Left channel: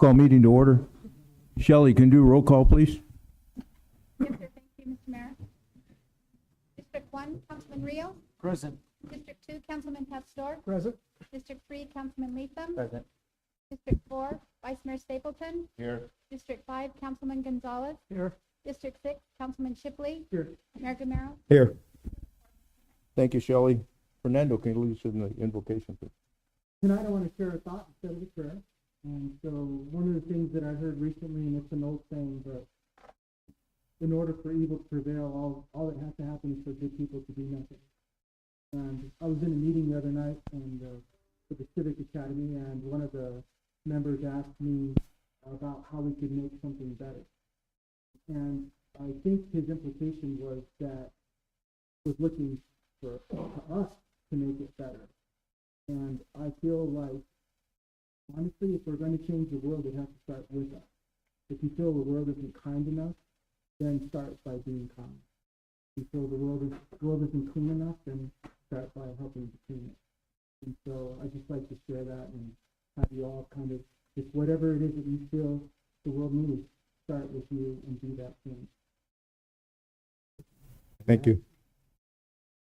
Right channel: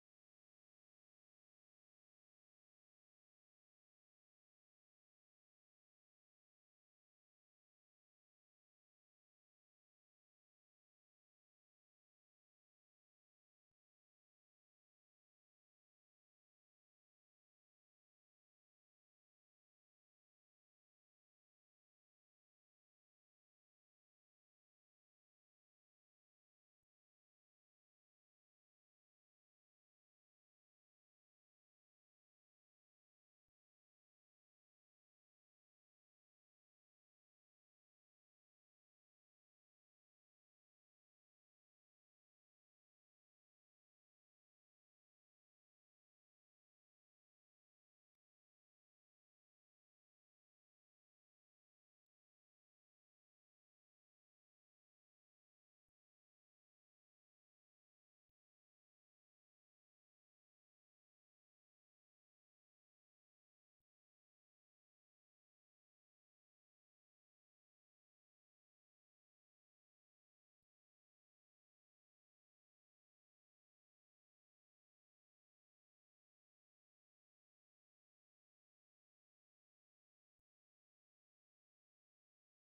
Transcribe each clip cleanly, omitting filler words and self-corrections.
Call meeting to order. Shelley, can you do roll call, please? Yes, sir. Thank you, Mr. Mayor. District 1, Councilman Rio. Present. District 2, Councilman Pastor. Present. District 3, Councilman Latham. Present. District 4, Vice Mayor Stapleton. Here. District 5, Councilman Gonzalez. Here. District 6, Councilman Shipley. Here. Mayor Gamero. Here. Thank you, Shelley. Fernando, can you lead us in the invocation, please? Tonight I want to share a thought instead of a prayer. And so one of the things that I heard recently, and it's an old saying, but in order for evil to prevail, all that has to happen is for good people to do nothing. And I was in a meeting the other night and for the Civic Academy, and one of the members asked me about how we could make something better. And I think his implication was looking for us to make it better. And I feel like, honestly, if we're going to change the world, it has to start with us. If you feel the world isn't kind enough, then start by being kind. If you feel the world isn't clean enough, then start by helping to clean it. And so I just like to share that and have you all kind of, just whatever it is that you feel the world needs, start with you and do that thing. Thank you.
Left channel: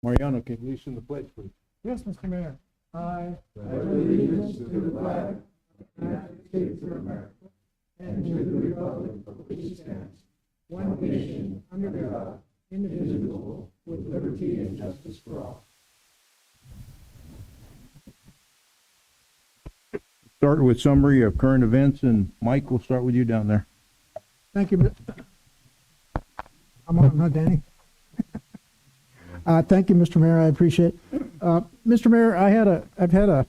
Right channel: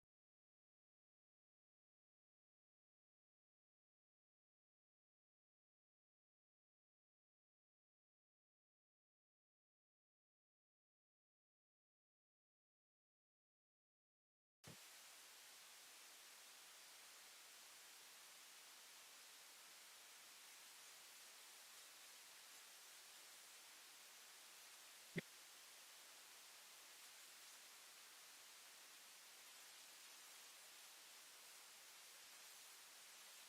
Mariano, can you lead us in the pledge, please? Yes, Mr. Mayor. I pledge allegiance to the flag of the United States of America and to the republic for which it stands, one nation, under God, indivisible, with liberty and justice for all. Start with summary of current events, and Mike, we'll start with you down there. Thank you. I'm on, not Danny. Thank you, Mr. Mayor. I appreciate it. Mr. Mayor, I've had a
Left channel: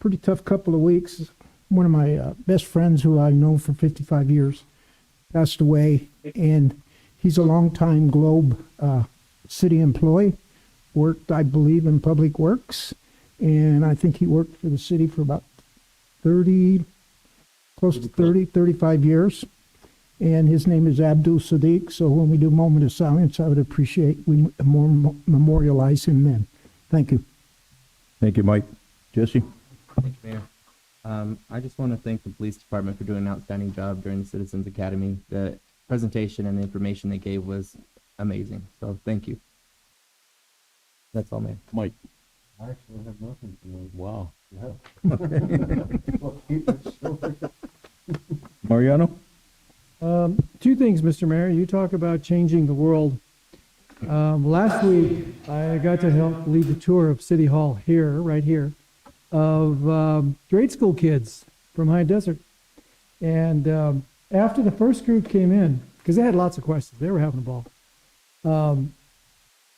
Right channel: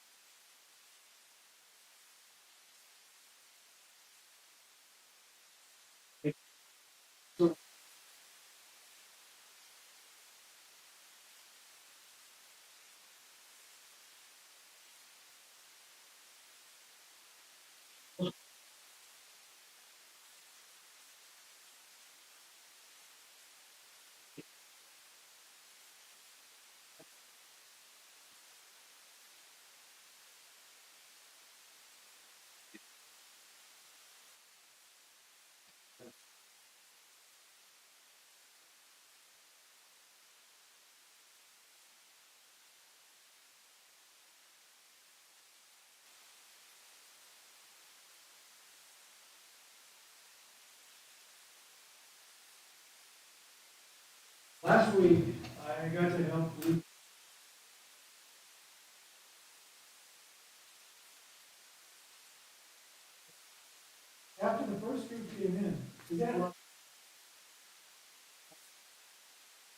pretty tough couple of weeks. One of my best friends, who I've known for 55 years, passed away, and he's a longtime Globe city employee. Worked, I believe, in Public Works, and I think he worked for the city for about 35 years. And his name is Abdul Sadiq. So when we do a moment of silence, I would appreciate we memorialize him then. Thank you. Thank you, Mike. Jesse? Thanks, Mayor. I just want to thank the police department for doing an outstanding job during the Citizens Academy. The presentation and the information they gave was amazing. So thank you. That's all, Mayor. Mike? I actually have nothing to Wow. Mariano? Two things, Mr. Mayor. You talk about changing the world. Last week, I got to help lead the tour of City Hall here, right here, of grade school kids from High Desert. And after the first group came in, because they had lots of questions, they were having a ball,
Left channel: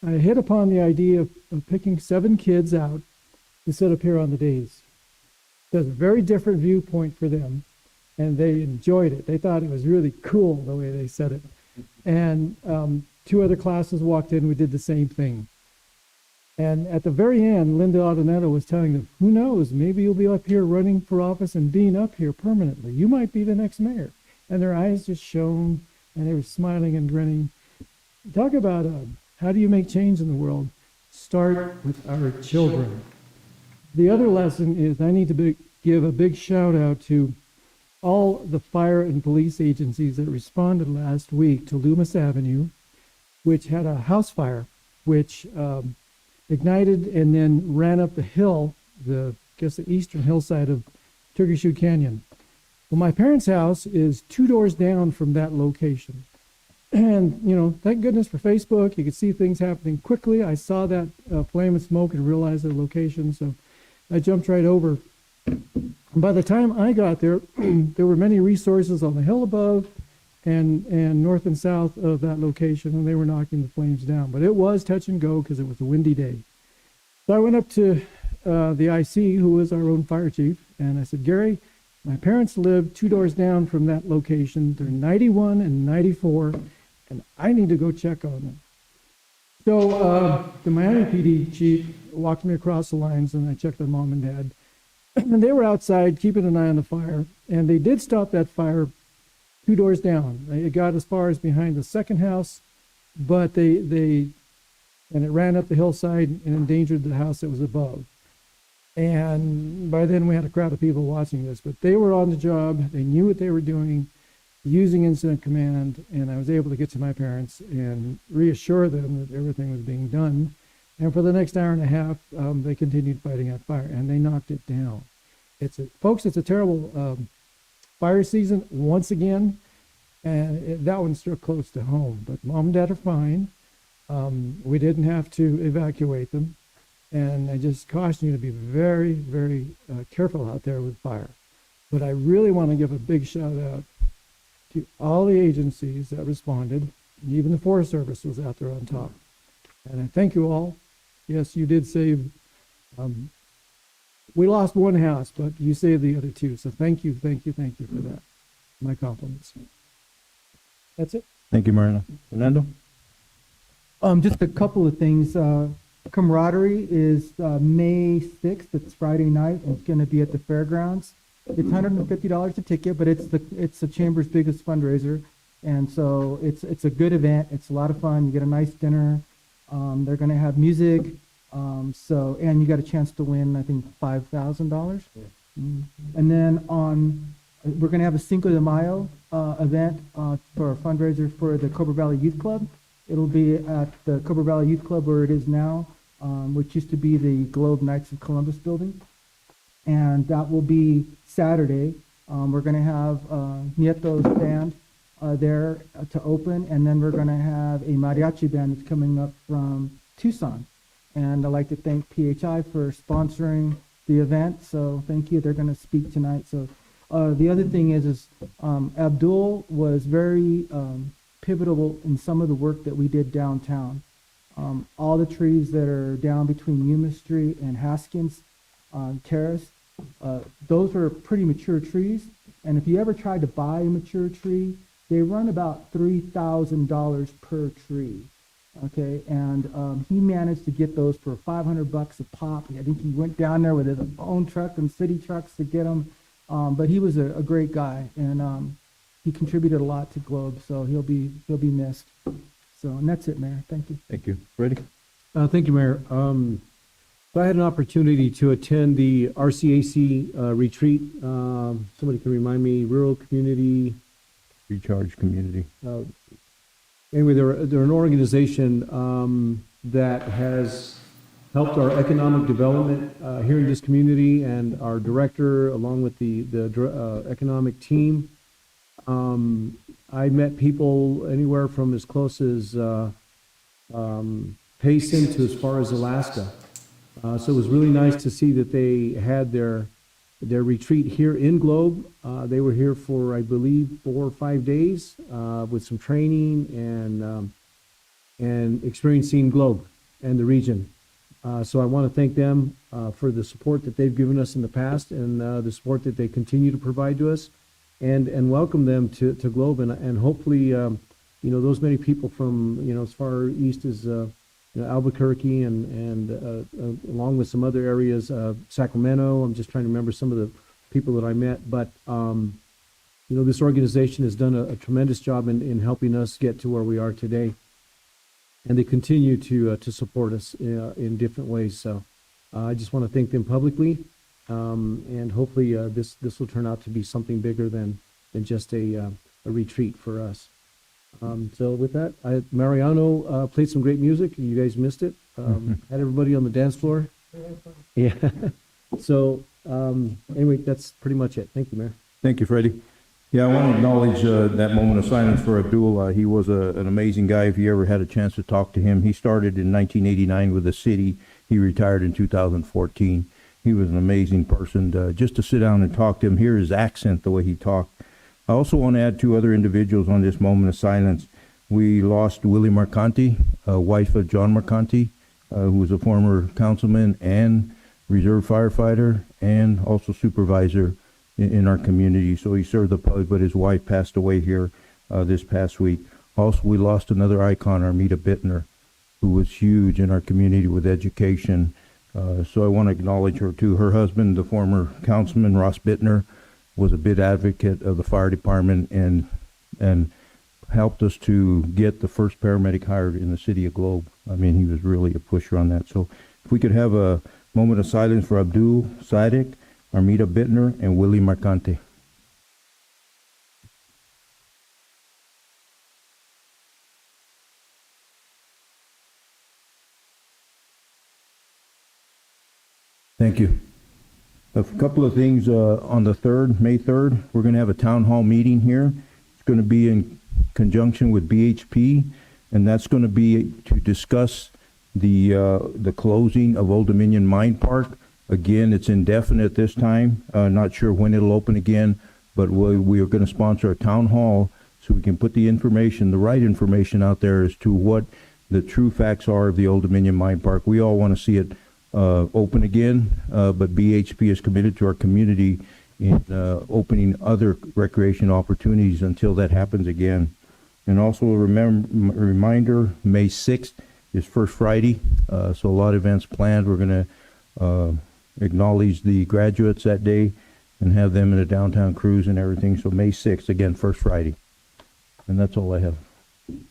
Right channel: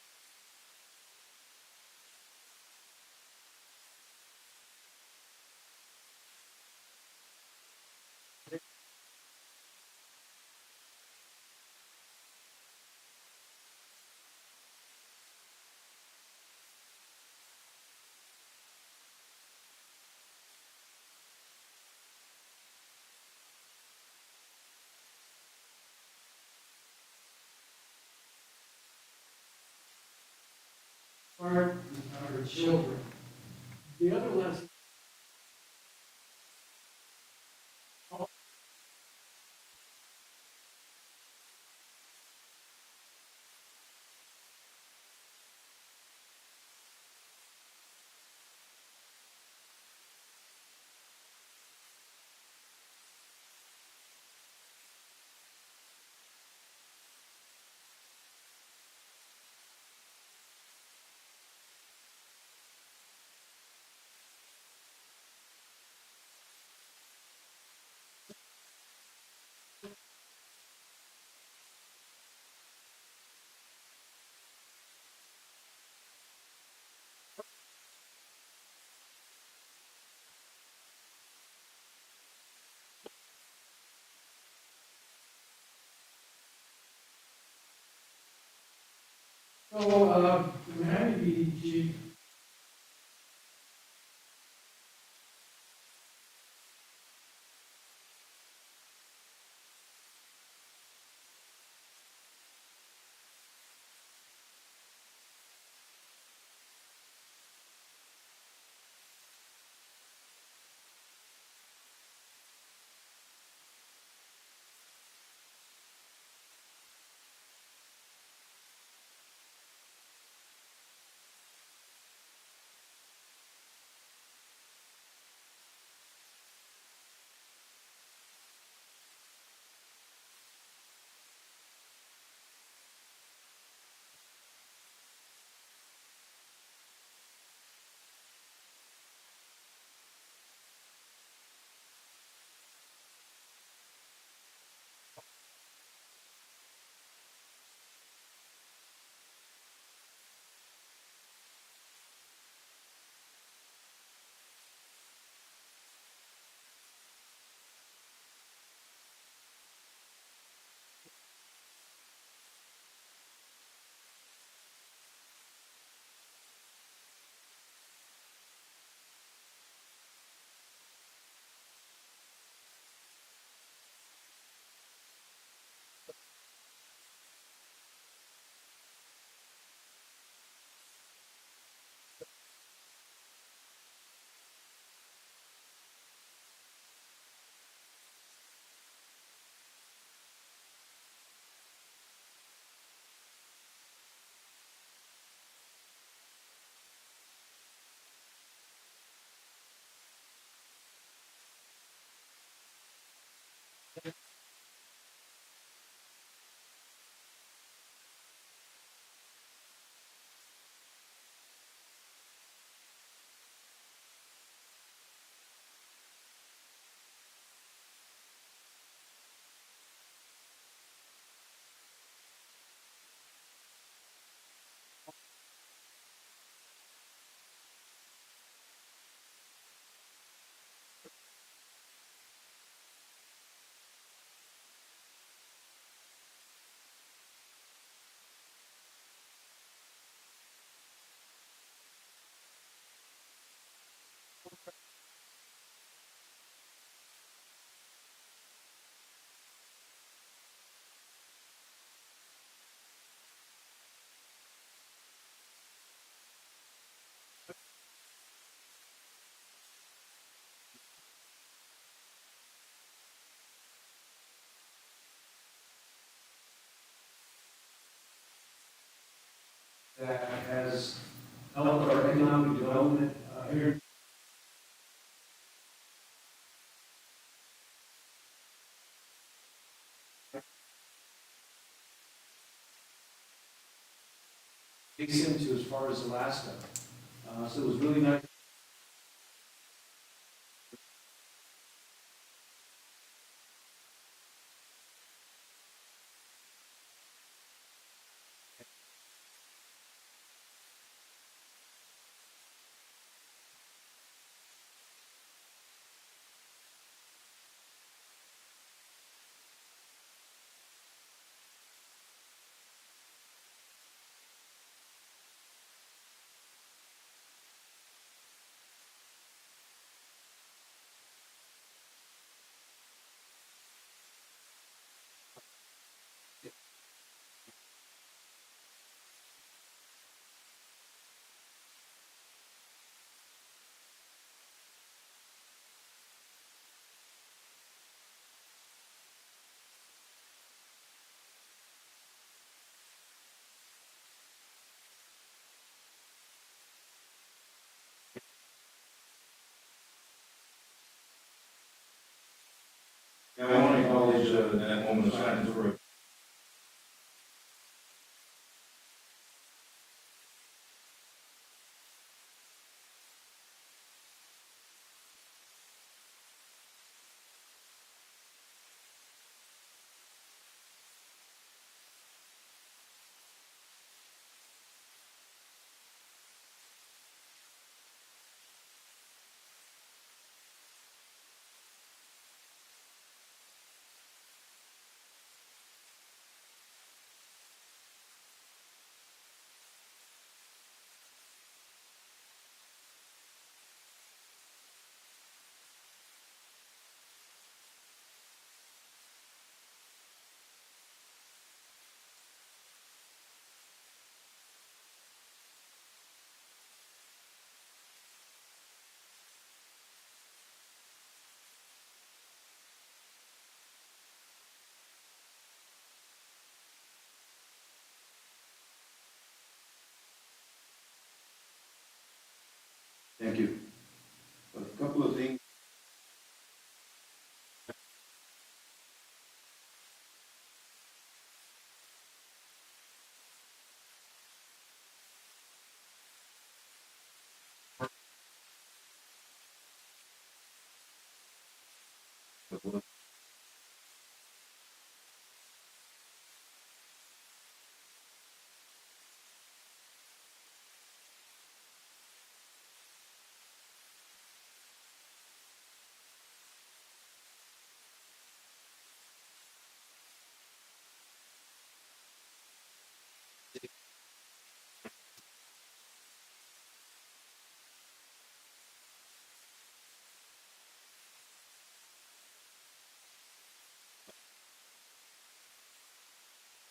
I hit upon the idea of picking 7 kids out to sit up here on the days. That's a very different viewpoint for them. And they enjoyed it. They thought it was really cool the way they said it. And 2 other classes walked in, we did the same thing. And at the very end, Linda Adonato was telling them, who knows, maybe you'll be up here running for office and being up here permanently. You might be the next mayor. And their eyes just shone, and they were smiling and grinning. Talk about how do you make change in the world? Start with our children. The other lesson is I need to give a big shout out to all the fire and police agencies that responded last week to Loomis Avenue, which had a house fire, which ignited and then ran up the hill, the eastern hillside of Turkey Shoe Canyon. Well, my parents' house is 2 doors down from that location. And, you know, thank goodness for Facebook. You could see things happening quickly. I saw that flame and smoke and realized their location, so I jumped right over. By the time I got there, there were many resources on the hill above and north and south of that location, and they were knocking the flames down. But it was touch and go because it was a windy day. So I went up to the IC, who was our own fire chief, and I said, Gary, my parents live 2 doors down from that location. They're 91 and 94, and I need to go check on them. So the Miami PD chief walked me across the lines, and I checked on mom and dad. And they were outside keeping an eye on the fire, and they did stop that fire 2 doors down. It got as far as behind the second house, but and it ran up the hillside and endangered the house that was above. And by then we had a crowd of people watching this, but they were on the job. They knew what they were doing, using incident command, and I was able to get to my parents and reassure them that everything was being done. And for the next hour and a half, they continued fighting that fire, and they knocked it down. Folks, it's a terrible fire season once again, and that one's still close to home. But mom and dad are fine. We didn't have to evacuate them, and I just caution you to be very, very careful out there with fire. But I really want to give a big shout out to all the agencies that responded, and even the Forest Service was out there on top. And I thank you all. Yes, you did save, we lost one house, but you saved the other two. So thank you for that. My compliments. That's it. Thank you, Marina. Fernando? Just a couple of things. Camaraderie is May 6th. It's Friday night. It's going to be at the fairgrounds. It's $150 a ticket, but it's the chamber's biggest fundraiser, and so it's a good event. It's a lot of fun. You get a nice dinner. They're going to have music. And you got a chance to win, I think, $5,000. Yeah. And then we're going to have a Cinco de Mayo event for a fundraiser for the Cobra Valley Youth Club. It'll be at the Cobra Valley Youth Club where it is now, which used to be the Globe Knights of Columbus building. And that will be Saturday. We're going to have Nieto's band there to open, and then we're going to have a mariachi band that's coming up from Tucson. And I'd like to thank PHI for sponsoring the event. So thank you. They're going to speak tonight. So the other thing is Abdullah was very pivotal in some of the work that we did downtown. All the trees that are down between Yuma Street and Haskins Terrace, those are pretty mature trees. And if you ever tried to buy a mature tree, they run about $3,000 per tree. Okay, and he managed to get those for $500 a pop. I think he went down there with his own truck and city trucks to get them. But he was a great guy, and he contributed a lot to Globe, so he'll be missed. So, and that's it, Mayor. Thank you. Thank you. Freddie? Thank you, Mayor. So I had an opportunity to attend the RCAC retreat. Somebody can remind me, Rural Community. Recharge Community. Anyway, they're an organization that has helped our economic development here in this community, and our director, along with the economic team. I met people anywhere from as close as Payson to as far as Alaska. So it was really nice to see that they had their retreat here in Globe. They were here for, I believe, 4 or 5 days with some training and experiencing Globe and the region. So I want to thank them for the support that they've given us in the past, and the support that they continue to provide to us, and welcome them to Globe, and hopefully those many people from as far east as Albuquerque and along with some other areas, Sacramento. I'm just trying to remember some of the people that I met, but this organization has done a tremendous job in helping us get to where we are today, and they continue to support us in different ways. So I just want to thank them publicly, and hopefully this will turn out to be something bigger than just a retreat for us. So with that, Mariano played some great music, and you guys missed it. Had everybody on the dance floor. Yeah. So anyway, that's pretty much it. Thank you, Mayor. Thank you, Freddie. Yeah, I want to acknowledge that moment of silence for Abdullah. He was an amazing guy. If you ever had a chance to talk to him, he started in 1989 with the city. He retired in 2014. He was an amazing person. Just to sit down and talk to him, hear his accent, the way he talked. I also want to add 2 other individuals on this moment of silence. We lost Willie Marcanti, wife of John Marcanti, who was a former councilman and reserve firefighter and also supervisor in our community. So he served the public, but his wife passed away here this past week. Also, we lost another icon, Armida Bittner, who was huge in our community with education. So I want to acknowledge her too. Her husband, the former councilman, Ross Bittner, was a big advocate of the fire department and helped us to get the first paramedic hired in the city of Globe. I mean, he was really a pusher on that. So if we could have a Moment of silence for Abdul Sadek, Armida Bittner, and Willie Marcante. Thank you. A couple of things on the 3rd, May 3rd, we're going to have a town hall meeting here. It's going to be in conjunction with BHP, and that's going to be to discuss the closing of Old Dominion Mine Park. Again, it's indefinite this time. Not sure when it'll open again, but we are going to sponsor a town hall so we can put the information, the right information out there as to what the true facts are of the Old Dominion Mine Park. We all want to see it open again, but BHP is committed to our community in opening other recreation opportunities until that happens again. And also a reminder, May 6th is First Friday, so a lot of events planned. We're going to acknowledge the graduates that day and have them in a downtown cruise and everything. So May 6th, again, First Friday. And that's all I have.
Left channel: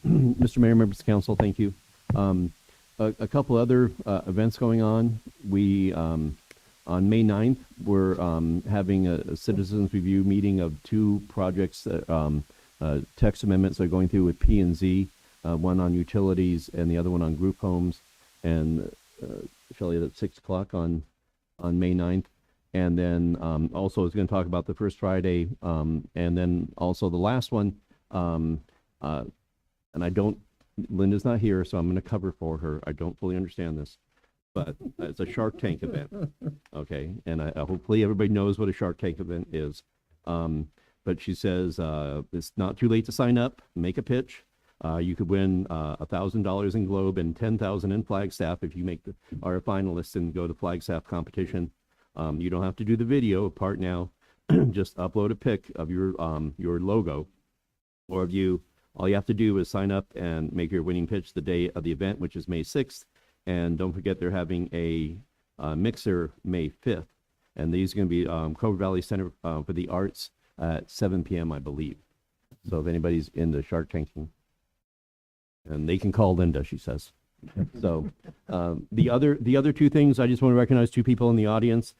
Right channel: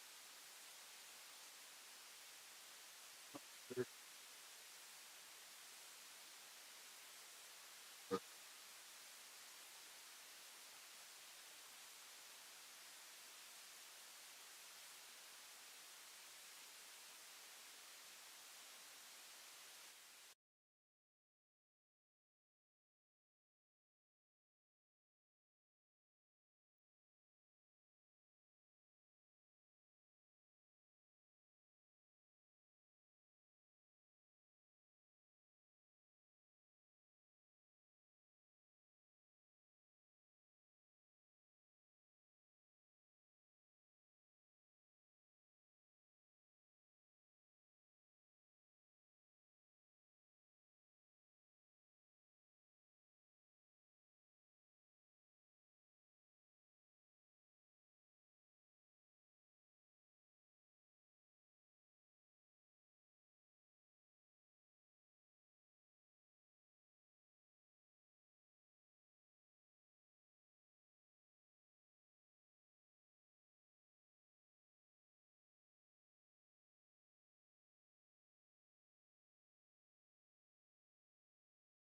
Mr. Mayor, members of council, thank you. A couple other events going on. We, on May 9th, we're having a citizens review meeting of 2 projects, text amendments that are going through with P&Z, one on utilities and the other one on group homes. And Shelley, at 6 o'clock on May 9th. And then also is going to talk about the First Friday, and then also the last one. And I don't, Linda's not here, so I'm going to cover for her. I don't fully understand this, but it's a Shark Tank event, okay? And I hopefully everybody knows what a Shark Tank event is. But she says it's not too late to sign up, make a pitch. You could win $1,000 in Globe and $10,000 in Flagstaff if you are a finalist and go to Flagstaff competition. You don't have to do the video part now. Just upload a pic of your logo or of you. All you have to do is sign up and make your winning pitch the day of the event, which is May 6th. And don't forget they're having a mixer May 5th. And these are going to be Cobra Valley Center for the Arts at 7 p.m., I believe. So if anybody's into Shark Tanking, and they can call Linda, she says. So the other 2 things, I just want to recognize 2 people in the audience.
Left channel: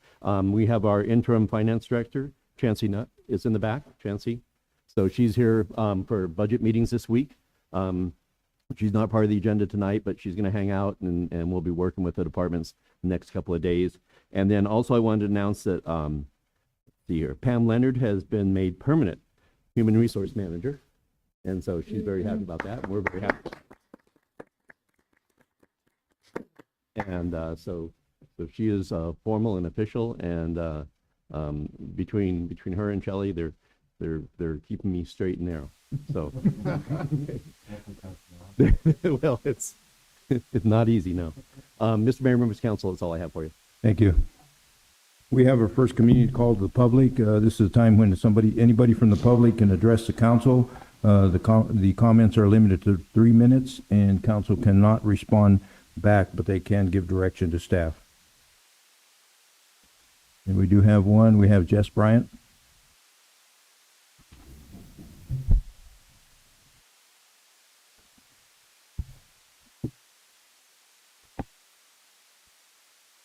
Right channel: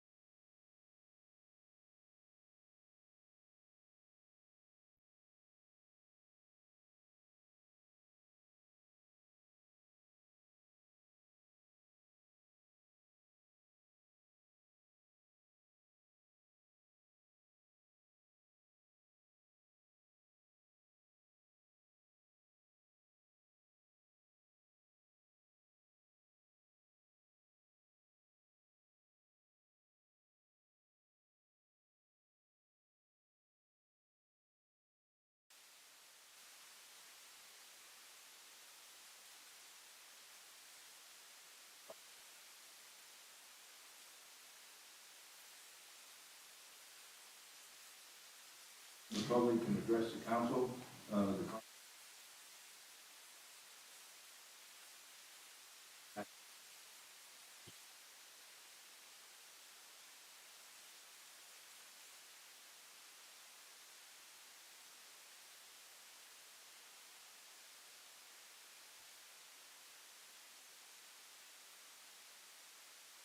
We have our interim finance director, Chancey Nutt, is in the back. Chancey. So she's here for budget meetings this week. She's not part of the agenda tonight, but she's going to hang out and we'll be working with the departments the next couple of days. And then also I wanted to announce that Pam Leonard has been made permanent human resource manager. And so she's very happy about that. And we're very happy. And so she is formal and official. And between her and Shelley, they're keeping me straight and narrow. So, well, it's not easy, no. Mr. Mayor, members of council, that's all I have for you. Thank you. We have our first community call to the public. This is a time when anybody from the public can address the council. The comments are limited to 3 minutes, and council cannot respond back, but they can give direction to staff. And we do have one. We have Jess Bryant.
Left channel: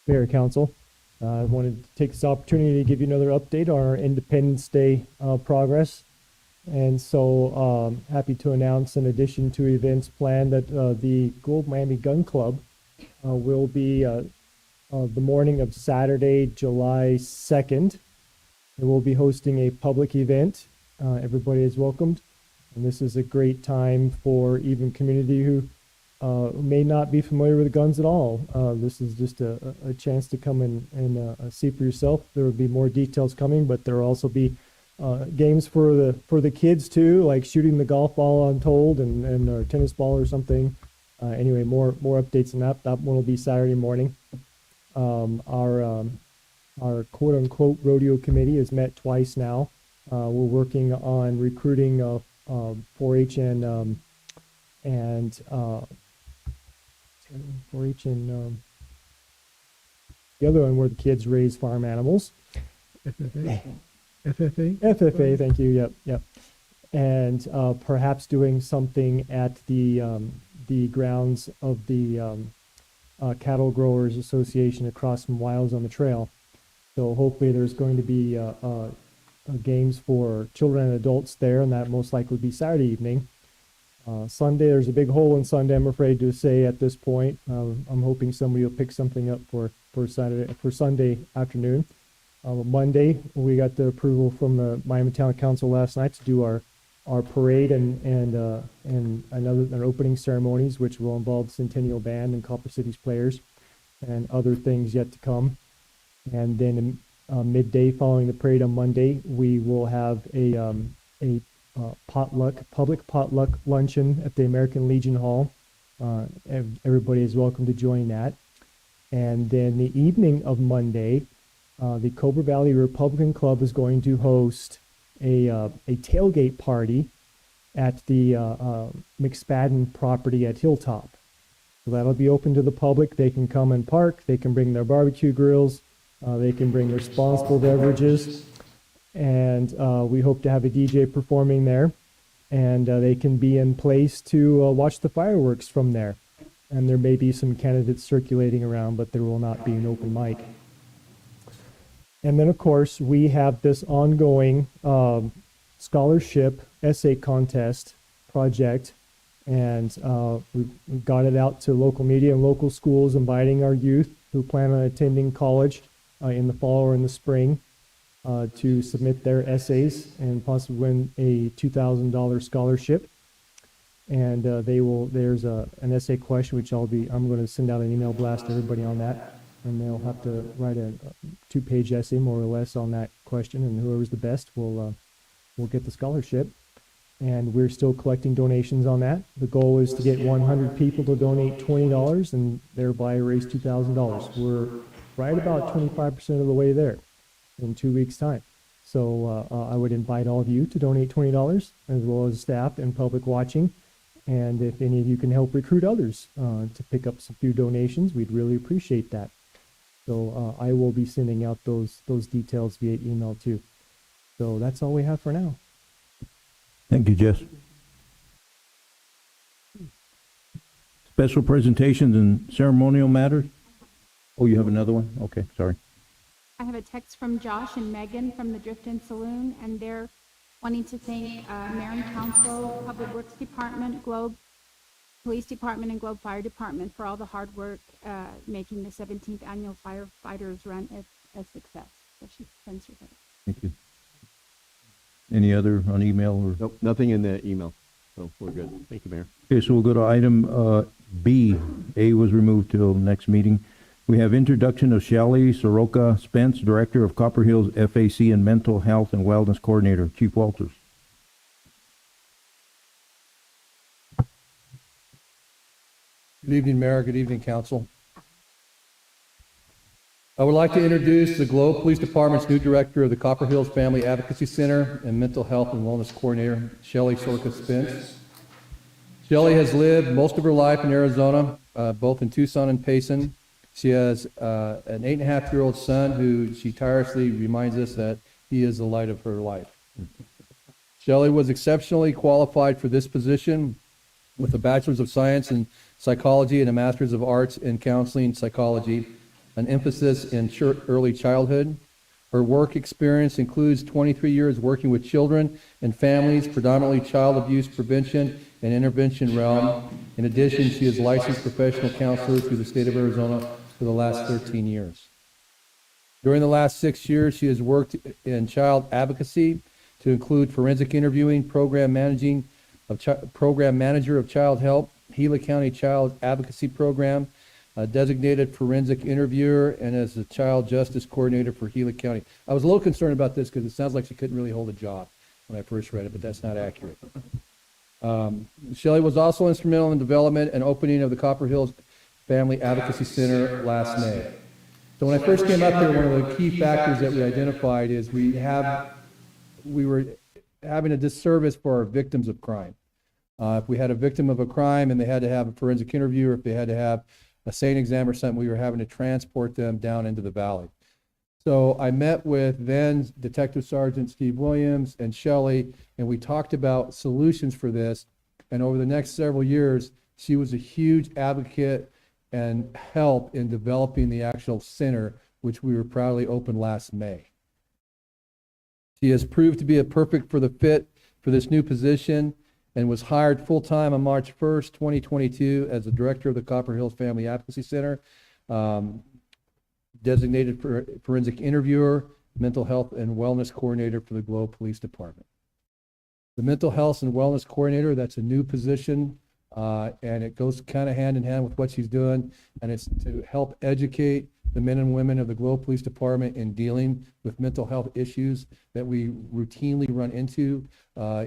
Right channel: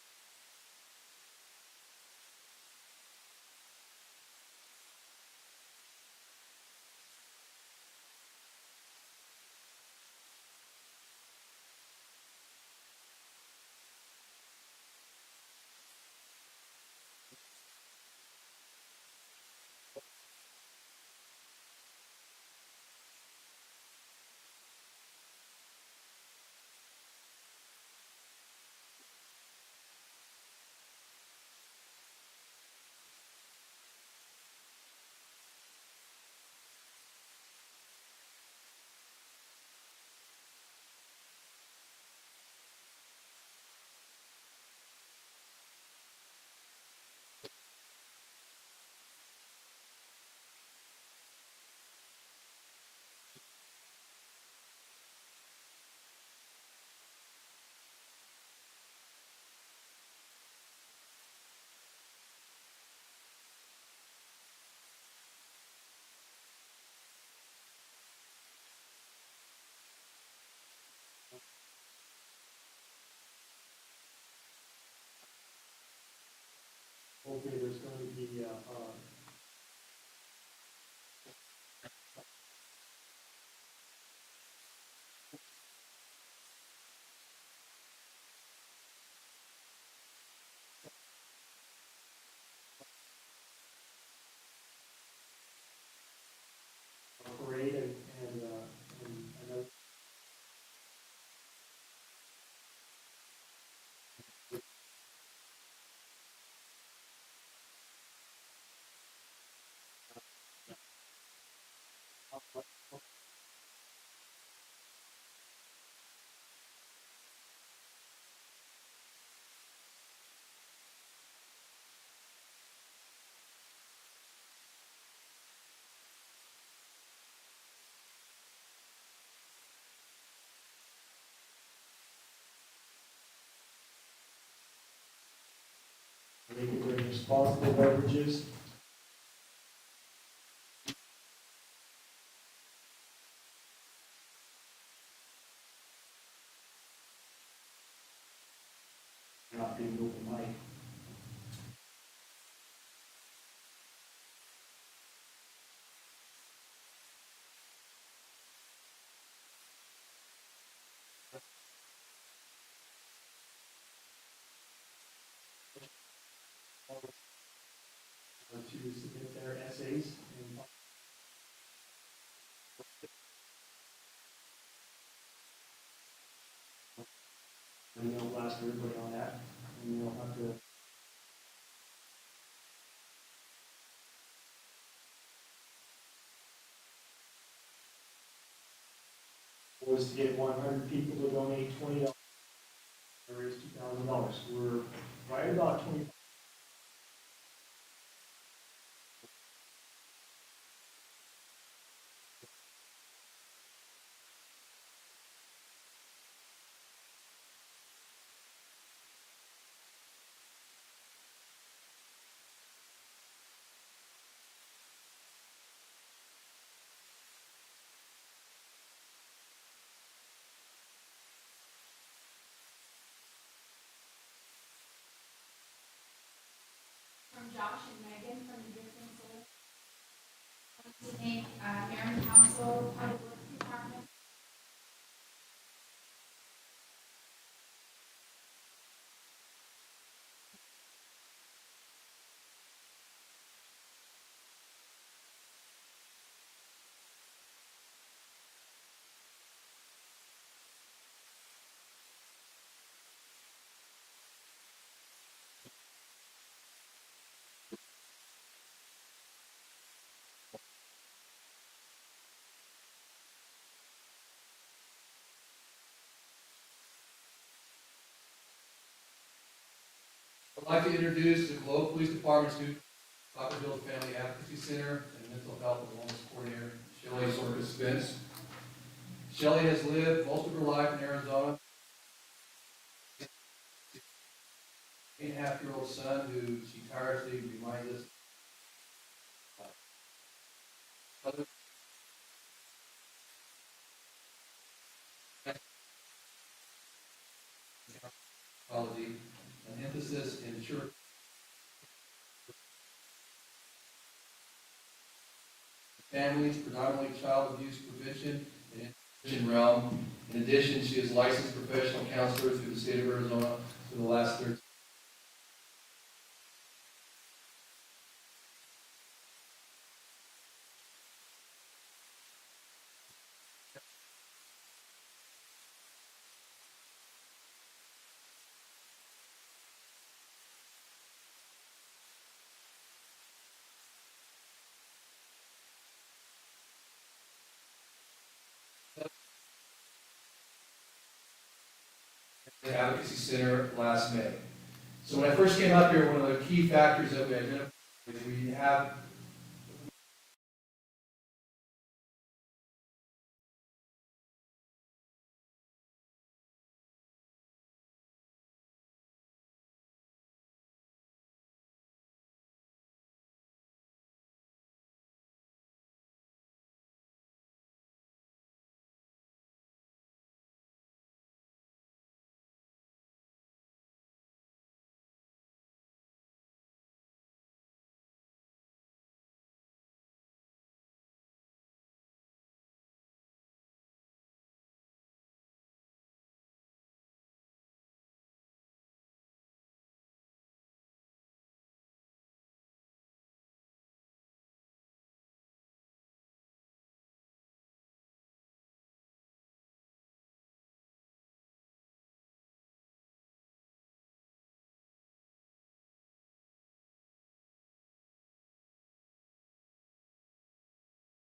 Mayor, Council, I wanted to take this opportunity to give you another update on our Independence Day progress. And so happy to announce, in addition to events planned, that the Gold Miami Gun Club will be the morning of Saturday, July 2nd. We will be hosting a public event. Everybody is welcomed. And this is a great time for even community who may not be familiar with guns at all. This is just a chance to come and see for yourself. There will be more details coming, but there will also be games for the kids too, like shooting the golf ball untold and a tennis ball or something. Anyway, more updates on that. That one will be Saturday morning. Our quote unquote rodeo committee has met twice now. We're working on recruiting 4-H and 4-H and the other one where the kids raise farm animals. FFA, thank you. Yep. And perhaps doing something at the grounds of the Cattle Growers Association across from Wiles on the Trail. So hopefully there's going to be games for children and adults there, and that most likely will be Saturday evening. Sunday, there's a big hole in Sunday, I'm afraid to say at this point. I'm hoping somebody will pick something up for Sunday afternoon. Monday, we got the approval from the Miami Town Council last night to do our parade and opening ceremonies, which will involve Centennial Band and Copper City's players and other things yet to come. And then midday following the parade on Monday, we will have a public potluck luncheon at the American Legion Hall. Everybody is welcome to join that. And then the evening of Monday, the Cobra Valley Republican Club is going to host a tailgate party at the McSpadden property at Hilltop. So that'll be open to the public. They can come and park. They can bring their barbecue grills. They can bring their responsible beverages. And we hope to have a DJ performing there. And they can be in place to watch the fireworks from there. And there may be some candidates circulating around, but there will not be an open mic. And then, of course, we have this ongoing scholarship essay contest project. And we got it out to local media and local schools, inviting our youth who plan on attending college in the fall or in the spring to submit their essays and possibly win a $2,000 scholarship. And there's an essay question, which I'm going to send out an email blast to everybody on that. And they'll have to write a 2-page essay, more or less, on that question. And whoever's the best will get the scholarship. And we're still collecting donations on that. The goal is to get 100 people to donate $20 and thereby raise $2,000. We're right about 25% of the way there in 2 weeks' time. So I would invite all of you to donate $20, as well as staff and public watching. And if any of you can help recruit others to pick up some few donations, we'd really appreciate that. So I will be sending out those details via email too. So that's all we have for now. Thank you, Jess. Special presentations and ceremonial matters? Oh, you have another one? Okay, sorry. I have a text from Josh and Megan from the Drift-In Saloon, and they're wanting to thank Mayor and Council, Public Works Department, Globe Police Department, and Globe Fire Department for all the hard work making the 17th Annual Firefighters Run a success. So she sends her thanks. Thank you. Any other on email or? Nope, nothing in the email, so we're good. Thank you, Mayor. Okay, so we'll go to item B. A was removed till next meeting. We have introduction of Shelley Soroka-Spence, Director of Copper Hills FAC and Mental Health and Wellness Coordinator. Chief Walters. Good evening, Mayor. Good evening, Council. I would like to introduce the Globe Police Department's new Director of the Copper Hills Family Advocacy Center and Mental Health and Wellness Coordinator, Shelley Soroka-Spence. Shelley has lived most of her life in Arizona, both in Tucson and Payson. She has an 8.5-year-old son who she tirelessly reminds us that he is the light of her life. Shelley was exceptionally qualified for this position with a Bachelor's of Science in Psychology and a Master's of Arts in Counseling Psychology, an emphasis in early childhood. Her work experience includes 23 years working with children and families, predominantly child abuse prevention and intervention realm. In addition, she is licensed professional counselor through the state of Arizona for the last 13 years. During the last 6 years, she has worked in child advocacy to include forensic interviewing, program manager of child help, Gila County Child Advocacy Program, a designated forensic interviewer, and as a child justice coordinator for Gila County. I was a little concerned about this because it sounds like she couldn't really hold a job when I first read it, but that's not accurate. Shelley was also instrumental in the development and opening of the Copper Hills Family Advocacy Center last May. So when I first came up here, one of the key factors that we identified is we were having a disservice for our victims of crime. If we had a victim of a crime and they had to have a forensic interview, or if they had to have a SANE exam or something, we were having to transport them down into the valley. So I met with then Detective Sergeant Steve Williams and Shelley, and we talked about solutions for this. And over the next several years, she was a huge advocate and help in developing the actual center, which we were proudly opened last May. She has proved to be a perfect for the fit for this new position and was hired full-time on March 1st, 2022 as the director of the Copper Hills Family Advocacy Center, designated forensic interviewer, mental health and wellness coordinator for the Globe Police Department. The mental health and wellness coordinator, that's a new position, and it goes kind of hand in hand with what she's doing, and it's to help educate the men and women of the Globe Police Department in dealing with mental health issues that we routinely run into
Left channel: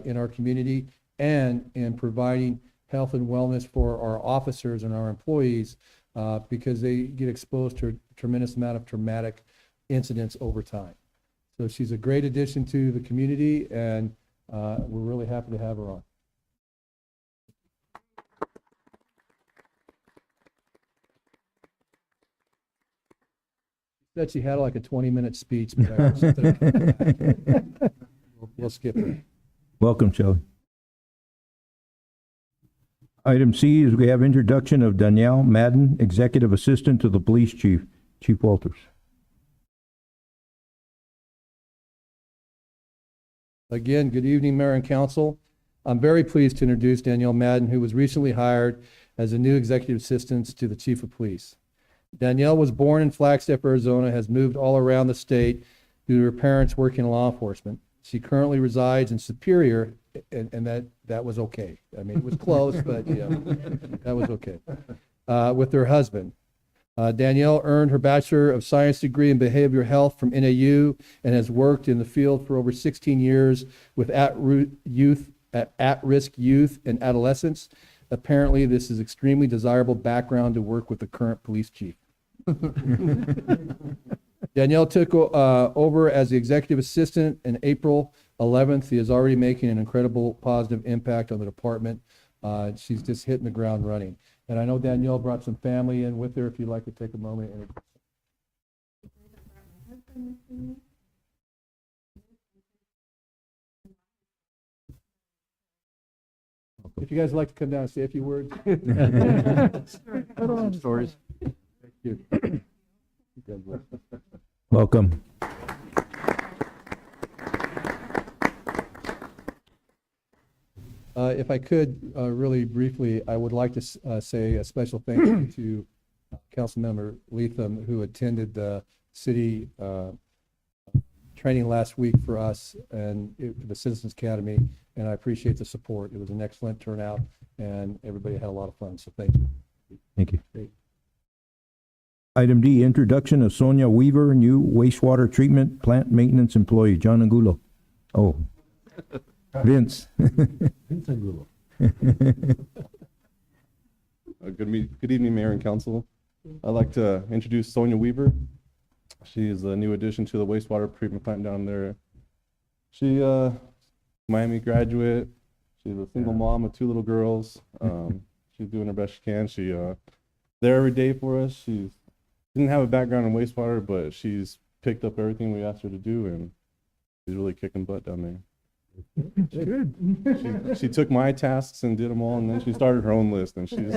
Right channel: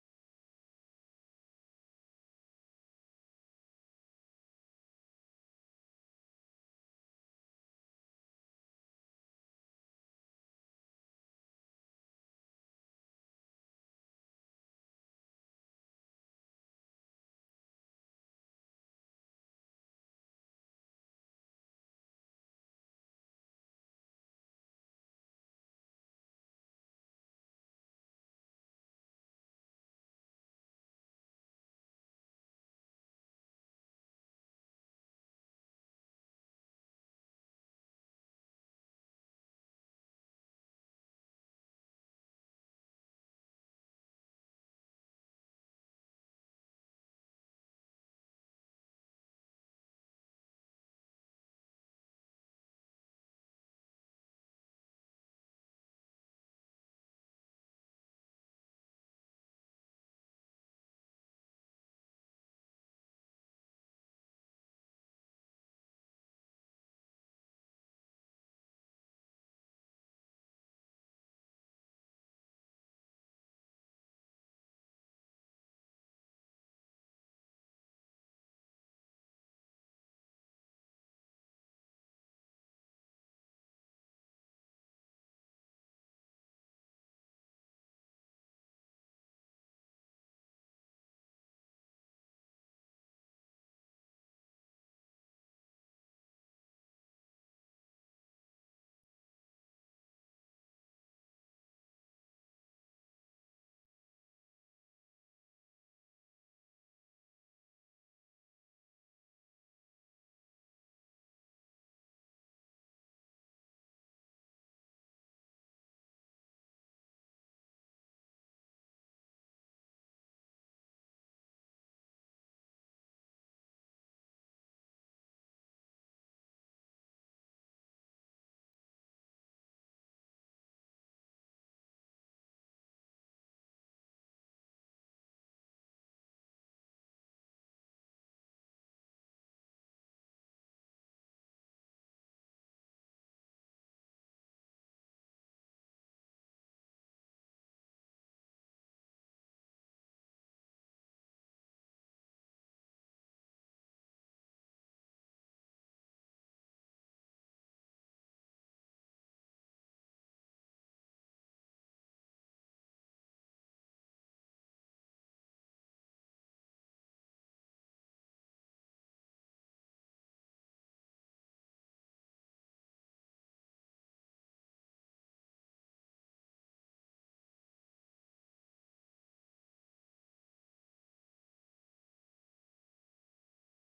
in our community, and in providing health and wellness for our officers and our employees because they get exposed to a tremendous amount of traumatic incidents over time. So she's a great addition to the community, and we're really happy to have her on. She said she had like a 20-minute speech, but we'll skip it. Welcome, Shelley. Item C is we have introduction of Danielle Madden, Executive Assistant to the Police Chief. Chief Walters. Again, good evening, Mayor and Council. I'm very pleased to introduce Danielle Madden, who was recently hired as a new Executive Assistant to the Chief of Police. Danielle was born in Flagstaff, Arizona, has moved all around the state due to her parents working in law enforcement. She currently resides in Superior, and that was okay. I mean, it was close, but yeah, that was okay. With her husband. Danielle earned her Bachelor of Science degree in Behavioral Health from NAU and has worked in the field for over 16 years with at-risk youth and adolescents. Apparently, this is extremely desirable background to work with the current police chief. Danielle took over as the executive assistant in April 11th. He is already making an incredible positive impact on the department. She's just hitting the ground running. And I know Danielle brought some family in with her. If you'd like to take a moment. If you guys would like to come down and say a few words. Stories. Thank you. God bless. Welcome. If I could, really briefly, I would like to say a special thank you to Councilmember Leatham, who attended the city training last week for us and the Citizens Academy, and I appreciate the support. It was an excellent turnout, and everybody had a lot of fun, so thank you. Thank you. Great. Item D, introduction of Sonia Weaver, new wastewater treatment plant maintenance employee. John Angulo. Oh, Vince. Vince Angulo. Good evening, Mayor and Council. I'd like to introduce Sonia Weaver. She is a new addition to the wastewater treatment plant down there. She Miami graduate. She's a single mom of 2 little girls. She's doing her best she can. She there every day for us. She didn't have a background in wastewater, but she's picked up everything we asked her to do, and she's really kicking butt down there. Good. She took my tasks and did them all, and then she started her own list, and she's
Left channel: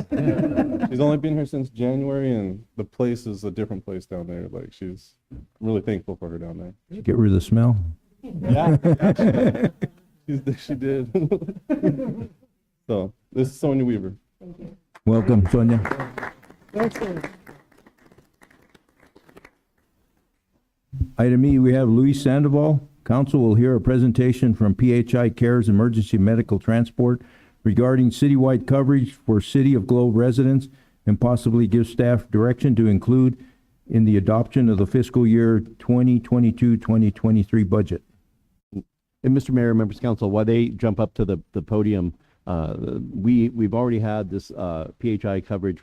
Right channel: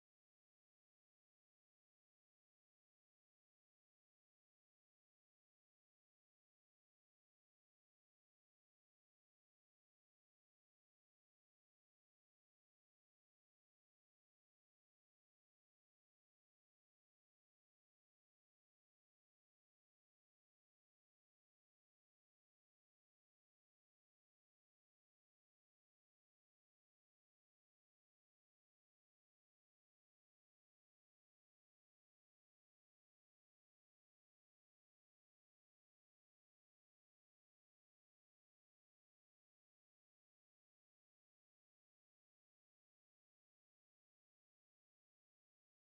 only been here since January, and the place is a different place down there. Like, she's really thankful for her down there. Get rid of the smell. Yeah, she did. So this is Sonia Weaver. Welcome, Sonia. Excellent. Item E, we have Luis Sandoval. Council will hear a presentation from PHI Cares Emergency Medical Transport regarding citywide coverage for City of Globe residents and possibly give staff direction to include in the adoption of the fiscal year 2022-2023 budget. And Mr. Mayor, members of council, while they jump up to the podium, we've already had this PHI coverage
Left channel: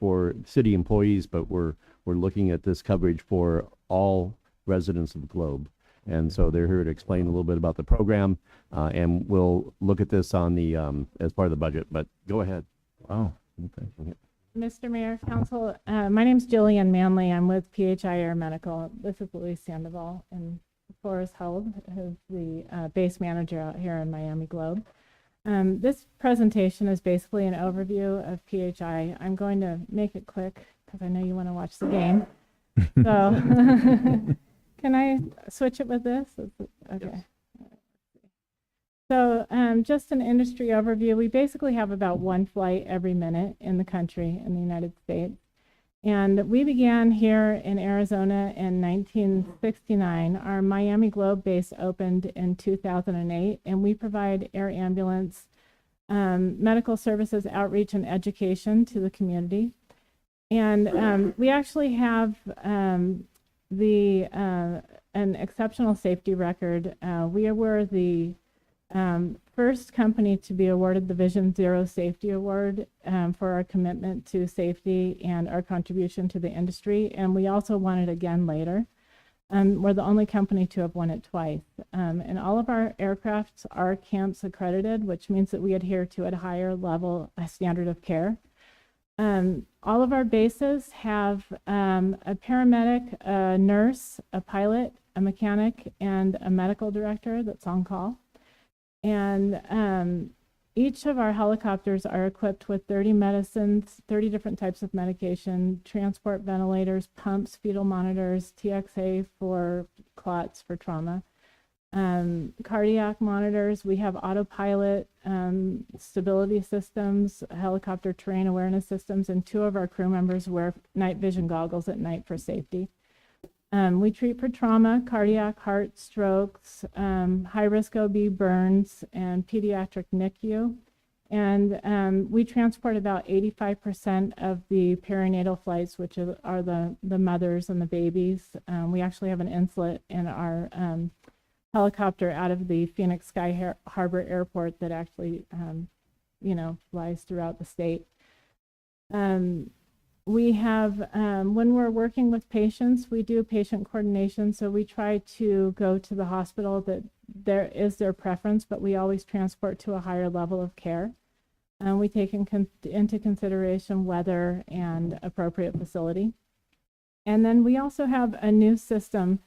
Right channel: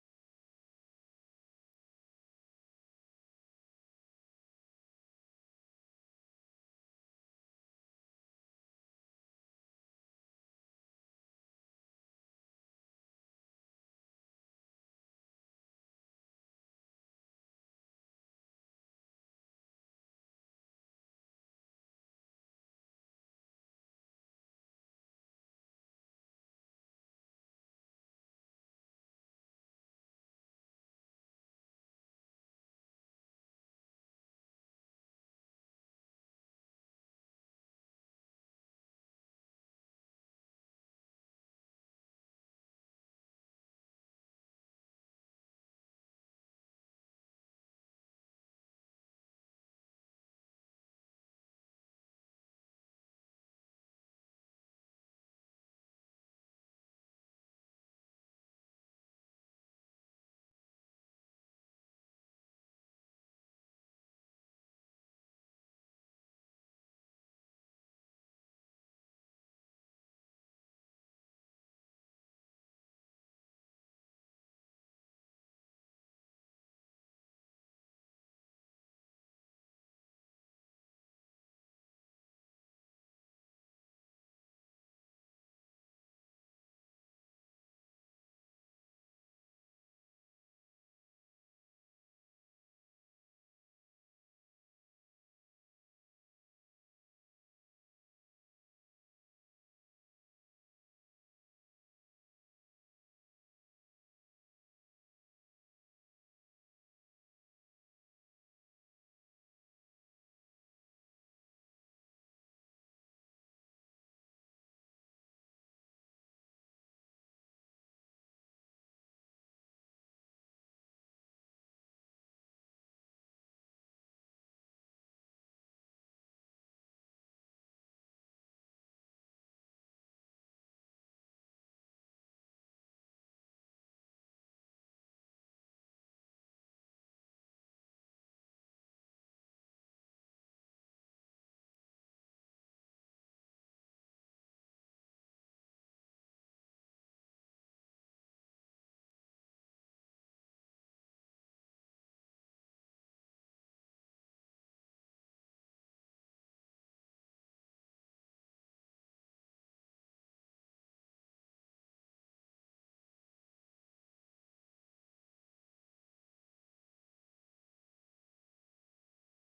for city employees, but we're looking at this coverage for all residents of the Globe. And so they're here to explain a little bit about the program, and we'll look at this on the as part of the budget. But go ahead. Wow. Okay. Mr. Mayor, Council, my name's Jillian Manley. I'm with PHI Air Medical. This is Luis Sandoval and Forrest Held, who's the base manager out here in Miami Globe. This presentation is basically an overview of PHI. I'm going to make it quick because I know you want to watch the game. So can I switch it with this? Okay. So just an industry overview. We basically have about one flight every minute in the country, in the United States. And we began here in Arizona in 1969. Our Miami Globe base opened in 2008, and we provide air ambulance, medical services, outreach, and education to the community. And we actually have an exceptional safety record. We were the first company to be awarded the Vision Zero Safety Award for our commitment to safety and our contribution to the industry. And we also won it again later. We're the only company to have won it twice. And all of our aircrafts are CAMPS accredited, which means that we adhere to a higher level standard of care. All of our bases have a paramedic, a nurse, a pilot, a mechanic, and a medical director that's on call. And each of our helicopters are equipped with 30 medicines, 30 different types of medication, transport ventilators, pumps, fetal monitors, TXA for clots for trauma, cardiac monitors. We have autopilot, stability systems, helicopter terrain awareness systems, and 2 of our crew members wear night vision goggles at night for safety. We treat for trauma, cardiac, heart, strokes, high-risk OB burns, and pediatric NICU. And we transport about 85% of the perinatal flights, which are the mothers and the babies. We actually have an inlet in our helicopter out of the Phoenix Sky Harbor Airport that actually, flies throughout the state. We have, when we're working with patients, we do patient coordination. So we try to go to the hospital that there is their preference, but we always transport to a higher level of care. We take into consideration weather and appropriate facility. And then we also have a new system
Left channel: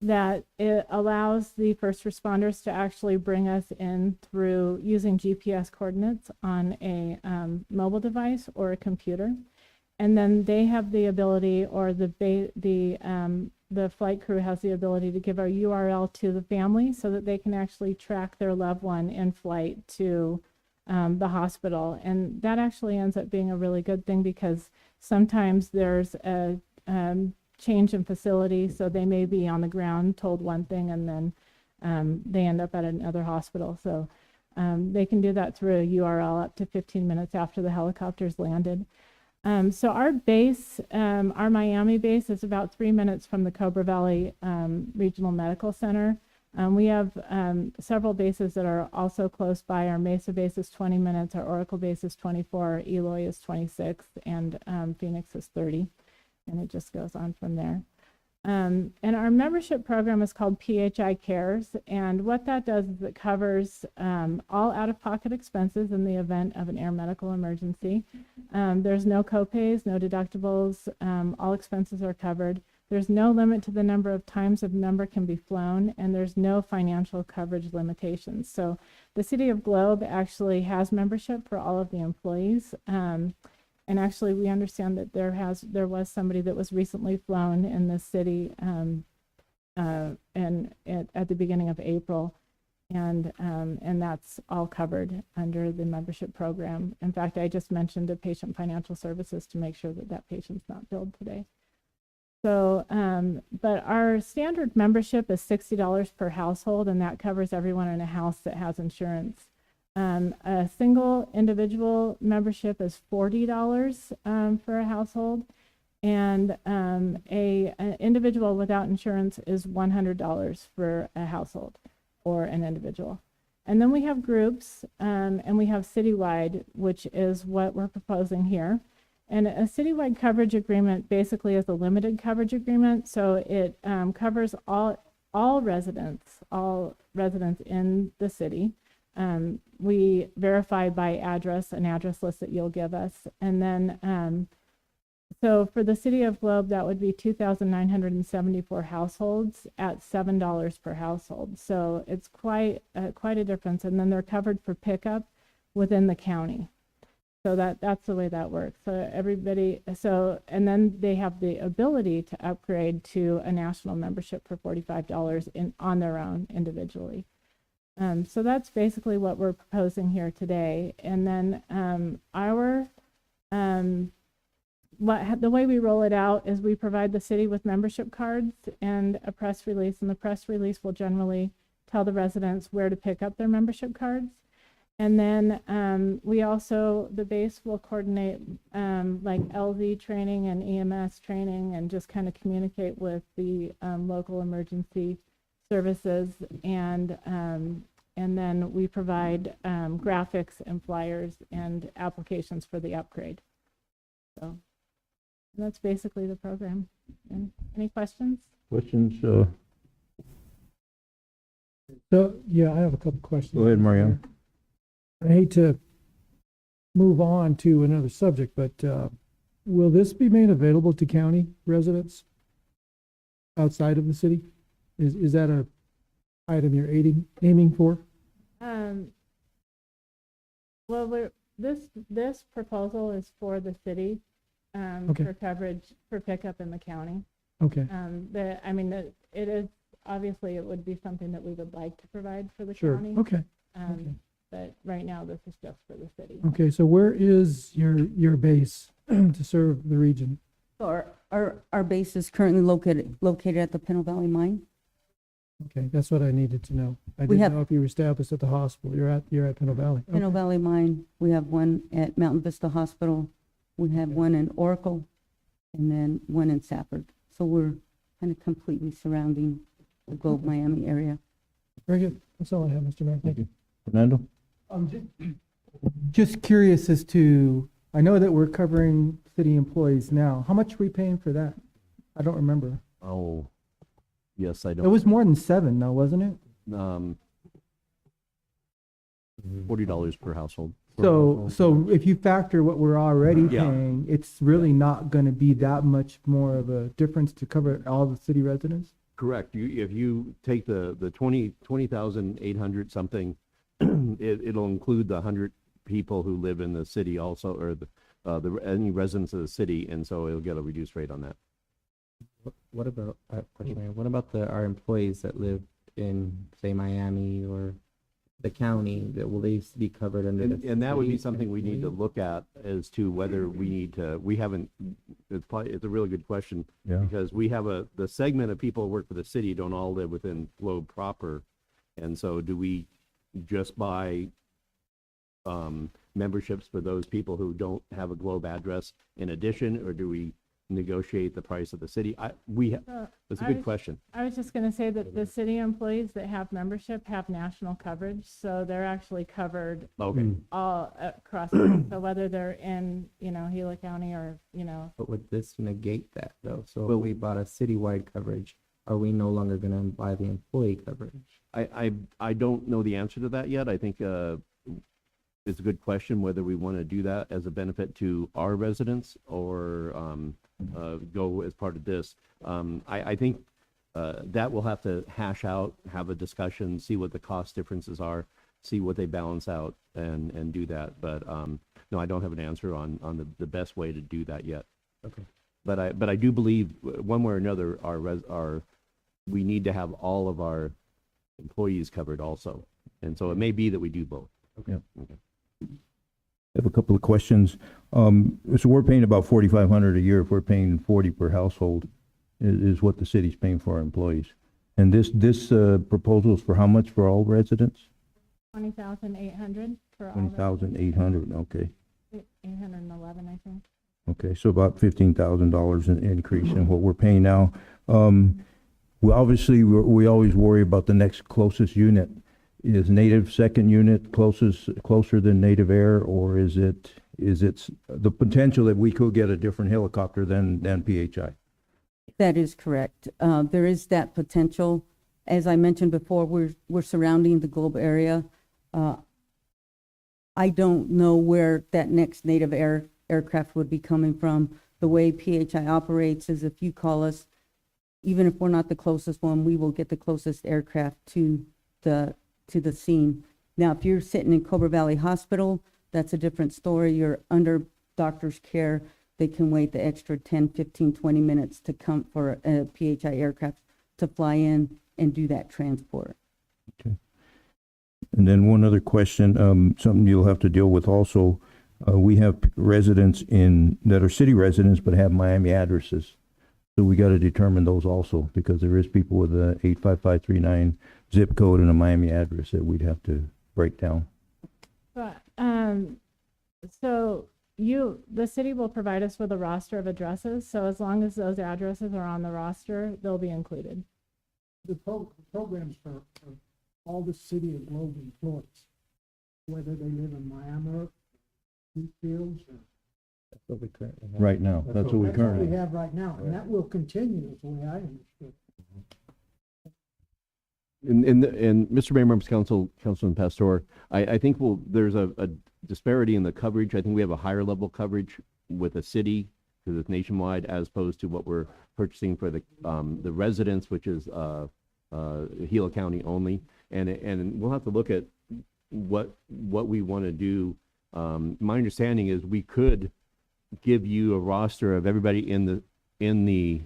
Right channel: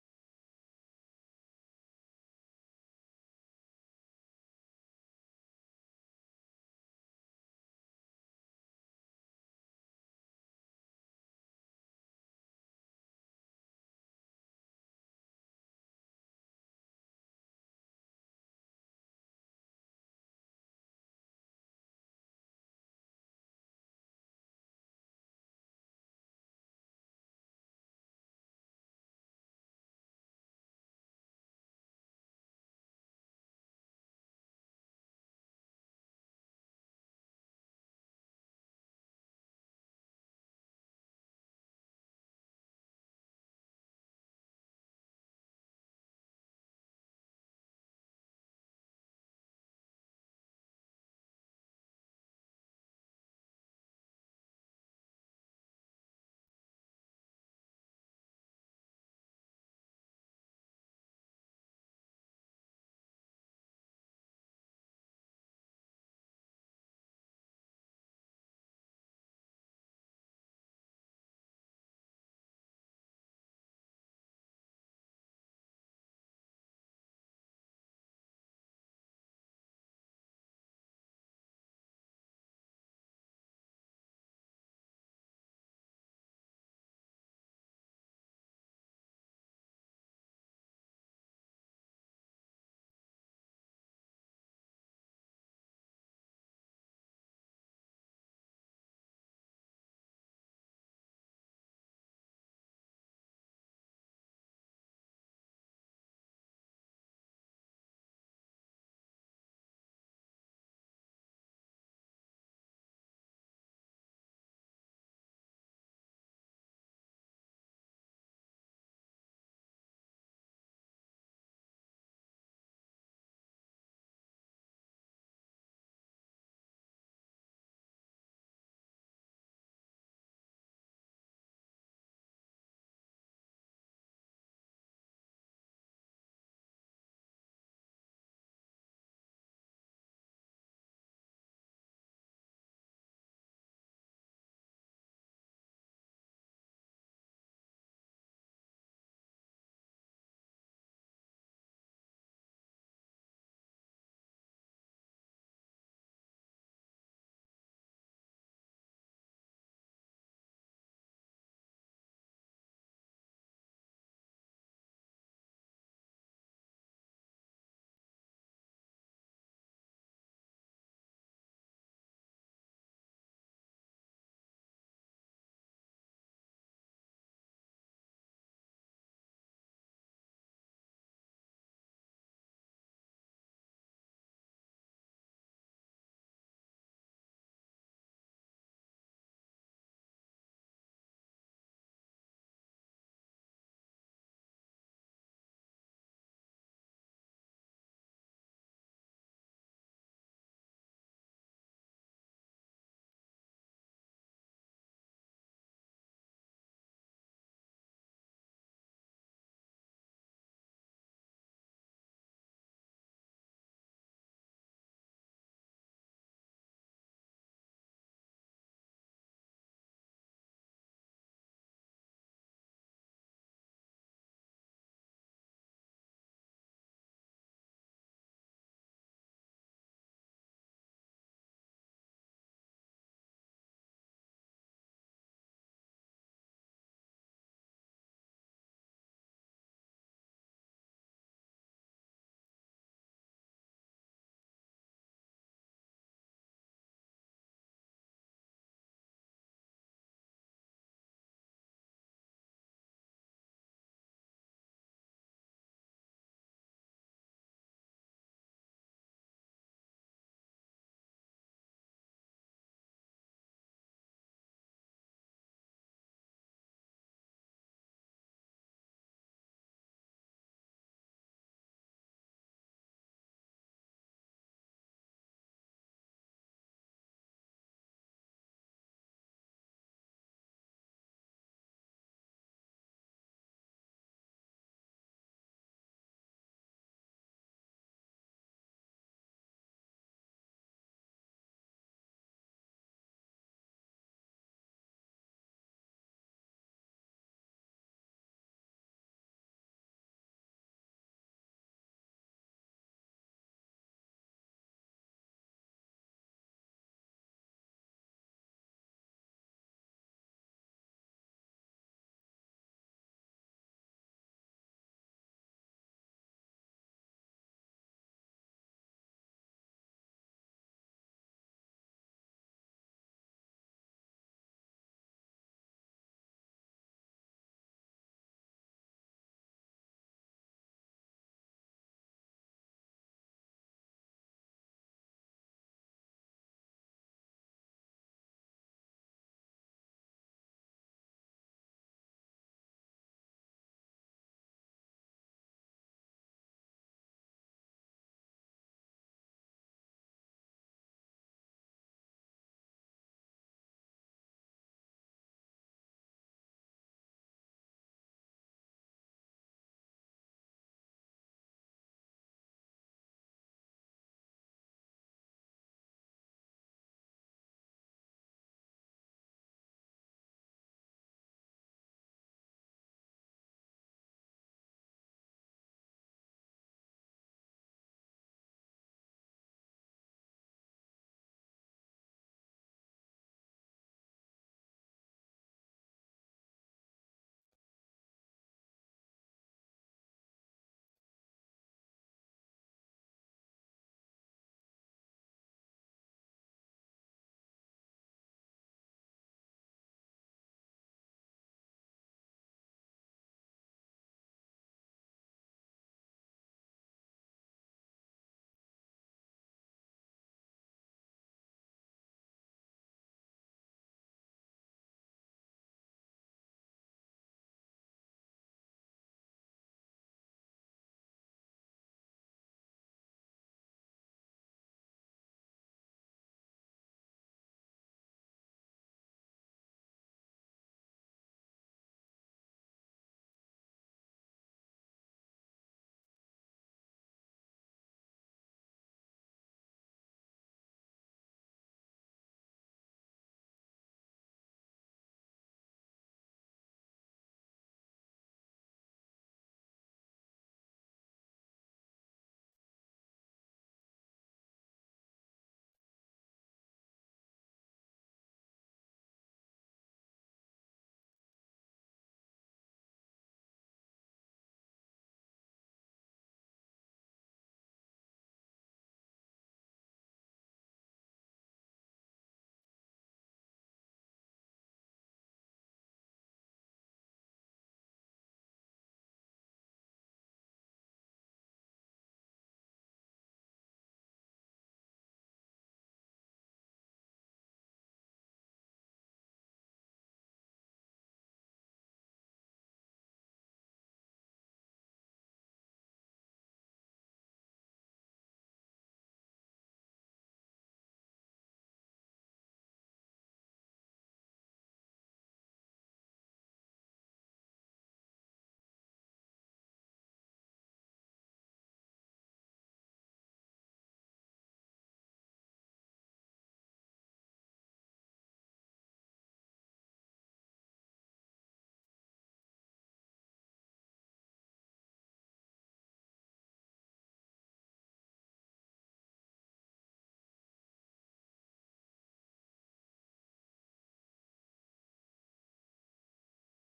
that it allows the first responders to actually bring us in through using GPS coordinates on a mobile device or a computer. And then they have the ability, or the flight crew has the ability to give a URL to the family so that they can actually track their loved one in flight to the hospital. And that actually ends up being a really good thing because sometimes there's a change in facility, so they may be on the ground told one thing and then they end up at another hospital. So they can do that through a URL up to 15 minutes after the helicopter's landed. So our base, our Miami base, is about 3 minutes from the Cobra Valley Regional Medical Center. We have several bases that are also close by. Our Mesa base is 20 minutes, our Oracle base is 24, Eloy is 26, and Phoenix is 30, and it just goes on from there. And our membership program is called PHI Cares, and what that does is it covers all out-of-pocket expenses in the event of an air medical emergency. There's no copays, no deductibles, all expenses are covered. There's no limit to the number of times a member can be flown, and there's no financial coverage limitations. So the City of Globe actually has membership for all of the employees. And actually, we understand that there was somebody that was recently flown in the city at the beginning of April, and that's all covered under the membership program. In fact, I just mentioned to Patient Financial Services to make sure that that patient's not billed today. So, but our standard membership is $60 per household, and that covers everyone in a house that has insurance. A single individual membership is $40 for a household, and an individual without insurance is $100 for a household or an individual. And then we have groups, and we have Citywide, which is what we're proposing here. And a Citywide coverage agreement basically is a limited coverage agreement, so it covers all residents in the city. We verify by address, an address list that you'll give us. And then, so for the City of Globe, that would be 2,974 households at $7 per household. So it's quite a difference. And then they're covered for pickup within the county. So that's the way that works. So everybody, and then they have the ability to upgrade to a national membership for $45 on their own individually. So that's basically what we're proposing here today. And then the way we roll it out is we provide the city with membership cards and a press release, and the press release will generally tell the residents where to pick up their membership cards. And then the base will coordinate like LZ training and EMS training, and just kind of communicate with the local emergency services. And then we provide graphics and flyers and applications for the upgrade. So that's basically the program. And any questions? Questions? So, yeah, I have a couple questions. Go ahead, Mariana. I hate to move on to another subject, but will this be made available to county residents outside of the city? Is that a item you're aiming for? Well, this proposal is for the city Okay. for coverage for pickup in the county. Okay, It is, obviously it would be something that we would like to provide for the sure, county. okay. But right now this is just for the city. Okay, so where is your base to serve the region? So our base is currently located at the Pinal Valley Mine. Okay, that's what I needed to know. I We didn't have- know if you were established at the hospital. You're at Pinal Valley. Pinal Okay. Valley Mine, we have one at Mountain Vista Hospital, we have one in Oracle, and then one in Safford. So we're kind of completely surrounding the Globe Miami area. Very good. That's all I have, Mr. Mayor. Thank you. Fernando? Just curious as to, I know that we're covering city employees now. How much are we paying for that? I don't remember. Oh, yes, I It don't. was more than 7 though, wasn't it? $40 per household. So if you factor what we're already Yeah. paying, it's really not gonna be that much more of a difference to cover all the city residents? Correct. If you take the 20,800 something, it'll include the 100 people who live in the city also, or any residents of the city, and so it'll get a reduced rate on that. What about, question, Mayor, what about our employees that live in, say, Miami or the county, will they be covered under the? And that would be city something we need to employees? look at as to whether we need to, we haven't, it's a really good question. Yeah. Because we have the segment of people who work for the city don't all live within Globe proper. And so do we just buy memberships for those people who don't have a Globe address in addition, or do we negotiate the price of the city? That's a I good was- question. I was just gonna say that the city employees that have membership have national coverage, so they're actually covered Okay. all across. So whether they're in, Gila County or, But would this negate that though? So Well- if we bought a citywide coverage, are we no longer gonna buy the employee coverage? I don't know the answer to that yet. I think it's a good question whether we want to do that as a benefit to our residents or go as part of this. I think that we'll have to hash out, have a discussion, see what the cost differences are, see what they balance out, and do that. But no, I don't have an answer on the best way to do that yet. Okay. But I do believe one way or another, we need to have all of our employees covered also, and so it may be that we do both. Okay. I have a couple of questions. So we're paying about $4,500 a year. If we're paying 40 per household, is what the city's paying for our employees. And this proposal is for how much for all residents? 20,800 for all. 20,800. Okay. 811, I think. Okay. So about $15,000 in increase in what we're paying now. We always worry about the next closest unit. Is native second unit closer than native air, or is it the potential that we could get a different helicopter than PHI? That is correct. There is that potential. As I mentioned before, we're surrounding the Globe area. I don't know where that next native aircraft would be coming from. The way PHI operates is if you call us, even if we're not the closest one, we will get the closest aircraft to the scene. Now, if you're sitting in Cobra Valley Hospital, that's a different story. You're under doctor's care. They can wait the extra 10, 15, 20 minutes to come for a PHI aircraft to fly in and do that transport. And then one other question, something you'll have to deal with also. We have residents that are city residents but have Miami addresses. So we got to determine those also, because there is people with a 85539 zip code and a Miami address that we'd have to break down. But, so the city will provide us with a roster of addresses, so as long as those addresses are on the roster, they'll be included. The programs for all the City of Globe employees, whether they live in Miami or Wheatfields or. That's what we currently have. Right now, that's what we That's currently. we have right now, and that will continue, is the way I understood. And Mr. Mayor, members of council, Councilman Pastor, I think there's a disparity in the coverage. I think we have a higher level coverage with a city, because it's nationwide, as opposed to what we're purchasing for the residents, which is Gila County only. And we'll have to look at what we want to do. My understanding is we could give you a roster of everybody in the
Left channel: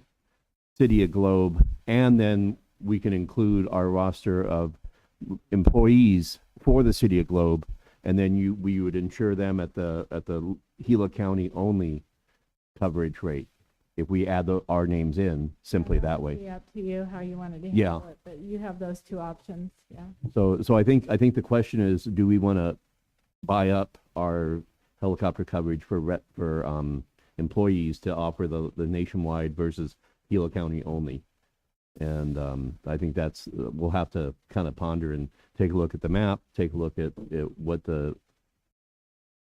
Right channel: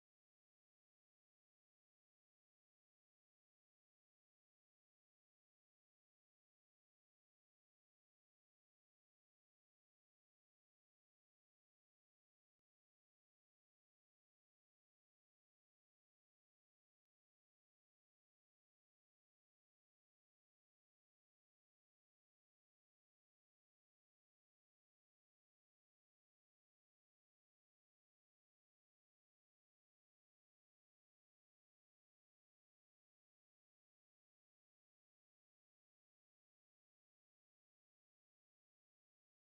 city of Globe, and then we can include our roster of employees for the city of Globe, and then we would insure them at the Gila County only coverage rate if we add our names in simply that way. Be up to you how you wanted to Yeah. handle it, but you have those two options, yeah. So I think the question is, do we want to buy up our helicopter coverage for employees to offer the nationwide versus Gila County only? And I think that's we'll have to kind of ponder and take a look at the map, take a look at what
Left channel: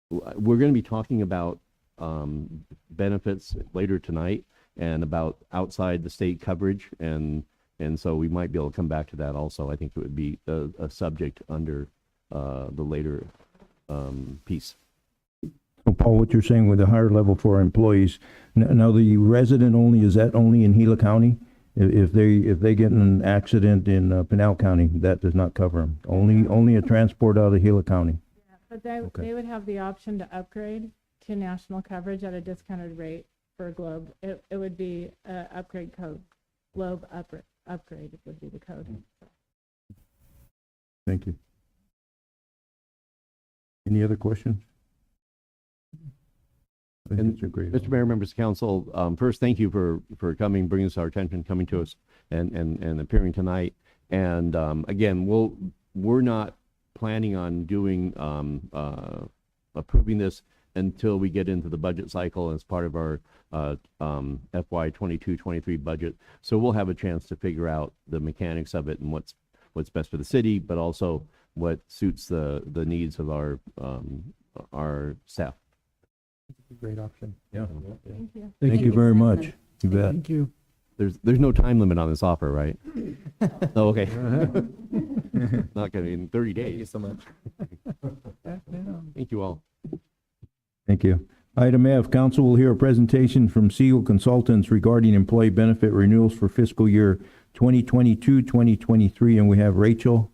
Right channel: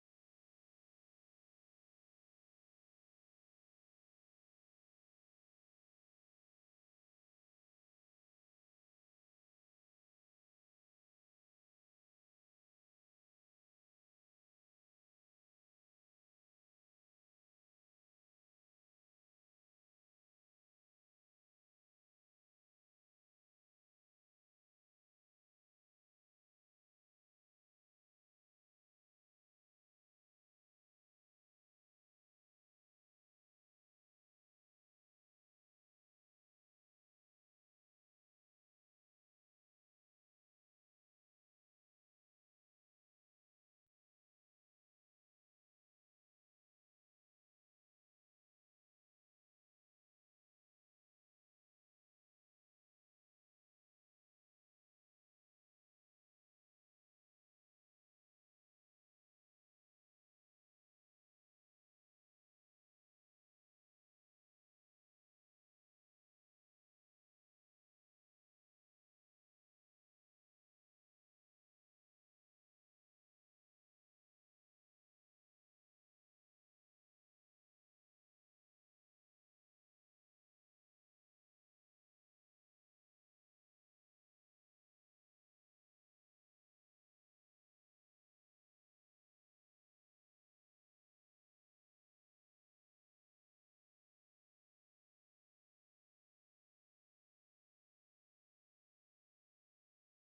we're going to be talking about benefits later tonight, and about outside the state coverage, and so we might be able to come back to that also. I think it would be a subject under the later piece. So Paul, what you're saying with the higher level for our employees, now the resident only, is that only in Gila County? If they get in an accident in Pinal County, that does not cover them. Only a transport out of Gila County. But they would have the option to upgrade to national coverage at a discounted rate for Globe. It would be upgrade code. Globe upgrade would be the code. Thank you. Any other questions? I think And it's a great. Mr. Mayor, members of council, first, thank you for coming, bringing this to our attention, coming to us and appearing tonight. And again, we're not planning on doing approving this until we get into the budget cycle as part of our FY 22-23 budget. So we'll have a chance to figure out the mechanics of it and what's best for the city, but also what suits the needs of our staff. Great option. Yeah. Thank you. Thank you very much. You bet. Thank you. There's no time limit on this offer, right? Oh, okay. Not gonna in 30 days. Thank you so much. Thank you all. Thank you. Item F, council will hear a presentation from Segal Consultants regarding employee benefit renewals for fiscal year 2022-2023, and we have Rachel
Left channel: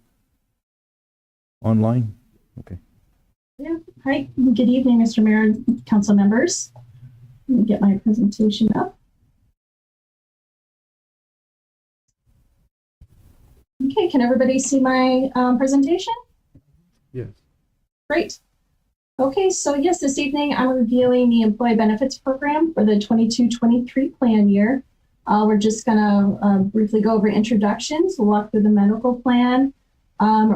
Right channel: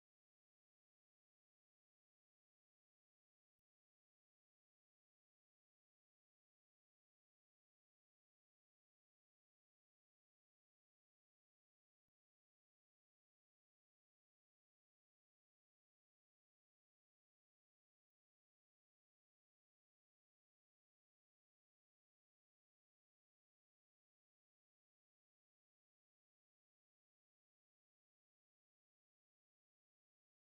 online. Okay. Yeah. Hi, good evening, Mr. Mayor and council members. Let me get my presentation up. Okay, can everybody see my presentation? Yes. Great. Okay, so yes, this evening I'm reviewing the employee benefits program for the 22-23 plan year. We're just gonna briefly go over introductions, walk through the medical plan,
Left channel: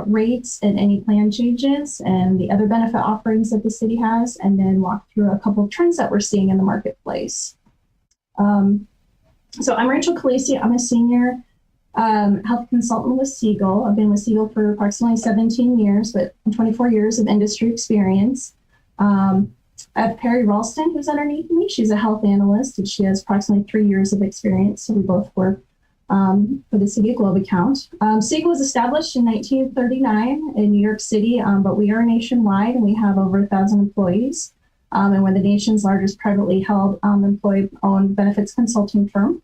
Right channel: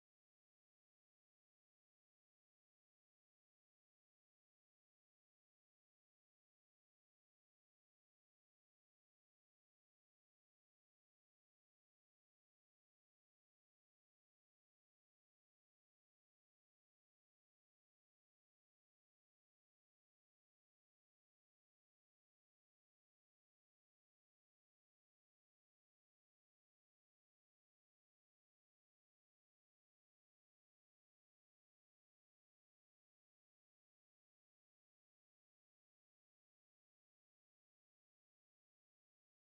rates and any plan changes and the other benefit offerings that the city has, and then walk through a couple of trends that we're seeing in the marketplace. So I'm Rachel Calisi. I'm a senior health consultant with Segal. I've been with Segal for approximately 17 years, but 24 years of industry experience. I have Perry Ralston, who's underneath me. She's a health analyst, and she has approximately 3 years of experience. So we both work for the City of Globe account. Segal was established in 1939 in New York City, but we are nationwide and we have over 1,000 employees. And we're the nation's largest privately held employee-owned benefits consulting firm.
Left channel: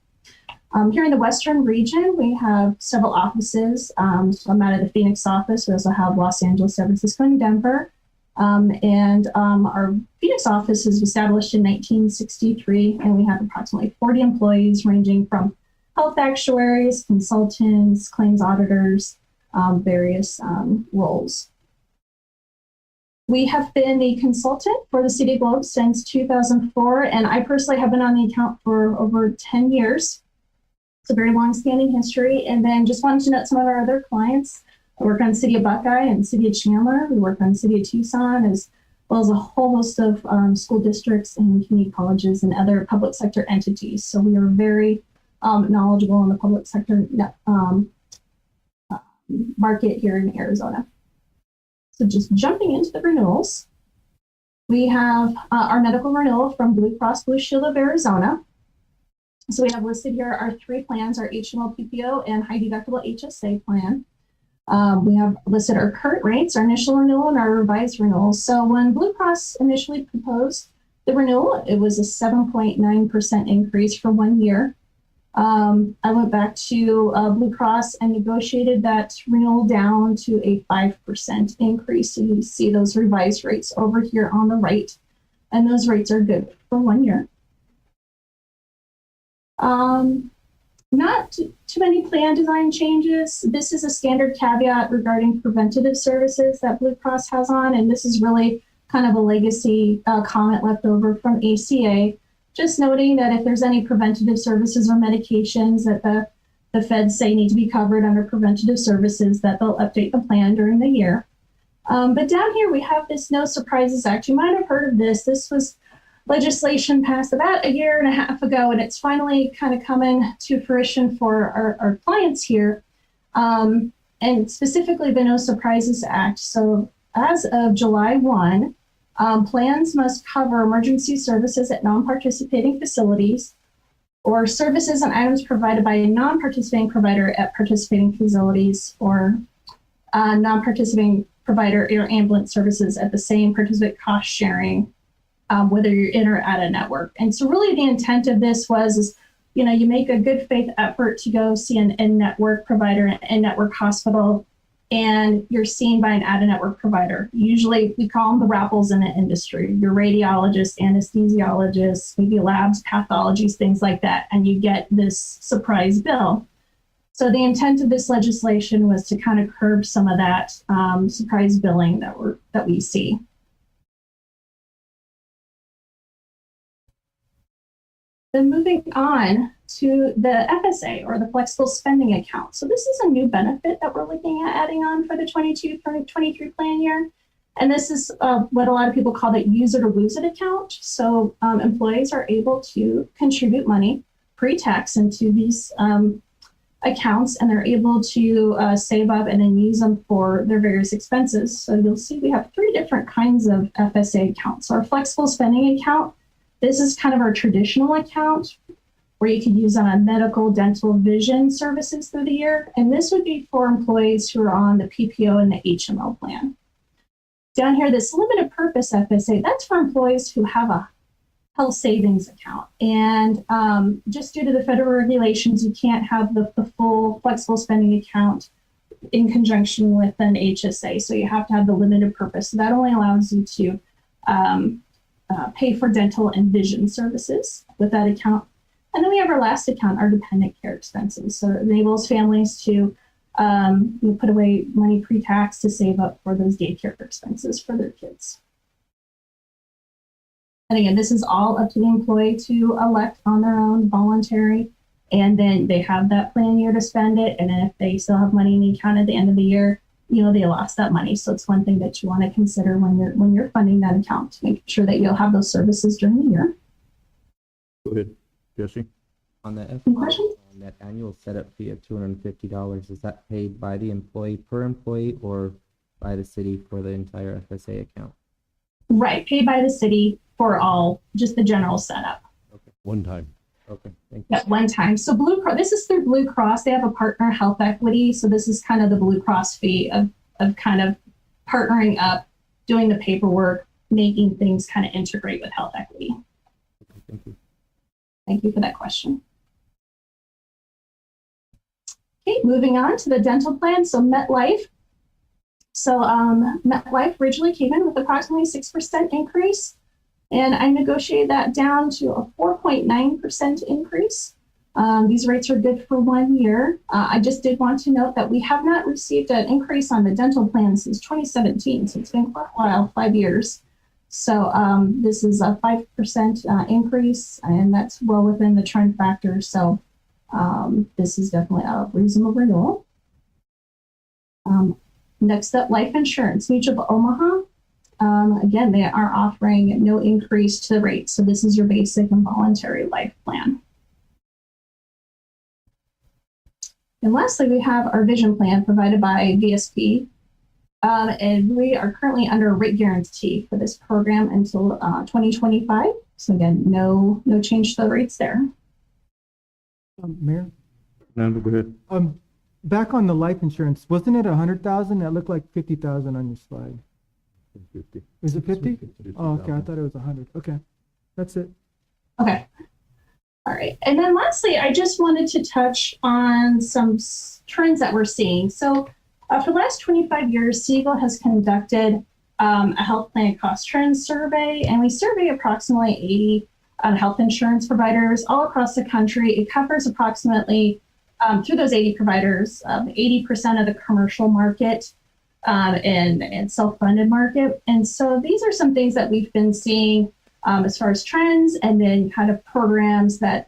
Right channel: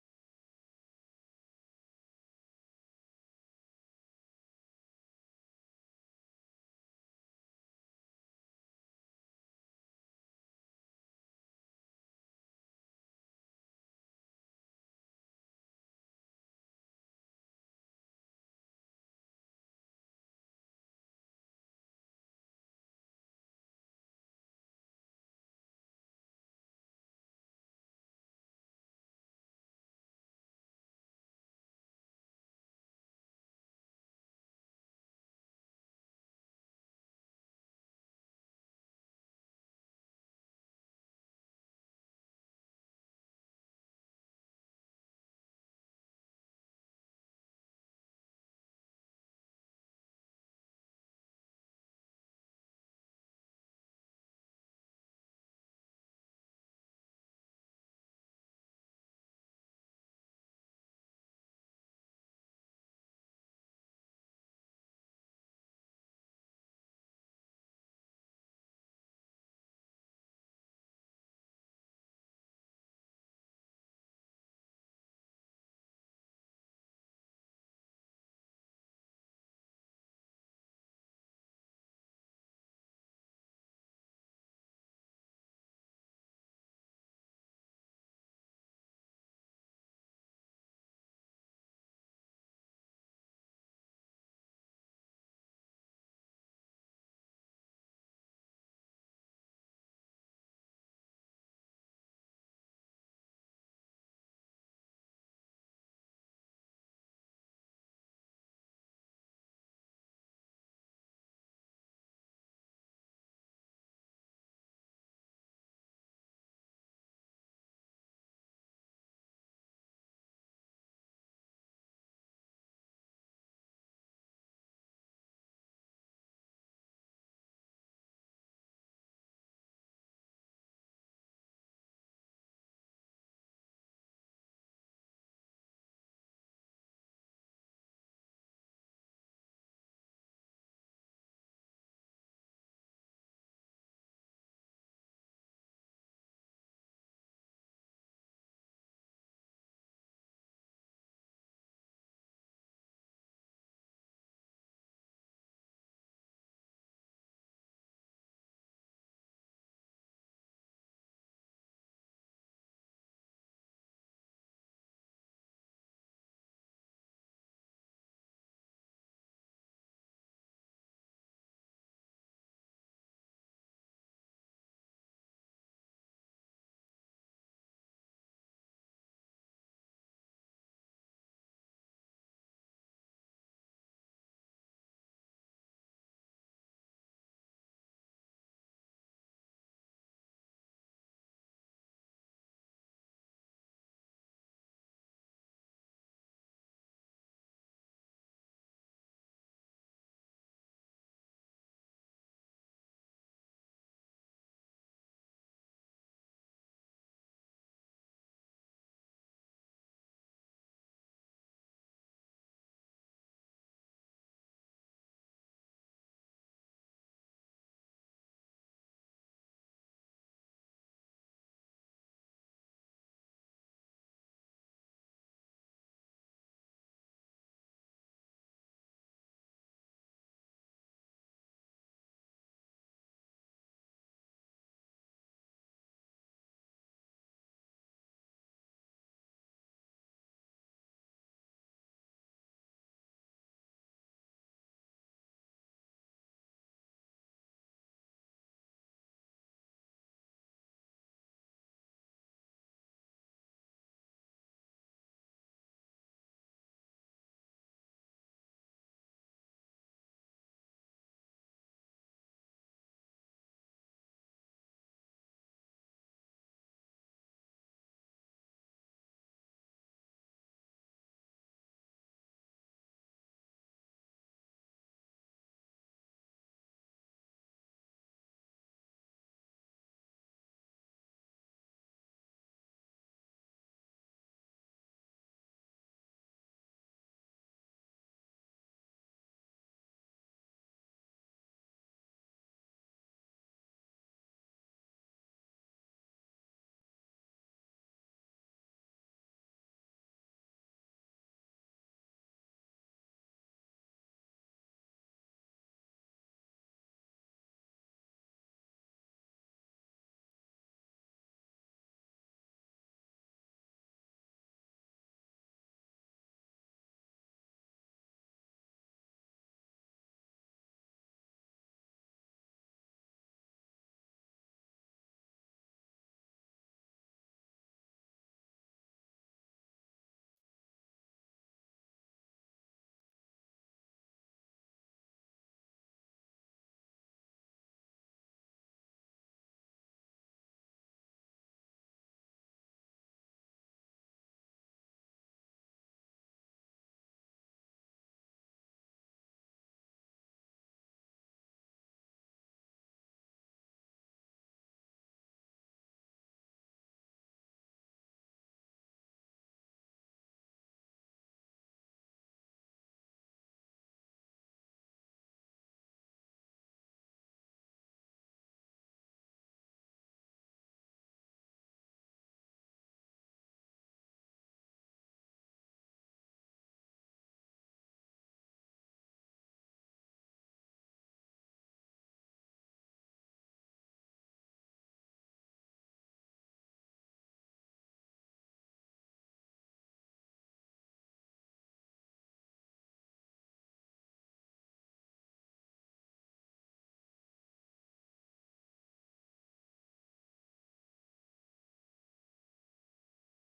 Here in the Western region, we have several offices. So I'm out of the Phoenix office. We also have Los Angeles, San Francisco, and Denver. Our Phoenix office was established in 1963, and we have approximately 40 employees ranging from health actuaries, consultants, claims auditors, various roles. We have been the consultant for the City of Globe since 2004, and I personally have been on the account for over 10 years. It's a very long-standing history. And then just wanted to note some of our other clients. I work on the City of Buckeye and City of Chandler. We work on the City of Tucson, as well as a whole host of school districts and community colleges and other public sector entities. So we are very knowledgeable in the public sector market here in Arizona. So just jumping into the renewals, we have our medical renewal from Blue Cross Blue Shield of Arizona. So we have listed here our 3 plans, our HMO PPO and high deductible HSA plan. We have listed our current rates, our initial renewal, and our revised renewal. So when Blue Cross initially proposed the renewal, it was a 7.9% increase for 1 year. I went back to Blue Cross and negotiated that renewal down to a 5% increase. So you see those revised rates over here on the right, and those rates are good for 1 year. Not too many plan design changes. This is a standard caveat regarding preventative services that Blue Cross has on, and this is really kind of a legacy comment left over from ACA. Just noting that if there's any preventative services or medications that the feds say need to be covered under preventative services, that they'll update the plan during the year. But down here we have this No Surprises Act. You might have heard of this. This was legislation passed about 1.5 years ago, and it's finally kind of coming to fruition for our clients here, and specifically the No Surprises Act. So as of July 1, plans must cover emergency services at non-participating facilities or services and items provided by a non-participating provider at participating facilities, or non-participating provider or ambulance services at the same participant cost sharing, whether you're in or out of network. And so really the intent of this is, you make a good faith effort to go see an in-network provider, an in-network hospital, and you're seen by an out-of-network provider. Usually we call them the rappels in the industry, your radiologists, anesthesiologists, maybe labs, pathologies, things like that, and you get this surprise bill. So the intent of this legislation was to kind of curb some of that surprise billing that we see. Then moving on to the FSA, or the flexible spending account. So this is a new benefit that we're looking at adding on for the 22-23 plan year. And this is what a lot of people call the use it or lose it account. So employees are able to contribute money pre-tax into these accounts, and they're able to save up and then use them for their various expenses. So you'll see we have 3 different kinds of FSA accounts. So our flexible spending account, this is kind of our traditional account where you could use on medical, dental, vision services through the year. And this would be for employees who are on the PPO and the HMO plan. Down here, this limited purpose FSA, that's for employees who have a health savings account. And just due to the federal regulations, you can't have the full flexible spending account in conjunction with an HSA. So you have to have the limited purpose. So that only allows you to pay for dental and vision services with that account. And then we have our last account, our dependent care expenses. So it enables families to put away money pre-tax to save up for those daycare expenses for their kids. And again, this is all up to the employee to elect on their own, voluntary, and then they have that plan year to spend it. And then if they still have money in the account at the end of the year, they lost that money. So it's one thing that you want to consider when you're funding that account, to make sure that you'll have those services during the year. Go ahead, Jesse. On that questions? on that annual setup fee of $250, is that paid by the employee per employee or by the city for the entire FSA account? Right, paid by the city for all, just the general setup. Okay. One time. Okay, thank you. At one time. So Blue Cross, this is through Blue Cross. They have a partner, Health Equity. So this is kind of the Blue Cross fee of kind of partnering up, doing the paperwork, making things kind of integrate with Health Equity. Okay, thank you. Thank you for that question. Okay, moving on to the dental plan. So MetLife. So MetLife originally came in with approximately 6% increase, and I negotiated that down to a 4.9% increase. These rates are good for 1 year. I just did want to note that we have not received an increase on the dental plan since 2017, so it's been quite a while, 5 years. So this is a 5% increase, and that's well within the trend factor. So this is definitely a reasonable renewal. Next up, life insurance. Mutual of Omaha. Again, they are offering no increase to the rate. So this is your basic and voluntary life plan. And lastly, we have our vision plan provided by VSP. And we are currently under a rate guarantee for this program until 2025. So again, no change to the rates there. Mayor? No, go ahead. Back on the life insurance, wasn't it 100,000? That looked like 50,000 on your slide. 50. Is it 50? Oh, okay, I thought it was 100. Okay, that's it. Okay. All right. And then lastly, I just wanted to touch on some trends that we're seeing. So for the last 25 years, Segal has conducted a health plan cost trend survey, and we survey approximately 80 health insurance providers all across the country. It covers approximately, through those 80 providers, 80% of the commercial market and self-funded market. And so these are some things that we've been seeing as far as trends, and then kind of programs that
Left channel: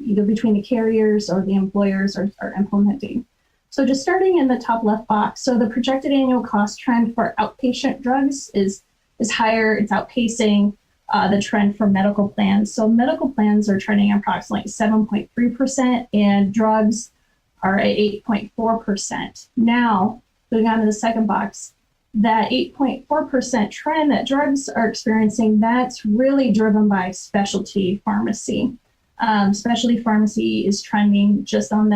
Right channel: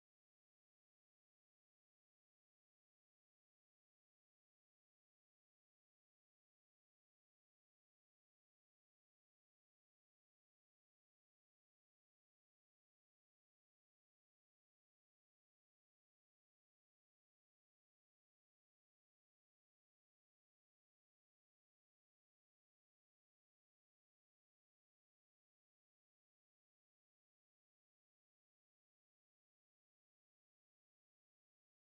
either between the carriers or the employers are implementing. So just starting in the top left box, so the projected annual cost trend for outpatient drugs is higher. It's outpacing the trend for medical plans. So medical plans are trending approximately 7.3%, and drugs are at 8.4%. Now, moving on to the second box, that 8.4% trend that drugs are experiencing, that's really driven by specialty pharmacy. Specialty pharmacy is trending just on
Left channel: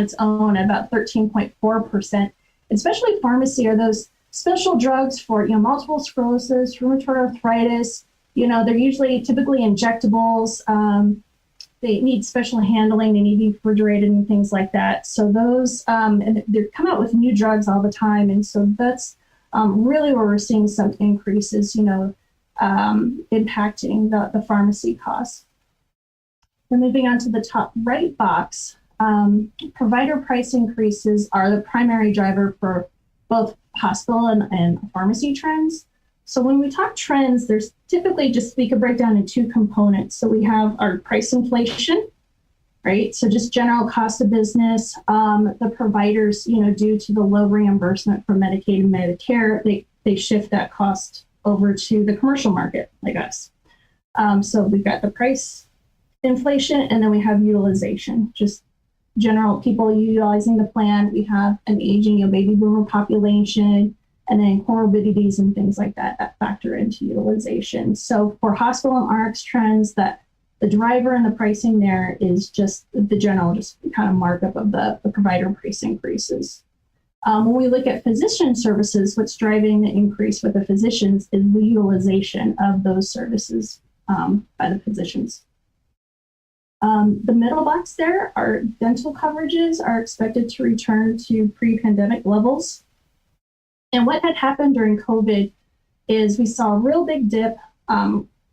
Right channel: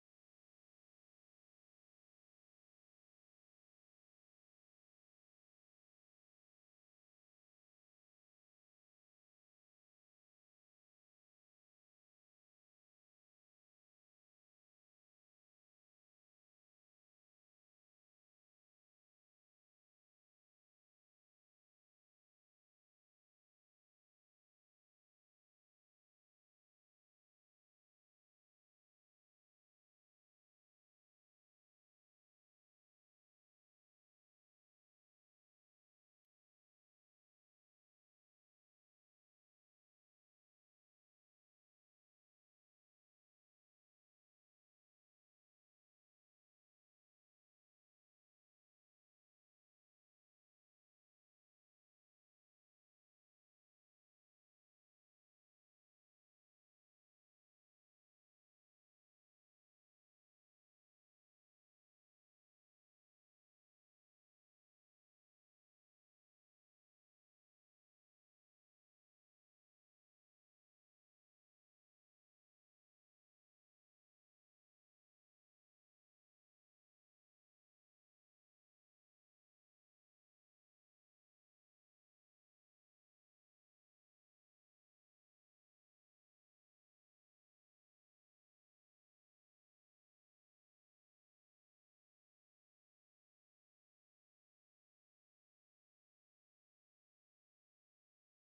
its own at about 13.4%. And specialty pharmacy are those special drugs for multiple sclerosis, rheumatoid arthritis. They're typically injectables. They need special handling. They need to be refrigerated and things like that. So those, and they come out with new drugs all the time. And so that's really where we're seeing some increases, impacting the pharmacy costs. Then moving on to the top right box, provider price increases are the primary driver for both hospital and pharmacy trends. So when we talk trends, there's typically we could break down in two components. So we have our price inflation, right? So just general cost of business. The providers, due to the low reimbursement from Medicaid and Medicare, they shift that cost over to the commercial market like us. So we've got the price inflation, and then we have utilization, just general people utilizing the plan. We have an aging baby boomer population, and then comorbidities and things like that factor into utilization. So for hospital and RX trends, that the driver and the pricing there is just the general, just kind of markup of the provider price increases. When we look at physician services, what's driving the increase with the physicians is the utilization of those services by the physicians. The middle box there, our dental coverages are expected to return to pre-pandemic levels. And what had happened during COVID is we saw a real big dip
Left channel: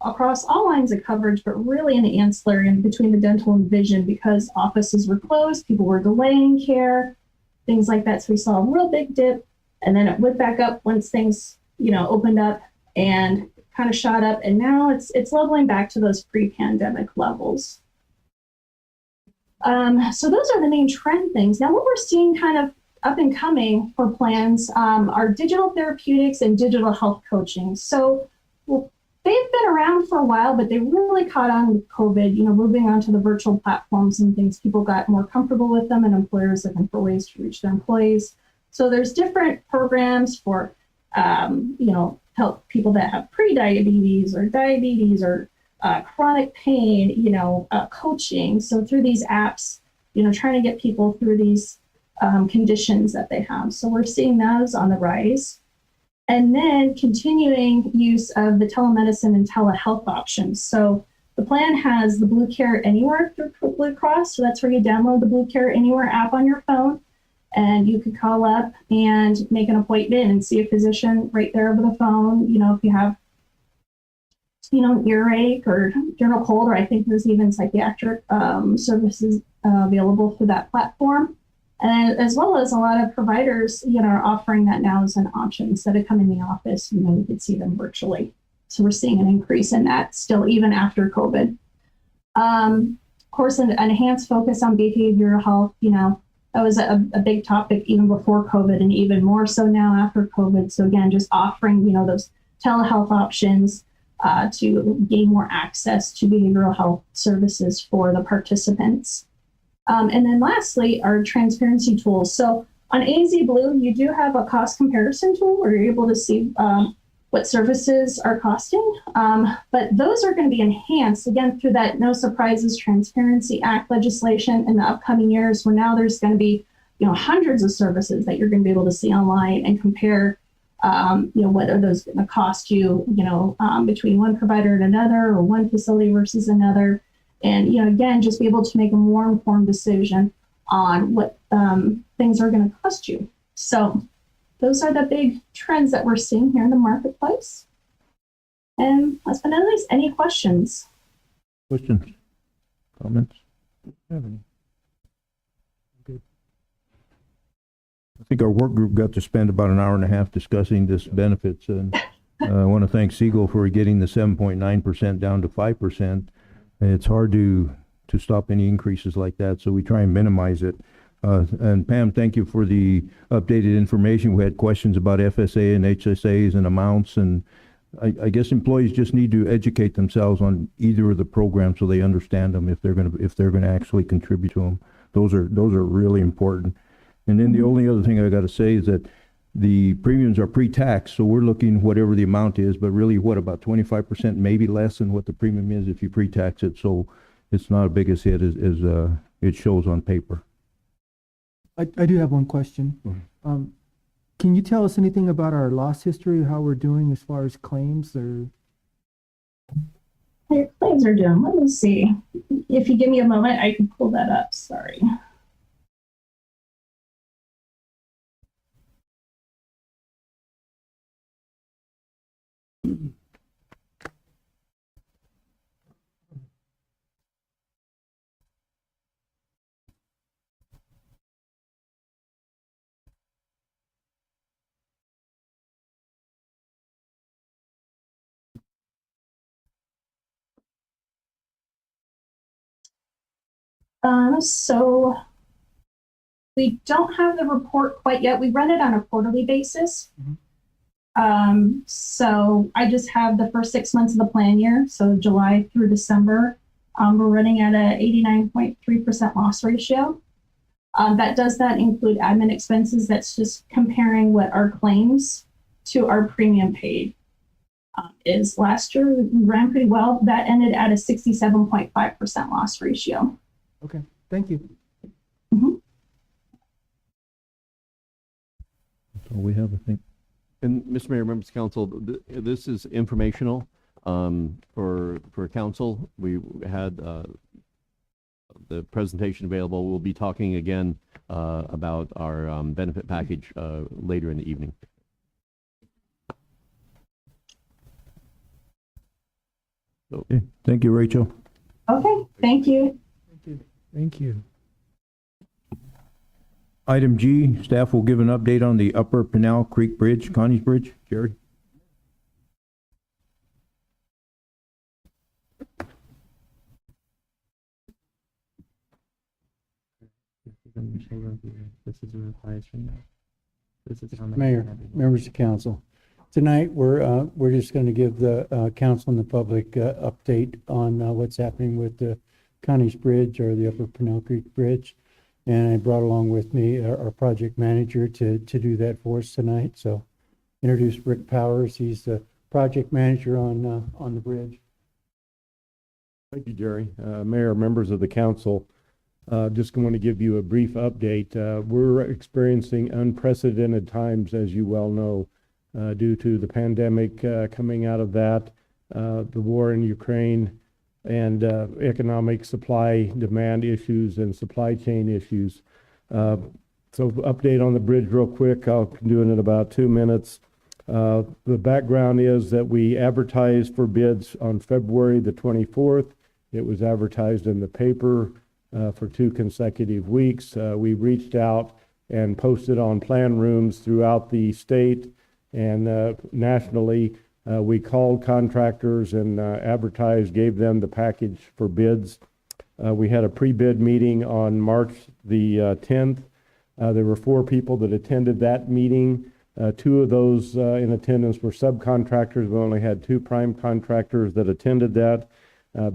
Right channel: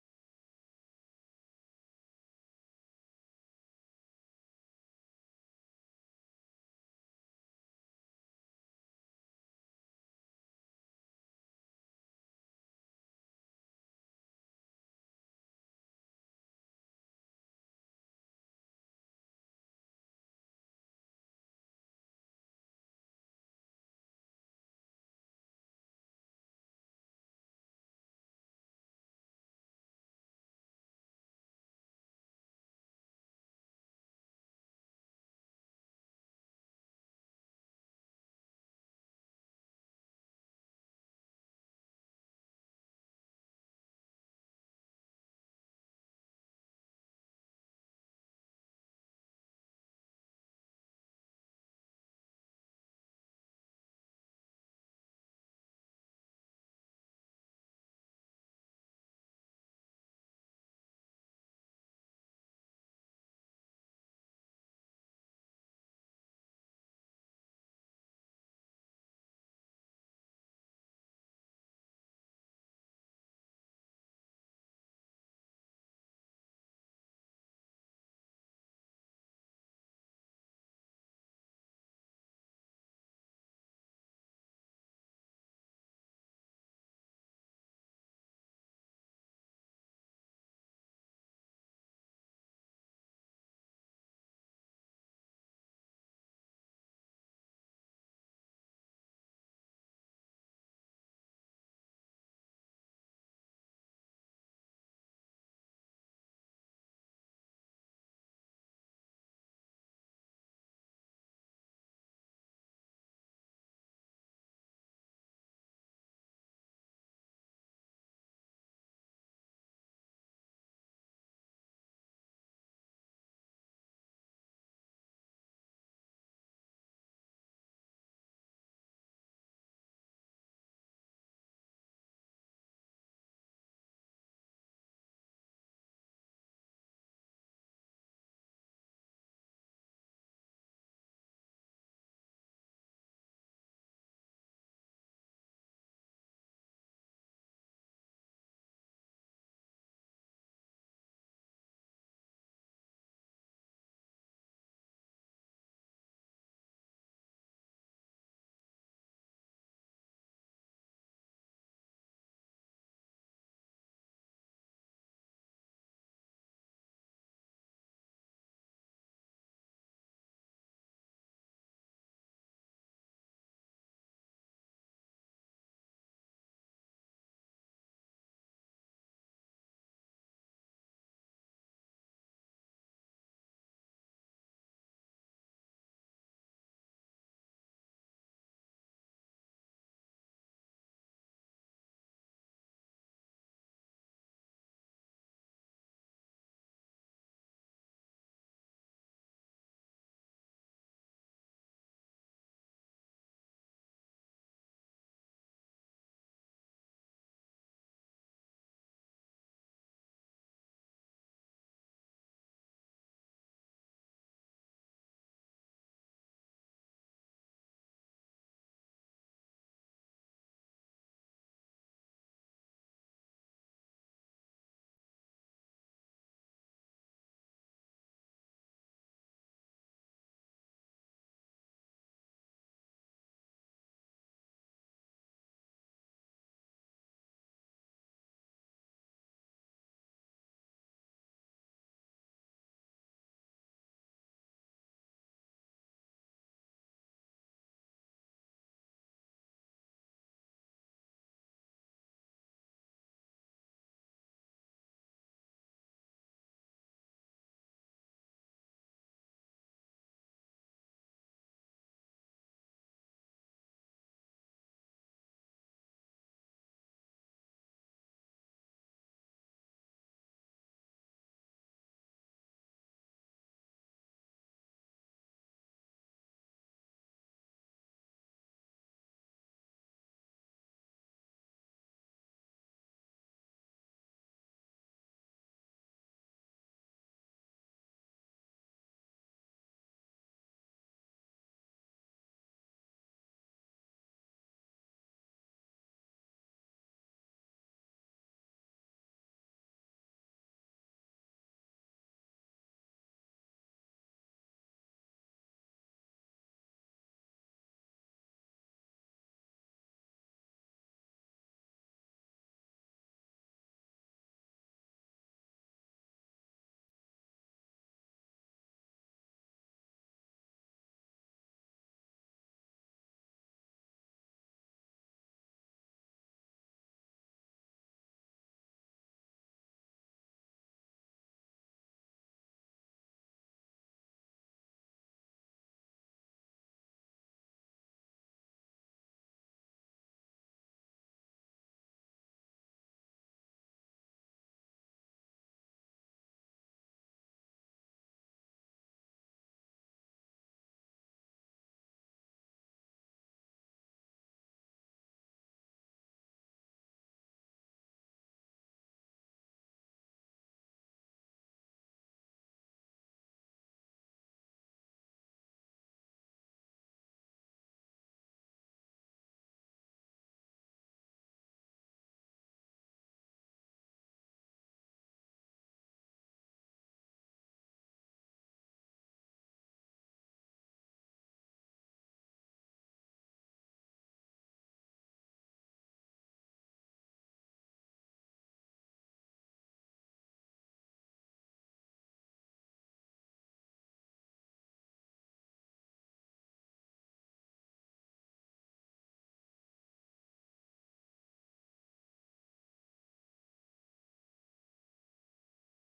across all lines of coverage, but really in the ancillary and between the dental and vision, because offices were closed, people were delaying care, things like that. So we saw a real big dip, and then it went back up once things, opened up and kind of shot up. And now it's leveling back to those pre-pandemic levels. So those are the main trend things. Now what we're seeing kind of up and coming for plans are digital therapeutics and digital health coaching. So they've been around for a while, but they really caught on with COVID, moving on to the virtual platforms and things. People got more comfortable with them, and employers looking for ways to reach their employees. So there's different programs for, help people that have pre-diabetes or diabetes or chronic pain, coaching. So through these apps, trying to get people through these conditions that they have. So we're seeing those on the rise. And then continuing use of the telemedicine and telehealth options. So The plan has the Blue Care Anywhere through Blue Cross. So that's where you download the Blue Care Anywhere app on your phone, and you could call up and make an appointment and see a physician right there over the phone. You know, if you have, you know, earache or general cold, or I think there's even psychiatric services available for that platform. And as well as a lot of providers, you know, are offering that now as an option. Instead of coming in the office, you know, you could see them virtually. So we're seeing an increase in that still, even after COVID. Of course, an enhanced focus on behavioral health, you know, that was a big topic even before COVID, and even more so now after COVID. So again, just offering, you know, those telehealth options to gain more access to behavioral health services for the participants. And then lastly, our transparency tools. So on AZ Blue, you do have a cost comparison tool where you're able to see what services are costing, but those are going to be enhanced again through that No Surprises Transparency Act legislation in the upcoming years, where now there's going to be, you know, hundreds of services that you're going to be able to see online and compare, you know, what are those going to cost you, you know, between one provider and another, or one facility versus another, and, you know, again, just be able to make a more informed decision on what things are going to cost you. So those are the big trends that we're seeing here in the marketplace. And last but not least, any questions? Questions? Comments? Have any? I think our work group got to spend about an hour and a half discussing this benefits, and I want to thank Segal for getting the 7.9% down to 5%. It's hard to stop any increases like that, so we try and minimize it. And Pam, thank you for the updated information. We had questions about FSA and HSAs and amounts, and I guess employees just need to educate themselves on either of the programs so they understand them if they're gonna actually contribute to them. Those are really important. And then the only other thing I got to say is that the premiums are pre-tax, so we're looking whatever the amount is, but really what, about 25%, maybe less than what the premium is if you pre-tax it. So it's not as big a hit as it shows on paper. I do have one question. Can you tell us anything about our loss history, how we're doing as far as claims, or? How your claims are doing? Let me see. If you give me a moment, I can pull that up. Sorry. So we don't have the report quite yet. We run it on a quarterly basis. So I just have the first 6 months of the plan year, so July through December. We're running at a 89.3% loss ratio. That does not include admin expenses. That's just comparing what our claims to our premium paid. Is last year we ran pretty well. That ended at a 67.5% loss ratio. Okay, thank you. That's all we have, I think. And Mr. Mayor, members of council, this is informational for council. We had the presentation available. We'll be talking again about our benefit package later in the evening. So, Okay. Thank you, Rachel. Okay, thank you. Thank you. Item G, staff will give an update on the Upper Pinal Creek Bridge, Connie's Bridge. Jerry? This is a revised right now. This is how many. Mayor, members of council, tonight we're just going to give the council and the public update on what's happening with the Connie's Bridge, or the Upper Pinal Creek Bridge. And I brought along with me our project manager to do that for us tonight. So introduce Rick Powers. He's the project manager on the bridge. Thank you, Jerry. Mayor, members of the council, just want to give you a brief update. We're experiencing unprecedented times, as you well know, due to the pandemic, coming out of that, the war in Ukraine, and economic supply demand issues and supply chain issues. So update on the bridge real quick. I'll do it in about 2 minutes. The background is that we advertised for bids on February the 24th. It was advertised in the paper for 2 consecutive weeks. We reached out and posted on plan rooms throughout the state and nationally. We called contractors and advertised, gave them the package for bids. We had a pre-bid meeting on March the 10th. There were 4 people that attended that meeting. 2 of those in attendance were subcontractors. We only had 2 prime contractors that attended that.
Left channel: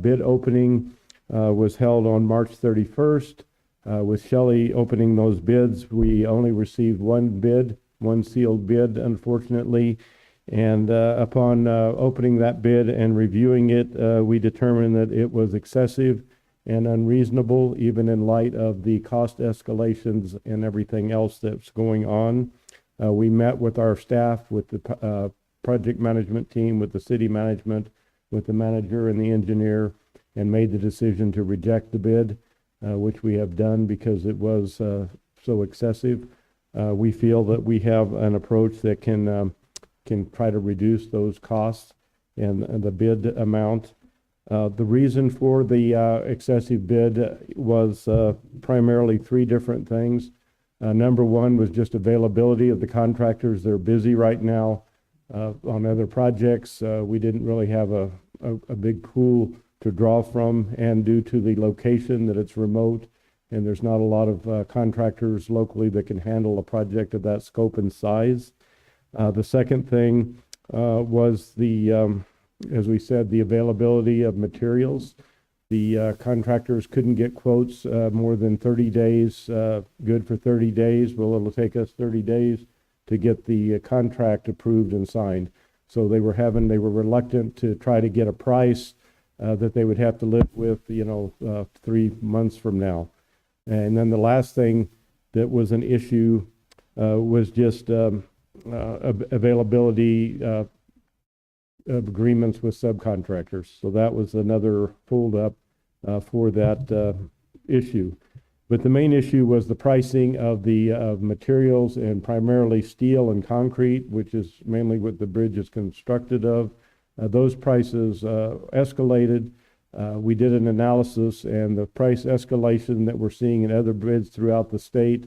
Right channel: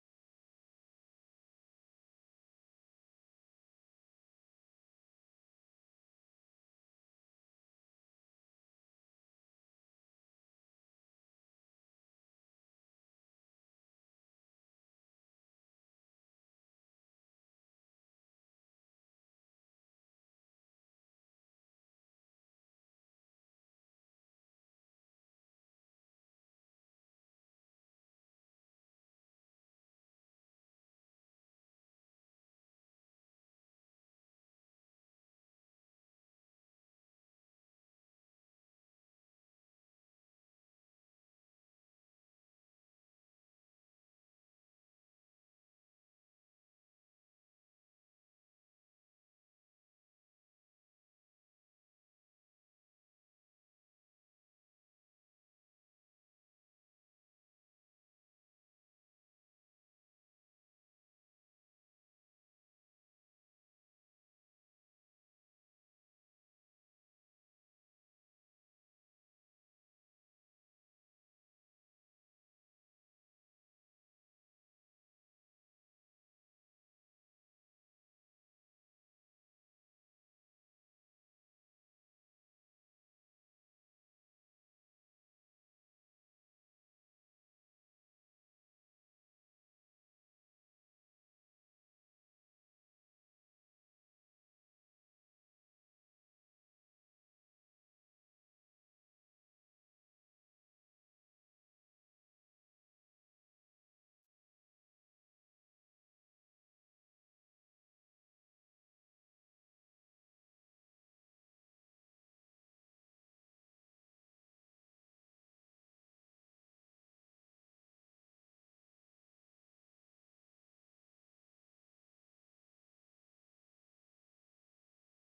Bid opening was held on March 31st. With Shelley opening those bids, we only received 1 bid, 1 sealed bid, unfortunately. And upon opening that bid and reviewing it, we determined that it was excessive and unreasonable, even in light of the cost escalations and everything else that's going on. We met with our staff, with the project management team, with the city management, with the manager and the engineer, and made the decision to reject the bid, which we have done because it was so excessive. We feel that we have an approach that can try to reduce those costs and the bid amount. The reason for the excessive bid was primarily 3 different things. Number 1 was just availability of the contractors. They're busy right now on other projects. We didn't really have a big pool to draw from, and due to the location that it's remote and there's not a lot of contractors locally that can handle a project of that scope and size. The second thing was as we said, the availability of materials. The contractors couldn't get quotes more than 30 days, good for 30 days. Well, it'll take us 30 days to get the contract approved and signed. So they were reluctant to try to get a price that they would have to live with, 3 months from now. And then the last thing that was an issue was just availability of agreements with subcontractors. So that was another hold up for that issue. But the main issue was the pricing of the materials, and primarily steel and concrete, which is mainly what the bridge is constructed of. Those prices escalated. We did an analysis, and the price escalation that we're seeing in other bids throughout the state,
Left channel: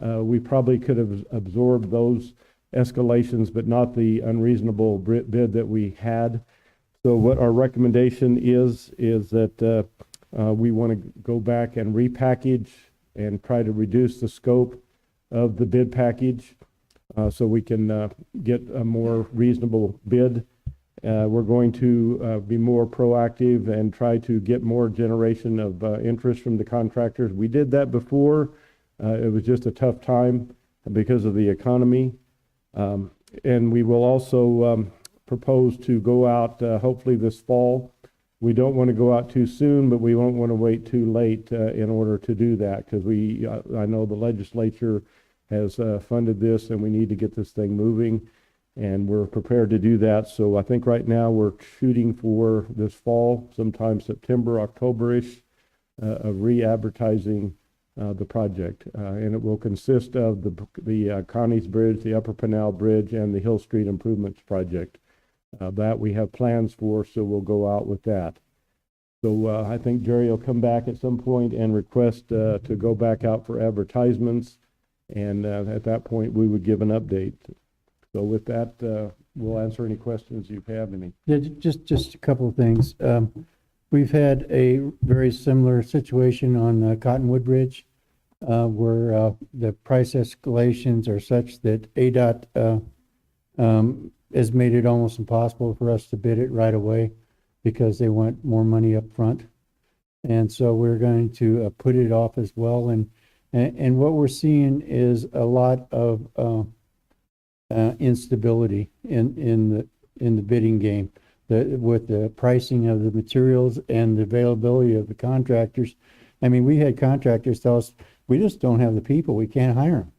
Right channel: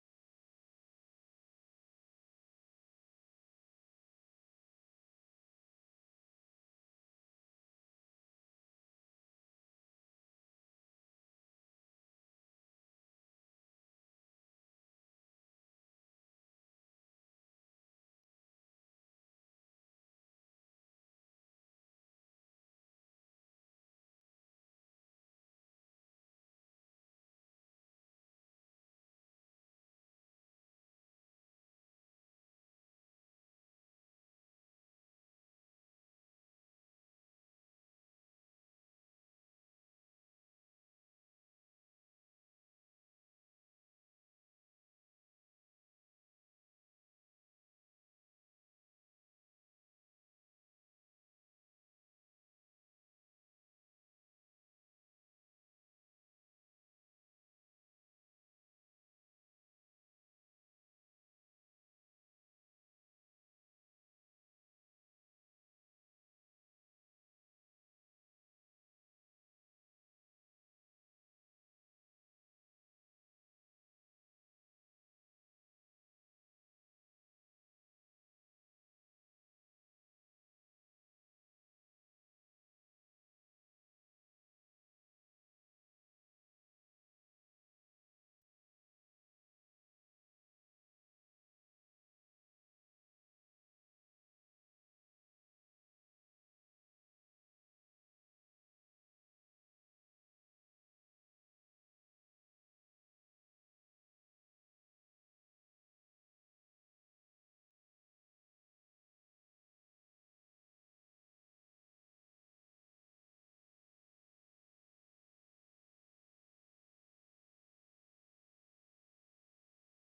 we probably could have absorbed those escalations, but not the unreasonable bid that we had. So what our recommendation is that we want to go back and repackage and try to reduce the scope of the bid package so we can get a more reasonable bid. We're going to be more proactive and try to get more generation of interest from the contractors. We did that before. It was just a tough time because of the economy. And we will also propose to go out hopefully this fall. We don't want to go out too soon, but we won't want to wait too late in order to do that, because I know the legislature has funded this, and we need to get this thing moving, and we're prepared to do that. So I think right now we're shooting for this fall, sometime September, October-ish, of re-advertising the project, and it will consist of the Connie's Bridge, the Upper Pinal Bridge, and the Hill Street Improvements Project. That we have plans for, so we'll go out with that. So I think Jerry will come back at some point and request to go back out for advertisements, and at that point we would give an update. So with that, we'll answer any questions you have. Yeah, just a couple of things. We've had a very similar situation on Cottonwood Bridge, where the price escalations are such that ADOT has made it almost impossible for us to bid it right away because they want more money up front. And so we're going to put it off as well. And what we're seeing is a lot of instability in the bidding game. With the pricing of the materials and the availability of the contractors. I mean, we had contractors tell us, we just don't have the people, we can't hire them.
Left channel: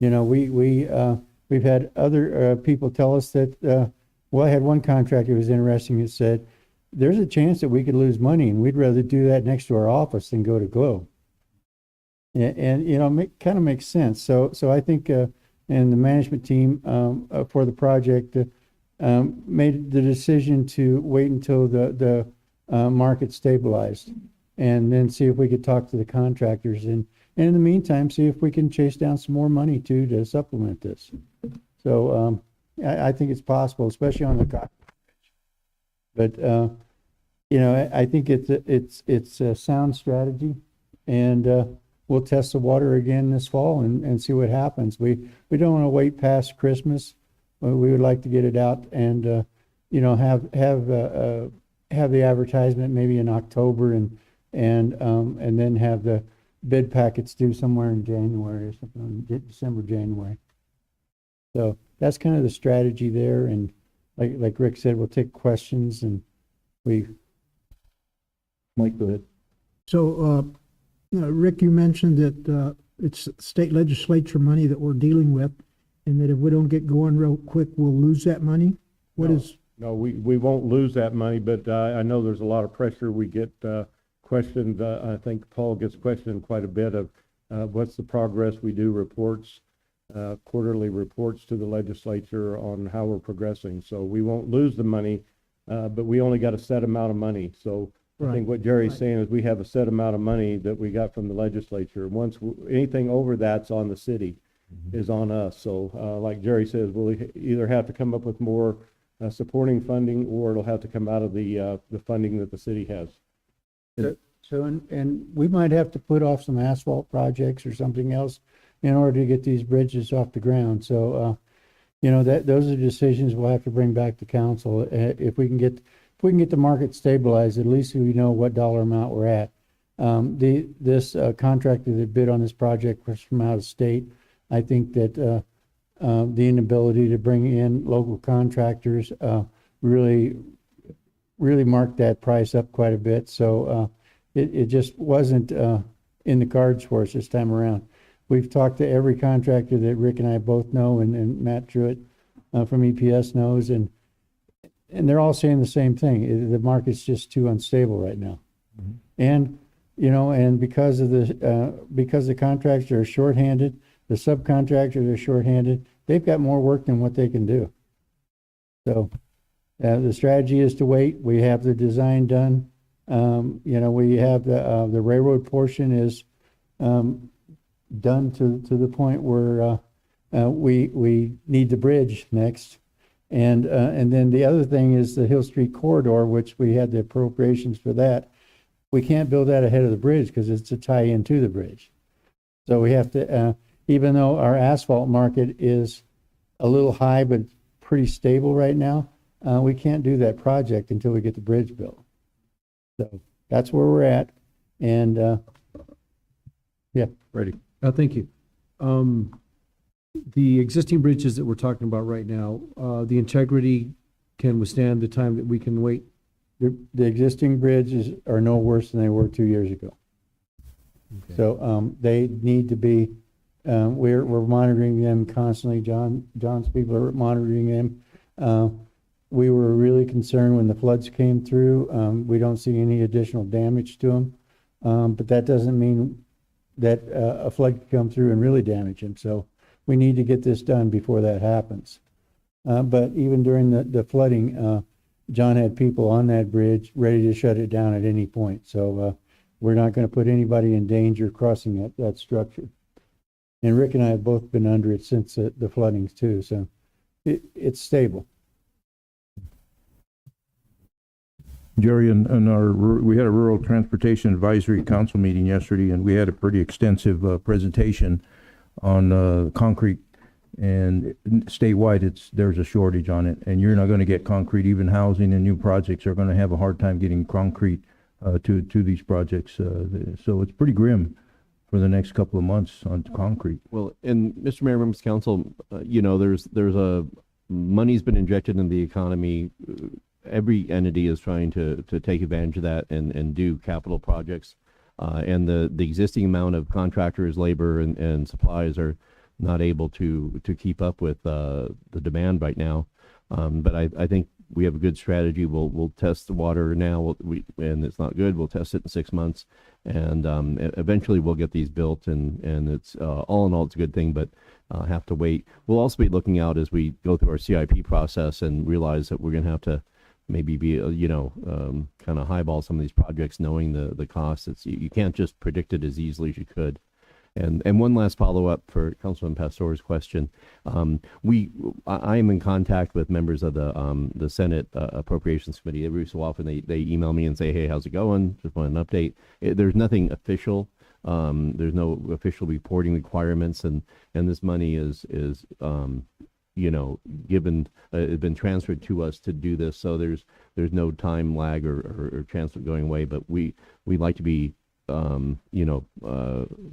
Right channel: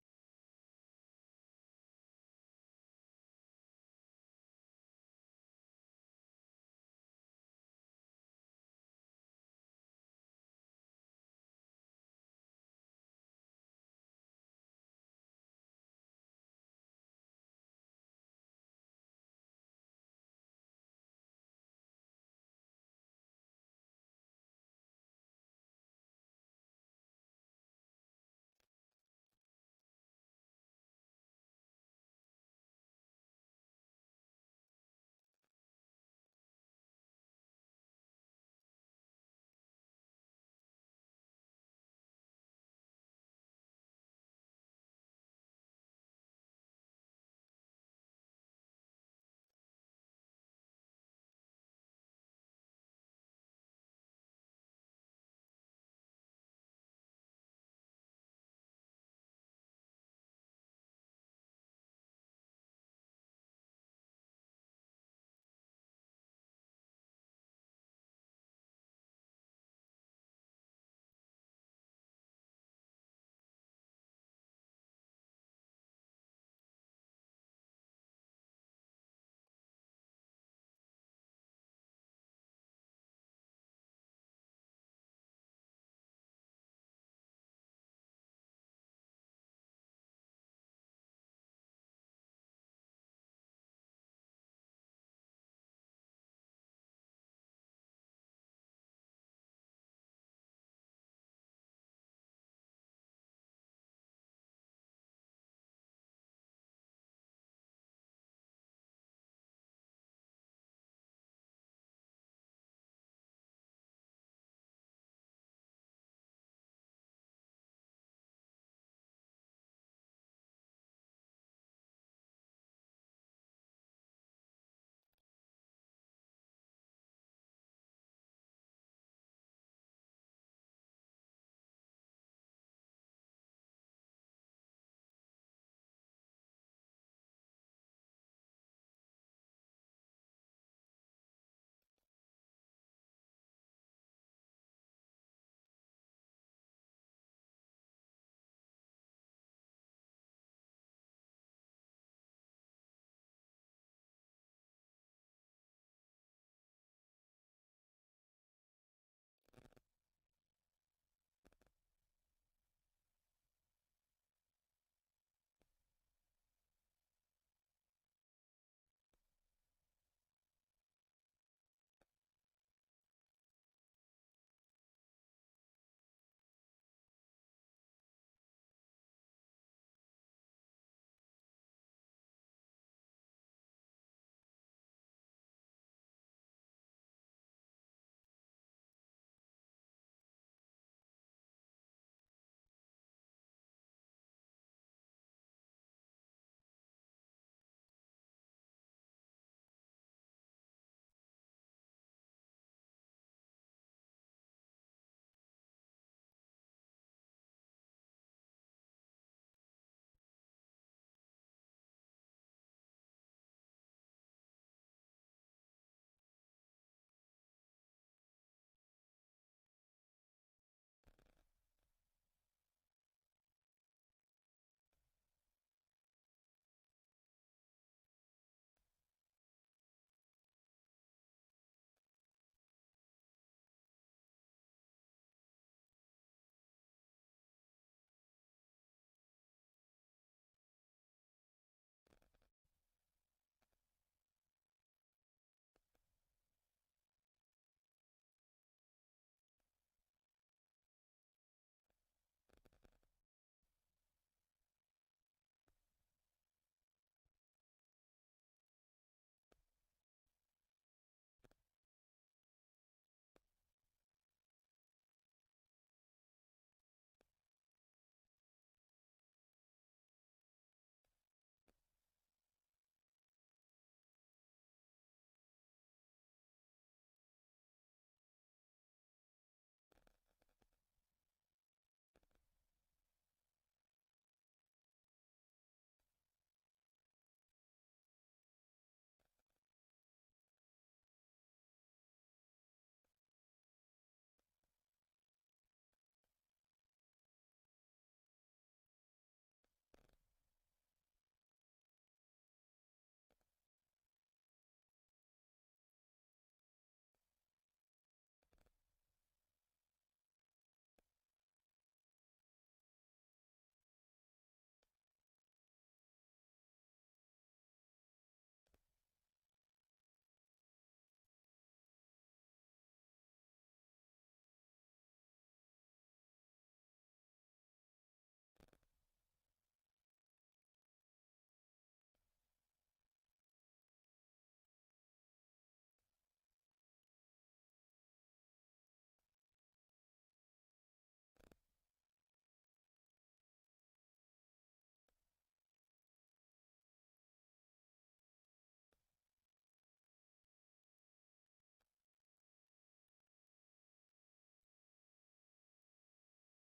You know, we've had other people tell us that, well, I had one contractor who was interesting that said, there's a chance that we could lose money, and we'd rather do that next to our office than go to Globe. And you know, kind of makes sense. So I think, and the management team for the project made the decision to wait until the market stabilized, and then see if we could talk to the contractors, and in the meantime, see if we can chase down some more money too to supplement this. So I think it's possible, especially on the cost. But you know, I think it's a sound strategy, and we'll test the water again this fall and see what happens. We don't want to wait past Christmas. We would like to get it out and you know, have the advertisement maybe in October, and then have the bid packets due somewhere in January or something, December, January. So that's kind of the strategy there. And like Rick said, we'll take questions, and Mike, go ahead. So, Rick, you mentioned that it's state legislature money that we're dealing with, and that if we don't get going real quick, we'll lose that money. No, we won't lose that money, but I know there's a lot of pressure. We get questioned. I think Paul gets questioned quite a bit of what's the progress. We do reports, quarterly reports to the legislature on how we're progressing. So we won't lose the money, but we only got a set amount of money. So I think what Jerry's saying is we have a set amount of money that we got from the legislature. Once anything over that's on the city, is on us. So like Jerry says, we'll either have to come up with more supporting funding, or it'll have to come out of the funding that the city has. So and we might have to put off some asphalt projects or something else in order to get these bridges off the ground. So you know, those are decisions we'll have to bring back to council. If we can get the market stabilized, at least we know what dollar amount we're at. This contractor that bid on this project was from out of state. I think that the inability to bring in local contractors really marked that price up quite a bit. So it just wasn't in the cards for us this time around. We've talked to every contractor that Rick and I both know, and Matt Truitt from EPS knows, and they're all saying the same thing. The market's just too unstable right now. And you know, and because the contractors are shorthanded, the subcontractors are shorthanded, they've got more work than what they can do. So the strategy is to wait. We have the design done. You know, we have the railroad portion is done to the point where we need the bridge next. And then the other thing is the Hill Street corridor, which we had the appropriations for that. We can't build that ahead of the bridge because it's a tie-in to the bridge. So we have to, even though our asphalt market is a little high but pretty stable right now, we can't do that project until we get the bridge built. So that's where we're at. And yeah, Ready. Thank you. The existing bridges that we're talking about right now, the integrity can withstand the time that we can wait. The existing bridges are no worse than they were 2 years ago. Okay. So they need to be. We're monitoring them constantly. John's people are monitoring them. We were really concerned when the floods came through. We don't see any additional damage to them, but that doesn't mean that a flood could come through and really damage them. So we need to get this done before that happens. But even during the flooding, John had people on that bridge ready to shut it down at any point. So we're not going to put anybody in danger crossing that structure. And Rick and I have both been under it since the floodings too. So it's stable. Jerry, we had a Rural Transportation Advisory Council meeting yesterday, and we had a pretty extensive presentation on concrete. And statewide, there's a shortage on it, and you're not going to get concrete. Even housing and new projects are going to have a hard time getting concrete to these projects. So it's pretty grim for the next couple of months on concrete. Well, and Mr. Mayor, members of council, you know, there's money's been injected in the economy. Every entity is trying to take advantage of that and do capital projects. And the existing amount of contractors, labor, and supplies are not able to keep up with the demand right now. But I think we have a good strategy. We'll test the water now. And it's not good. We'll test it in 6 months, and eventually we'll get these built. And it's all in all, it's a good thing. But have to wait. We'll also be looking out as we go through our CIP process and realize that we're going to have to maybe be kind of highball some of these projects, knowing the costs. You can't just predict it as easily as you could. And one last follow-up for Councilman Pastor's question. I am in contact with members of the Senate Appropriations Committee. Every so often they email me and say, hey, how's it going? Just want an update. There's nothing official. There's no official reporting requirements, and this money is given, been transferred to us to do this. So there's no time lag or chance of going away, but we'd like to be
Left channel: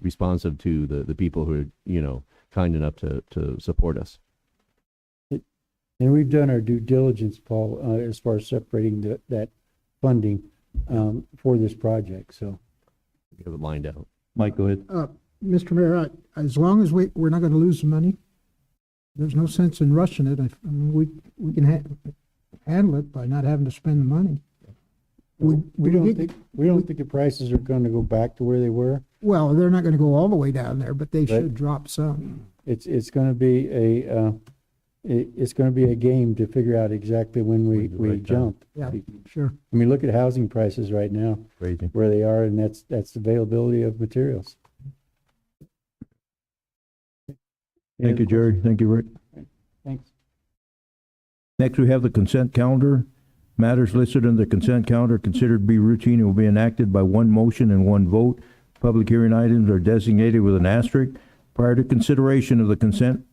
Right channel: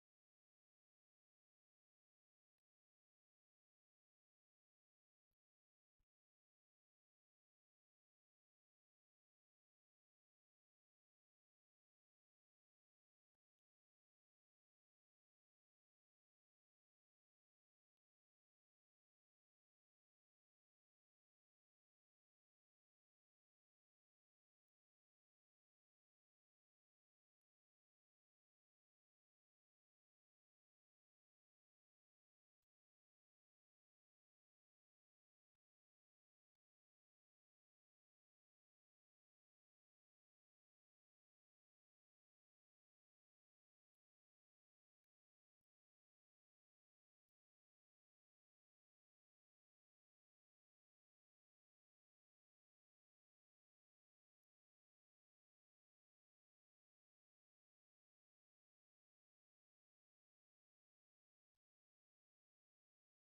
responsive to the people who are, kind enough to support us. And we've done our due diligence, Paul, as far as separating that funding for this project, so. We have it lined out. Mike, go ahead. Mr. Mayor, as long as we're not gonna lose the money, there's no sense in rushing it. I mean, we can handle it by not having to spend the money. We don't think the prices are gonna go back to where they were. Well, they're not gonna go all the way down there, but they should drop some. It's gonna be a game to figure out exactly when we jump. Yeah, sure. I mean, look at housing prices right now, Crazy. where they are, and that's availability of materials. Thank you, Jerry. Thank you, Rick. Thanks. Next, we have the consent calendar. Matters listed in the consent calendar considered to be routine and will be enacted by one motion and one vote. Public hearing items are designated with an asterisk. Prior to consideration of the consent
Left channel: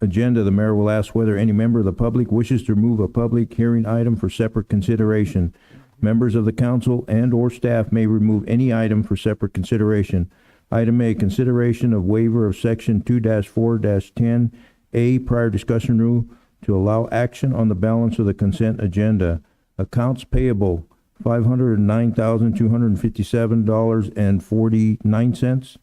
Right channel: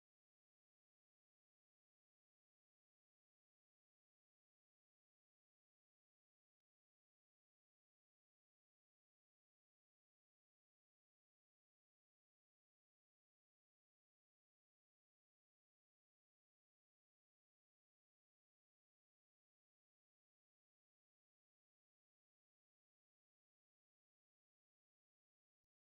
agenda, the mayor will ask whether any member of the public wishes to remove a public hearing item for separate consideration. Members of the council and/or staff may remove any item for separate consideration. Item A, consideration of waiver of section 2-4-10A prior discussion rule to allow action on the balance of the consent agenda. Accounts payable, $509,257.49.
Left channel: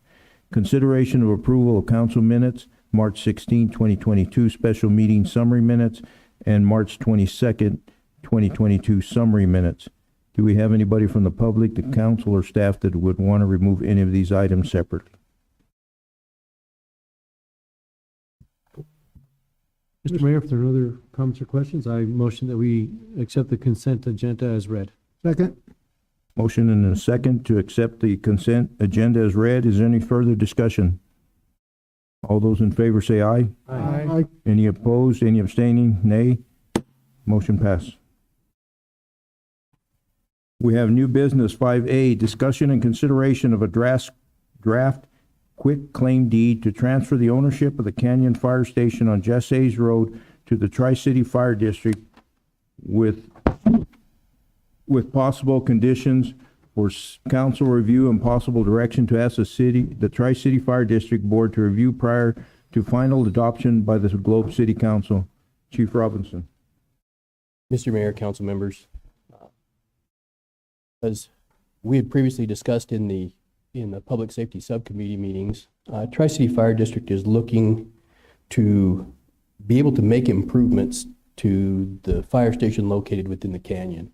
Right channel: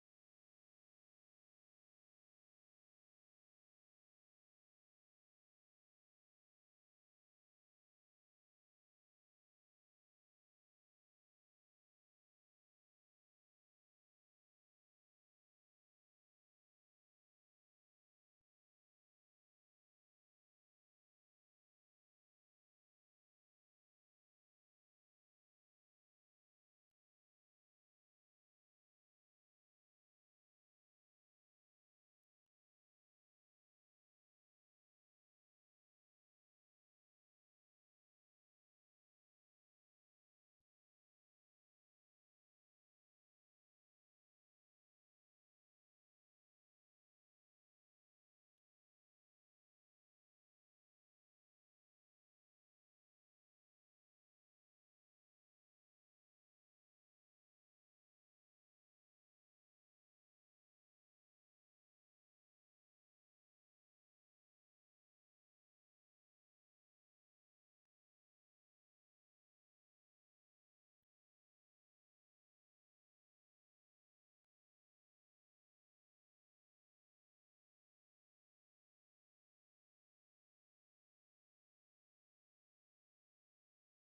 Consideration of approval of council minutes, March 16, 2022, special meeting summary minutes, and March 22nd, 2022 summary minutes. Do we have anybody from the public, the council, or staff that would want to remove any of these items separately? Mr. Mayor, if there are no other comments or questions, I motion that we accept the consent agenda as read. Second? Motion and a second to accept the consent agenda as read. Is there any further discussion? All those in favor say aye. Aye. Any opposed? Any abstaining? Nay. Motion passed. We have new business 5A, discussion and consideration of a draft quick claim deed to transfer the ownership of the Canyon Fire Station on Jesse's Road to the Tri-City Fire District with possible conditions for council review and possible direction to ask the Tri-City Fire District Board to review prior to final adoption by the Globe City Council. Chief Robinson. Mr. Mayor, council members, as we had previously discussed in the public safety subcommittee meetings, Tri-City Fire District is looking to be able to make improvements to the fire station located within the canyon.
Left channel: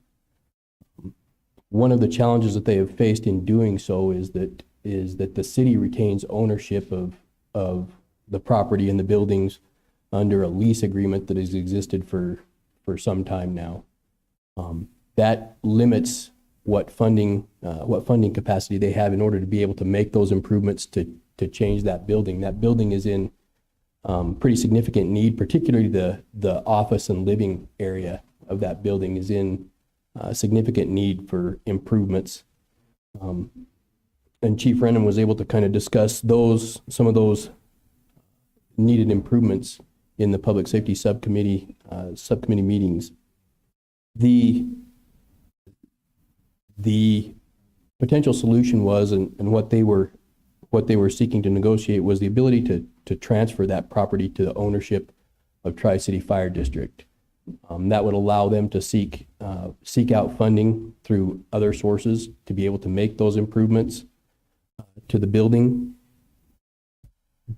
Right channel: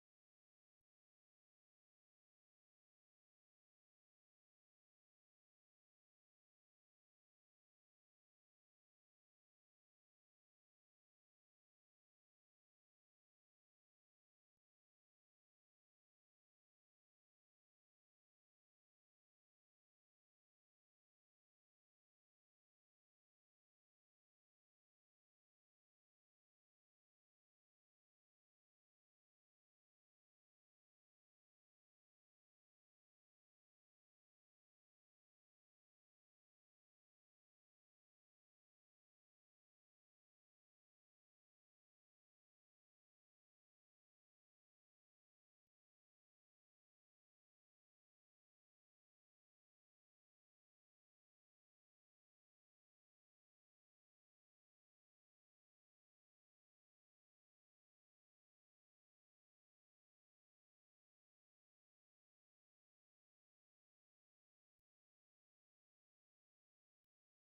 One of the challenges that they have faced in doing so is that the city retains ownership of the property and the buildings under a lease agreement that has existed for some time now. That limits what funding capacity they have in order to be able to make those improvements to change that building. That building is in pretty significant need, particularly the office and living area of that building is in significant need for improvements. And Chief Rennan was able to kind of discuss some of those needed improvements in the public safety subcommittee meetings. The potential solution was, and what they were seeking to negotiate was the ability to transfer that property to the ownership of Tri-City Fire District. That would allow them to seek out funding through other sources to be able to make those improvements to the building.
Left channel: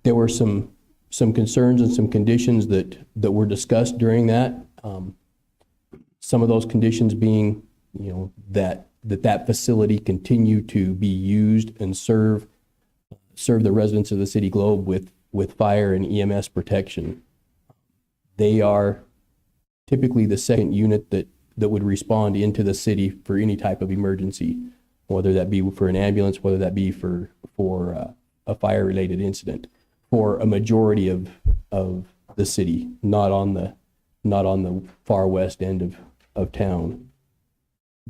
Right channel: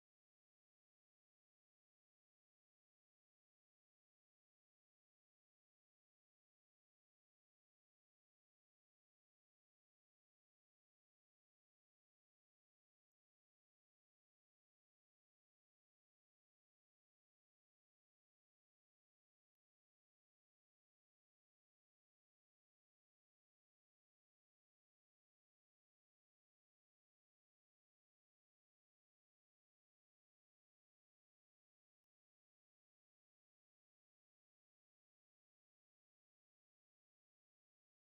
There were some concerns and some conditions that were discussed during that. Some of those conditions being, that facility continue to be used and serve the residents of the City Globe with fire and EMS protection. They are typically the second unit that would respond into the city for any type of emergency, whether that be for an ambulance, whether that be for a fire-related incident, for a majority of the city, not on the far west end of town.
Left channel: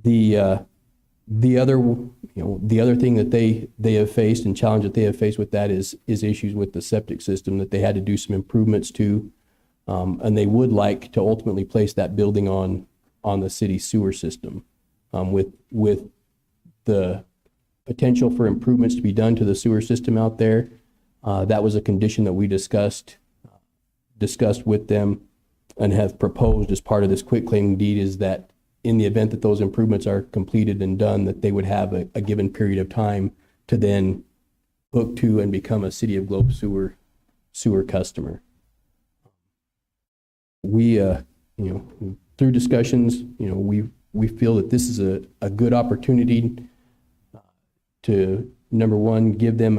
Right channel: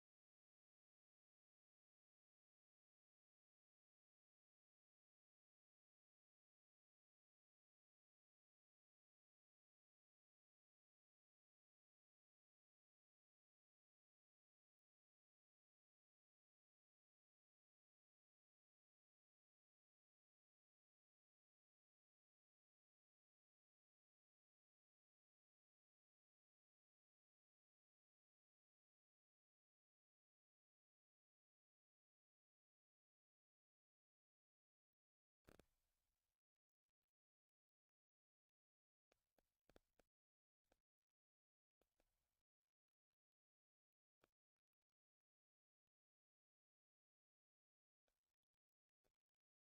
The other thing that they have faced and challenge that they have faced with that is issues with the septic system that they had to do some improvements to, and they would like to ultimately place that building on the city sewer system, with the potential for improvements to be done to the sewer system out there. That was a condition that we discussed with them and have proposed as part of this quitclaim deed, is that in the event that those improvements are completed and done, that they would have a given period of time to then hook to and become a City of Globe sewer customer. We, through discussions, we feel that this is a good opportunity to, number one, give them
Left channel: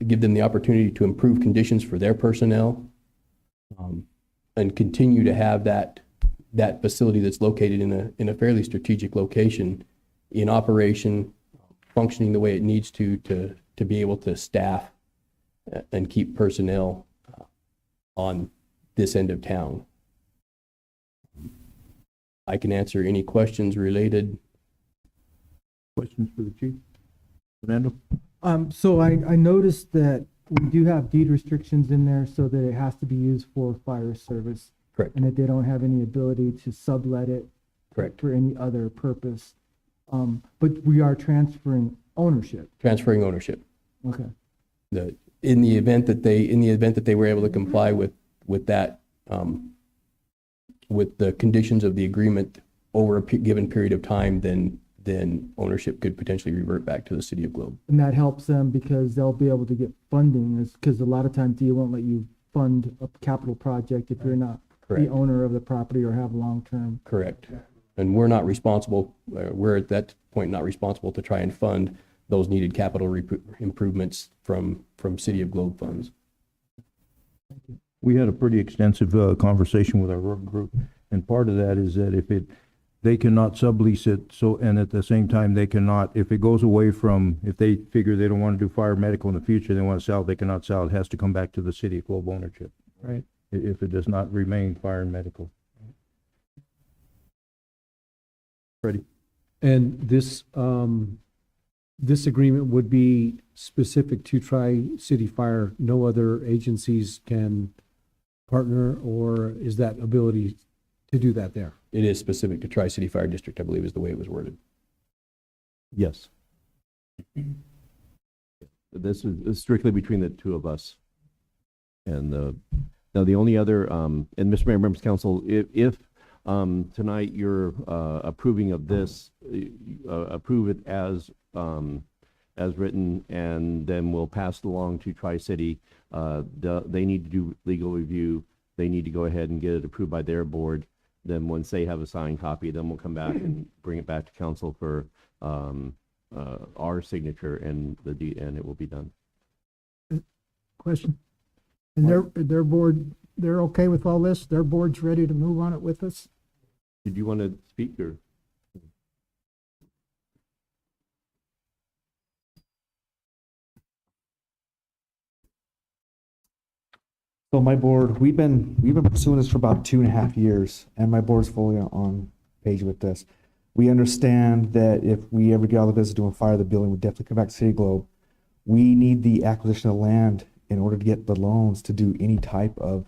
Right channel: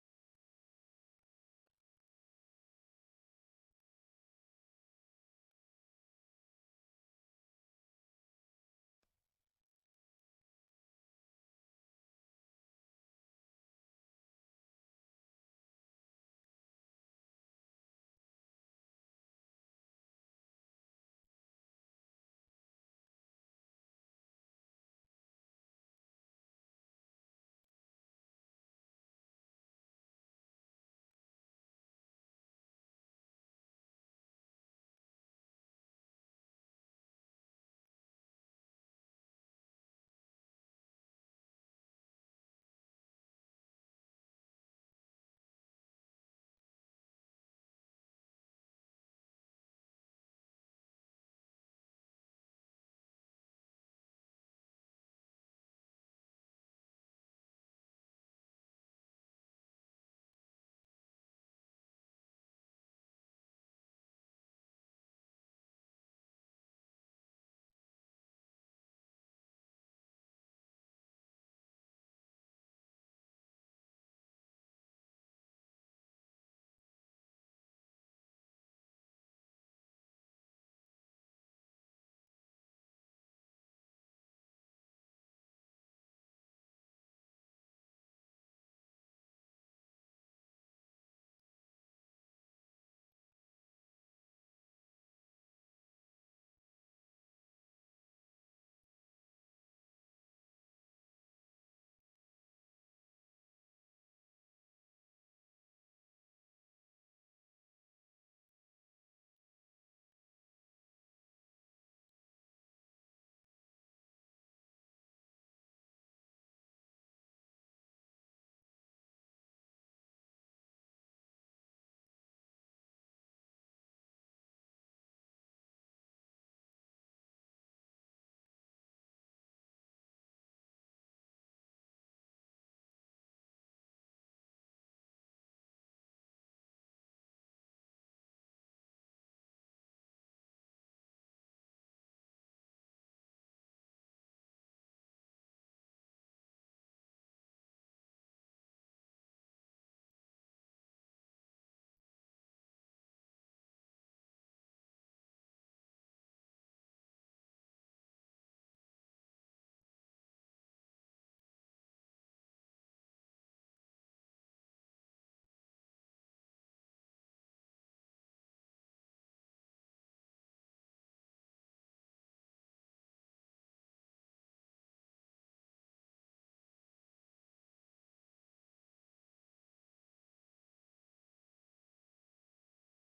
the opportunity to improve conditions for their personnel, and continue to have that facility that's located in a fairly strategic location in operation, functioning the way it needs to be able to staff and keep personnel on this end of town. I can answer any questions related. Questions for the chief? Fernando? So I noticed that we do have deed restrictions in there so that it has to be used for fire service. Correct. And that they don't have any ability to sublet it. Correct. For any other purpose. But we are transferring ownership. Transferring ownership. Okay. In the event that they were able to comply with that, with the conditions of the agreement over a given period of time, then ownership could potentially revert back to the City of Globe. And that helps them because they'll be able to get funding, because a lot of times DEA won't let you fund a capital project if you're not Correct. the owner of the property or have long-term. Correct. And we're not responsible, we're at that point not responsible to try and fund those needed capital improvements from City of Globe funds. We had a pretty extensive conversation with our work group, and part of that is that they cannot sublease it, so, and at the same time, they cannot, if it goes away from, if they figure they don't want to do fire medical in the future, they want to sell, they cannot sell. It has to come back to the City of Globe ownership. Right. If it does not remain fire and medical. Freddie? And this agreement would be specific to Tri-City Fire. No other agencies can partner, or is that ability to do that there? It is specific to Tri-City Fire District, I believe is the way it was worded. Yes. This is strictly between the two of us. And now the only other, and Mr. Mayor, members of council, if tonight you're approving of this, approve it as written, and then we'll pass it along to Tri-City. They need to do legal review. They need to go ahead and get it approved by their board. Then once they have a signed copy, then we'll come back and bring it back to council for our signature, and it will be done. Question. And their board, they're okay with all this? Their board's ready to move on it with us? Did you want to speak, or? So my board, we've been pursuing this for about 2.5 years, and my board's fully on page with this. We understand that if we ever get out of the business doing fire, the building would definitely come back to City Globe. We need the acquisition of land in order to get the loans to do any type of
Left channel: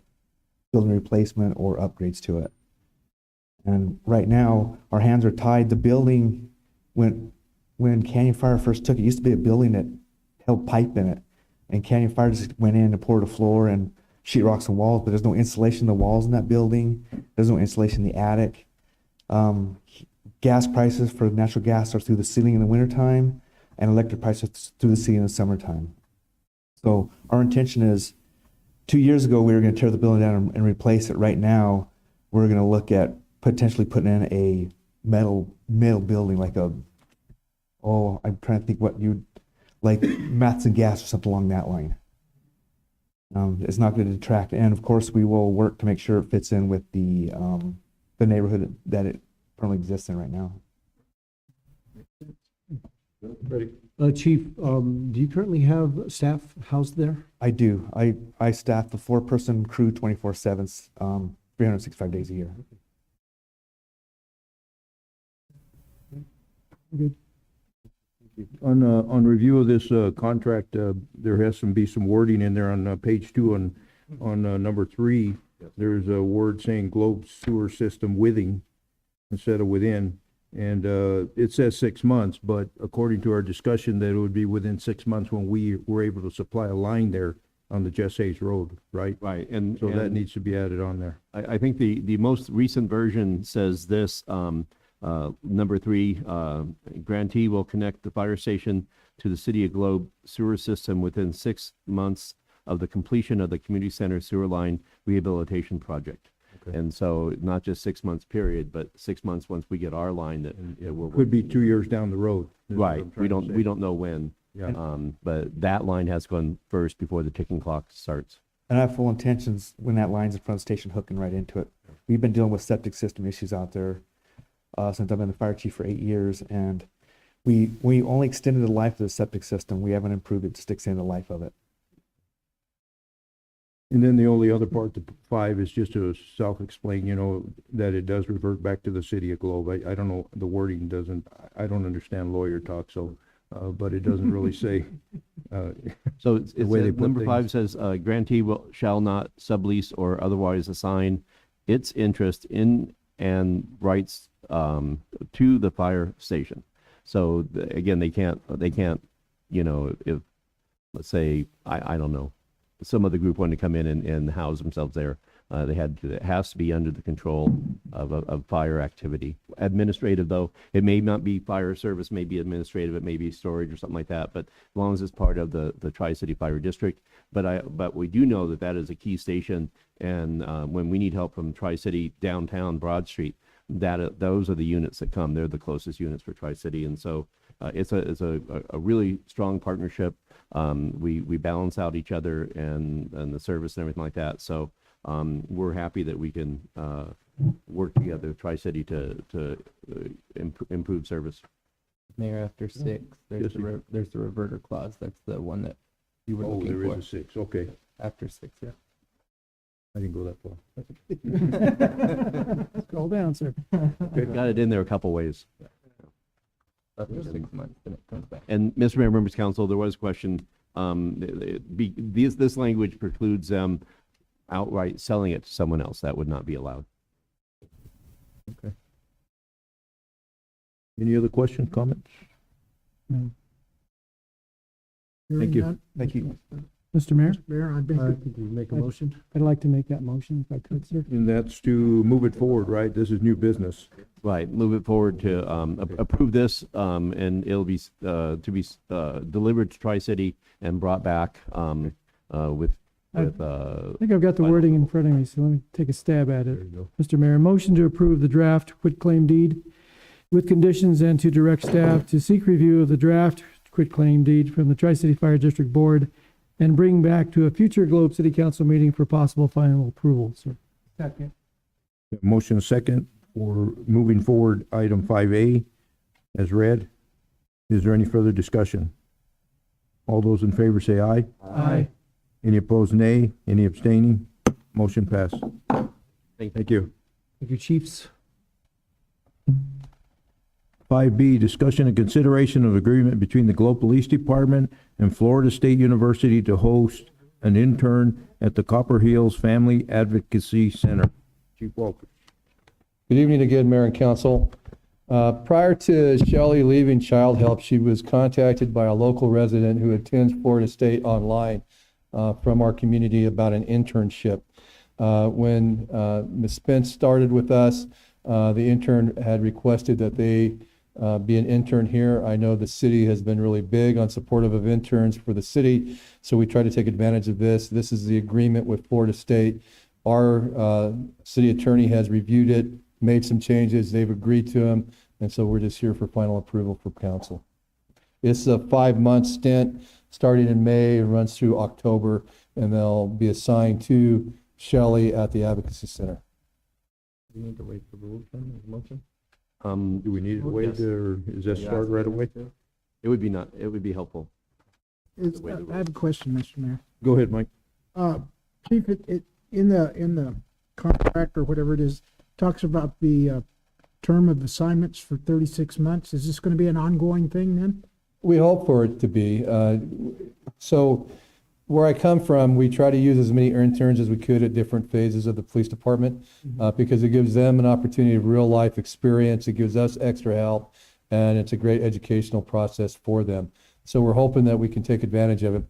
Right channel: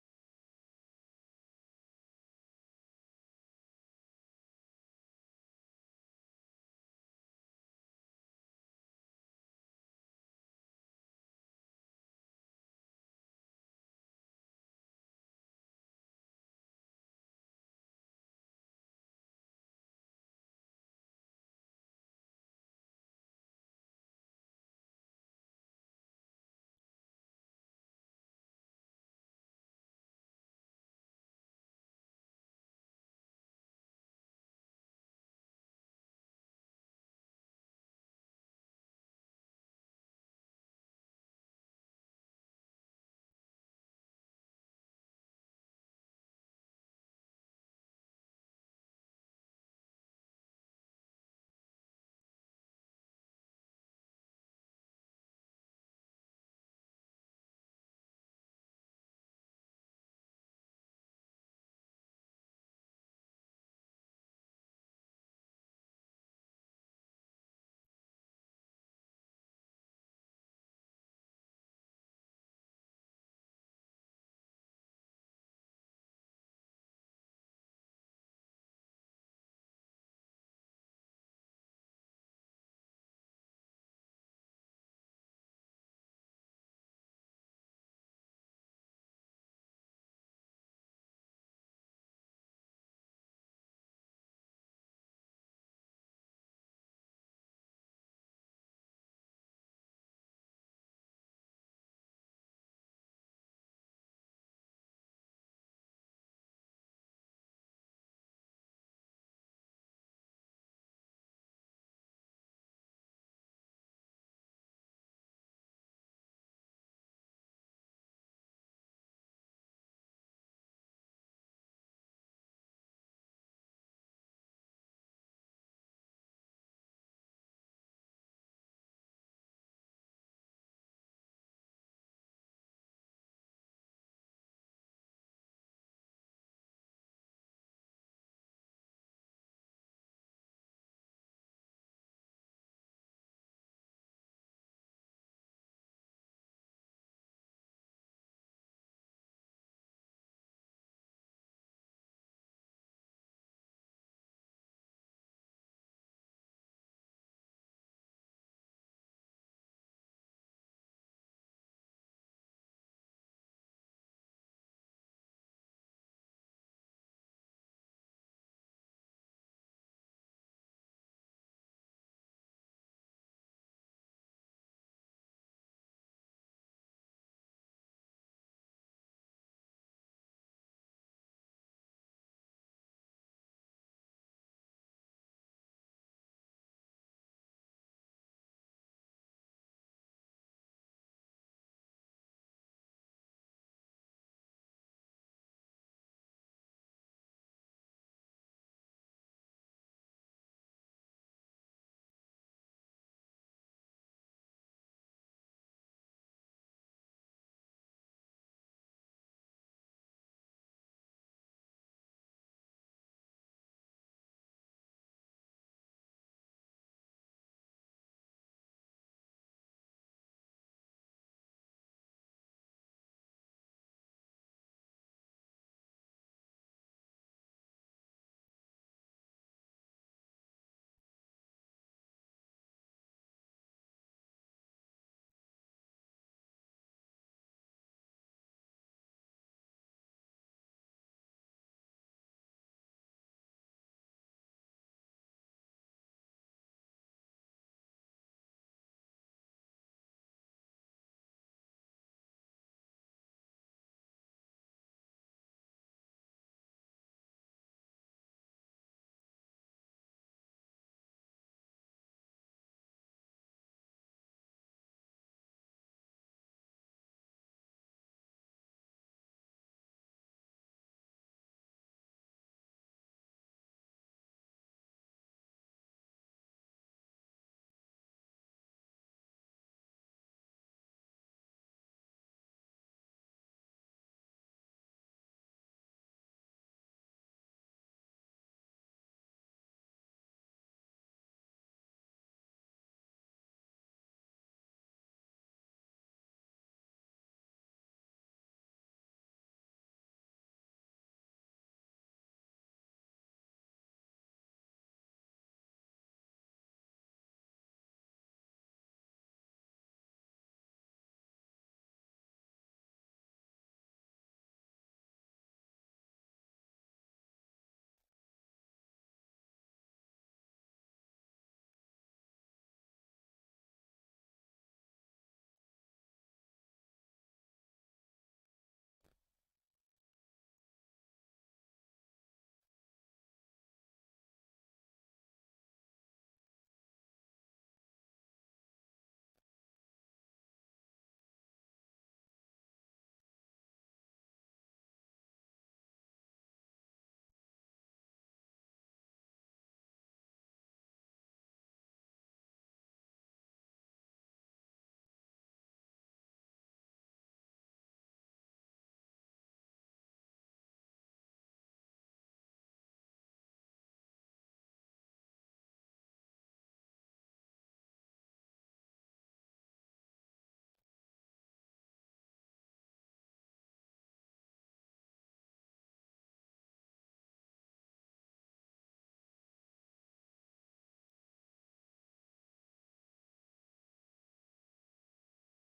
building replacement or upgrades to it. And right now, our hands are tied. The building, when Canyon Fire first took it, used to be a building that held pipe in it. And Canyon Fire just went in and poured a floor and sheetrocks and walls, but there's no insulation in the walls in that building. There's no insulation in the attic. Gas prices for natural gas are through the ceiling in the wintertime, and electric prices through the ceiling in the summertime. So our intention is, 2 years ago, we were going to tear the building down and replace it. Right now, we're going to look at potentially putting in a metal building like I'm trying to think what like Matt's and gas or something along that line. It's not going to detract, and of course we will work to make sure it fits in with the neighborhood that it currently exists in right now. Chief, do you currently have staff housed there? I do. I staff a 4-person crew 24/7, 365 days a year. Good. On review of this contract, there has to be some wording in there on page 2 on number 3. There's a word saying globe sewer system withing instead of within. And it says 6 months, but according to our discussion, that it would be within 6 months when we were able to supply a line there on the Jess Hayes Road, right? Right, So that needs to be added on there. I think the most recent version says this, number 3, grantee will connect the fire station to the City of Globe sewer system within 6 months of the completion of the community center sewer line rehabilitation project. Okay. And so not just 6 months period, but 6 months once we get our line that we're. Could be 2 years down the road. is what Right, I'm we trying to say. don't know when. Yeah. But that line has gone first before the ticking clock starts. And I have full intentions when that line's in front of the station hooking right into it. We've been dealing with septic system issues out there since I've been the fire chief for 8 years, and we only extended the life of the septic system. We haven't improved it to extend the life of it. And then the only other part, the 5, is just to self-explain, that it does revert back to the City of Globe. I don't know, the wording doesn't, I don't understand lawyer talk, so, but it doesn't really say, So the way they put number 5 things. says, grantee shall not sublease or otherwise assign its interest in and rights to the fire station. So again, they can't, if, let's say, I don't know, some other group wanted to come in and house themselves there, it has to be under the control of fire activity. Administrative, though, it may not be fire service, may be administrative, it may be storage or something like that, but as long as it's part of the Tri-City Fire District. But we do know that is a key station, and when we need help from Tri-City downtown Broad Street, those are the units that come. They're the closest units for Tri-City, and so it's a really strong partnership. We balance out each other and the service and everything like that. So we're happy that we can work together, Tri-City, to improve service. Mayor, after 6, there's the reverter clause. That's the one that you were looking for. There is a 6, okay. After 6, yeah. I didn't go that far. Scroll down, sir. Got it in there a couple ways. After 6 months, then it comes back. And Mr. Mayor, Members of Council, there was a question, this language precludes them outright selling it to someone else. That would not be allowed. Okay. Any other questions, comments? No. Thank Hearing you. none, Thank you. Mr. Mayor, Mayor, I'd make a motion. I'd like to make that motion if I could, sir. And that's to move it forward, right? This is new business. Right, move it forward to approve this, and it'll be to be delivered to Tri-City and brought back with. I think I've got the wording in front of me, so let me take a stab at it. Mr. Mayor, motion to approve the draft quitclaim deed with conditions and to direct staff to seek review of the draft quitclaim deed from the Tri-City Fire District Board and bring back to a future Globe City Council meeting for possible final approval, sir. Second. Motion second for moving forward item 5A as read. Is there any further discussion? All those in favor say aye. Aye. Any opposed, nay? Any abstaining? Motion passed. Thank you. Thank you, chiefs. 5B, discussion and consideration of agreement between the Globe Police Department and Florida State University to host an intern at the Copper Hills Family Advocacy Center. Chief Walker. Good evening again, Mayor and Council. Prior to Shelley leaving Child Help, she was contacted by a local resident who attends Florida State online from our community about an internship. When Ms. Spence started with us, the intern had requested that they be an intern here. I know the city has been really big on supportive of interns for the city, so we try to take advantage of this. This is the agreement with Florida State. Our city attorney has reviewed it made some changes, they've agreed to them, and so we're just here for final approval from council. It's a 5-month stint, starting in May, and runs through October, and they'll be assigned to Shelley at the Advocacy Center. Do we need to wait for the rules then, as a motion? Do we need to wait, or is that start right away? It would be helpful. I have a question, Mr. Mayor. Go ahead, Mike. Chief, it in the contract or whatever it is, talks about the term of assignments for 36 months. Is this going to be an ongoing thing then? We hope for it to be. So where I come from, we try to use as many interns as we could at different phases of the police department because it gives them an opportunity of real life experience. It gives us extra help, and it's a great educational process for them. So we're hoping that we can take advantage of it.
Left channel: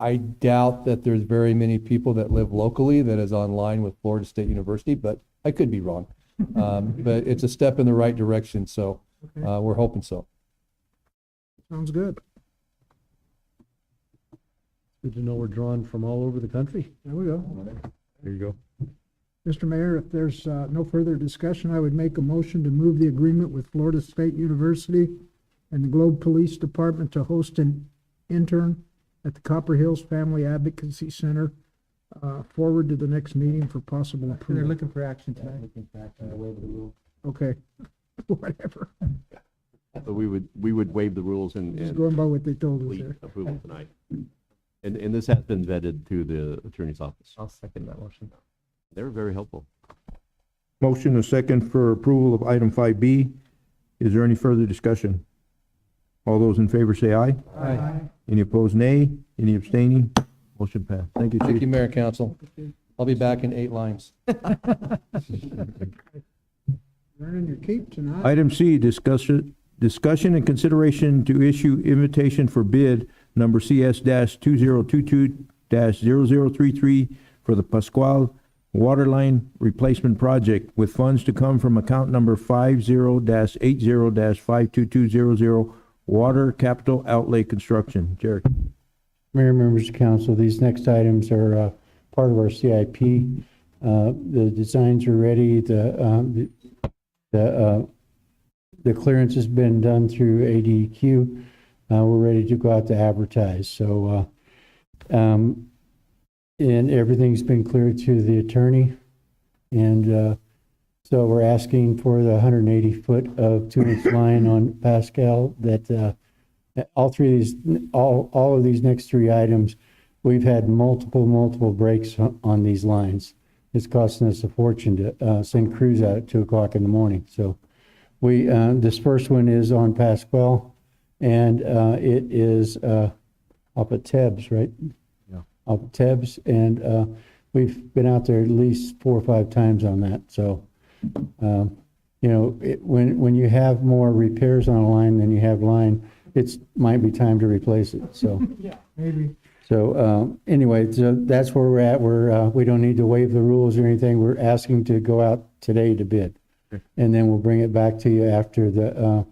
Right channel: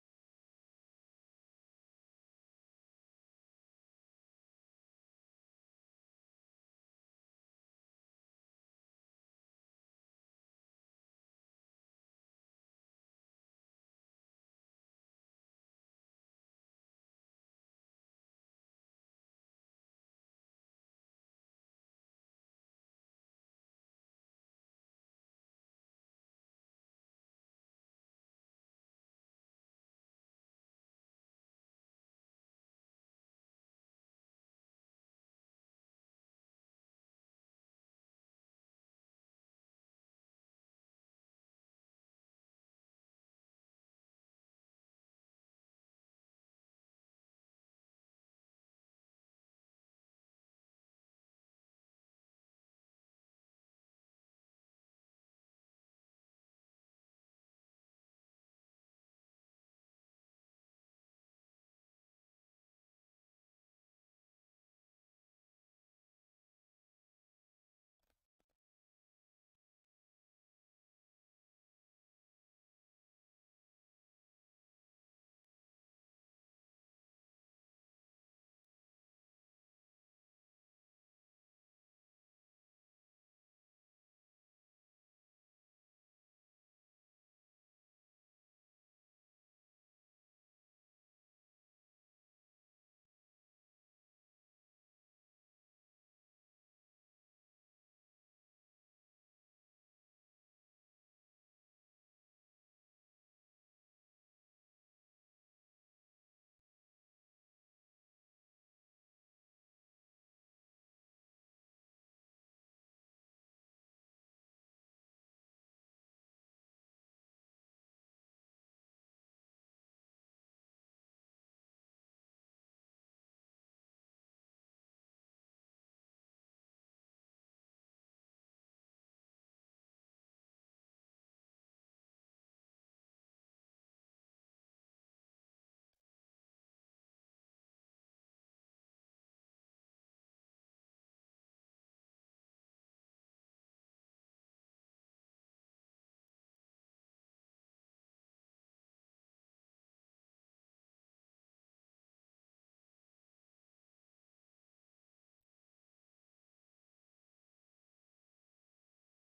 I doubt that there's very many people that live locally that is online with Florida State University, but I could be wrong. But it's a step in the right direction, so we're hoping so. Sounds good. Good to know we're drawn from all over the country. There we go. There you go. Mr. Mayor, if there's no further discussion, I would make a motion to move the agreement with Florida State University and the Globe Police Department to host an intern at the Copper Hills Family Advocacy Center forward to the next meeting for possible approval. They're looking for action tonight. Looking for action to waive the rules. Okay, whatever. So we would waive the rules Just and going by what they told us complete there. approval tonight. And this has been vetted through the attorney's office. I'll second that motion. They were very helpful. Motion and second for approval of item 5B. Is there any further discussion? All those in favor say aye. Aye. Any opposed, nay. Any abstaining? Motion passed. Thank you, Thank Chief. you, Mayor and Council. I'll be back in 8 lines. Earning your keep tonight. Item C, discussion and consideration to issue invitation for bid number CS-2022-0033 for the Pasquel Waterline Replacement Project with funds to come from account number 50-80-52200 Water Capital Outlay Construction. Jared. Mayor, members of council, these next items are part of our CIP. The designs are ready. The clearance has been done through ADQ. We're ready to go out to advertise. So, and everything's been cleared through the attorney. And so we're asking for the 180 foot of 2-inch line on Pasquel that all of these next 3 items, we've had multiple breaks on these lines. It's costing us a fortune to send crews out at 2 o'clock in the morning. So we, this first one is on Pasquel, and it is up at Tebbs, right? Yeah. Up at Tebbs, and we've been out there at least 4 or 5 times on that. So, you know, when you have more repairs on a line than you have line, it's might be time to replace it. So Yeah, maybe. so anyway, so that's where we're at. We don't need to waive the rules or anything. We're asking to go out today to bid, and then we'll bring it back to you after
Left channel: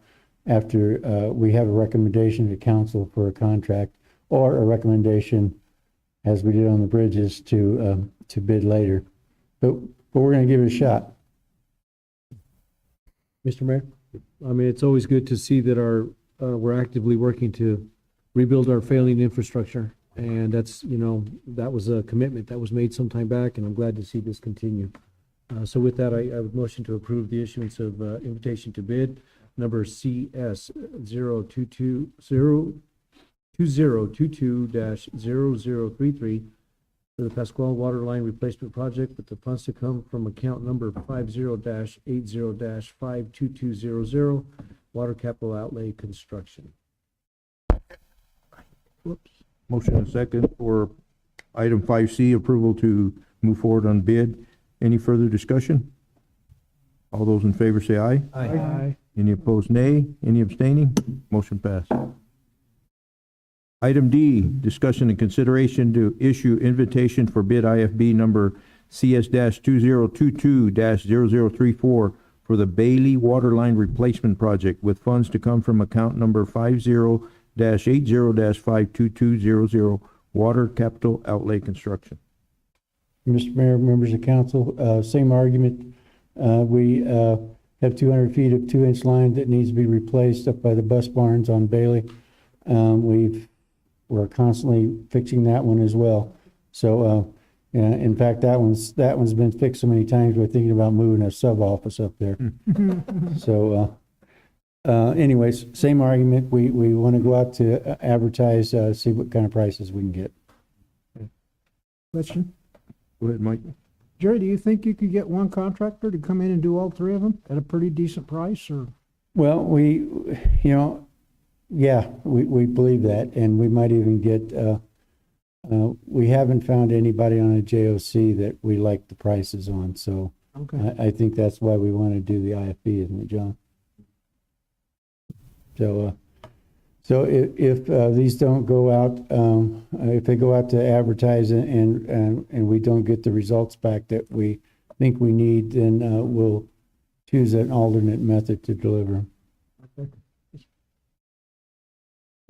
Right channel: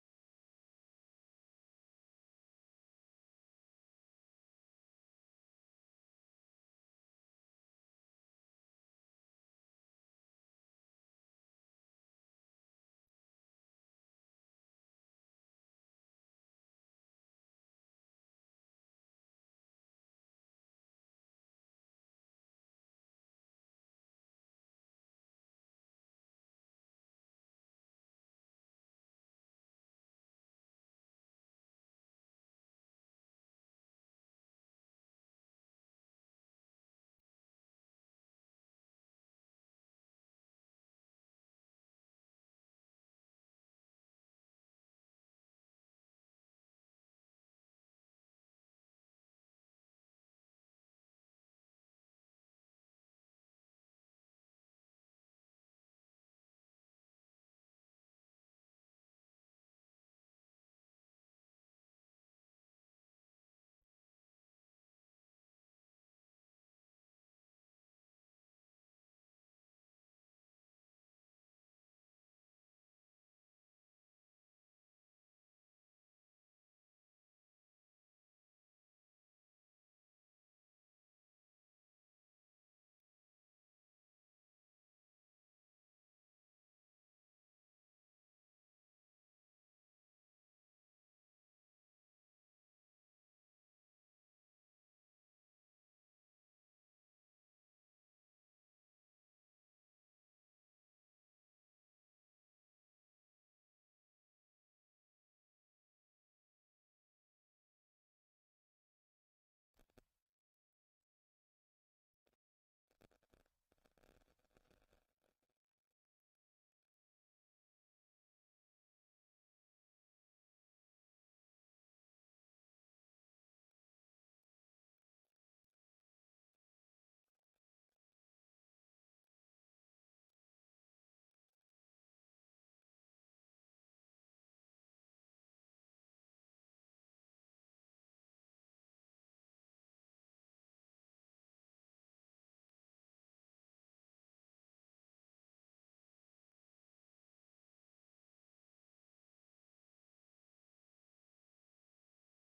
we have a recommendation to council for a contract, or a recommendation, as we did on the bridges, to bid later. But we're going to give it a shot. Mr. Mayor, I mean, it's always good to see that we're actively working to rebuild our failing infrastructure. And that's, you know, that was a commitment that was made some time back, and I'm glad to see this continue. So with that, I would motion to approve the issuance of invitation to bid number CS 2022-0033 for the Pasquel Waterline Replacement Project with the funds to come from account number 50-80-52200 Water Capital Outlay Construction. Whoops. Motion and second for item 5C, approval to move forward on bid. Any further discussion? All those in favor say aye. Aye. Any opposed, nay. Any abstaining? Motion passed. Item D, discussion and consideration to issue invitation for bid IFB number CS-2022-0034 for the Bailey Waterline Replacement Project with funds to come from account number 50-80-52200 Water Capital Outlay Construction. Mr. Mayor, members of council, same argument We have 200 feet of 2-inch line that needs to be replaced up by the bus barns on Bailey. We're constantly fixing that one as well. So, in fact, that one's been fixed so many times, we're thinking about moving a sub-office up there. So, anyways, same argument. We want to go out to advertise, see what kind of prices we can get. Question? Go ahead, Mike. Jerry, do you think you could get one contractor to come in and do all three of them at a pretty decent price, or? Well, we believe that, and we might even get, we haven't found anybody on a JOC that we like the prices on, so Okay. I think that's why we want to do the IFB, isn't it, John? So if these don't go out, if they go out to advertise and we don't get the results back that we think we need, then we'll choose an alternate method to deliver.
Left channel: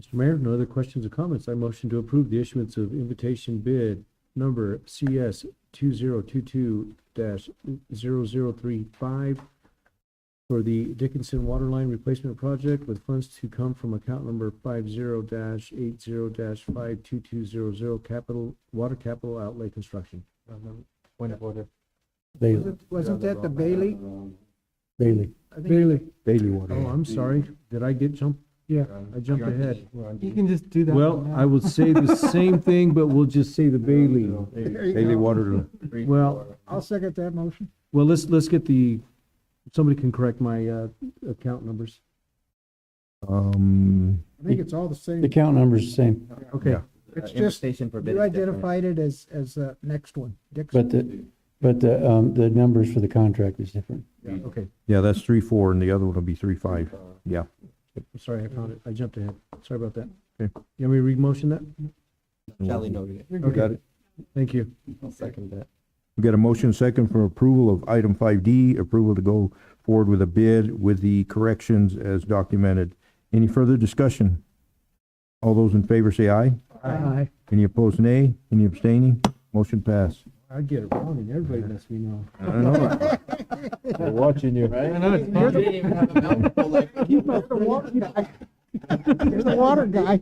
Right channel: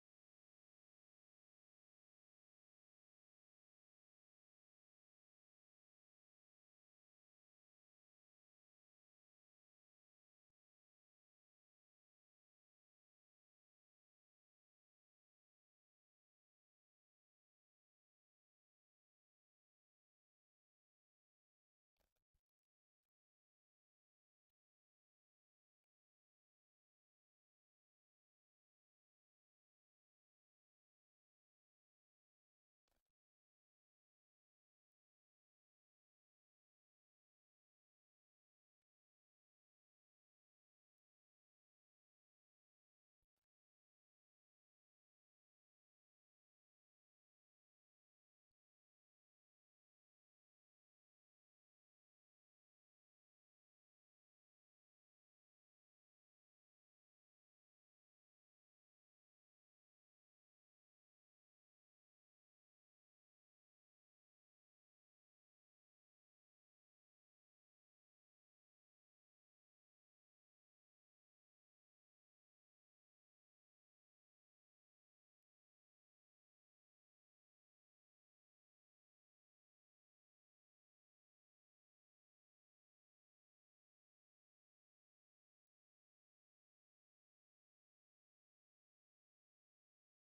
Mr. Mayor, no other questions or comments. I motion to approve the issuance of invitation bid number CS 2022-0035 for the Dickinson Waterline Replacement Project with funds to come from account number 50-80-52200 Water Capital Outlay Construction. Point of order. Bailey. Wasn't that the Bailey? Bailey. Bailey. Water. Oh, I'm sorry. Did I get jumped? Yeah. I jumped ahead. You can just do that. Well, one now. I will say the same thing, but we'll just say the Bailey. There you Bailey go. Water. Well, I'll second that motion. well, let's get somebody can correct my account numbers. I think it's all the same. The count number's the same, Okay. Yeah. It's just, Invitation for bid you is different. identified it as the next one, Dixon. but the numbers for the contract is different. Okay. Yeah, that's 3-4, and the other one will be 3-5. Yeah. I'm sorry, I found it. I jumped ahead. Sorry about that. Okay. You want me to read-motion that? Shelley noted it. Okay. Got it. Thank you. I'll second that. We got a motion second for approval of item 5D, approval to go forward with a bid with the corrections as documented. Any further discussion? All those in favor say aye. Aye. Any opposed, nay? Any abstaining? Motion passed. I get it wrong and everybody lets me know. I know. We're watching you. I know it's You didn't even have a mouthful like. You're the water guy. You're the water guy.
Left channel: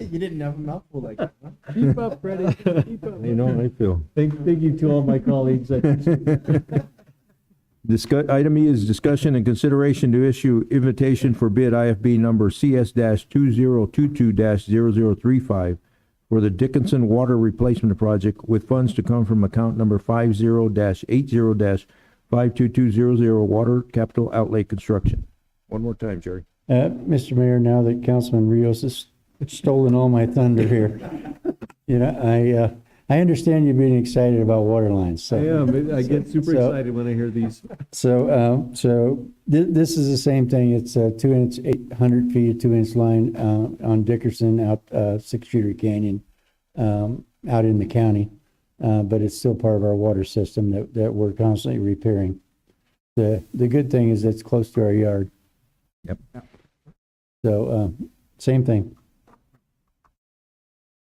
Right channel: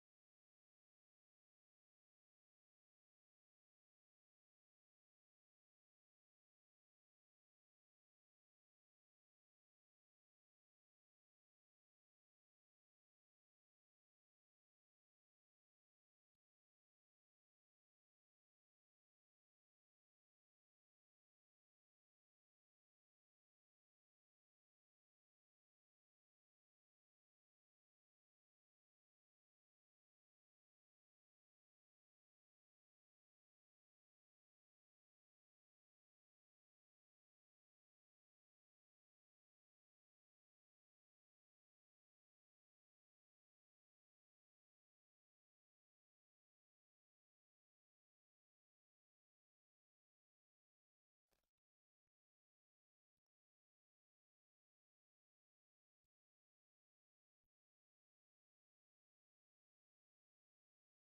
You didn't have a mouthful like that, huh? Keep up, Freddie. Keep up. You know how I feel. Thank you to all my colleagues. Item E is discussion and consideration to issue invitation for bid IFB number CS-2022-0035 for the Dickinson Water Replacement Project with funds to come from account number 50-80-52200 Water Capital Outlay Construction. One more time, Jerry. Mr. Mayor, now that Councilman Rios has stolen all my thunder here, I understand you're being excited about water lines, so. I am. I get super So- excited when I hear these. So, this is the same thing. It's a 2-inch, 800 feet of 2-inch line, on Dickinson out, 6th Street Canyon, out in the county. But it's still part of our water system that we're constantly repairing. The good thing is it's close to our yard. Yep. So, same thing.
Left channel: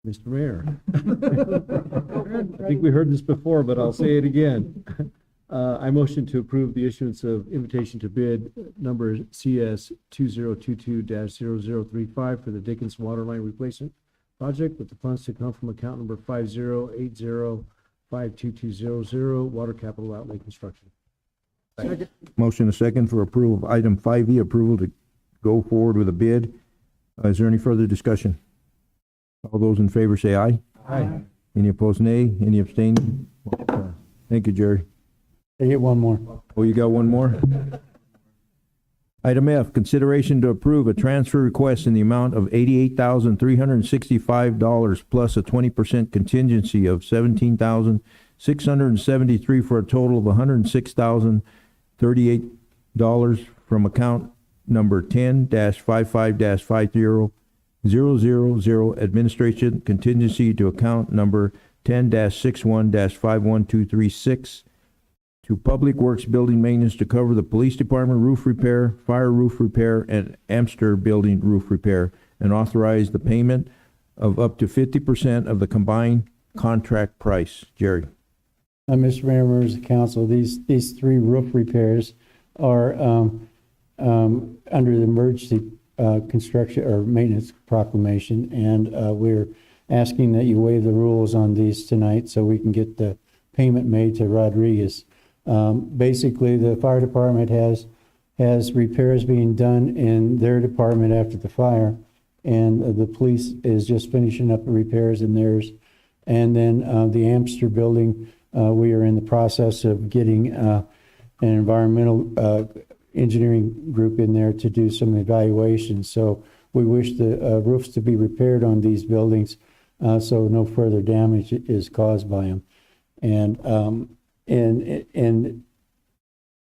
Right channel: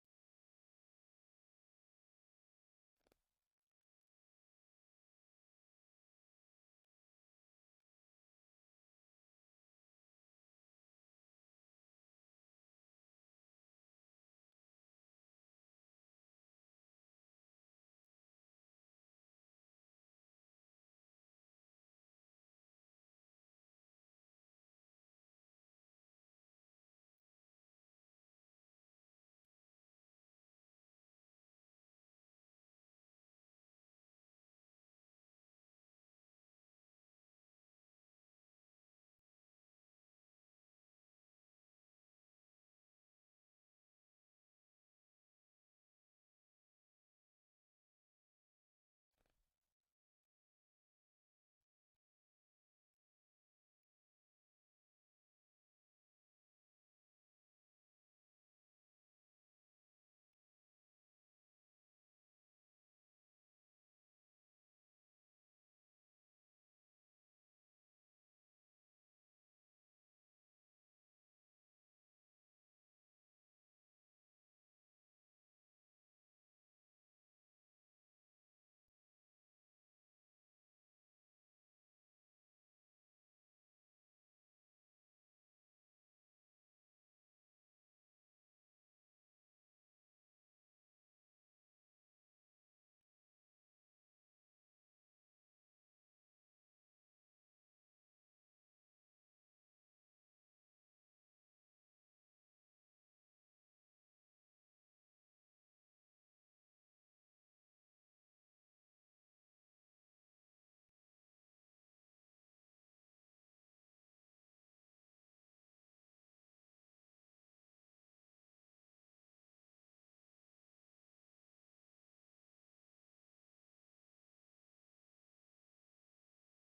Mr. Mayor. I think we heard this before, but I'll say it again. I motion to approve the issuance of invitation to bid number CS 2022-0035 for the Dickinson Waterline Replacement Project with the funds to come from account number 50-80-52200 Water Capital Outlay Construction. Second. Motion a second for approval of item 5E, approval to go forward with a bid. Is there any further discussion? All those in favor say aye. Aye. Any opposed, nay? Any abstaining? Thank you, Jerry. I get one more. Oh, you got one more? Item F, consideration to approve a transfer request in the amount of $88,365 plus a 20% contingency of $17,673 for a total of $106,038 from account number 10-55-50 administration contingency to account number 10-61-51236 to Public Works Building Maintenance to cover the police department roof repair, fire roof repair, and Amster building roof repair, and authorize the payment of up to 50% of the combined contract price. Jerry. Mr. Mayor, members of council, these three roof repairs are under the emergency construction or maintenance proclamation, and we're asking that you waive the rules on these tonight so we can get the payment made to Rodriguez. Basically, the fire department has repairs being done in their department after the fire, and the police is just finishing up the repairs in theirs. And then the Amster building, we are in the process of getting an environmental engineering group in there to do some evaluation. So we wish the roofs to be repaired on these buildings so no further damage is caused by them. And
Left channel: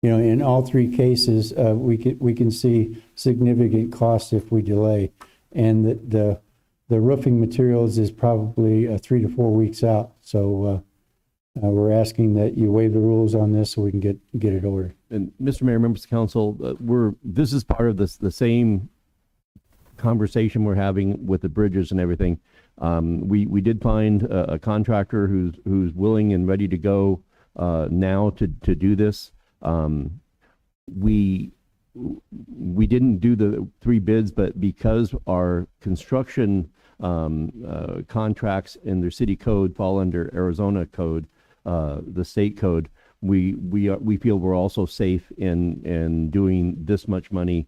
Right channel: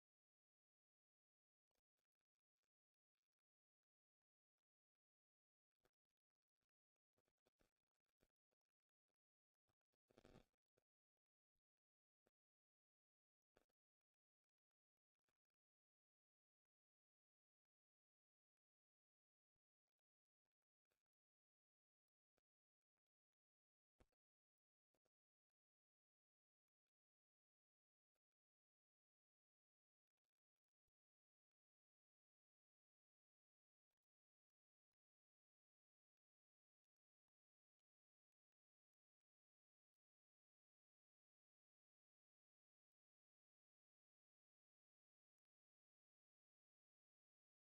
you know, in all three cases, we can see significant costs if we delay. And the roofing materials is probably 3 to 4 weeks out. So we're asking that you waive the rules on this so we can get it ordered. And Mr. Mayor, members of council, this is part of the same conversation we're having with the bridges and everything. We did find a contractor who's willing and ready to go now to do this. We didn't do the 3 bids, but because our construction contracts in their city code fall under Arizona code, the state code, we feel we're also safe in doing this much money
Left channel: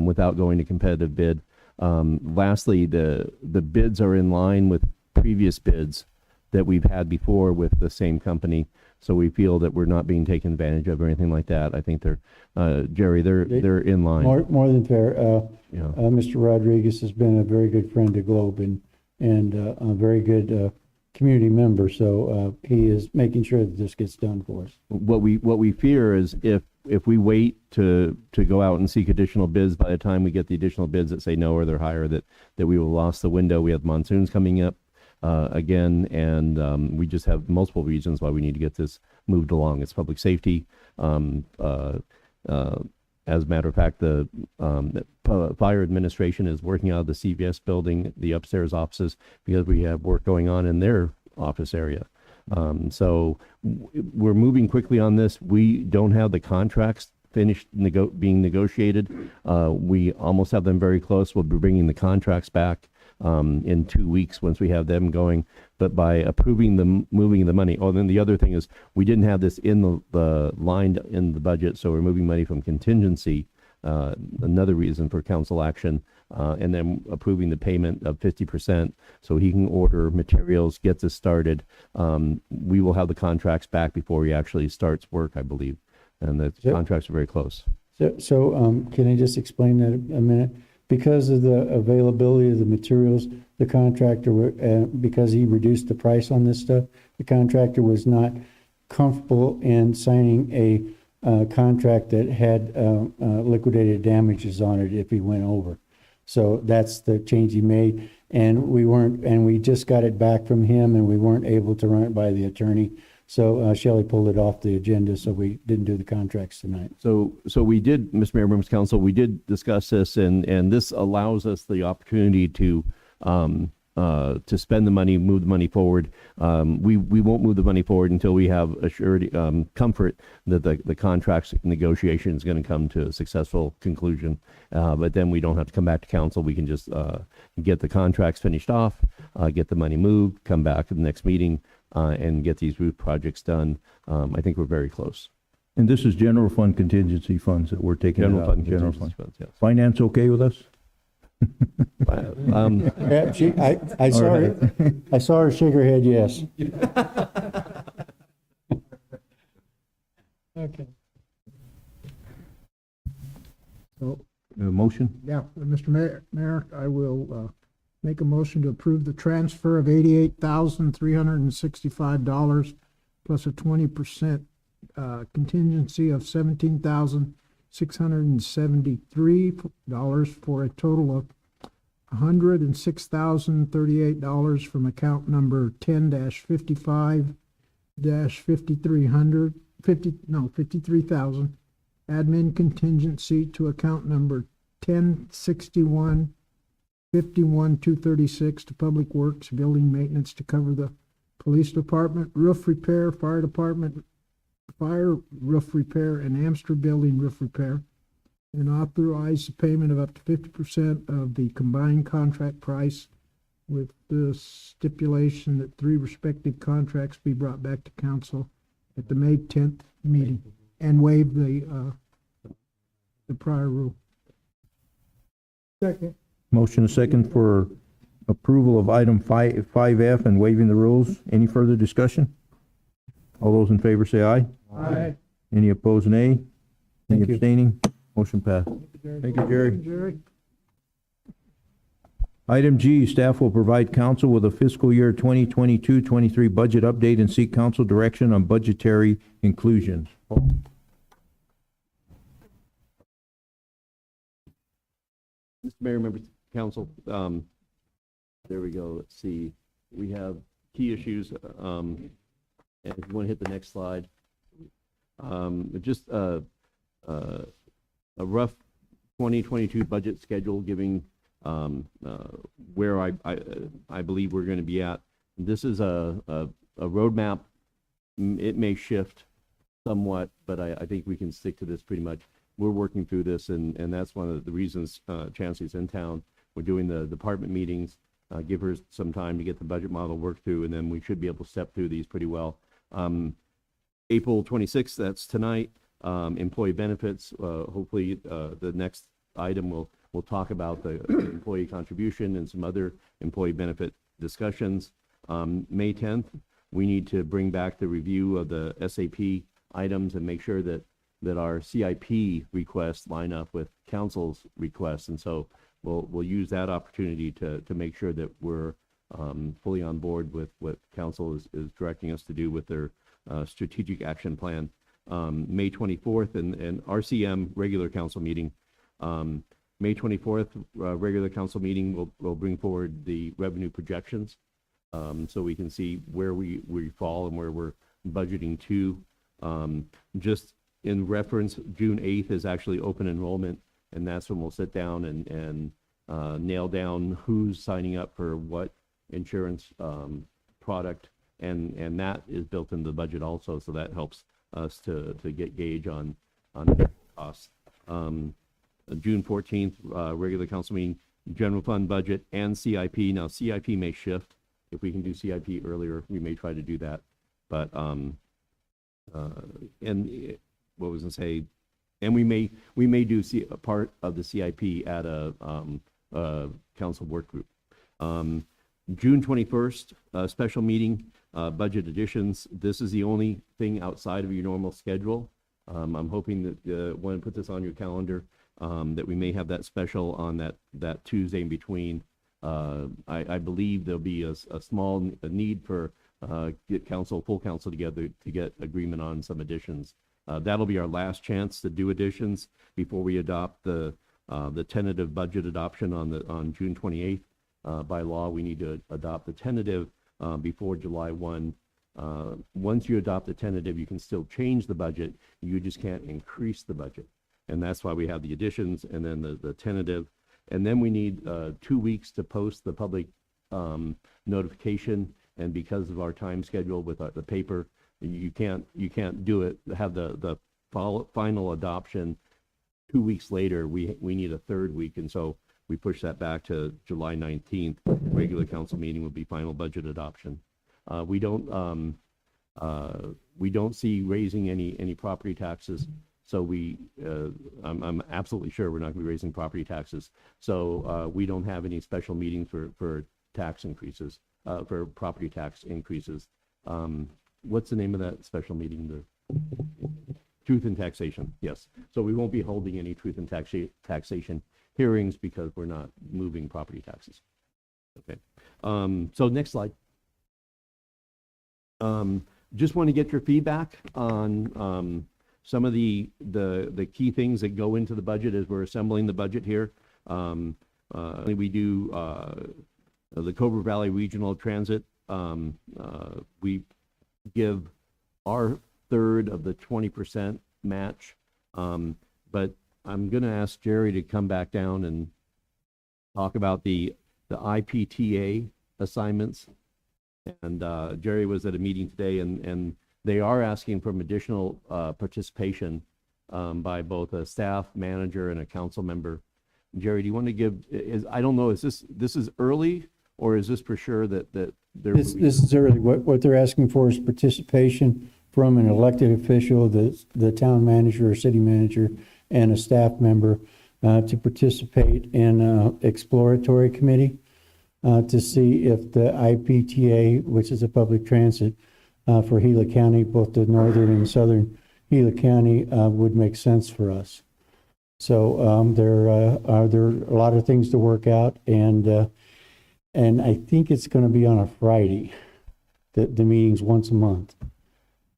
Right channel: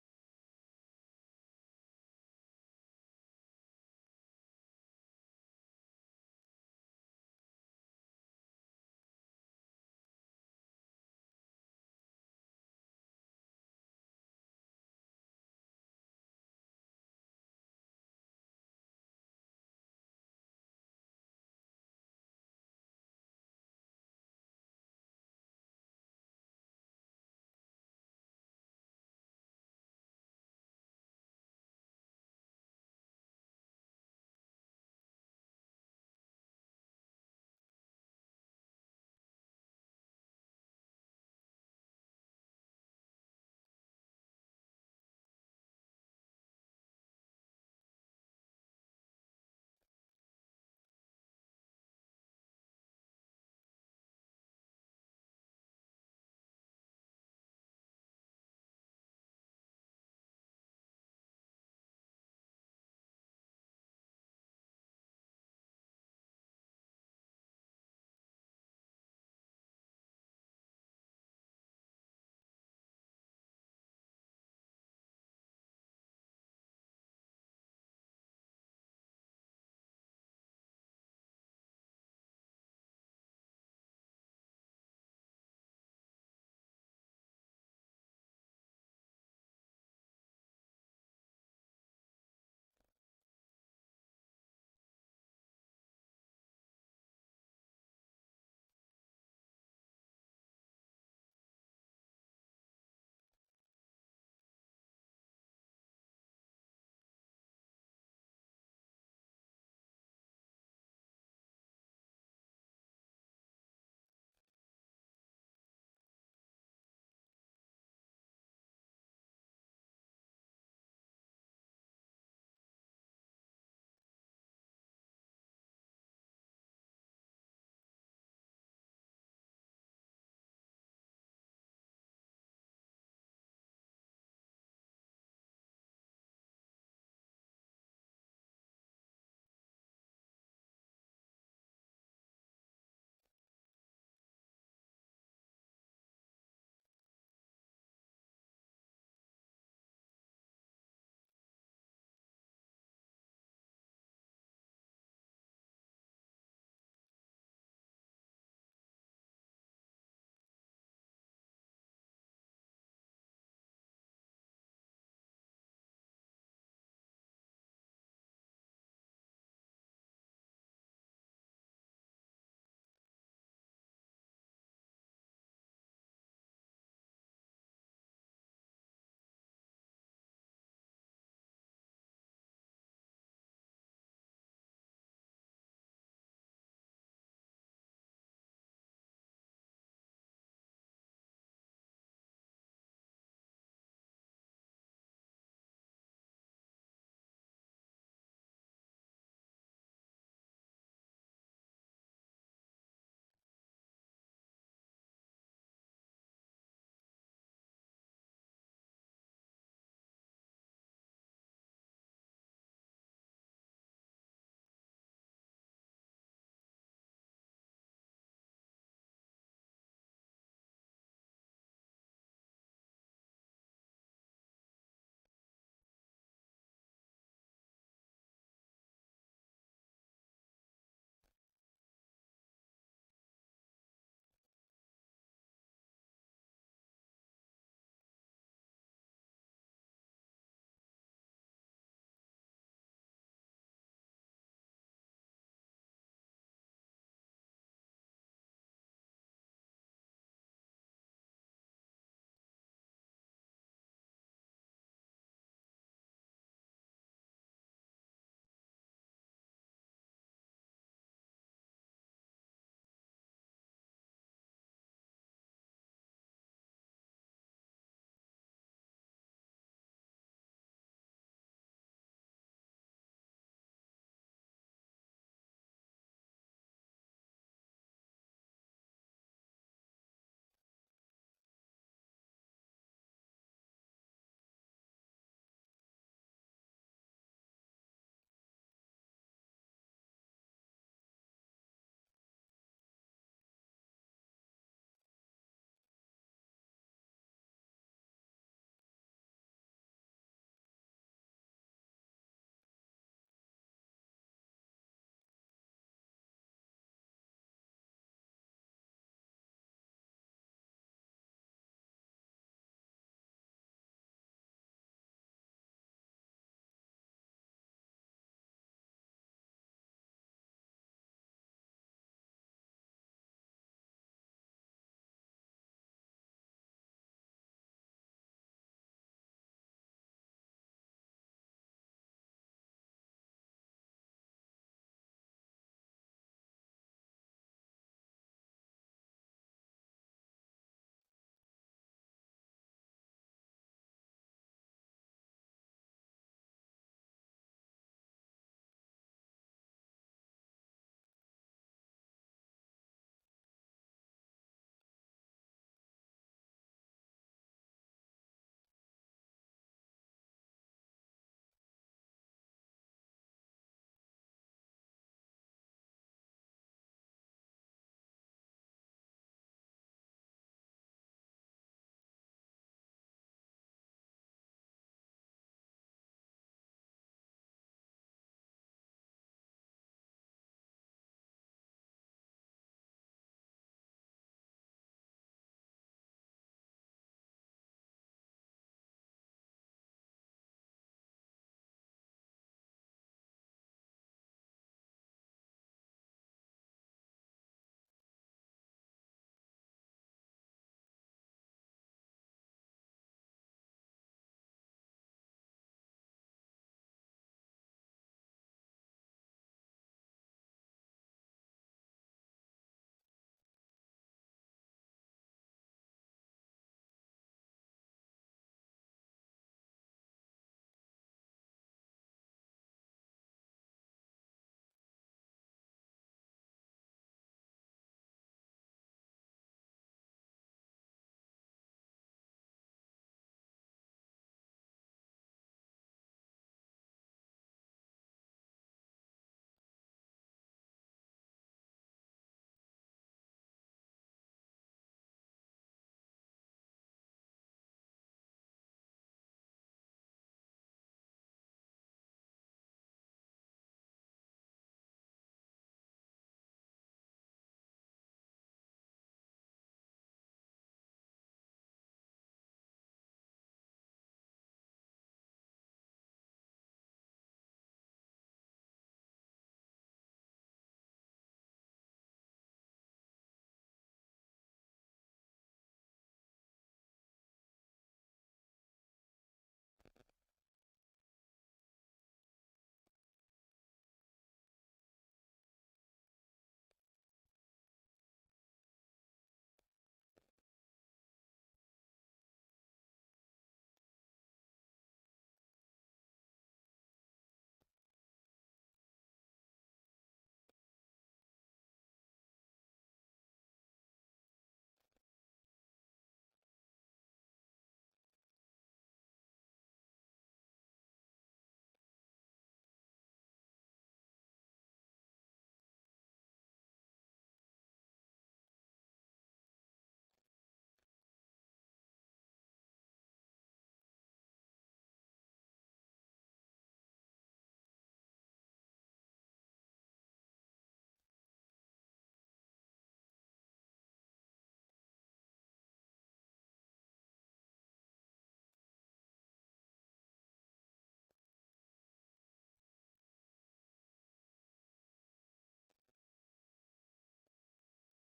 without going to competitive bid. Lastly, the bids are in line with previous bids that we've had before with the same company. So we feel that we're not being taken advantage of or anything like that. I think they're, Jerry, they're in line. More than fair. Yeah. Mr. Rodriguez has been a very good friend to Globe and a very good community member. So he is making sure that this gets done for us. What we fear is if we wait to go out and seek additional bids, by the time we get the additional bids that say no or they're higher, that we will lost the window. We have monsoons coming up again, and we just have multiple reasons why we need to get this moved along. It's public safety. As a matter of fact, the fire administration is working out of the CVS building, the upstairs offices, because we have work going on in their office area. So we're moving quickly on this. We don't have the contracts finished being negotiated. We almost have them very close. We'll be bringing the contracts back in 2 weeks once we have them going. But by approving the moving the money, then the other thing is we didn't have this in the line in the budget, so we're moving money from contingency. Another reason for council action, and then approving the payment of 50% so he can order materials, get this started. We will have the contracts back before he actually starts work, I believe, and the contracts are very close. So can I just explain that a minute? Because of the availability of the materials, the contractor, because he reduced the price on this stuff, the contractor was not comfortable in signing a contract that had liquidated damages on it if he went over. So that's the change he made. And we just got it back from him, and we weren't able to run it by the attorney. So Shelley pulled it off the agenda, so we didn't do the contracts tonight. So we did, Mr. Mayor, members of council, we did discuss this, and this allows us the opportunity to spend the money, move the money forward. We won't move the money forward until we have assured comfort that the contracts negotiation is going to come to a successful conclusion. But then we don't have to come back to council. We can just get the contracts finished off, get the money moved, come back to the next meeting, and get these roof projects done. I think we're very close. And this is general fund contingency funds that we're taking General out. fund contingency funds, yes. Finance okay with us? Yeah, I saw her. I saw her shake her head yes. Okay. So, Motion? Yeah, Mr. Mayor, I will make a motion to approve the transfer of $88,365 plus a 20% contingency of $17,673 for a total of $106,038 from account number 53,000 admin contingency to account number 1061 51,236 to Public Works Building Maintenance to cover the Police Department, roof repair, Fire Department, fire roof repair, and Amster building roof repair. And authorize the payment of up to 50% of the combined contract price with the stipulation that 3 respective contracts be brought back to council at the May 10th meeting and waive the prior rule. Second. Motion is second for approval of item 5F and waiving the rules. Any further discussion? All those in favor say aye. Aye. Any opposed, nay? Any Thank you. abstaining? Motion passed. Thank you, Jerry. Jerry. Item G, staff will provide council with a fiscal year 2022-23 budget update and seek council direction on budgetary inclusions. Mr. Mayor, members of council, there we go. Let's see. We have key issues, and if you want to hit the next slide. Just a rough 2022 budget schedule giving where I believe we're going to be at. This is a roadmap. It may shift somewhat, but I think we can stick to this pretty much. We're working through this, and that's one of the reasons Chancellor's in town. We're doing the department meetings, give her some time to get the budget model worked through, and then we should be able to step through these pretty well. April 26th, that's tonight, employee benefits. Hopefully, the next item we'll talk about the employee contribution and some other employee benefit discussions. May 10th, we need to bring back the review of the SAP items and make sure that our CIP requests line up with council's requests, and so we'll use that opportunity to make sure that we're fully on board with what council is directing us to do with their strategic action plan. May 24th and RCM regular council meeting. May 24th regular council meeting will bring forward the revenue projections, so we can see where we fall and where we're budgeting to. Just in reference, June 8th is actually open enrollment, and that's when we'll sit down and nail down who's signing up for what insurance product, and that is built into the budget also, so that helps us to get gauge on costs. June 14th, regular council meeting, general fund budget and CIP. Now, CIP may shift. If we can do CIP earlier, we may try to do that. But, and what was I say? And we may do a part of the CIP at a council work group. June 21st, special meeting, budget additions. This is the only thing outside of your normal schedule. I'm hoping that when I put this on your calendar, that we may have that special on that Tuesday in between. I believe there'll be a small need for get full council together to get agreement on some additions. That'll be our last chance to do additions before we adopt the tentative budget adoption on June 28th. By law, we need to adopt the tentative before July 1. Once you adopt the tentative, you can still change the budget. You just can't increase the budget. And that's why we have the additions and then the tentative. And then we need 2 weeks to post the public notification. And because of our time schedule with the paper, you can't do it, have the final adoption 2 weeks later. We need a third week, and so we push that back to July 19th. Regular council meeting will be final budget adoption. We don't see raising any property taxes. So I'm absolutely sure we're not going to be raising property taxes. So we don't have any special meetings for tax increases, for property tax increases. What's the name of that special meeting? The Truth in Taxation, yes. So we won't be holding any Truth in Taxation hearings because we're not moving property taxes. Okay. So next slide. Just want to get your feedback on some of the key things that go into the budget as we're assembling the budget here. We do the Cobra Valley Regional Transit. We give our third of the 20% match, but I'm going to ask Jerry to come back down and talk about the IPTA assignments. And Jerry was at a meeting today, and they are asking for additional participation by both a staff manager and a council member. Jerry, do you want to give, I don't know, is this is early, or is this for sure that there This, will be? this is early. What they're asking for is participation from an elected official, the town manager or city manager, and a staff member to participate in an exploratory committee to see if the IPTA, which is a public transit for Gila County, both the northern and southern Gila County, would make sense for us. So there are a lot of things to work out, and I think it's going to be on a Friday. The meeting's once a month,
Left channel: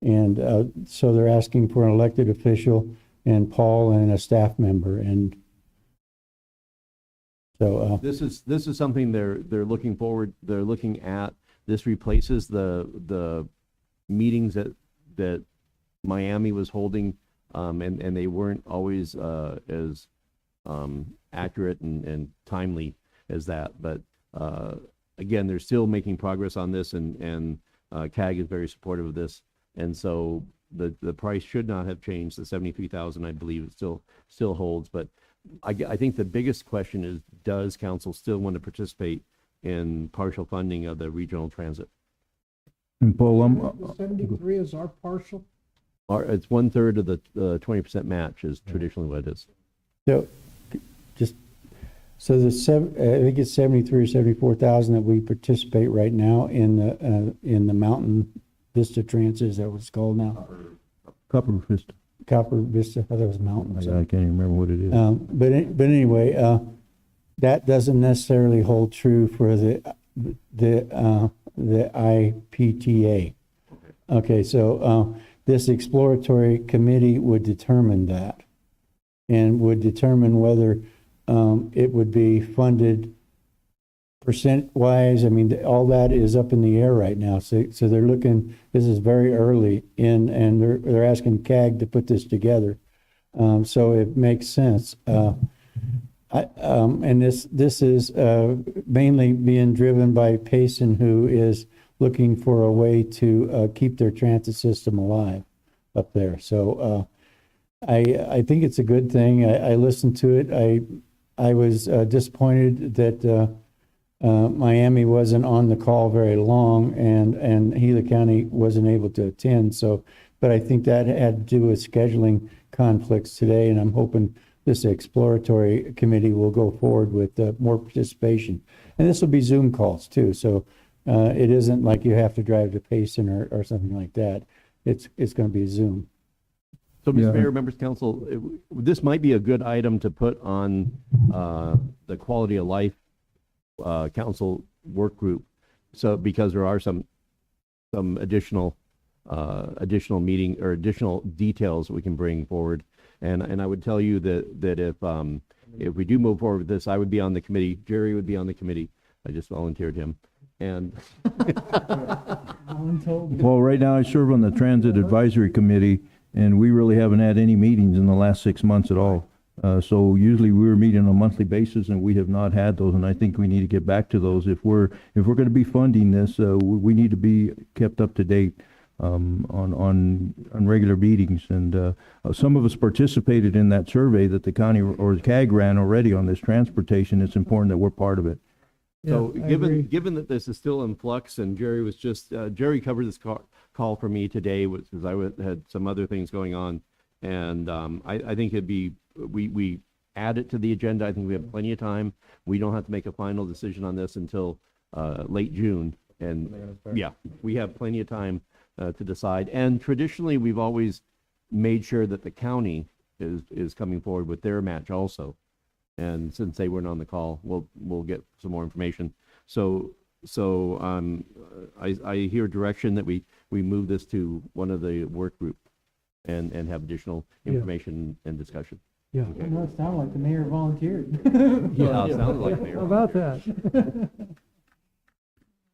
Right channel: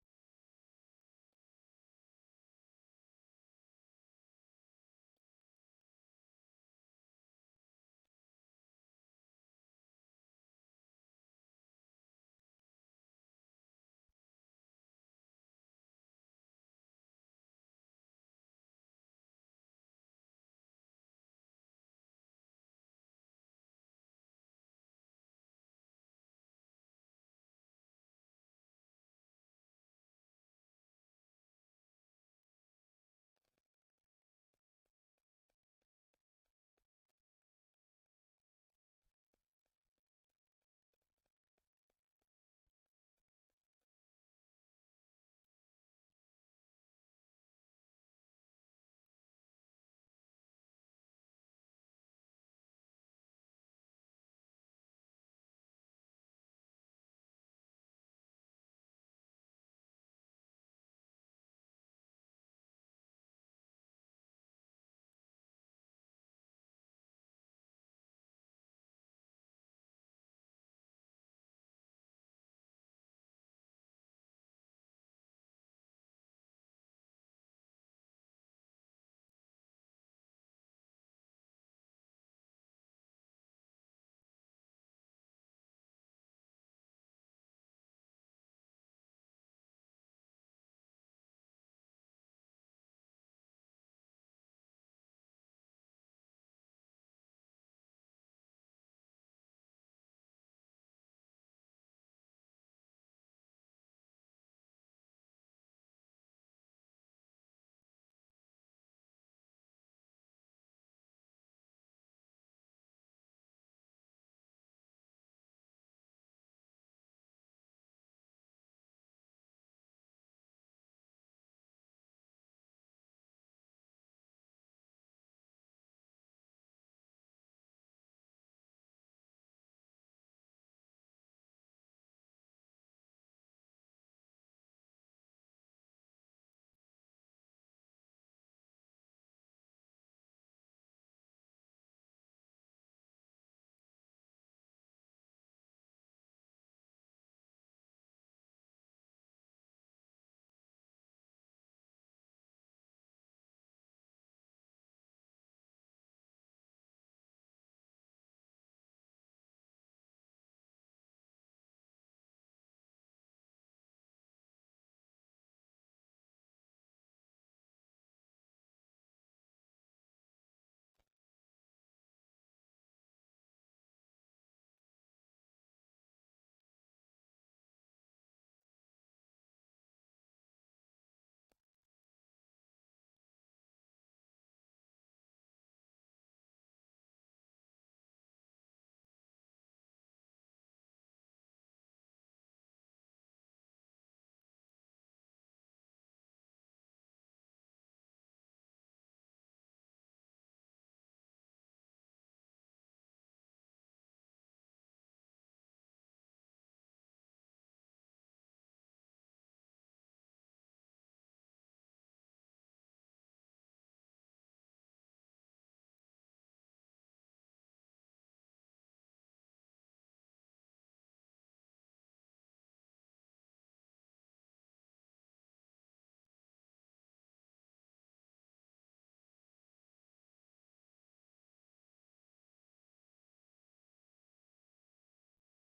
and so they're asking for an elected official and Paul and a staff member, and so This is something they're looking forward. They're looking at. This replaces the meetings that Miami was holding. And they weren't always as accurate and timely as that. But again, they're still making progress on this, and CAG is very supportive of this. And so the price should not have changed. The 73,000, I believe, it still holds. But I think the biggest question is, does council still want to participate in partial funding of the regional transit? And Paul, The 73 is our partial. It's 1/3 of the 20% match is traditionally what it is. so so I think it's 73 or 74,000 that we participate right now in the Mountain Vista Transit. Is that what it's called now? Copper Vista. Copper Vista. I thought it was Mountain. I can't even remember what it is. But anyway, that doesn't necessarily hold true for the IPTA. Okay, so this exploratory committee would determine that, and would determine whether it would be funded percent-wise. I mean, all that is up in the air right now. So they're looking. This is very early in, and they're asking CAG to put this together. So it makes sense. And this is mainly being driven by Payson, who is looking for a way to keep their transit system alive up there. So I think it's a good thing. I listened to it. I was disappointed that Miami wasn't on the call very long, and Gila County wasn't able to attend. So, but I think that had to do with scheduling conflicts today, and I'm hoping this exploratory committee will go forward with more participation. And this will be Zoom calls too. So it isn't like you have to drive to Payson or something like that. It's going to be Zoom. So, Mr. Mayor, members of council, this might be a good item to put on the quality of life council work group. So, because there are some additional meeting or additional details that we can bring forward. And I would tell you that if we do move forward with this, I would be on the committee. Jerry would be on the committee. I just volunteered him. And well, right now I serve on the Transit Advisory Committee, and we really haven't had any meetings in the last 6 months at all. So usually we were meeting on a monthly basis, and we have not had those, and I think we need to get back to those. If we're going to be funding this, we need to be kept up to date on regular meetings. And some of us participated in that survey that the county or the CAG ran already on this transportation. It's important that we're part of it. So given that this is still in flux, and Jerry was just Jerry covered this call for me today because I had some other things going on, and I think it'd be we add it to the agenda. I think we have plenty of time. We don't have to make a final decision on this until late June, and yeah, we have plenty of time to decide. And traditionally, we've always made sure that the county is coming forward with their match also. And since they weren't on the call, we'll get some more information. So I hear direction that we move this to one of the work group and have additional information and discussion. Yeah. Okay. No, it sounded like the mayor volunteered. Yeah, it sounds like mayor. How about that?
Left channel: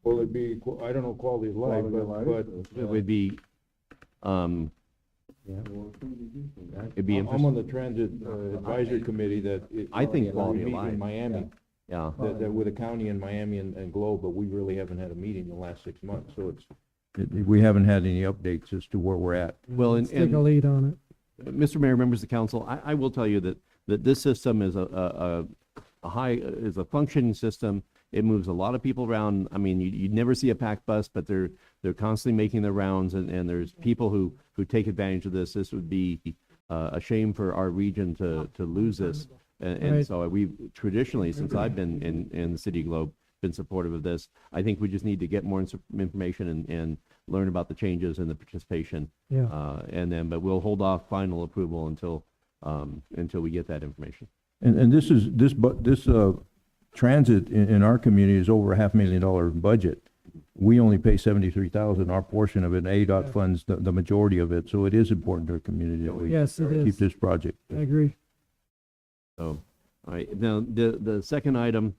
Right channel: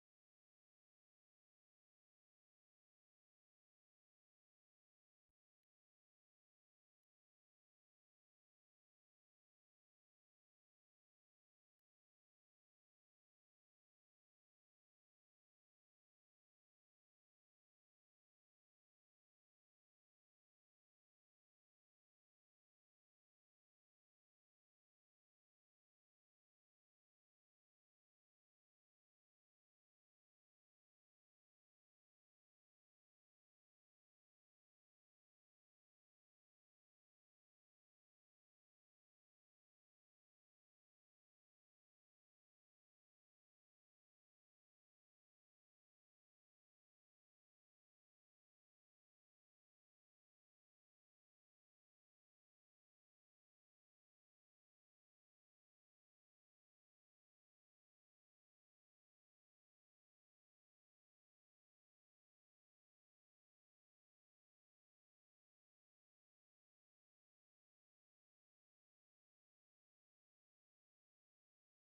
Well, it'd be, I don't know, quality of life, but It would be, it'd be I'm on the Transit Advisory Committee that. I think quality of meet life. in Miami. Yeah. They're with the county and Miami and Globe, but we really haven't had a meeting in the last 6 months, so it's. We haven't had any updates as to where we're at. Well, Let's take a lead on it. Mr. Mayor, members of the council, I will tell you that this system is a functioning system. It moves a lot of people around. I mean, you'd never see a packed bus, but they're constantly making their rounds, and there's people who take advantage of this. This would be a shame for our region to lose this. And Right. so we've traditionally, since I've been in the City Globe, been supportive of this. I think we just need to get more information and learn about the changes and the participation. Yeah. But we'll hold off final approval until we get that information. And this transit in our community is over $500,000 budget. We only pay 73,000, our portion of it, and ADOT funds the majority of it, so it is important to our community that we Yes, it keep is. this project. I agree. So, all right, now, the second item,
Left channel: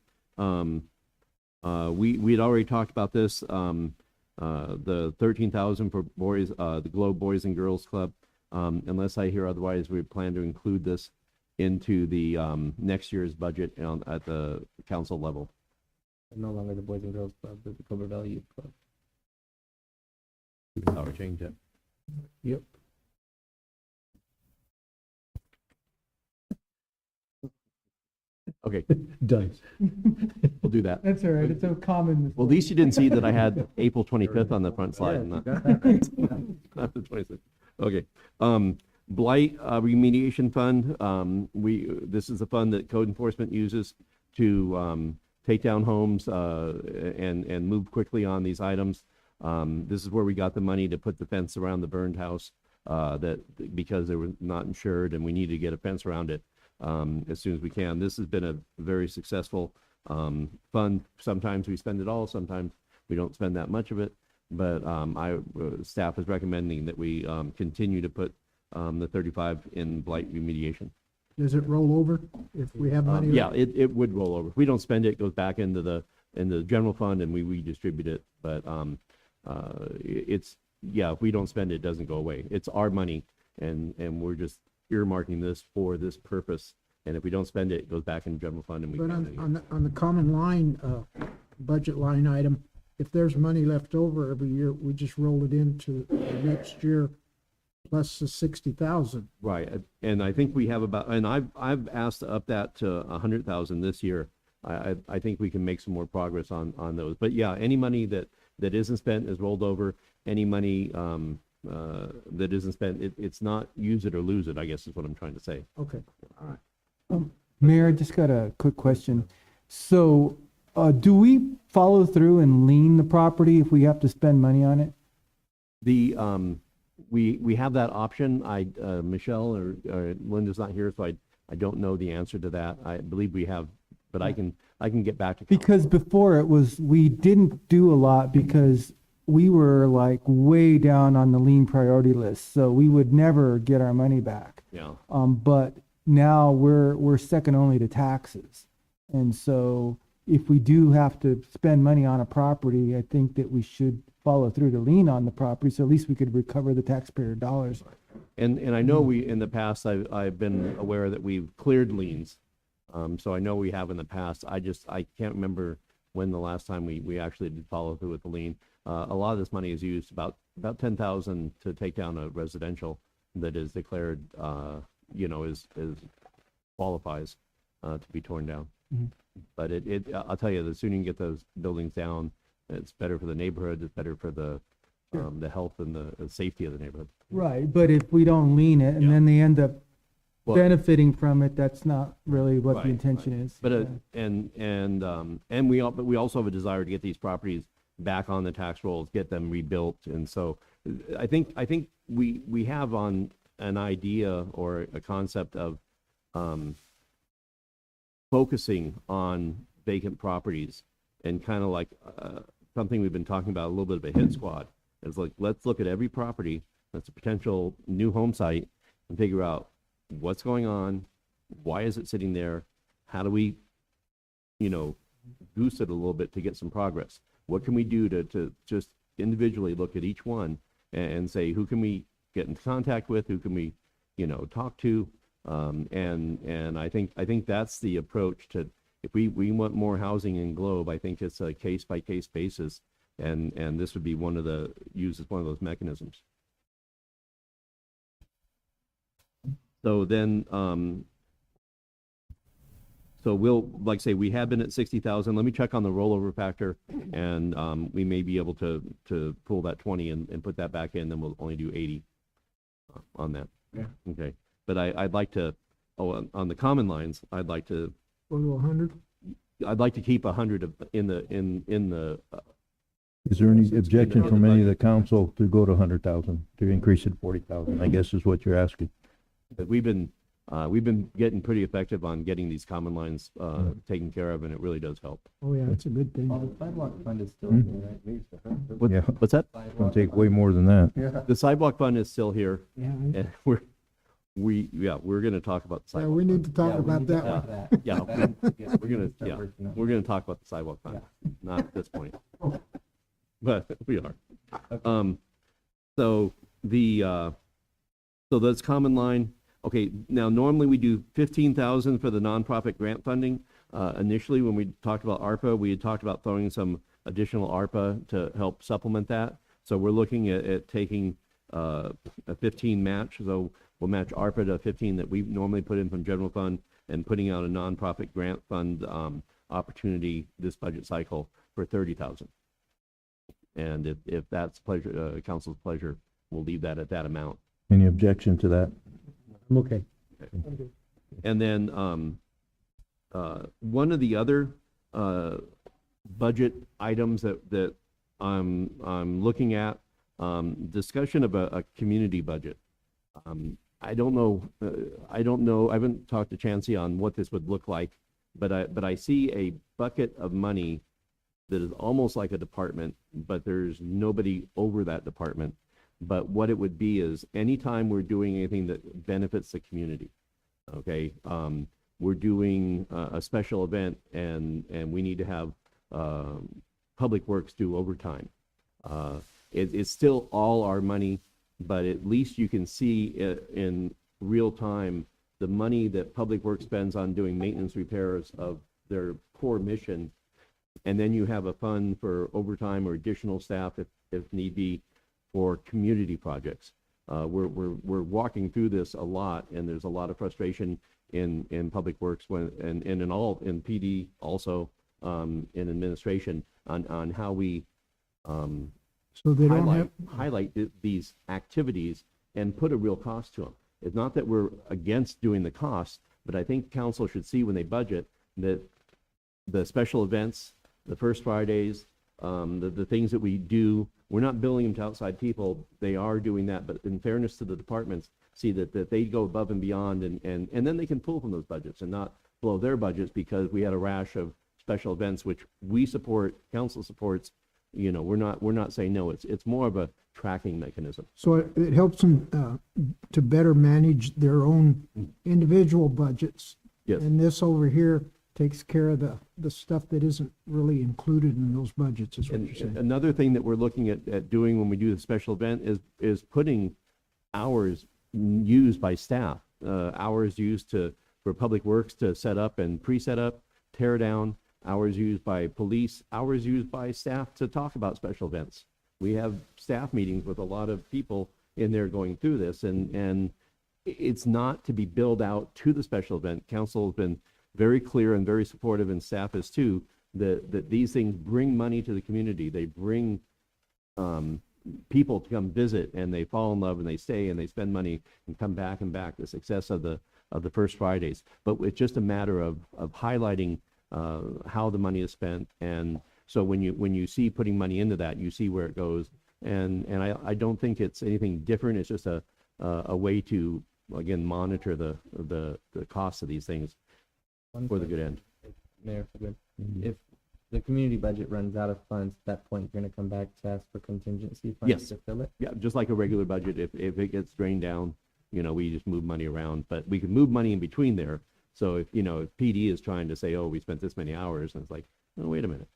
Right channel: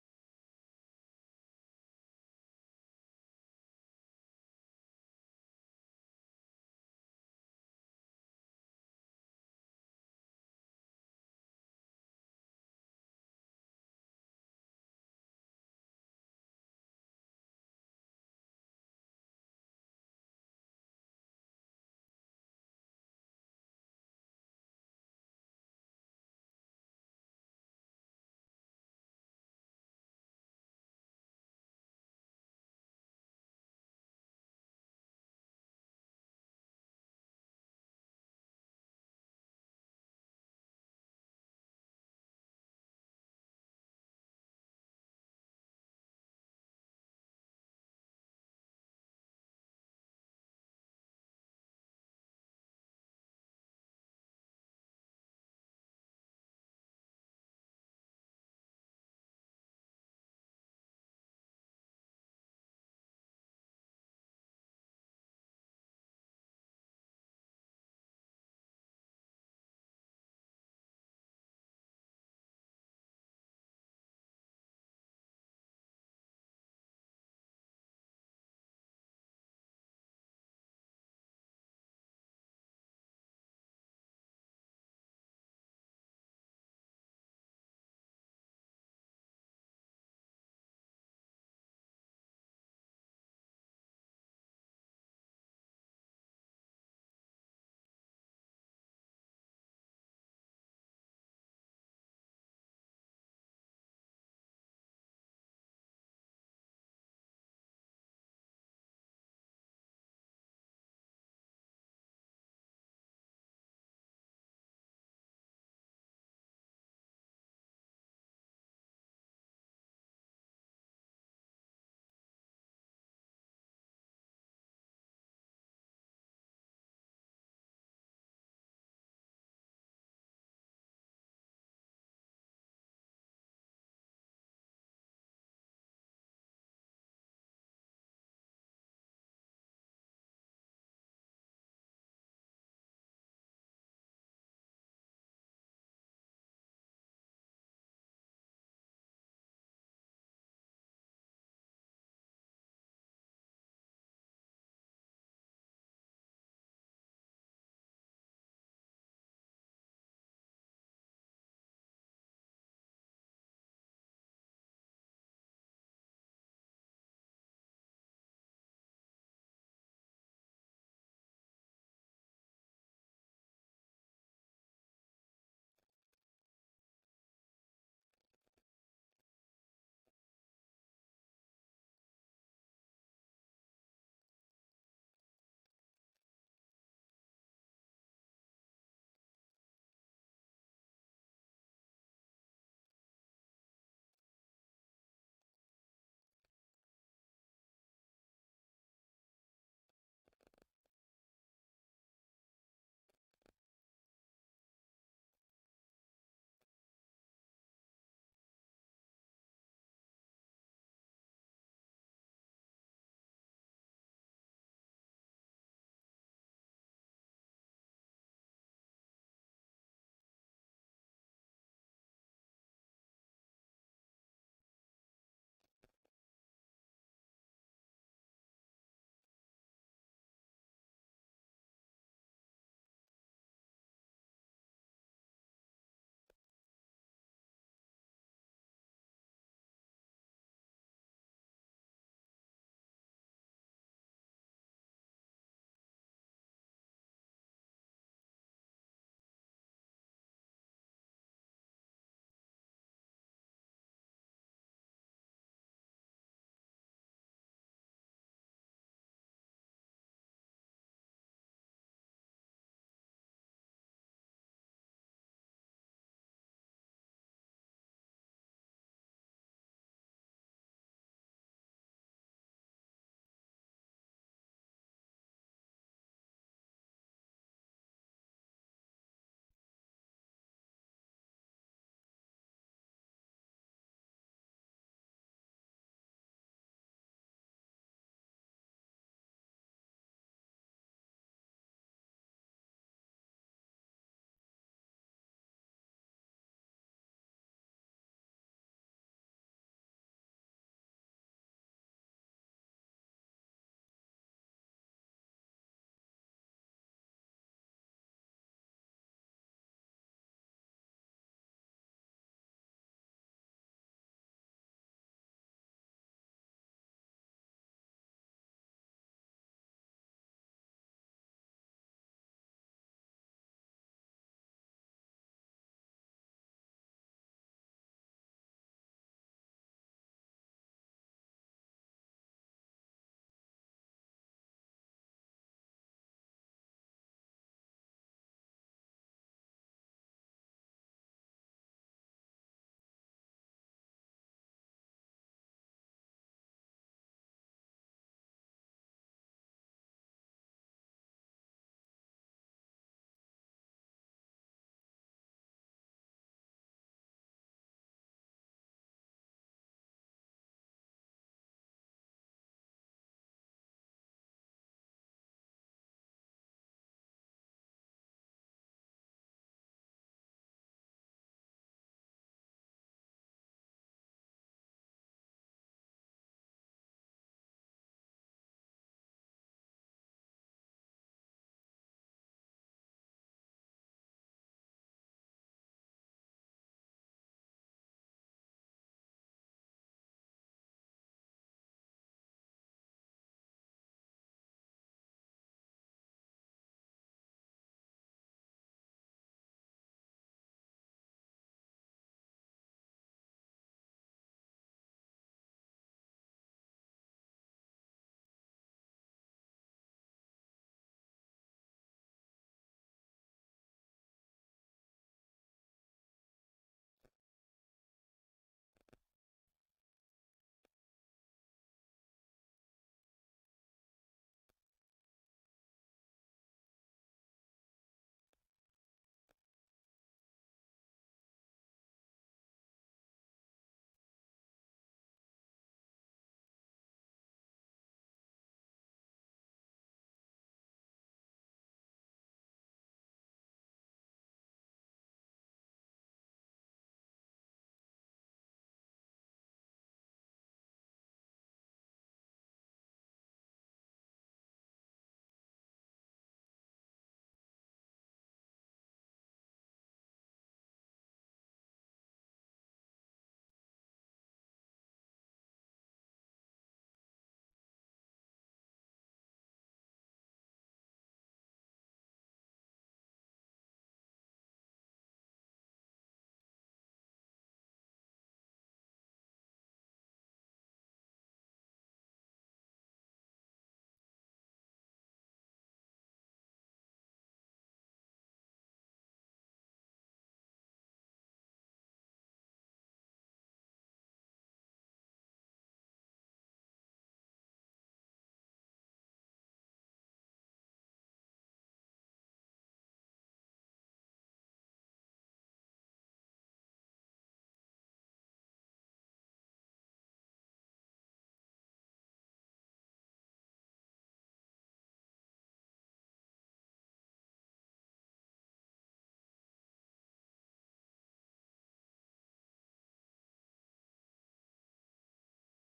we'd already talked about this, the 13,000 for boys, the Globe Boys and Girls Club. Unless I hear otherwise, we plan to include this into the, next year's budget at the council level. No longer the Boys and Girls Club, but the Cobra Valley Youth Club. Oh, we changed it. Yep. Okay, Done. we'll do that. That's all right, it's so common. Well, at least you didn't see that I had April 25th on the front slide. Yeah, and not- you got that. not the 26th. Okay. Blight remediation fund. This is a fund that code enforcement uses to take down homes and move quickly on these items. This is where we got the money to put the fence around the burned house because they were not insured and we needed to get a fence around it as soon as we can. This has been a very successful fund. Sometimes we spend it all, sometimes we don't spend that much of it. But staff is recommending that we continue to put the 35 in blight remediation. Does it roll over if we have money? Yeah, it would roll over. If we don't spend it, it goes back into the general fund and we redistribute it. But if we don't spend it, it doesn't go away. It's our money, and we're just earmarking this for this purpose. And if we don't spend it, it goes back in general fund and we. But on the common line, budget line item, if there's money left over every year, we just roll it into the next year plus the 60,000. Right, and I think we have and I've asked to up that to 100,000 this year. I think we can make some more progress on those. But yeah, any money that isn't spent is rolled over. Any money that isn't spent, it's not use it or lose it, I guess is what I'm trying to say. Okay, all right. Mayor, I just got a quick question. So, do we follow through and lien the property if we have to spend money on it? We have that option. Michelle or Linda's not here, so I don't know the answer to that. I believe we have, but I can get back to. Because before it was, we didn't do a lot because we were like way down on the lien priority list, so we would never get our money back. Yeah. But now we're second only to taxes. And so if we do have to spend money on a property, I think that we should follow through to lien on the property, so at least we could recover the taxpayer dollars. And I know in the past, I've been aware that we've cleared liens. So I know we have in the past. I can't remember when the last time we actually did follow through with the lien. A lot of this money is used, about 10,000 to take down a residential that is declared, is qualifies to be torn down. Mhm. But I'll tell you, the sooner you can get those buildings down, it's better for the neighborhood, it's better for the health and the safety of the neighborhood. Right, but if we don't lien it and then they end up benefiting from it, that's not really what the intention is. But we also have a desire to get these properties back on the tax rolls, get them rebuilt, and so I think we have on an idea or a concept of focusing on vacant properties and kind of like something we've been talking about a little bit of a hit squad. It's like, let's look at every property that's a potential new home site and figure out what's going on, why is it sitting there, how do we, boost it a little bit to get some progress. What can we do to just individually look at each one and say, who can we get in contact with, who can we, talk to, and I think that's the approach to if we want more housing in Globe, I think it's a case-by-case basis, and this would be used as one of those mechanisms. So then, so we'll, like I say, we have been at 60,000. Let me check on the rollover factor, and we may be able to pull that 20 and put that back in, then we'll only do 80 on that. Yeah. Okay. But I'd like to, on the common lines, I'd like to, Go to 100? I'd like to keep 100 in the Is there any objection from any of the council to go to 100,000, to increase it to 40,000, I guess is what you're asking? but we've been getting pretty effective on getting these common lines taken care of, and it really does help. Oh, yeah, that's a good thing. The sidewalk fund is still here, right? Yeah. What's that? It's gonna take way more than that. Yeah. The sidewalk fund is still here, Yeah, and we're gonna talk about the Yeah, sidewalk. we need to talk Yeah, we about need to that have one. that. Yeah, we're gonna talk about the sidewalk fund, not at this point, but we are. So so that's common line. Okay, now normally we do 15,000 for the nonprofit grant funding. Initially, when we talked about ARPA, we had talked about throwing some additional ARPA to help supplement that. So we're looking at taking a 15 match. So we'll match ARPA to 15 that we normally put in from general fund, and putting out a nonprofit grant fund opportunity this budget cycle for 30,000. And if that's pleasure, council's pleasure, we'll leave that at that amount. Any objection to that? I'm okay. And then one of the other budget items that I'm looking at, discussion of a community budget. I don't know. I haven't talked to Chancey on what this would look like, but I see a bucket of money that is almost like a department, but there's nobody over that department. But what it would be is anytime we're doing anything that benefits the community, okay, we're doing a special event and we need to have Public Works do overtime. It's still all our money, but at least you can see in real time the money that Public Works spends on doing maintenance repairs of their core mission. And then you have a fund for overtime or additional staff if need be for community projects. We're walking through this a lot, and there's a lot of frustration in Public Works and in PD also, in administration on how we So they don't have, highlight these activities and put a real cost to them. It's not that we're against doing the cost, but I think council should see when they budget that the special events, the First Fridays, the things that we do, we're not billing them to outside people. They are doing that, but in fairness to the departments, see that they go above and beyond, and then they can pull from those budgets and not blow their budgets because we had a rash of special events, which we support, council supports. You know, we're not saying no. It's more of a tracking mechanism. so it helps them to better manage their own individual budgets. Yes. And this over here takes care of the stuff that isn't really included in those budgets, is what And you're saying. another thing that we're looking at doing when we do the special event is putting hours used by staff, hours used for Public Works to set up and pre-set up, tear down, hours used by police, hours used by staff to talk about special events. We have staff meetings with a lot of people in there going through this, and it's not to be billed out to the special event. Council has been very clear and very supportive, and staff is too, that these things bring money to the community. They bring people to come visit, and they fall in love, and they stay, and they spend money and come back and back. The success of the First Fridays, but it's just a matter of highlighting how the money is spent. And so when you see putting money into that, you see where it goes. And I don't think it's anything different. It's just a way to, again, monitor the cost of these things for the good end. Mayor, if the community budget runs out of funds, at that point, you're gonna come back to ask for contingency funds Yes. to fill it? Yeah, just like a regular budget. If it gets drained down, you know, we just move money around, but we can move money in between there. So if PD is trying to say, oh, we spent this many hours, and it's like, oh, wait a minute.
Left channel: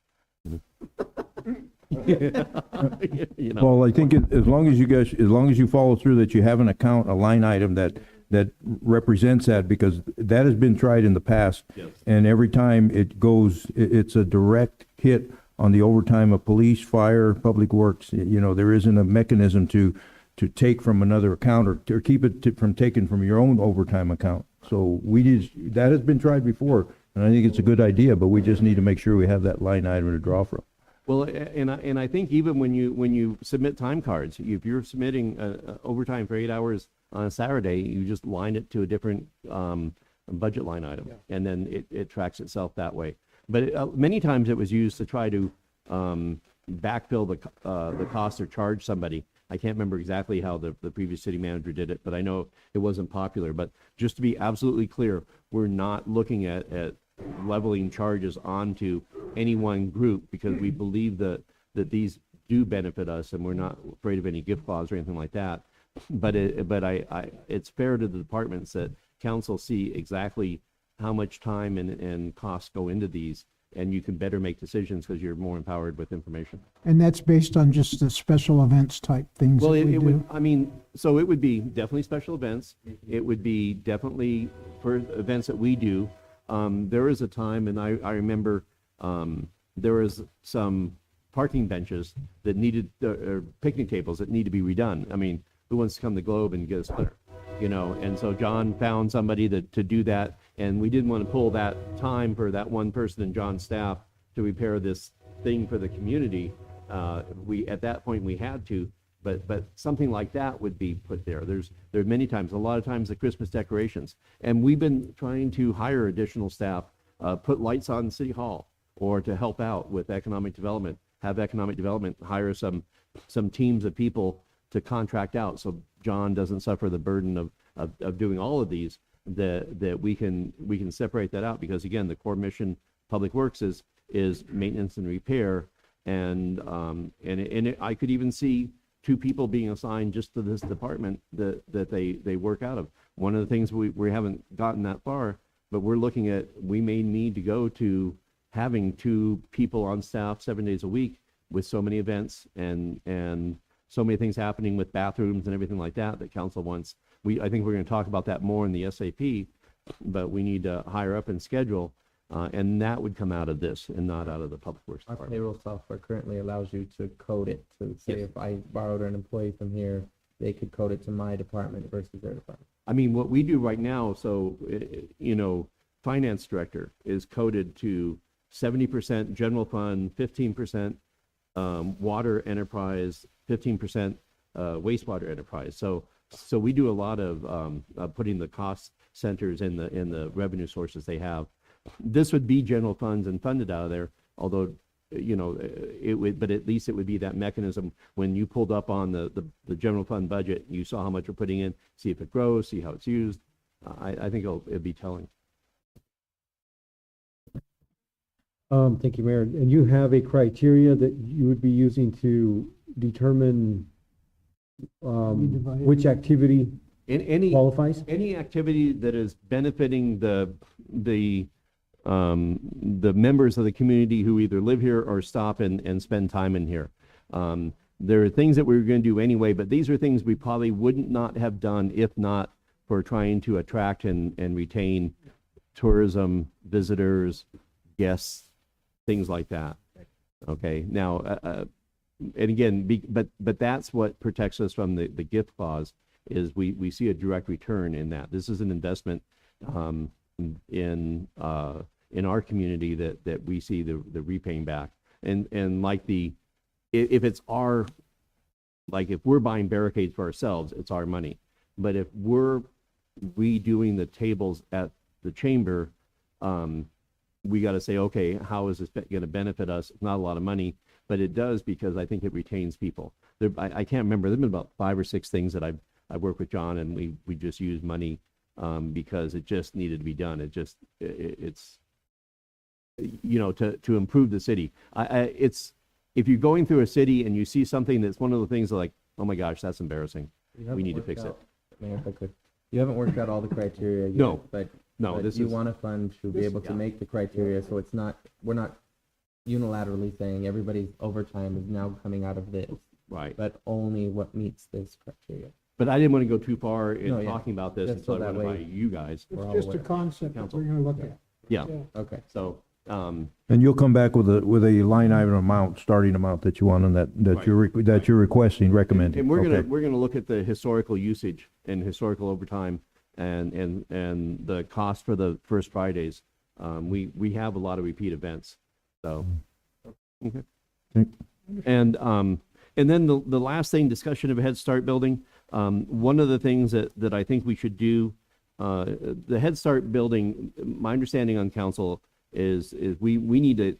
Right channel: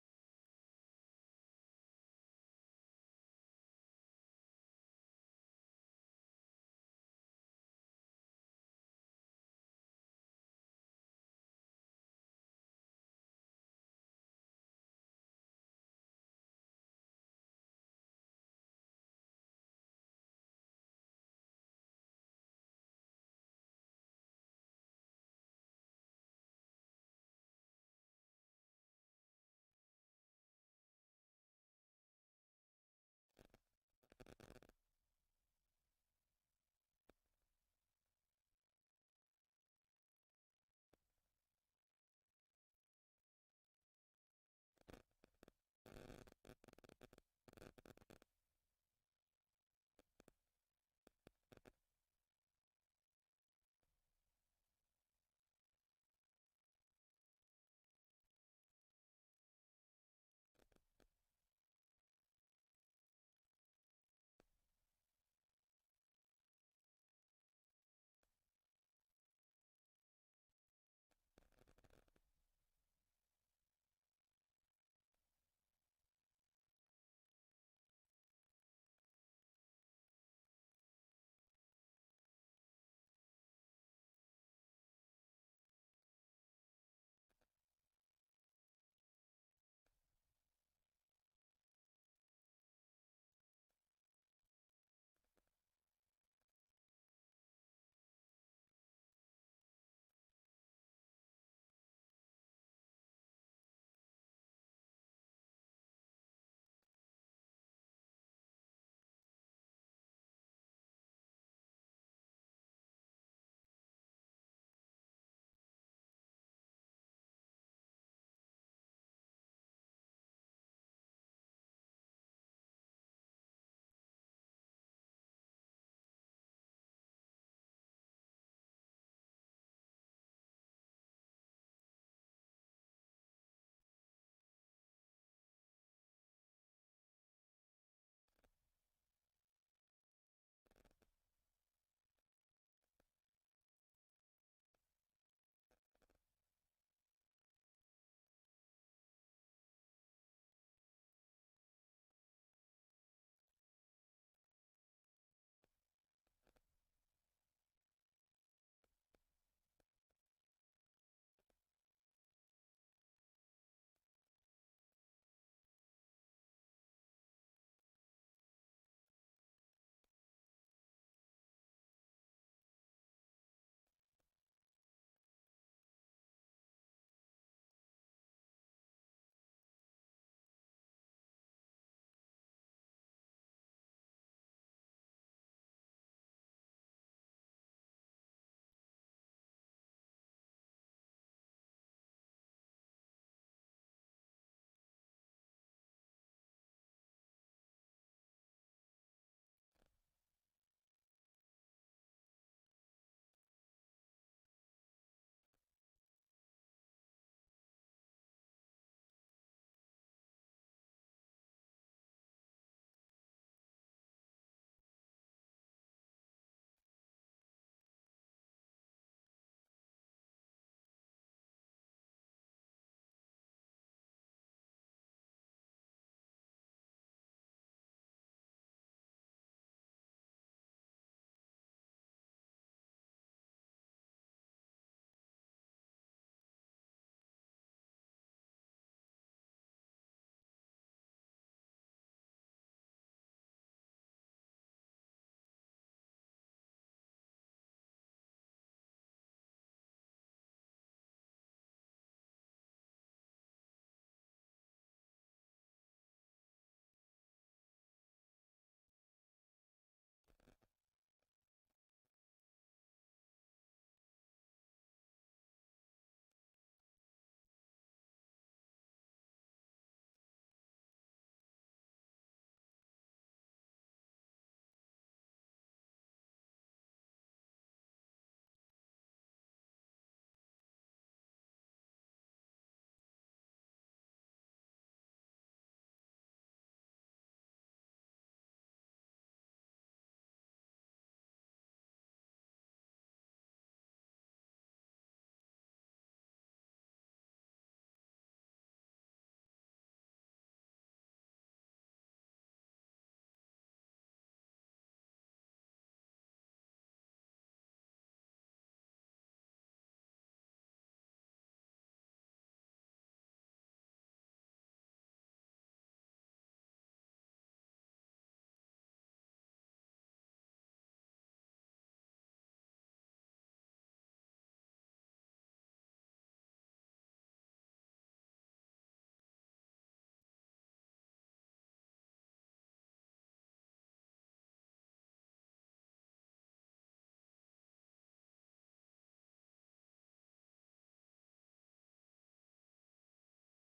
Well, I think as long as you follow through, that you have an account, a line item that that represents that, because that has been tried in the past. Yes. And every time it goes, it's a direct hit on the overtime of police, fire, public works. You know, there isn't a mechanism to take from another account, or keep it from taking from your own overtime account. So that has been tried before, and I think it's a good idea, but we just need to make sure we have that line item to draw from. Well, and I think even when you submit time cards, if you're submitting overtime for 8 hours on a Saturday, you just line it to a different budget line item, and then it tracks itself that way. But many times it was used to try to backfill the cost or charge somebody. I can't remember exactly how the previous city manager did it, but I know it wasn't popular. But just to be absolutely clear, we're not looking at leveling charges onto any one group, because we believe that these do benefit us, and we're not afraid of any gift clause or anything like that. But it's fair to the departments that council see exactly how much time and costs go into these, and you can better make decisions because you're more empowered with information. And that's based on just the special events type things that Well, we it would, do? I mean, so it would be definitely special events. It would be definitely for events that we do. There was a time, and I remember there was some parking benches that needed, or picnic tables that need to be redone. I mean, who wants to come to Globe and get a splitter? You know, and so John found somebody to do that, and we didn't want to pull that time for that one person in John's staff to repair this thing for the community. At that point we had to, but something like that would be put there. There are many times, a lot of times, the Christmas decorations, and we've been trying to hire additional staff, put lights on City Hall, or to help out with economic development, have economic development hire some teams of people to contract out, so John doesn't suffer the burden of doing all of these, that we can separate that out, because again, the core mission, Public Works, is maintenance and repair, and I could even see 2 people being assigned just to this department that they work out of. One of the things we haven't gotten that far, but we're looking at, we may need to go to having 2 people on staff 7 days a week with so many events and so many things happening with bathrooms and everything like that council wants. I think we're going to talk about that more in the SAP, but we need to hire up and schedule, and that would come out of this and not out of the Public Works Our department. payroll software currently allows you to code it to say, Yes. if I borrowed an employee from here, they could code it to my department versus their department. I mean, what we do right now, so, finance director is coded to 70% general fund, 15% water enterprise, 15% wastewater enterprise. So we do a lot of putting the cost centers in the revenue sources they have. This would be general funds and funded out of there, although, it would, but at least it would be that mechanism when you pulled up on the general fund budget, you saw how much we're putting in, see if it grows, see how it's used. I think it'd be telling. Thank you, Mayor. And you have a criteria that you would be using to determine which activity qualifies? Any activity that is benefiting the members of the community who either live here or stop and spend time in here. There are things that we were going to do anyway, but these are things we probably wouldn't not have done if not for trying to attract and retain tourism, visitors, guests, things like that. Okay, now, and again, but that's what protects us from the gift clause, is we see a direct return in that. This is an investment in our community that we see the repaying back. And like if it's our, like if we're buying barricades for ourselves, it's our money. But if we're redoing the tables at the chamber, we got to say, okay, how is this going to benefit us? It's not a lot of money, but it does, because I think it retains people. I can't remember. There've been about 5 or 6 things that I've worked with John, and we just used money because it just needed to be done. It's to improve the city. It's, if you're going through a city and you see something that's one of the things like, oh my gosh, that's embarrassing, we need to fix it. Mayor, if I could, you haven't worked out all the criteria yet. No. But this you is, want a fund to be able to make the criteria, so it's not, we're not unilaterally saying everybody's overtime is now coming out of this. Right. But only what meets this criteria. But I didn't want to go too far in No, yeah. talking about this Just until so I that run it by way you guys. we're all It's just a aware. concept that Council. we're gonna look at. Yeah, Okay. so, And you'll come back with a line item amount, starting amount that you want on that, Right. that you're requesting, recommending. and we're Okay. gonna look at the historical usage and historical overtime and the cost for the First Fridays. We have a lot of repeat events, so. Okay. Okay. And then the last thing, discussion of a Head Start building. One of the things that I think we should do, the Head Start building, my understanding on council is we need to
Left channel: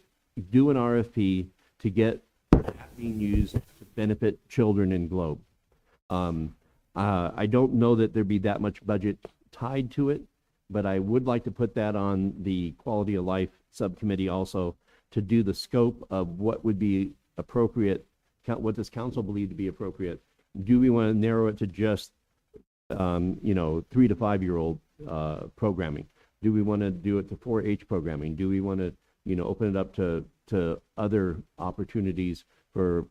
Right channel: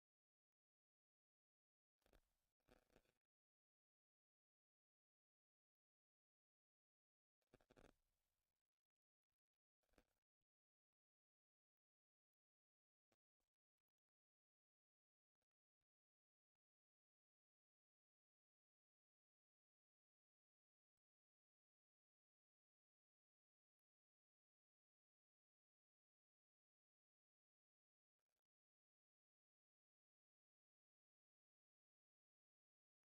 do an RFP to get that being used to benefit children in Globe. I don't know that there'd be that much budget tied to it, but I would like to put that on the quality of life subcommittee also to do the scope of what would be appropriate, what does council believe to be appropriate? Do we want to narrow it to just, 3 to 5 year old programming? Do we want to do it to 4-H programming? Do we want to, open it up to other opportunities for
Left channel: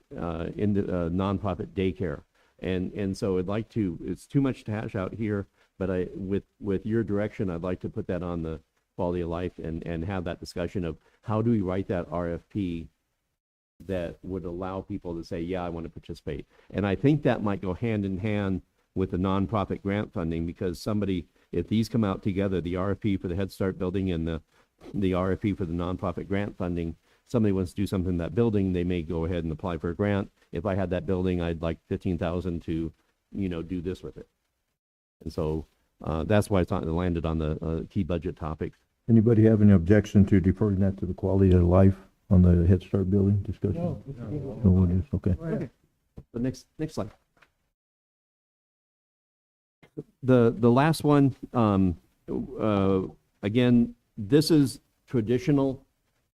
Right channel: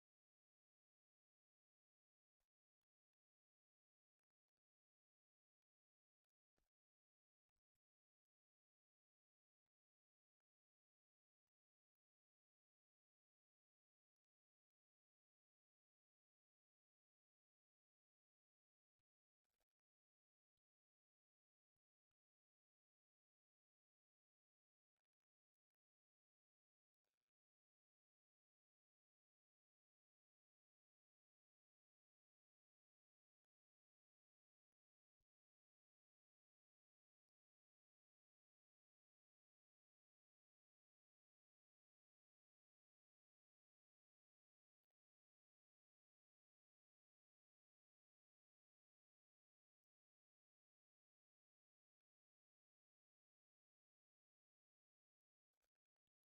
in the nonprofit daycare? And so I'd like to, it's too much to hash out here, but with your direction, I'd like to put that on the quality of life and have that discussion of how do we write that RFP that would allow people to say, yeah, I want to participate. And I think that might go hand in hand with the nonprofit grant funding, because if these come out together, the RFP for the Head Start building and the RFP for the nonprofit grant funding, somebody wants to do something in that building, they may go ahead and apply for a grant. If I had that building, I'd like 15,000 to, do this with it. And so that's why it's landed on the key budget topics. Anybody have any objection to deferring that to the quality of life on the Head Start building discussion? No. No one is, okay. Okay. The next slide. The last one, again, this is traditional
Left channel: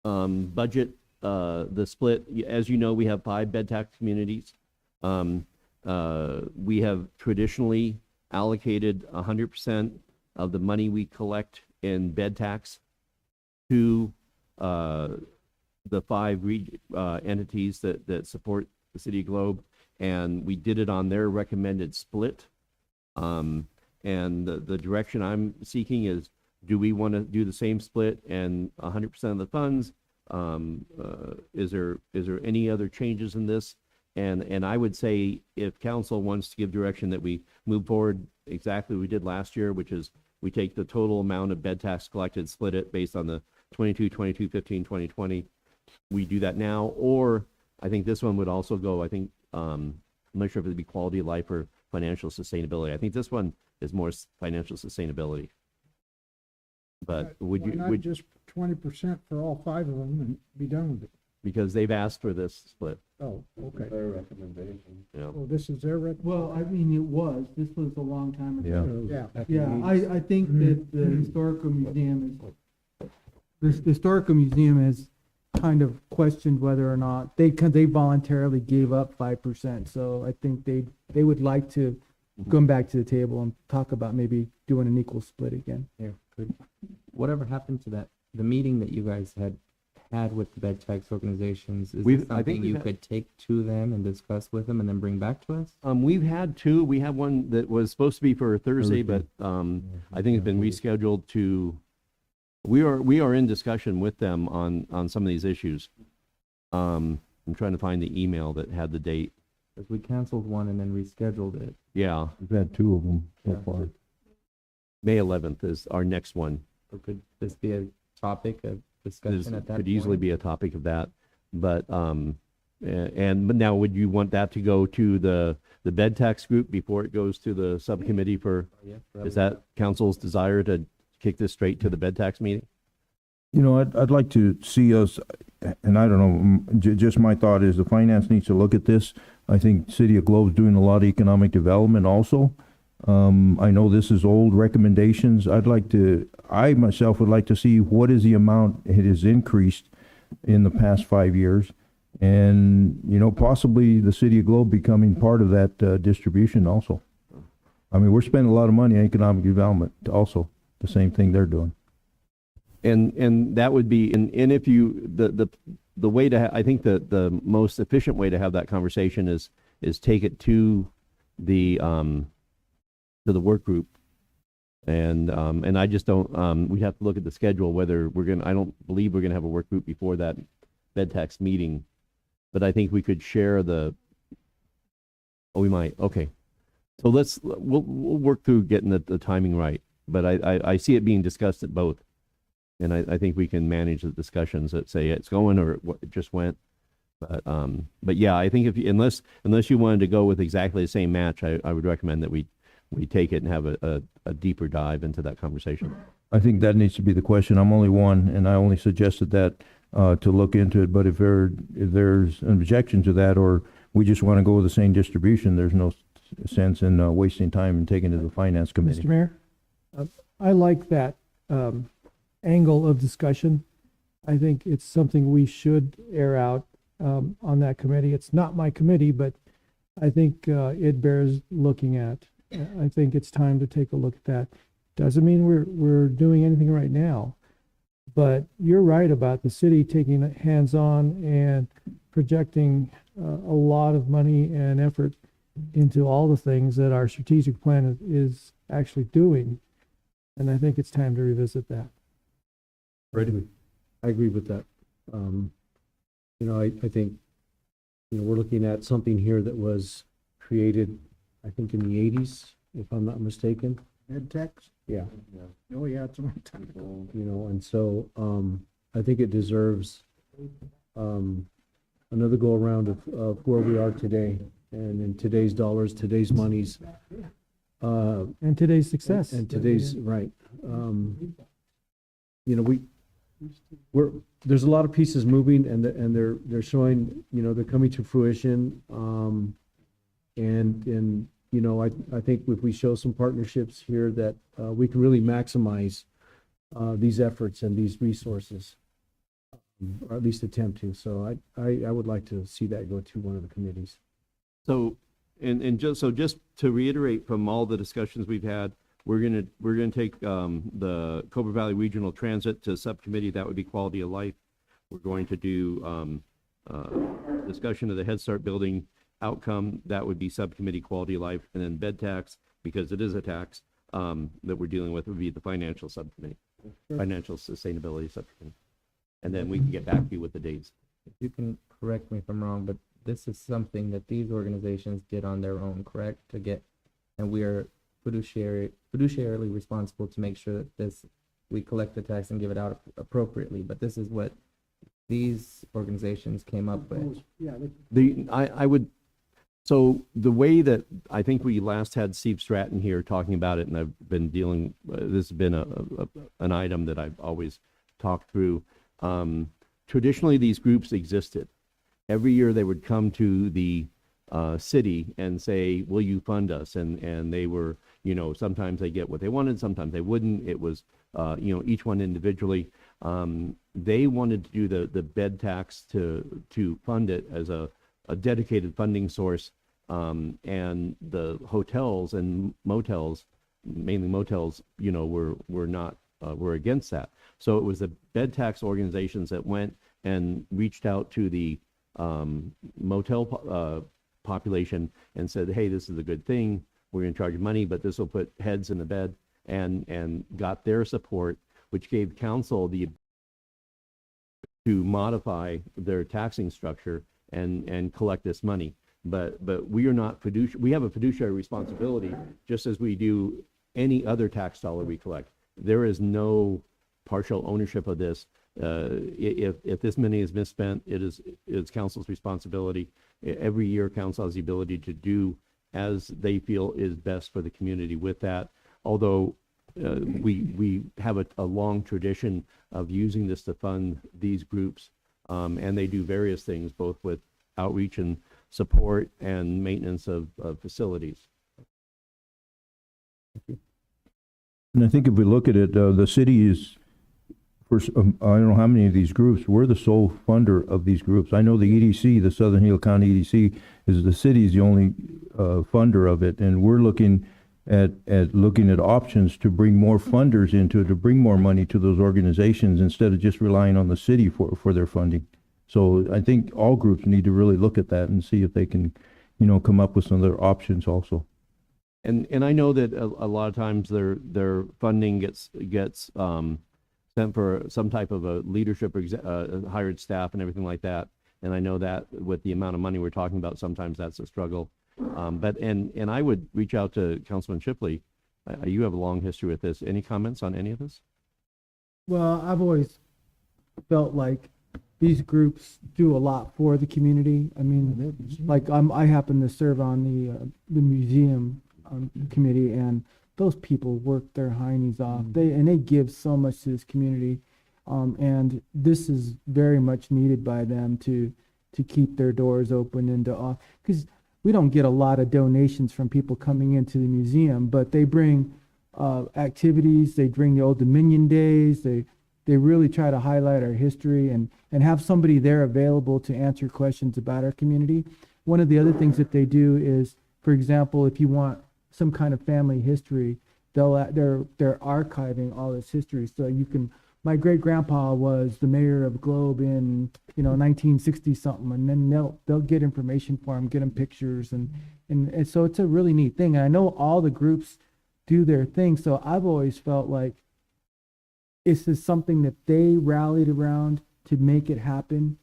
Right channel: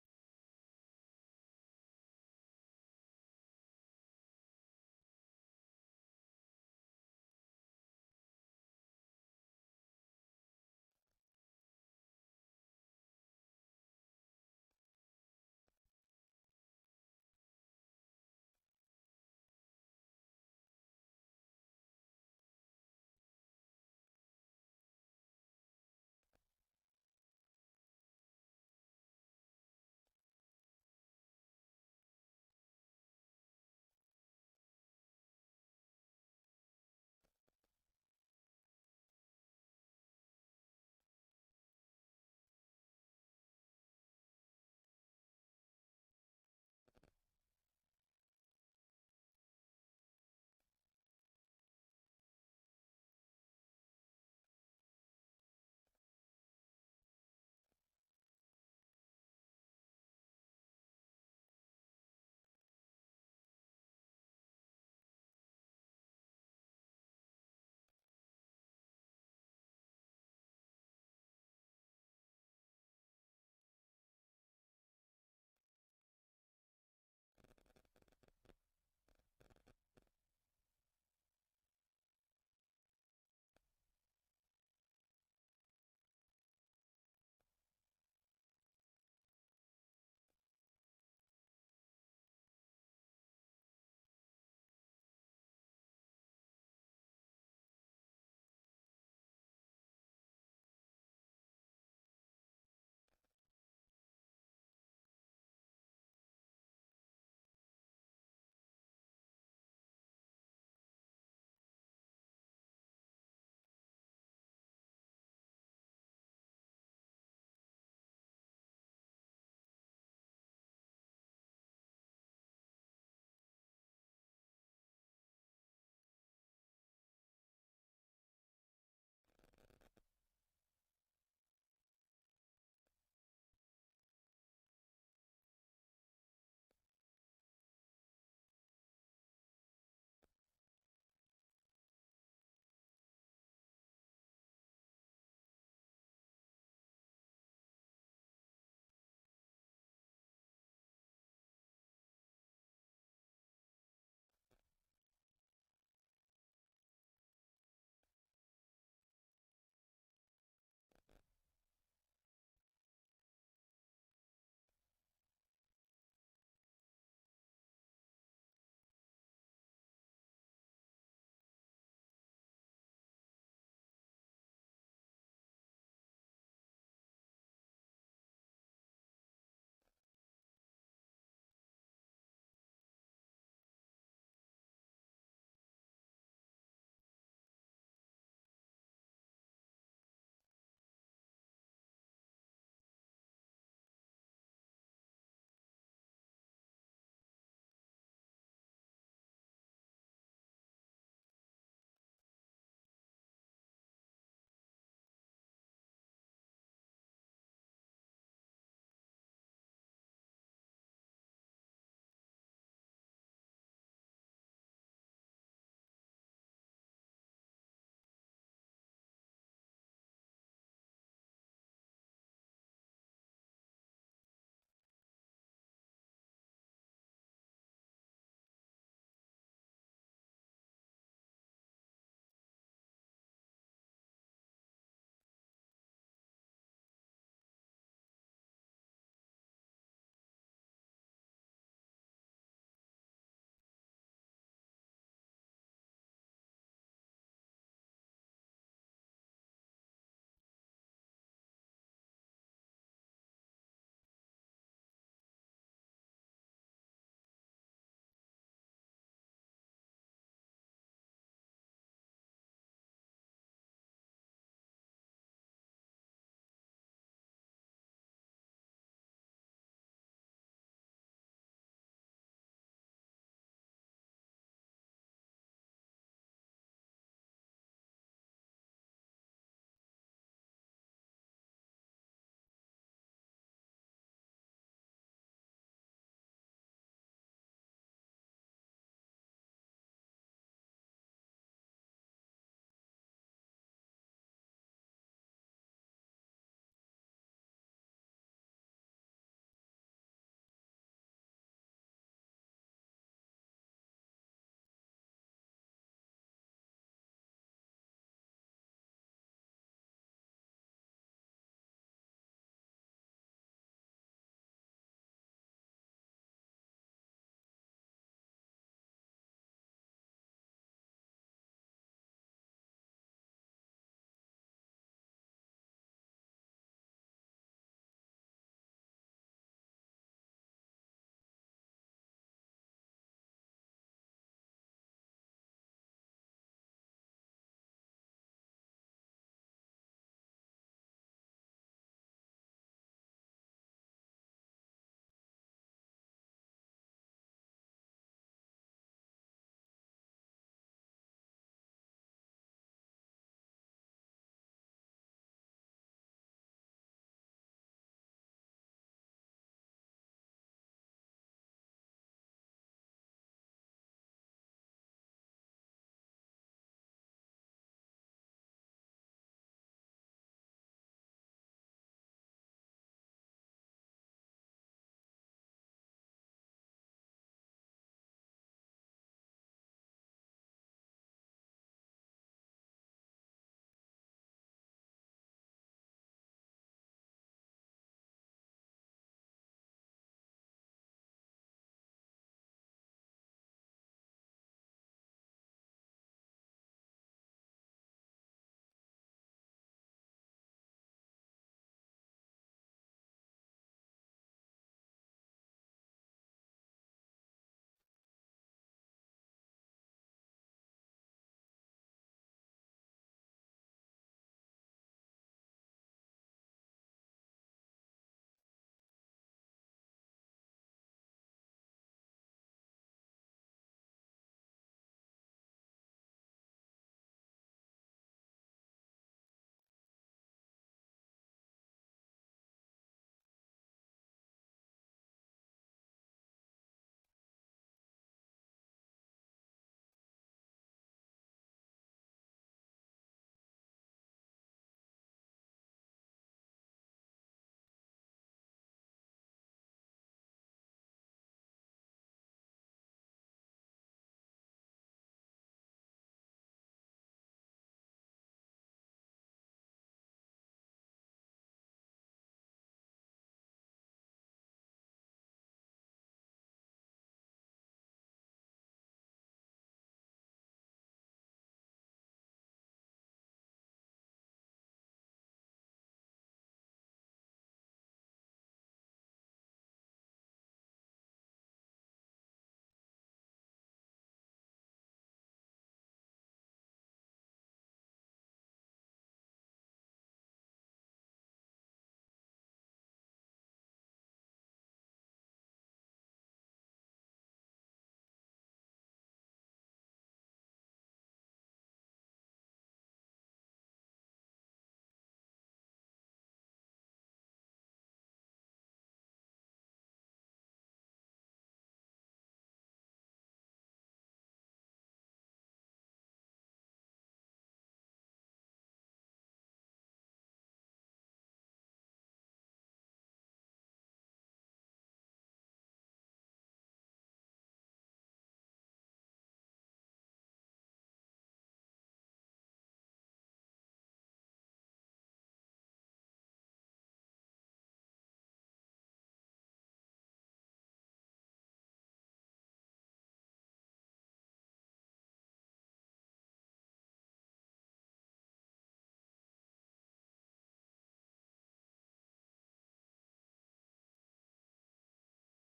budget, the split. As you know, we have 5 bed tax communities. We have traditionally allocated 100% of the money we collect in bed tax to the 5 entities that support the City of Globe, and we did it on their recommended split. And the direction I'm seeking is, do we want to do the same split and 100% of the funds? Is there any other changes in this? And I would say if council wants to give direction that we move forward exactly what we did last year, which is we take the total amount of bed tax collected, split it based on the 22, 22, 15, 20, 20. We do that now, or I think this one would also go, I'm not sure if it'd be quality of life or financial sustainability. I think this one is more financial sustainability. But would Why you, not would, just 20% for all 5 of them and be done with it? because they've asked for this split. Oh, okay. Their recommendation. Yeah. Well, this is their Well, I mean, this was a long time ago. Yeah. Yeah, I think that the historical museum the historical museum has kind of questioned whether or not they voluntarily gave up 5%. So I think they would like to come back to the table and talk about maybe doing an equal split again. Here, whatever happened to the meeting that you guys had with the bed tax organizations? Is this I think something you could take to them and discuss with them and then bring back to us? We've had 2. We have one that was supposed to be for Thursday, but I think it's been rescheduled to. We are in discussion with them on some of these issues. I'm trying to find the email that had the date. Because we canceled one and then rescheduled it. Yeah, We've had 2 of them so Yeah. far. May 11th is our next one. So could this be a topic of This discussion at that could point? easily be a topic of that, but but now would you want that to go to the bed tax group before it goes to the subcommittee for? Is that council's desire to kick this straight to the bed tax meeting? I'd like to see us, and I don't know, just my thought is the finance needs to look at this. I think City of Globe's doing a lot of economic development also. I know this is old recommendations. I myself would like to see what is the amount it has increased in the past 5 years. And, possibly the City of Globe becoming part of that distribution also. I mean, we're spending a lot of money on economic development also, the same thing they're doing. And that would be, and if you, the way to, I think the most efficient way to have that conversation is take it to the to the work group. And I just don't, we have to look at the schedule, whether I don't believe we're gonna have a work group before that bed tax meeting. But I think we could share we might, okay. So we'll work through getting the timing right. But I see it being discussed at both. And I think we can manage the discussions that say it's going or it just went. But yeah, I think unless you wanted to go with exactly the same match, I would recommend that we take it and have a deeper dive into that conversation. I think that needs to be the question. I'm only one, and I only suggested that to look into it. But if there's an objection to that, or we just want to go with the same distribution, there's no sense in wasting time and taking it to the finance committee. Mr. Mayor, I like that angle of discussion. I think it's something we should air out on that committee. It's not my committee, but I think it bears looking at. I think it's time to take a look at that. Doesn't mean we're doing anything right now, but you're right about the city taking it hands-on and projecting a lot of money and effort into all the things that our strategic plan is actually doing. And I think it's time to revisit that. Ready? I agree with that. I think, we're looking at something here that was created, I think, in the 80s, if I'm not mistaken. Ed text? Yeah. Oh, yeah, it's a long time ago. And so I think it deserves another go around of where we are today, and in today's dollars, today's monies, and today's success. and today's right. There's a lot of pieces moving, and they're showing, they're coming to fruition. I think if we show some partnerships here that we can really maximize these efforts and these resources, or at least attempt to. So I would like to see that go to one of the committees. So, just to reiterate from all the discussions we've had, we're gonna take the Cobra Valley Regional Transit to subcommittee. That would be quality of life. We're going to do discussion of the Head Start building outcome. That would be subcommittee quality of life, and then bed tax, because it is a tax that we're dealing with, would be the financial subcommittee, financial sustainability subcommittee, and then we can get back to you with the dates. You can correct me if I'm wrong, but this is something that these organizations did on their own, correct? And we are fiduciarily responsible to make sure that we collect the tax and give it out appropriately. But this is what these organizations came up with. So the way that I think we last had Steve Stratton here talking about it, and I've been dealing, this has been an item that I've always talked through. Traditionally, these groups existed. Every year they would come to the city and say, will you fund us? And they were, sometimes they get what they wanted, sometimes they wouldn't. It was, each one individually. They wanted to do the bed tax to fund it as a dedicated funding source, and the hotels and motels, mainly motels, were against that. So it was the bed tax organizations that went and reached out to the motel population and said, hey, this is a good thing. We're going to charge you money, but this will put heads in the bed, and got their support, which gave council the to modify their taxing structure and collect this money. But we are not we have a fiduciary responsibility, just as we do any other tax dollar we collect. There is no partial ownership of this. If this money is misspent, it's council's responsibility. Every year, council has the ability to do as they feel is best for the community with that. Although we have a long tradition of using this to fund these groups, and they do various things, both with outreach and support and maintenance of facilities. And I think if we look at it, the city is, I don't know how many of these groups, we're the sole funder of these groups. I know the EDC, the Southern Hill County EDC, is the city's the only funder of it, and we're looking at options to bring more funders into it, to bring more money to those organizations instead of just relying on the city for their funding. So I think all groups need to really look at that and see if they can, come up with some other options also. And I know that a lot of times their funding gets sent for some type of a leadership hired staff and everything like that. And I know that with the amount of money we're talking about, sometimes that's a struggle. But I would reach out to Councilman Shipley. You have a long history with this. Any comments on any of this? Well, I've always felt like these groups do a lot for the community. I mean, like I happen to serve on the museum committee, and those people work their heinies off. They give so much to this community, and this is very much needed by them to keep their doors open and to because we don't get a lot of donations from people coming into the museum, but they bring activities. They bring the Old Dominion days. They really try to highlight our history and have somebody there available to answer questions about our community. One of the other things that they do is, for example, if you want some kind of family history, they're archiving all this history. So you can, my great grandpa was the mayor of Globe in 1960 something, and then they'll get information for him, get him pictures, and so it's a really neat thing. And I know all the groups do their thing, so I've always felt like this is something that they rallied around to make it happen.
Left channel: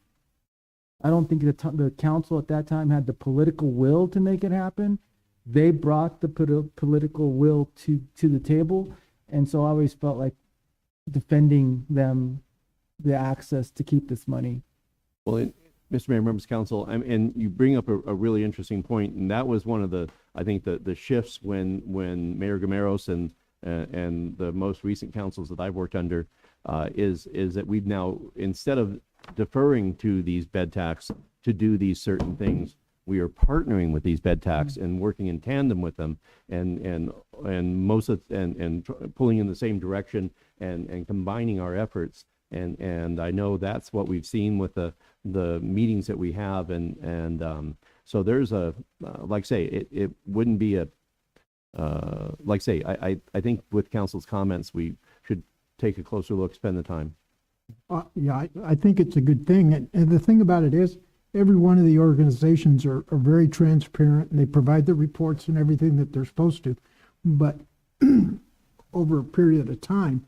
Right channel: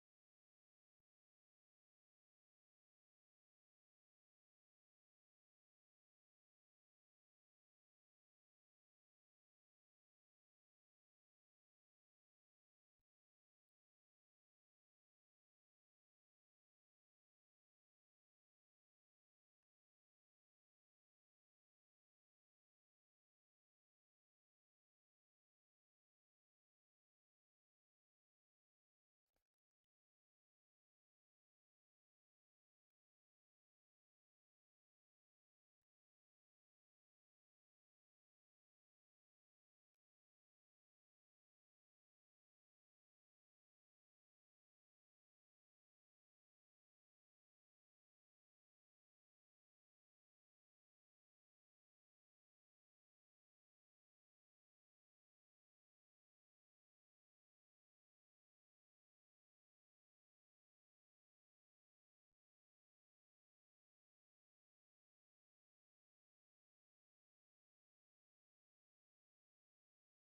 I don't think the council at that time had the political will to make it happen. They brought the political will to the table, and so I always felt like defending them the access to keep this money. Well, Mr. Mayor, members of council, and you bring up a really interesting point, and that was one of the, I think, the shifts when Mayor Gameros and the most recent councils that I've worked under is that we've now, instead of deferring to these bed tax to do these certain things, we are partnering with these bed tax and working in tandem with them and pulling in the same direction and combining our efforts. And I know that's what we've seen with the meetings that we have. So there's like I say, it wouldn't be like I say, I think with council's comments, we should take a closer look, spend the time. Yeah, I think it's a good thing. And the thing about it is, every one of the organizations are very transparent, and they provide the reports and everything that they're supposed to. But over a period of time,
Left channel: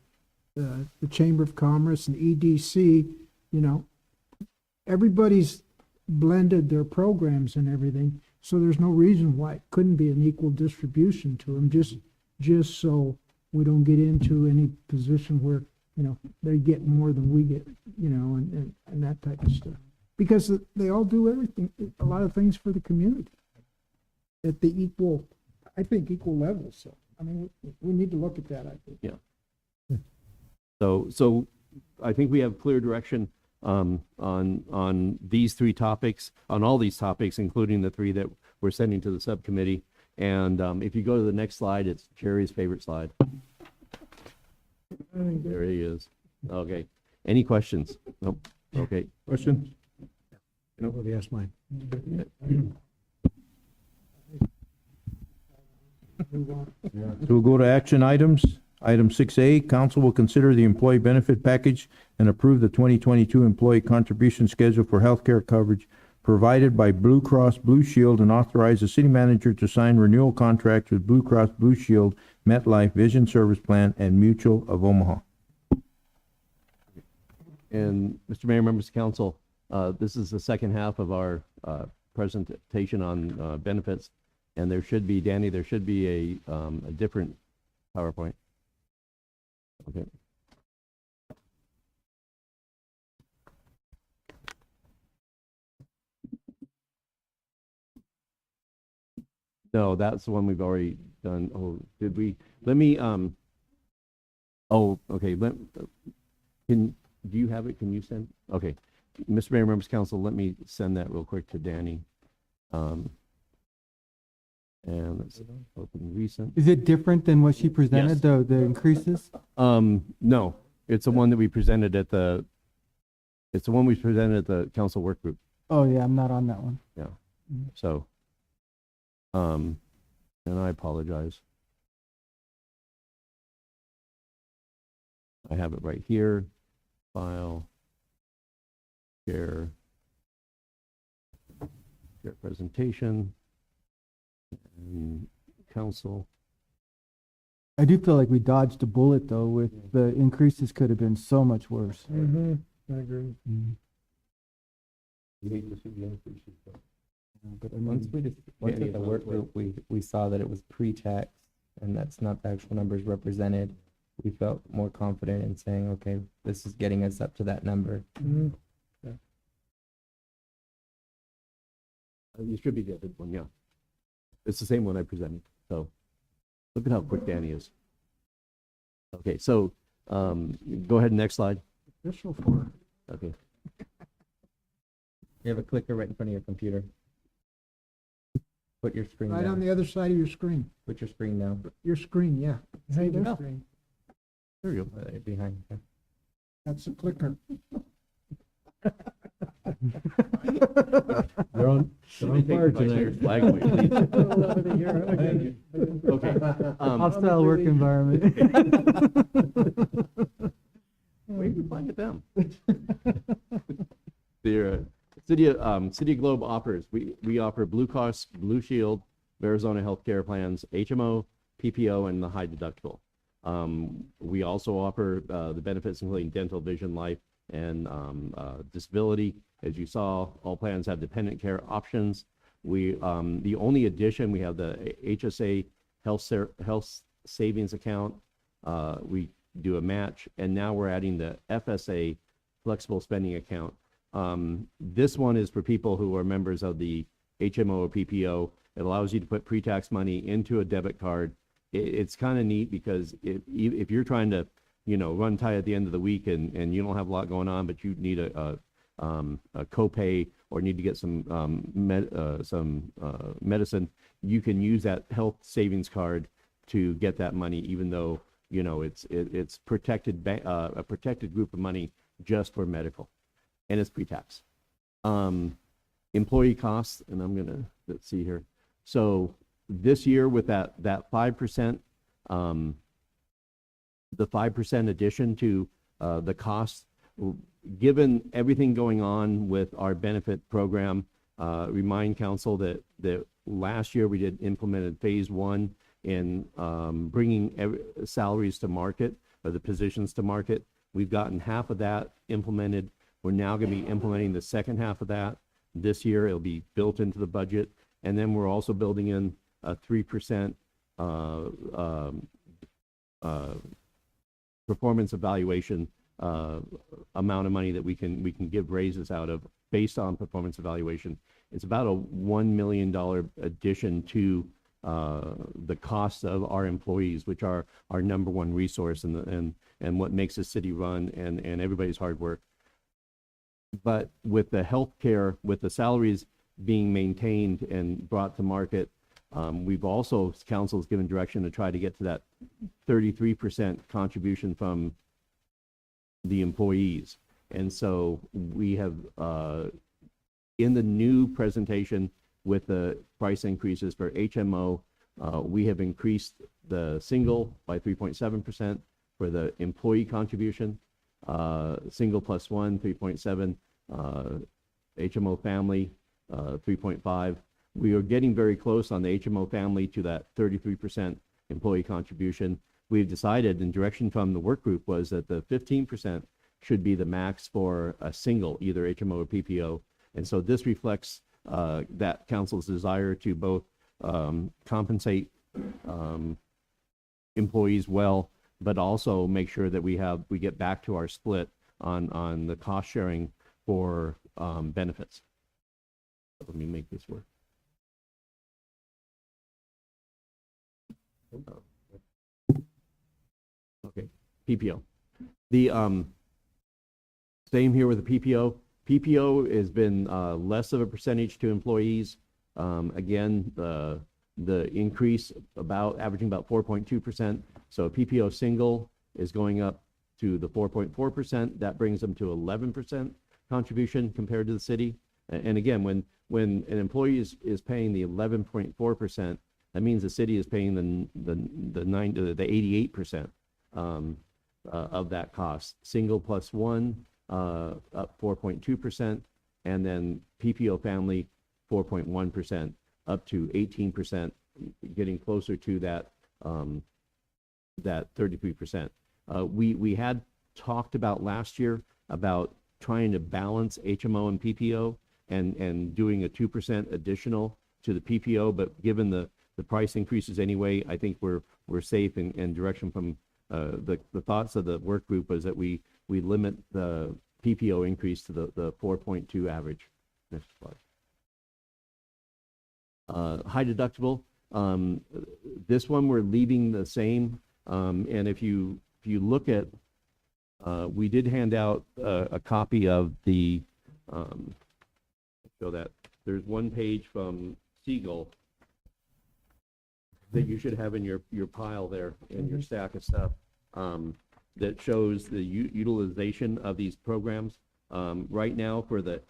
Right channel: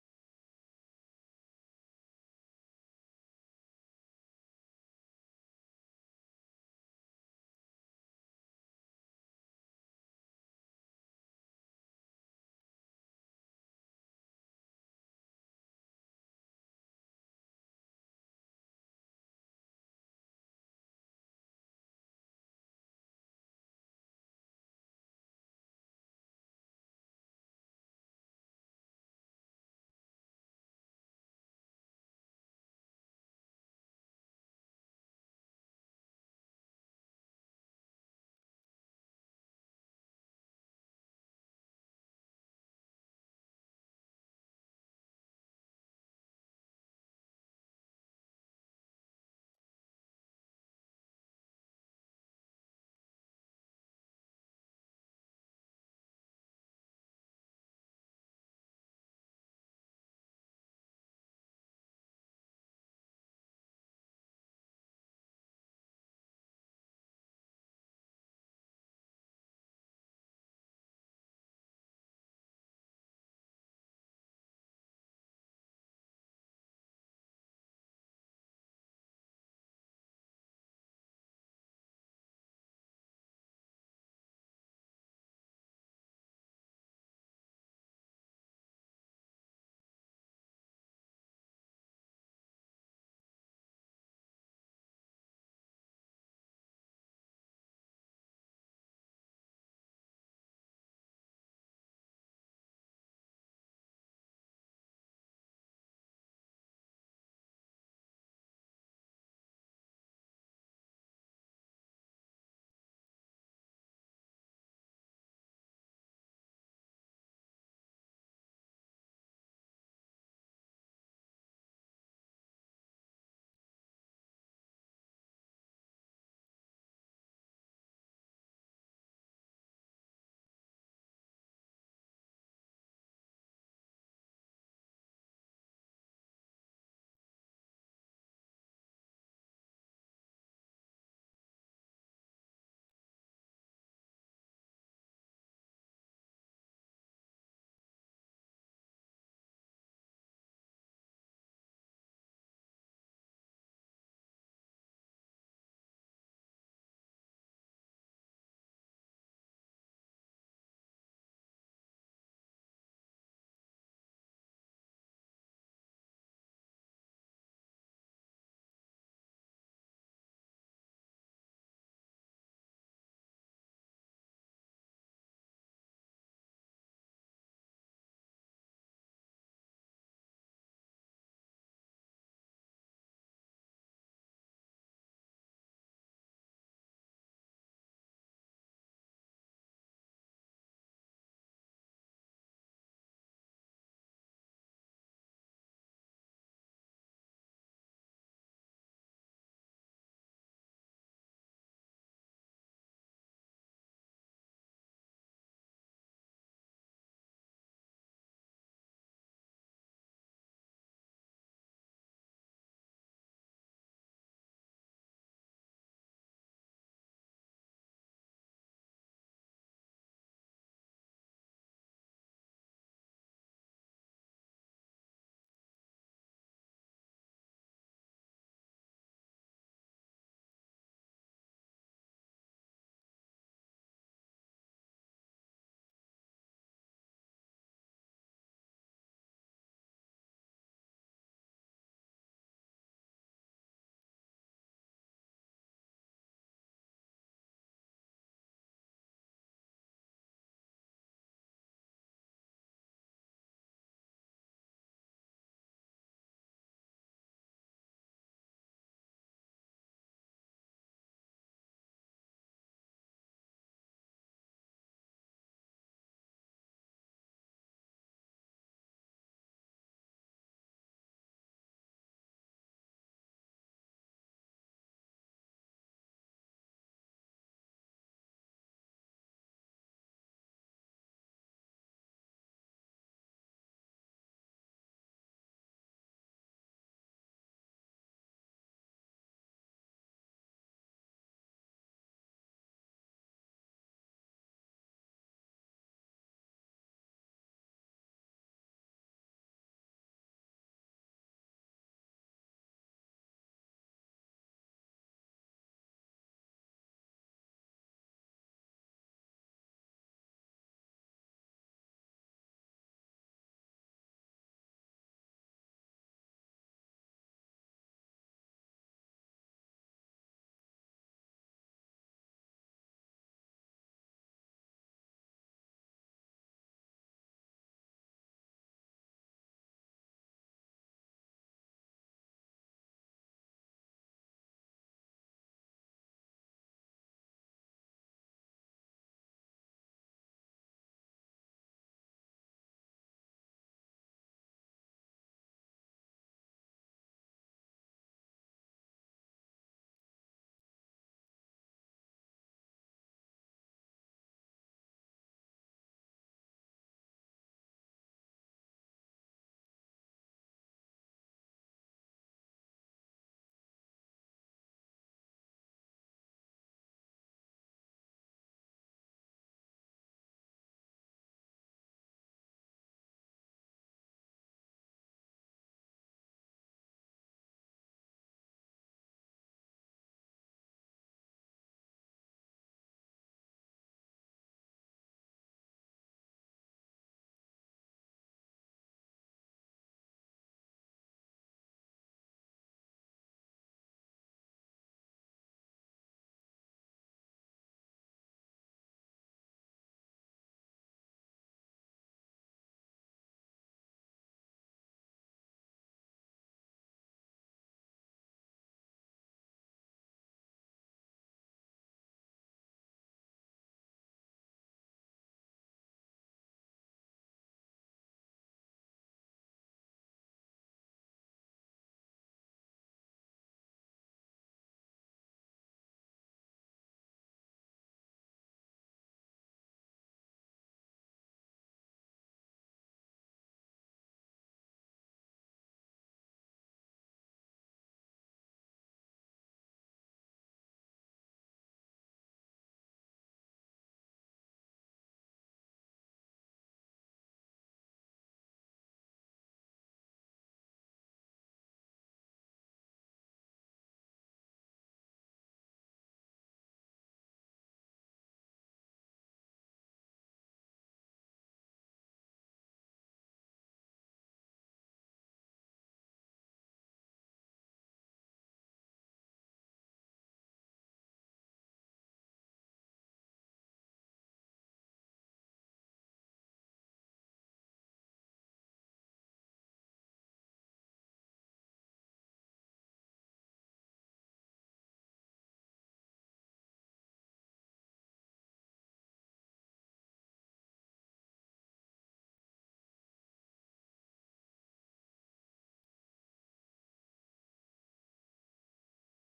the Chamber of Commerce and EDC, everybody's blended their programs and everything. So there's no reason why it couldn't be an equal distribution to them, just so we don't get into any position where, they get more than we get, and that type of stuff. Because they all do everything, a lot of things for the community at the equal level. So, I mean, we need to look at that, I think. Yeah. So I think we have clear direction on these three topics, on all these topics, including the three that we're sending to the subcommittee. And if you go to the next slide, it's Jerry's favorite slide. There he is. Okay. Any questions? Nope. Okay. Question? Nobody asked mine. So we'll go to action items. Item 6A, council will consider the employee benefit package and approve the 2022 employee contribution schedule for healthcare coverage provided by Blue Cross Blue Shield and authorize the city manager to sign renewal contracts with Blue Cross Blue Shield, MetLife Vision Service Plan, and Mutual of Omaha. And Mr. Mayor, members of council, this is the second half of our presentation on benefits, and there should be, Danny, there should be a different PowerPoint. Okay. No, that's the one we've already done. Oh, did we? Let me, oh, okay. Do you have it? Can you send? Okay. Mr. Mayor, members of council, let me send that real quick to Danny. And let's open recent. Is it different than what she presented, Yes. the increases? No, it's the one that we presented at the, it's the one we presented at the council work group. Oh, yeah, I'm not on that one. Yeah. So, and I apologize. I have it right here. File. Share presentation. And council. I do feel like we dodged a bullet though with the increases could have been so much worse. Mm-hmm, I agree. You hate to see the increases, but. But once we just went to the work group, we saw that it was pre-tax, and that's not the actual numbers represented. We felt more confident in saying, okay, this is getting us up to that number. Mm-hmm. You should be the other one, yeah. It's the same one I presented, so look at how quick Danny is. Okay, so go ahead, next slide. Official for. Okay. You have a clicker right in front of your computer. Put your screen Right down. on the other side of your screen. Put your screen down. Your screen, yeah. Hey, Your there. screen. There you go. Right behind. Okay. That's a clicker. They're on fire tonight. Flag away, please. Okay. Hostile work environment. Where you find it them? The City of Globe offers, we offer Blue Cross, Blue Shield, Arizona healthcare plans, HMO, PPO, and the high deductible. We also offer the benefits including dental, vision, life, and disability. As you saw, all plans have dependent care options. The only addition, we have the HSA health savings account. We do a match, and now we're adding the FSA flexible spending account. This one is for people who are members of the HMO or PPO. It allows you to put pre-tax money into a debit card. It's kind of neat because if you're trying to, run tight at the end of the week and you don't have a lot going on, but you need a copay or need to get some medicine, you can use that health savings card to get that money, even though it's protected a protected group of money just for medical, and it's pre-tax. Employee costs, and let's see here. So this year with that 5%, the 5% addition to the cost, given everything going on with our benefit program, remind council that last year we implemented phase 1 in bringing salaries to market, or the positions to market. We've gotten half of that implemented. We're now going to be implementing the second half of that this year. It'll be built into the budget. And then we're also building in a 3% performance evaluation amount of money that we can give raises out of based on performance evaluation. It's about a $1 million addition to the cost of our employees, which are our number one resource and what makes the city run and everybody's hard work. But with the healthcare, with the salaries being maintained and brought to market, we've also, council's given direction to try to get to that 33% contribution from the employees. And so we have, in the new presentation with the price increases for HMO, we have increased the single by 3.7% for the employee contribution, single plus one, 3.7, HMO family, 3.5. We are getting very close on the HMO family to that 33% employee contribution. We've decided, in direction from the work group, was that the 15% should be the max for a single, either HMO or PPO. And so this reflects that council's desire to both compensate employees well, but also make sure that we get back to our split on the cost sharing for benefits. Let me make this work. Okay, PPO. The same here with the PPO. PPO has been less of a percentage to employees. Again, the increase averaging about 4.2%. So PPO single is going up to the 4.4%. That brings them to 11% contribution compared to the city. And again, when an employee is paying the 11.4%, that means the city is paying the 88% of that cost. Single plus one up 4.2%, and then PPO family 4.1% up to 18% getting closer to that, that 33%. We had talked about last year about trying to balance HMO and PPO and doing a 2% additional to the PPO, but given the price increases anyway, I think we're safe, and direction from the thoughts of the work group was that we limit the PPO increase to the 4.2 average. Next slide. High deductible. This one we're leaving the same, and if you look at, we did hand out a copy of the, show that there's one page from Segal that you should have in your pile there, in your stack of stuff, that shows the utilization of these programs. Right now for the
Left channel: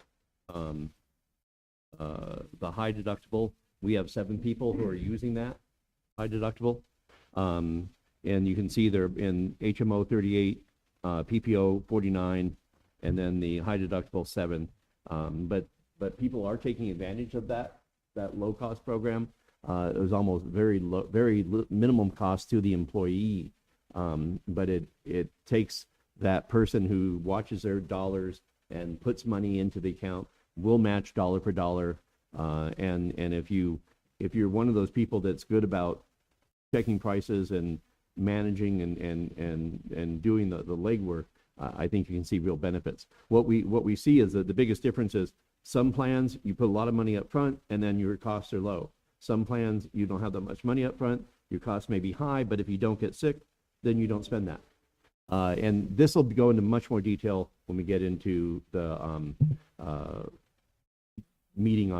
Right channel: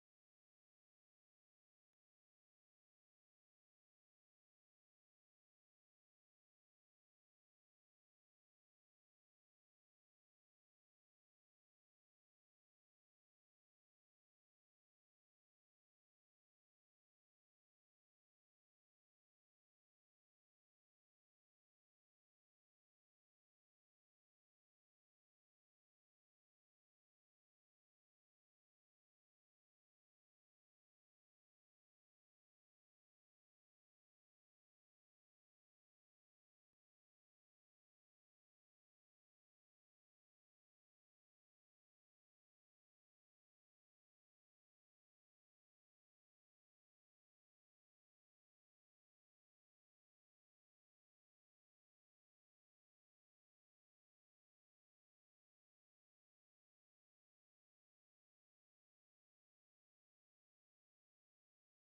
high deductible, we have 7 people who are using that high deductible. And you can see they're in HMO 38, PPO 49, and then the high deductible 7. But people are taking advantage of that low cost program. It was almost very minimum cost to the employee. But it takes that person who watches their dollars and puts money into the account. We'll match dollar for dollar. And if you're one of those people that's good about checking prices and managing and doing the legwork, I think you can see real benefits. What we see is that the biggest difference is some plans you put a lot of money up front and then your costs are low. Some plans you don't have that much money up front, your costs may be high, but if you don't get sick, then you don't spend that. And this will go into much more detail when we get into the meeting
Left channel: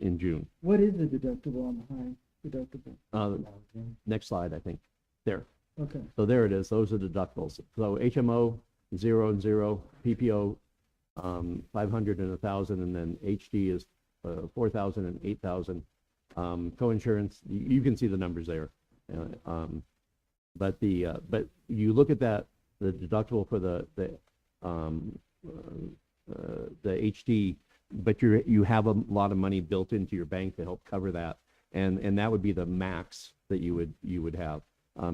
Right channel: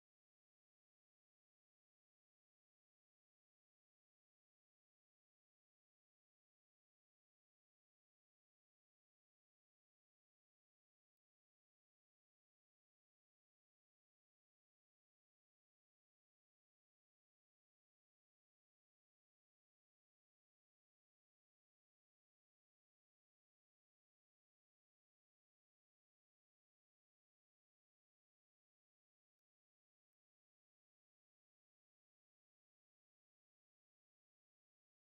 in June. What is the deductible on the high deductible? Next slide, I think. There. Okay. So there it is. Those are deductibles. So HMO 0 and 0, PPO 500 and 1,000, and then HD is 4,000 and 8,000. Coinsurance, you can see the numbers there. But you look at that, the deductible for the HD, but you have a lot of money built into your bank to help cover that, and that would be the max that you would have.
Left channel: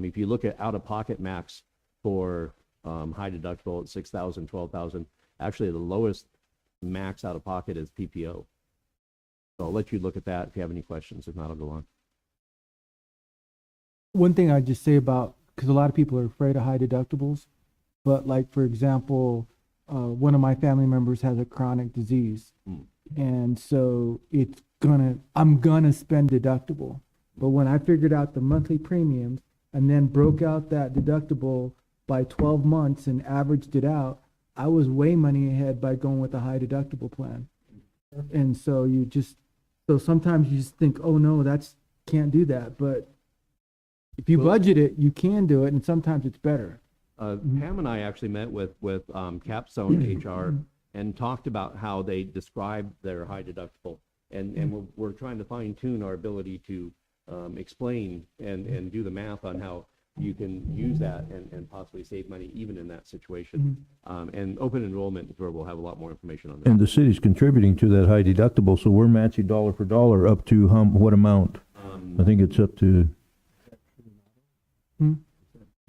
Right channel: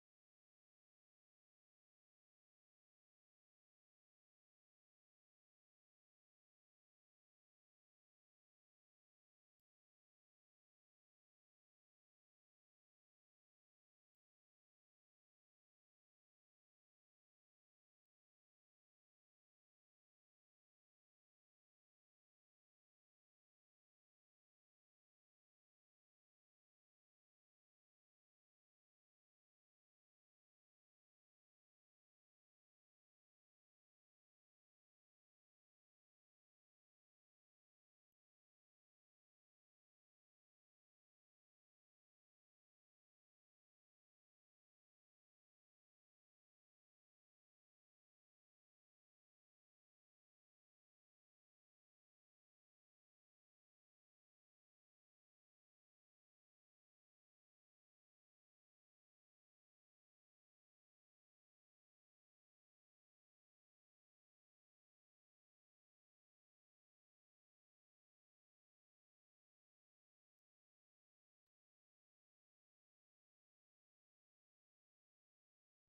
If you look at out-of-pocket max for high deductible at 6,000, 12,000, actually the lowest max out-of-pocket is PPO. So I'll let you look at that if you have any questions. If not, I'll go on. One thing I'd just say about, because a lot of people are afraid of high deductibles, but like, for example, one of my family members has a chronic disease. And so I'm gonna spend deductible. But when I figured out the monthly premiums and then broke out that deductible by 12 months and averaged it out, I was way money ahead by going with a high deductible plan. And so so sometimes you just think, oh no, can't do that. But if you budget it, you can do it, and sometimes it's better. Pam and I actually met with Capstone HR and talked about how they describe their high deductible, and we're trying to fine tune our ability to explain and do the math on how you can use that and possibly save money even in that situation. And open enrollment is where we'll have a lot more information on that. And the city's contributing to that high deductible, so we're matching dollar for dollar up to what amount? I think it's up to.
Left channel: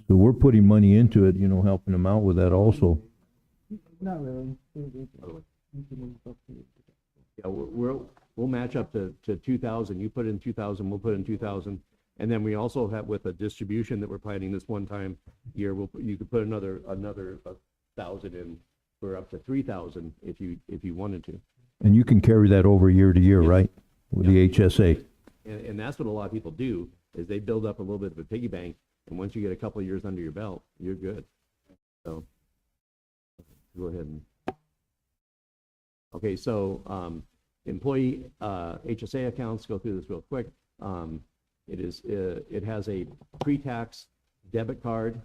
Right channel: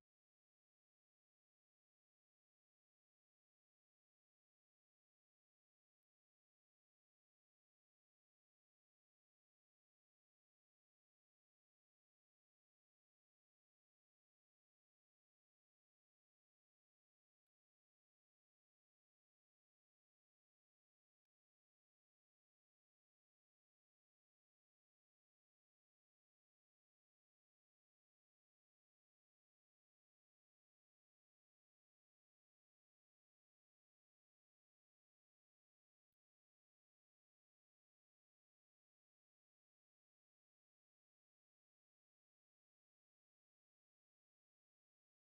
So we're putting money into it, helping them out with that also. Not really. Yeah, we'll match up to 2,000. You put in 2,000, we'll put in 2,000. And then we also have, with a distribution that we're planning this one time year, you could put another 1,000 in for up to 3,000 if you wanted to. And you can carry that over year to year, right? With the HSA. And that's what a lot of people do, is they build up a little bit of a piggy bank, and once you get a couple of years under your belt, you're good. So go ahead and. Okay, so employee HSA accounts, go through this real quick. It has a pre-tax debit card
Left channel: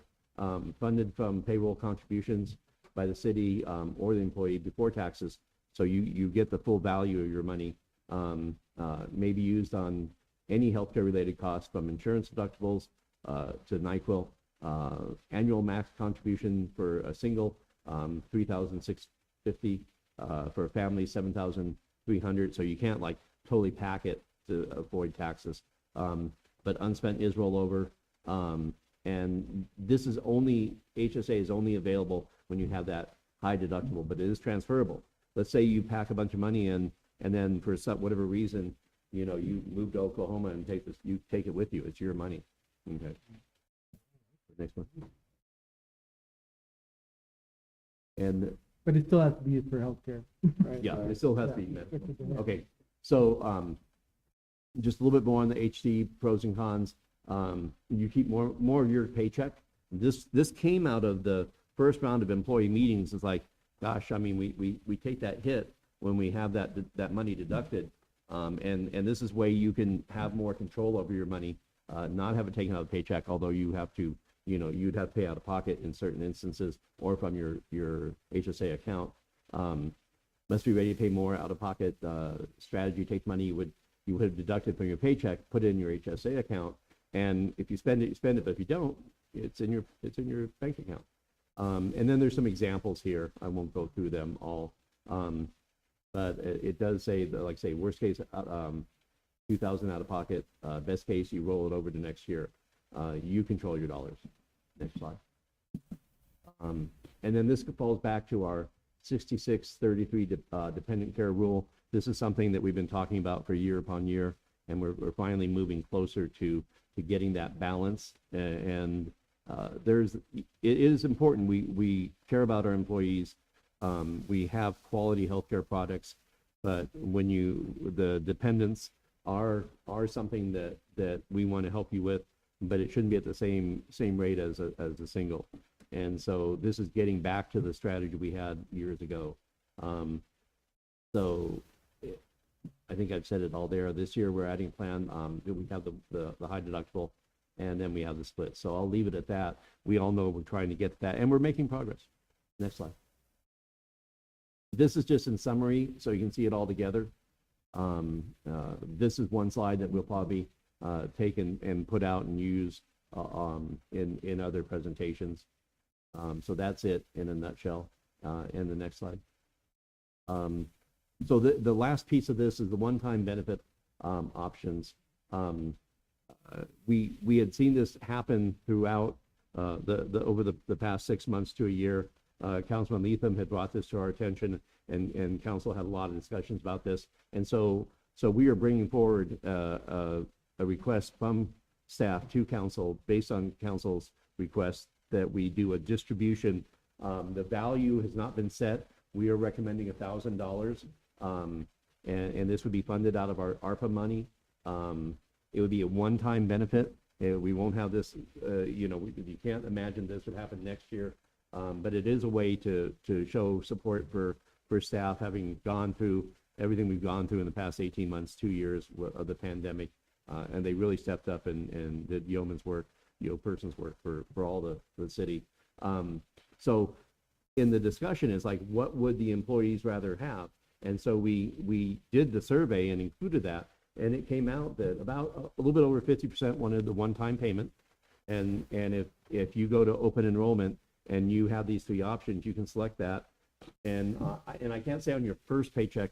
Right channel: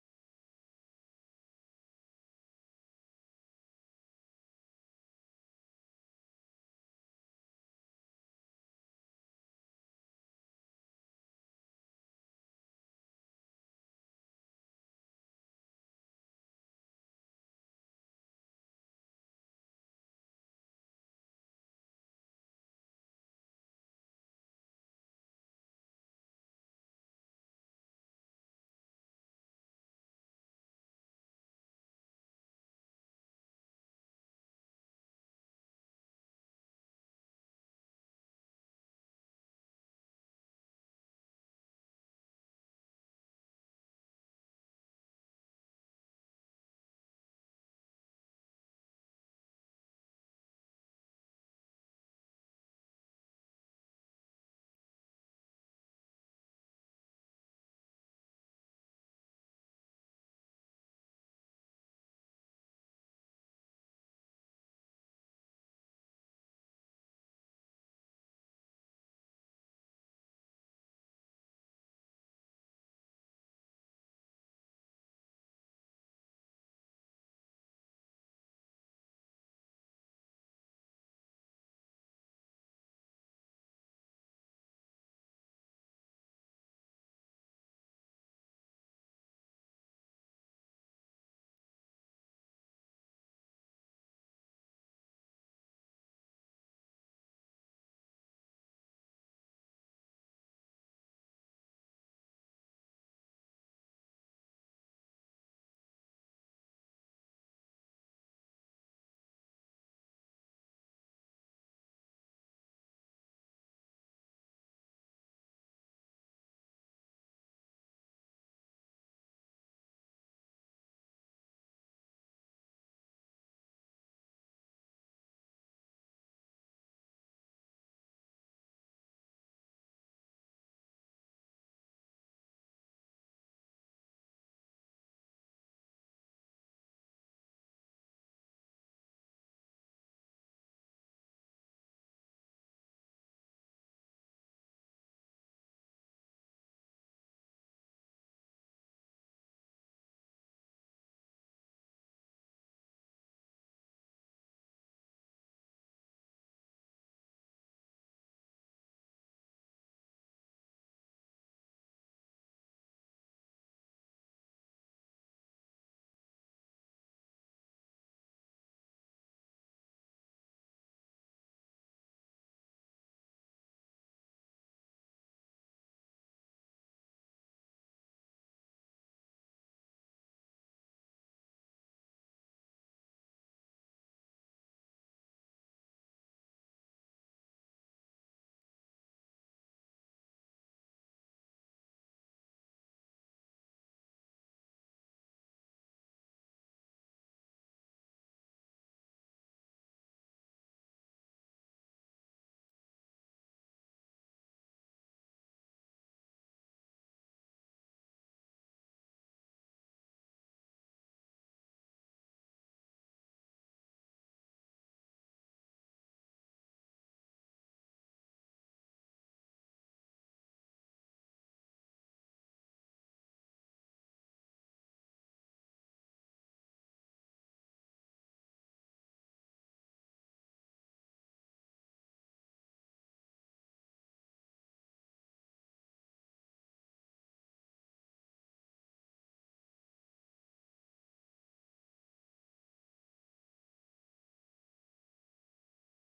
funded from payroll contributions by the city or the employee before taxes. So you get the full value of your money. May be used on any healthcare related costs, from insurance deductibles to NyQuil. Annual max contribution for a single, $3,650. For a family, $7,300. So you can't totally pack it to avoid taxes. but unspent is rollover. And this is only, HSA is only available when you have that high deductible, but it is transferable. Let's say you pack a bunch of money in, and then for whatever reason, you know, you move to Oklahoma and you take it with you. It's your money. Okay. Next one. And But it still has to be used for healthcare. Right? yeah, it still has to be met. Okay, so just a little bit more on the HC pros and cons. You keep more of your paycheck. This came out of the first round of employee meetings. It's like, gosh, I mean, we take that hit when we have that money deducted, and this is way you can have more control over your money, not have it taken out of the paycheck. Although you have to, you know, you'd have to pay out of pocket in certain instances, or from your HSA account. Must be ready to pay more out of pocket. Strategy takes money you would have deducted from your paycheck, put it in your HSA account, and if you spend it, you spend it. But if you don't, it's in your bank account. And then there's some examples here. I won't go through them all, but it does say that, like say, worst case, 2,000 out of pocket. Best case, you roll it over to next year. You control your dollars. Next slide. And then this falls back to our 66-33 dependent care rule. This is something that we've been talking about for year upon year, and we're finally moving closer to getting that balance. And it is important. We care about our employees. We have quality healthcare products, but when the dependents are something that we want to help you with, but it shouldn't be at the same rate as a single. And so this is getting back to the strategy we had years ago. I think I've said it all there. This year we're adding a plan that we have the high deductible, and then we have the split. So I'll leave it at that. We all know we're trying to get to that, and we're making progress. Next slide. This is just in summary, so you can see it all together. This is one slide that we'll probably take and put out and use in other presentations. So that's it in a nutshell. In the next slide. So the last piece of this is the one-time benefit options. We had seen this happen throughout over the past 6 months to a year. Councilman Leatham had brought this to our attention, and council had a lot of discussions about this. And so we are bringing forward a request from staff to council based on council's request that we do a distribution. The value has not been set. We are recommending $1,000, and this would be funded out of our ARPA money. It would be a one-time benefit. We won't have this, you can't imagine this would happen next year, but it is a way to show support for staff, having gone through everything we've gone through in the past 18 months, 2 years of the pandemic, and they really stepped up and did yeoman's work, person's work for all the city. So in the discussion is like, what would the employees rather have? And so we did the survey and included that, and it came out that about a little bit over 50% wanted the one-time payment. And if you go to open enrollment and you have these three options, you can select that. And I can't say on your first paycheck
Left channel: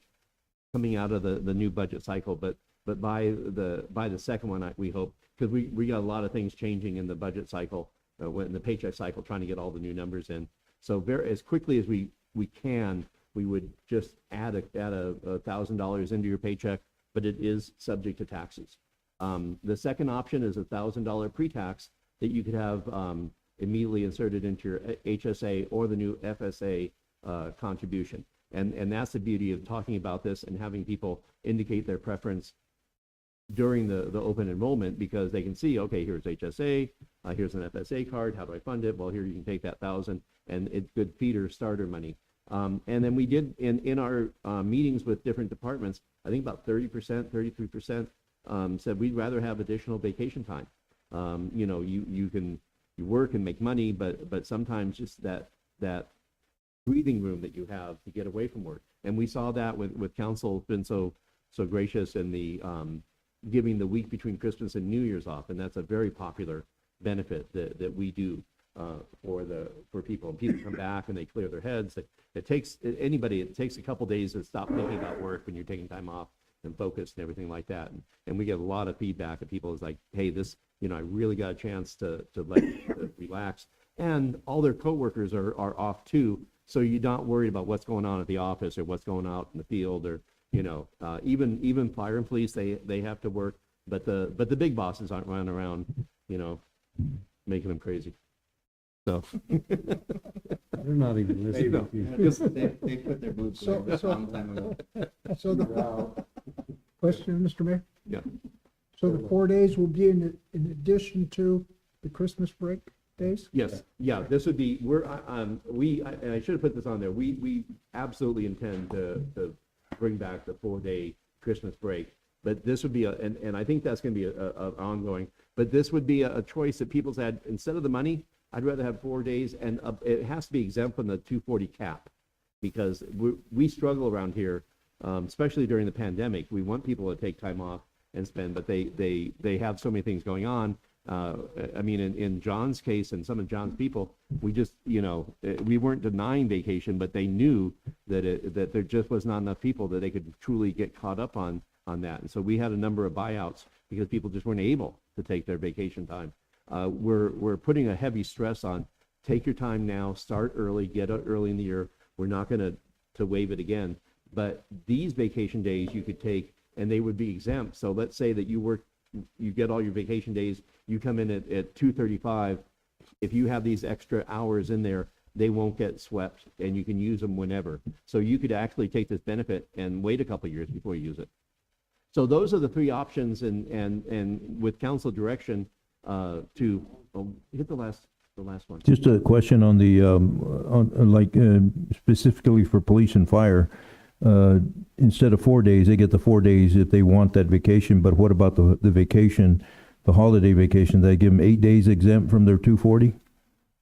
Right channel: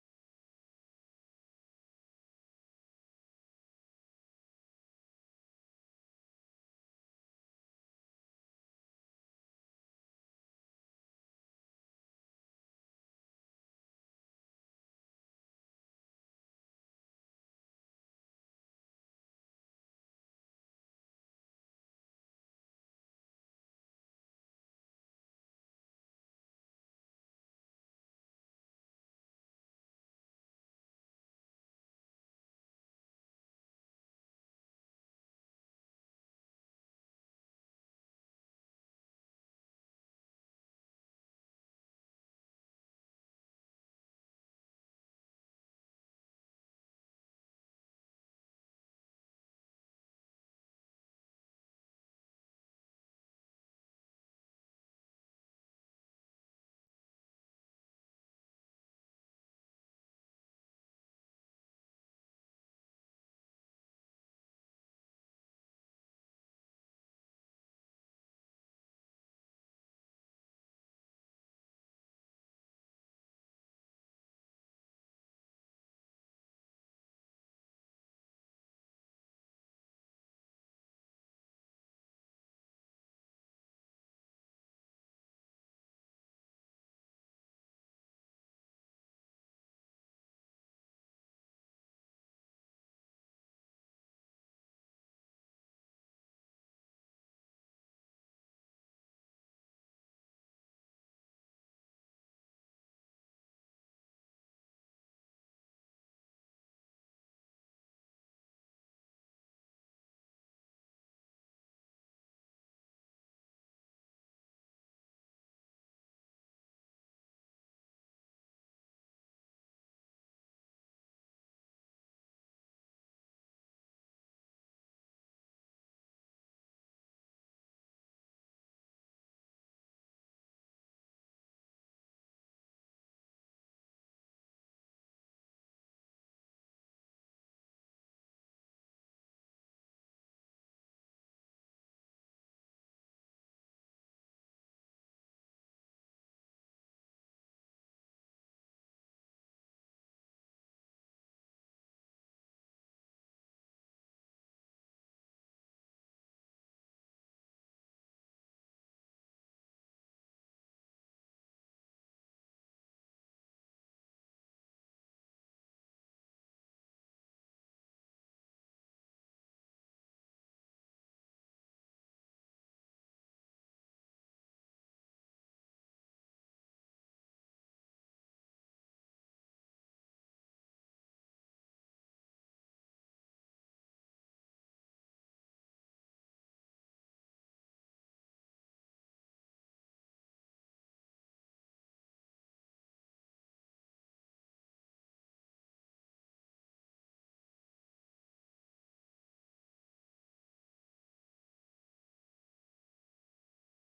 coming out of the new budget cycle, but by the second one, we hope, because we got a lot of things changing in the budget cycle, in the paycheck cycle, trying to get all the new numbers in. So as quickly as we can, we would just add $1,000 into your paycheck, but it is subject to taxes. The second option is $1,000 pre-tax that you could have immediately inserted into your HSA or the new FSA contribution. And that's the beauty of talking about this and having people indicate their preference during the open enrollment, because they can see, okay, here's HSA, here's an FSA card, how do I fund it? Well, here you can take that 1,000, and it's good feeder starter money. And then we did in our meetings with different departments, I think about 30%, 33% said we'd rather have additional vacation time. You work and make money, but sometimes just that breathing room that you have to get away from work. And we saw that with council been so gracious in the giving the week between Christmas and New Year's off, and that's a very popular benefit that we do for people. And people come back and they clear their heads. It takes a couple days to stop thinking about work when you're taking time off and focused and everything like that. And we get a lot of feedback of people is like, hey, this, I really got a chance to relax. And all their coworkers are off too, so you're not worried about what's going on at the office or what's going out in the field, or even fire and police, they have to work, but the big bosses aren't running around, making them crazy. So They're not even listening to you. They put their boots So- away a so- long time ago. So the question, Mr. Mayor? Yeah. So the 4 days will be in addition to the Christmas break days? Yes, yeah, this would be, and I should have put this on there, we absolutely intend to bring back the 4-day Christmas break, but this would be and I think that's gonna be a ongoing, but this would be a choice that people said, instead of the money, I'd rather have 4 days, and it has to be exempt from the 240 cap, because we struggle around here, especially during the pandemic. We want people to take time off and spend, but they have so many things going on. I mean, in John's case and some of John's people, we just, we weren't denying vacation, but they knew that there just was not enough people that they could truly get caught up on that. And so we had a number of buyouts because people just weren't able to take their vacation time. We're putting a heavy stress on, take your time now, start early, get out early in the year. We're not going to waive it again, but these vacation days you could take and they would be exempt. So let's say that you get all your vacation days, you come in at 2:35. If you have these extra hours in there, they won't get swept and you can use them whenever. So you could actually take this benefit and wait a couple of years before you use it. So those are the three options, and with council direction to hit the last one. Just a question on the, specifically for police and fire. Instead of 4 days, they get the 4 days if they want that vacation, but what about the vacation, the holiday vacation? They give them 8 days exempt from their 240?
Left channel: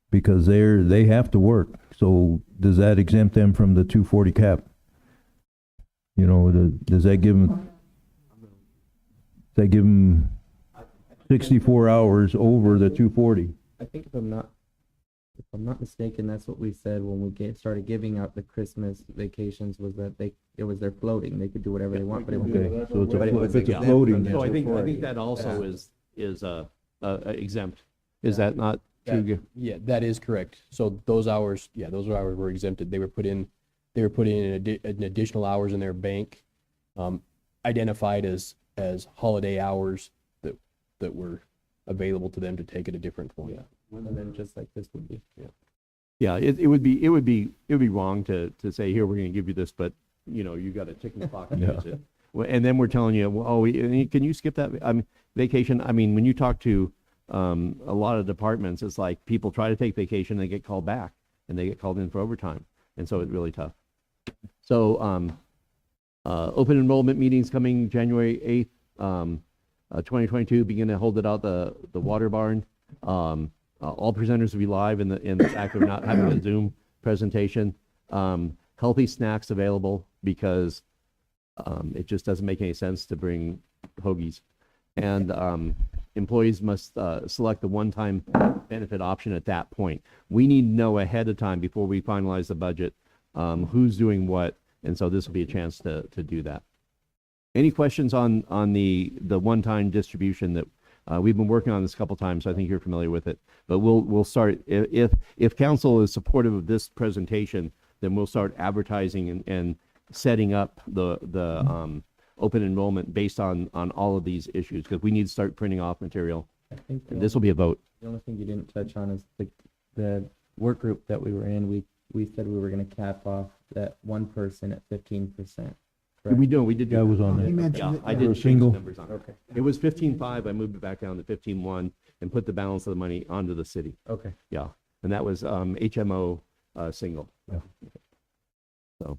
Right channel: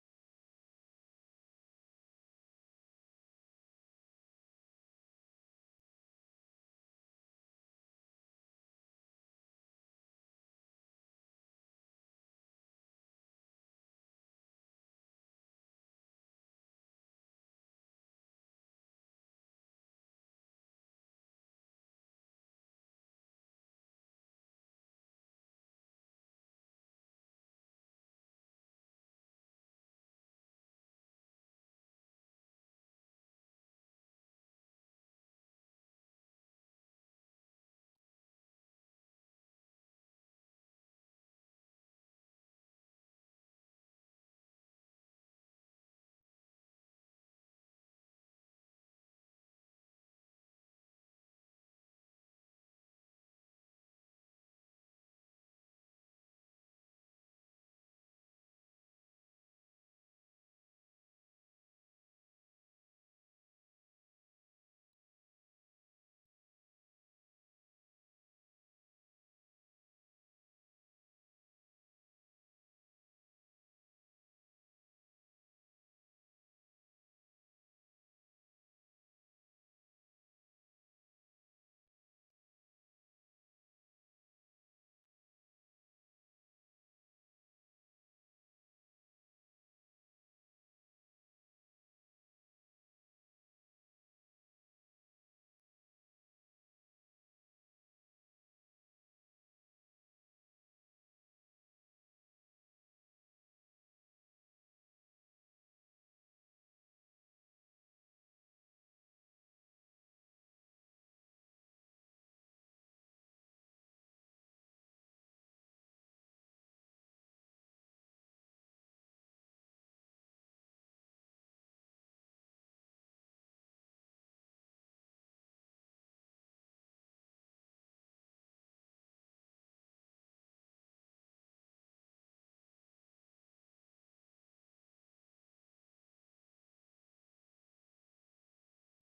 Because they have to work, so does that exempt them from the 240 cap? Does that give them 64 hours over the 240? I think if I'm not mistaken, that's what we said when we started giving out the Christmas vacations, was that it was their floating. They could do whatever they want, but it was So it's was if it's a exempt floating. from So I think the that also is exempt. Is that not true? Yeah, that is correct. So those hours were exempted. They were put in an additional hours in their bank, identified as holiday hours that were available to them to take at a different point. and then just like this would be. Yeah, it would be wrong to say, here, we're going to give you this, but you got to tick the clock and use it. And then we're telling you, well, can you skip that vacation? I mean, when you talk to a lot of departments, it's like people try to take vacation, they get called back, and they get called in for overtime, and so it's really tough. So open enrollment meetings coming January 8th, 2022. Begin to hold it out the water barn. All presenters will be live in the fact of not having a Zoom presentation. Healthy snacks available, because it just doesn't make any sense to bring hoagies. And employees must select the one-time benefit option at that point. We need to know ahead of time before we finalize the budget who's doing what, and so this will be a chance to do that. Any questions on the one-time distribution that we've been working on this a couple times, so I think you're familiar with it. But we'll start, if council is supportive of this presentation, then we'll start advertising and setting up the open enrollment based on all of these issues, because we need to start printing off material. I think And this will be a vote. the only thing you didn't touch on is the work group that we were in. We said we were going to cap off that one person at 15%. We did. That was on He there. mentioned Yeah, it. I For did a change the single? numbers on it. Okay. It was 15.5. I moved it back down to 15.1 and put the balance of the money onto the city. Okay. Yeah, and that was HMO single. Yeah. So,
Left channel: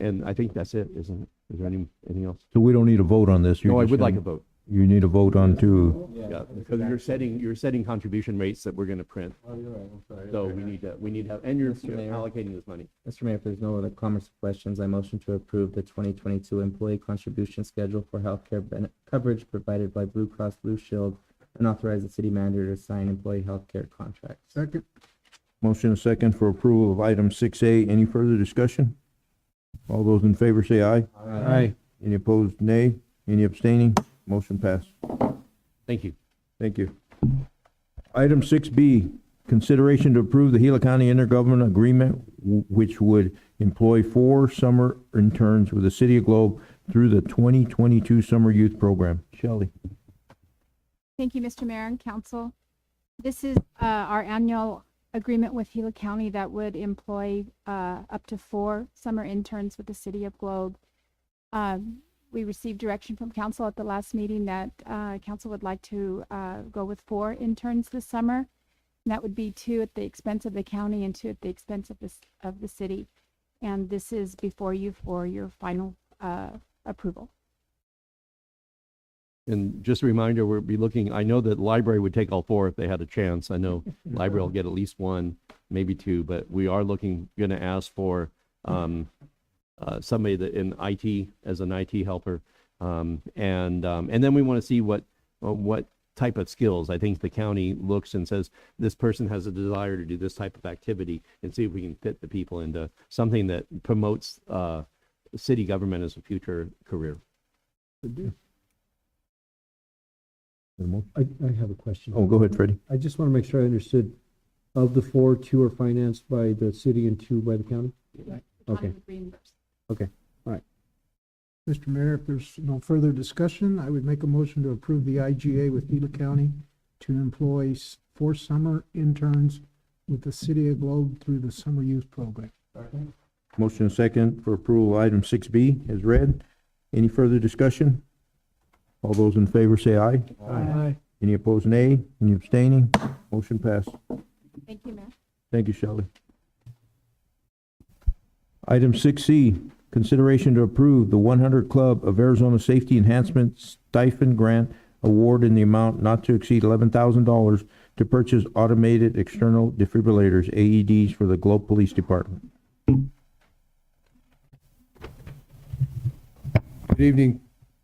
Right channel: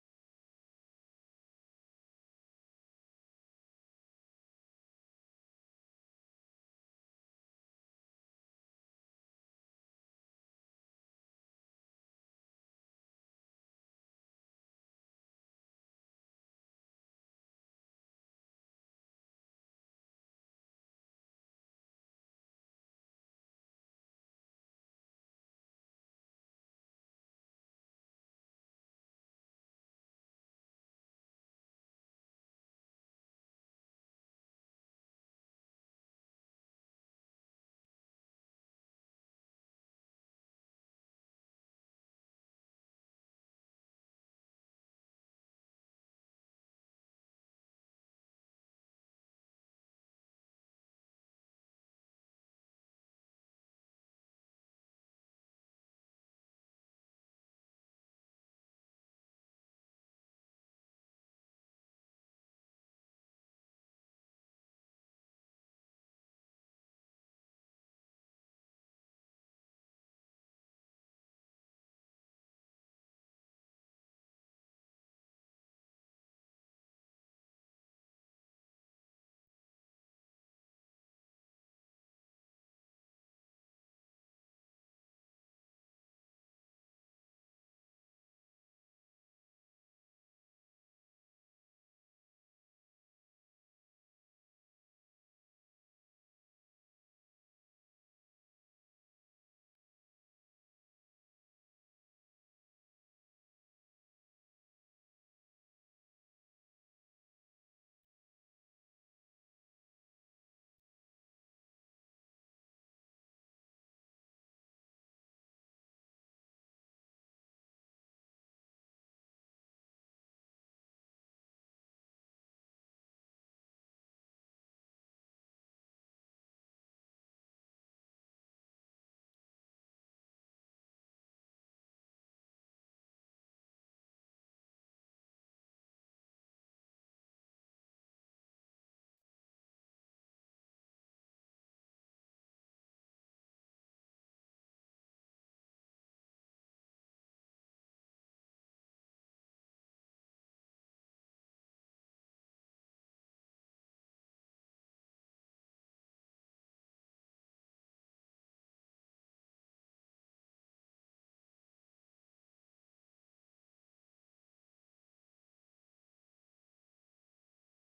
and I think that's it, isn't it? Is there anything else? So we don't need a vote on this? No, I would like a vote. You need a vote on to, Yeah, because you're setting contribution rates that we're going to print. Oh, you're right. I'm sorry. So we need to have, and you're Mr. Mayor. allocating this money. Mr. Mayor, if there's no other comments or questions, I motion to approve the 2022 employee contribution schedule for healthcare coverage provided by Blue Cross Blue Shield, and authorize the city manager to sign employee healthcare contracts. Second. motion a second for approval of item 6A. Any further discussion? All those in favor say aye. Aye. Any opposed, nay? Any abstaining? Motion passed. Thank you. Thank you. Item 6B, consideration to approve the Gila County intergovernmental agreement, which would employ 4 summer interns with the City of Globe through the 2022 Summer Youth Program. Shelley. Thank you, Mr. Mayor and Council. This is our annual agreement with Gila County that would employ up to 4 summer interns with the City of Globe. We received direction from council at the last meeting that council would like to go with 4 interns this summer. And that would be 2 at the expense of the county and 2 at the expense of the city. And this is before you for your final approval. And just a reminder, we'll be looking, I know that library would take all 4 if they had a chance. I know library will get at least 1, maybe 2, but we are gonna ask for somebody that in IT as an IT helper. And then we want to see what type of skills. I think the county looks and says, this person has a desire to do this type of activity, and see if we can fit the people into something that promotes city government as a future career. I have a question. Oh, go ahead, Freddie. I just want to make sure I understood. Of the 4, 2 are financed by the city and 2 by the county? Okay. Okay, all right. Mr. Mayor, if there's no further discussion, I would make a motion to approve the IGA with Gila County to employ 4 summer interns with the City of Globe through the Summer Youth Program. Motion second for approval of item 6B is read. Any further discussion? All those in favor say aye. Aye. Any opposed, nay? Any abstaining? Motion passed. Thank you, Mayor. Thank you, Shelley. Item 6C, consideration to approve the 100 Club of Arizona Safety Enhancement Stipend Grant Award in the amount not to exceed $11,000 to purchase automated external defibrillators, AEDs, for the Globe Police Department. Good evening,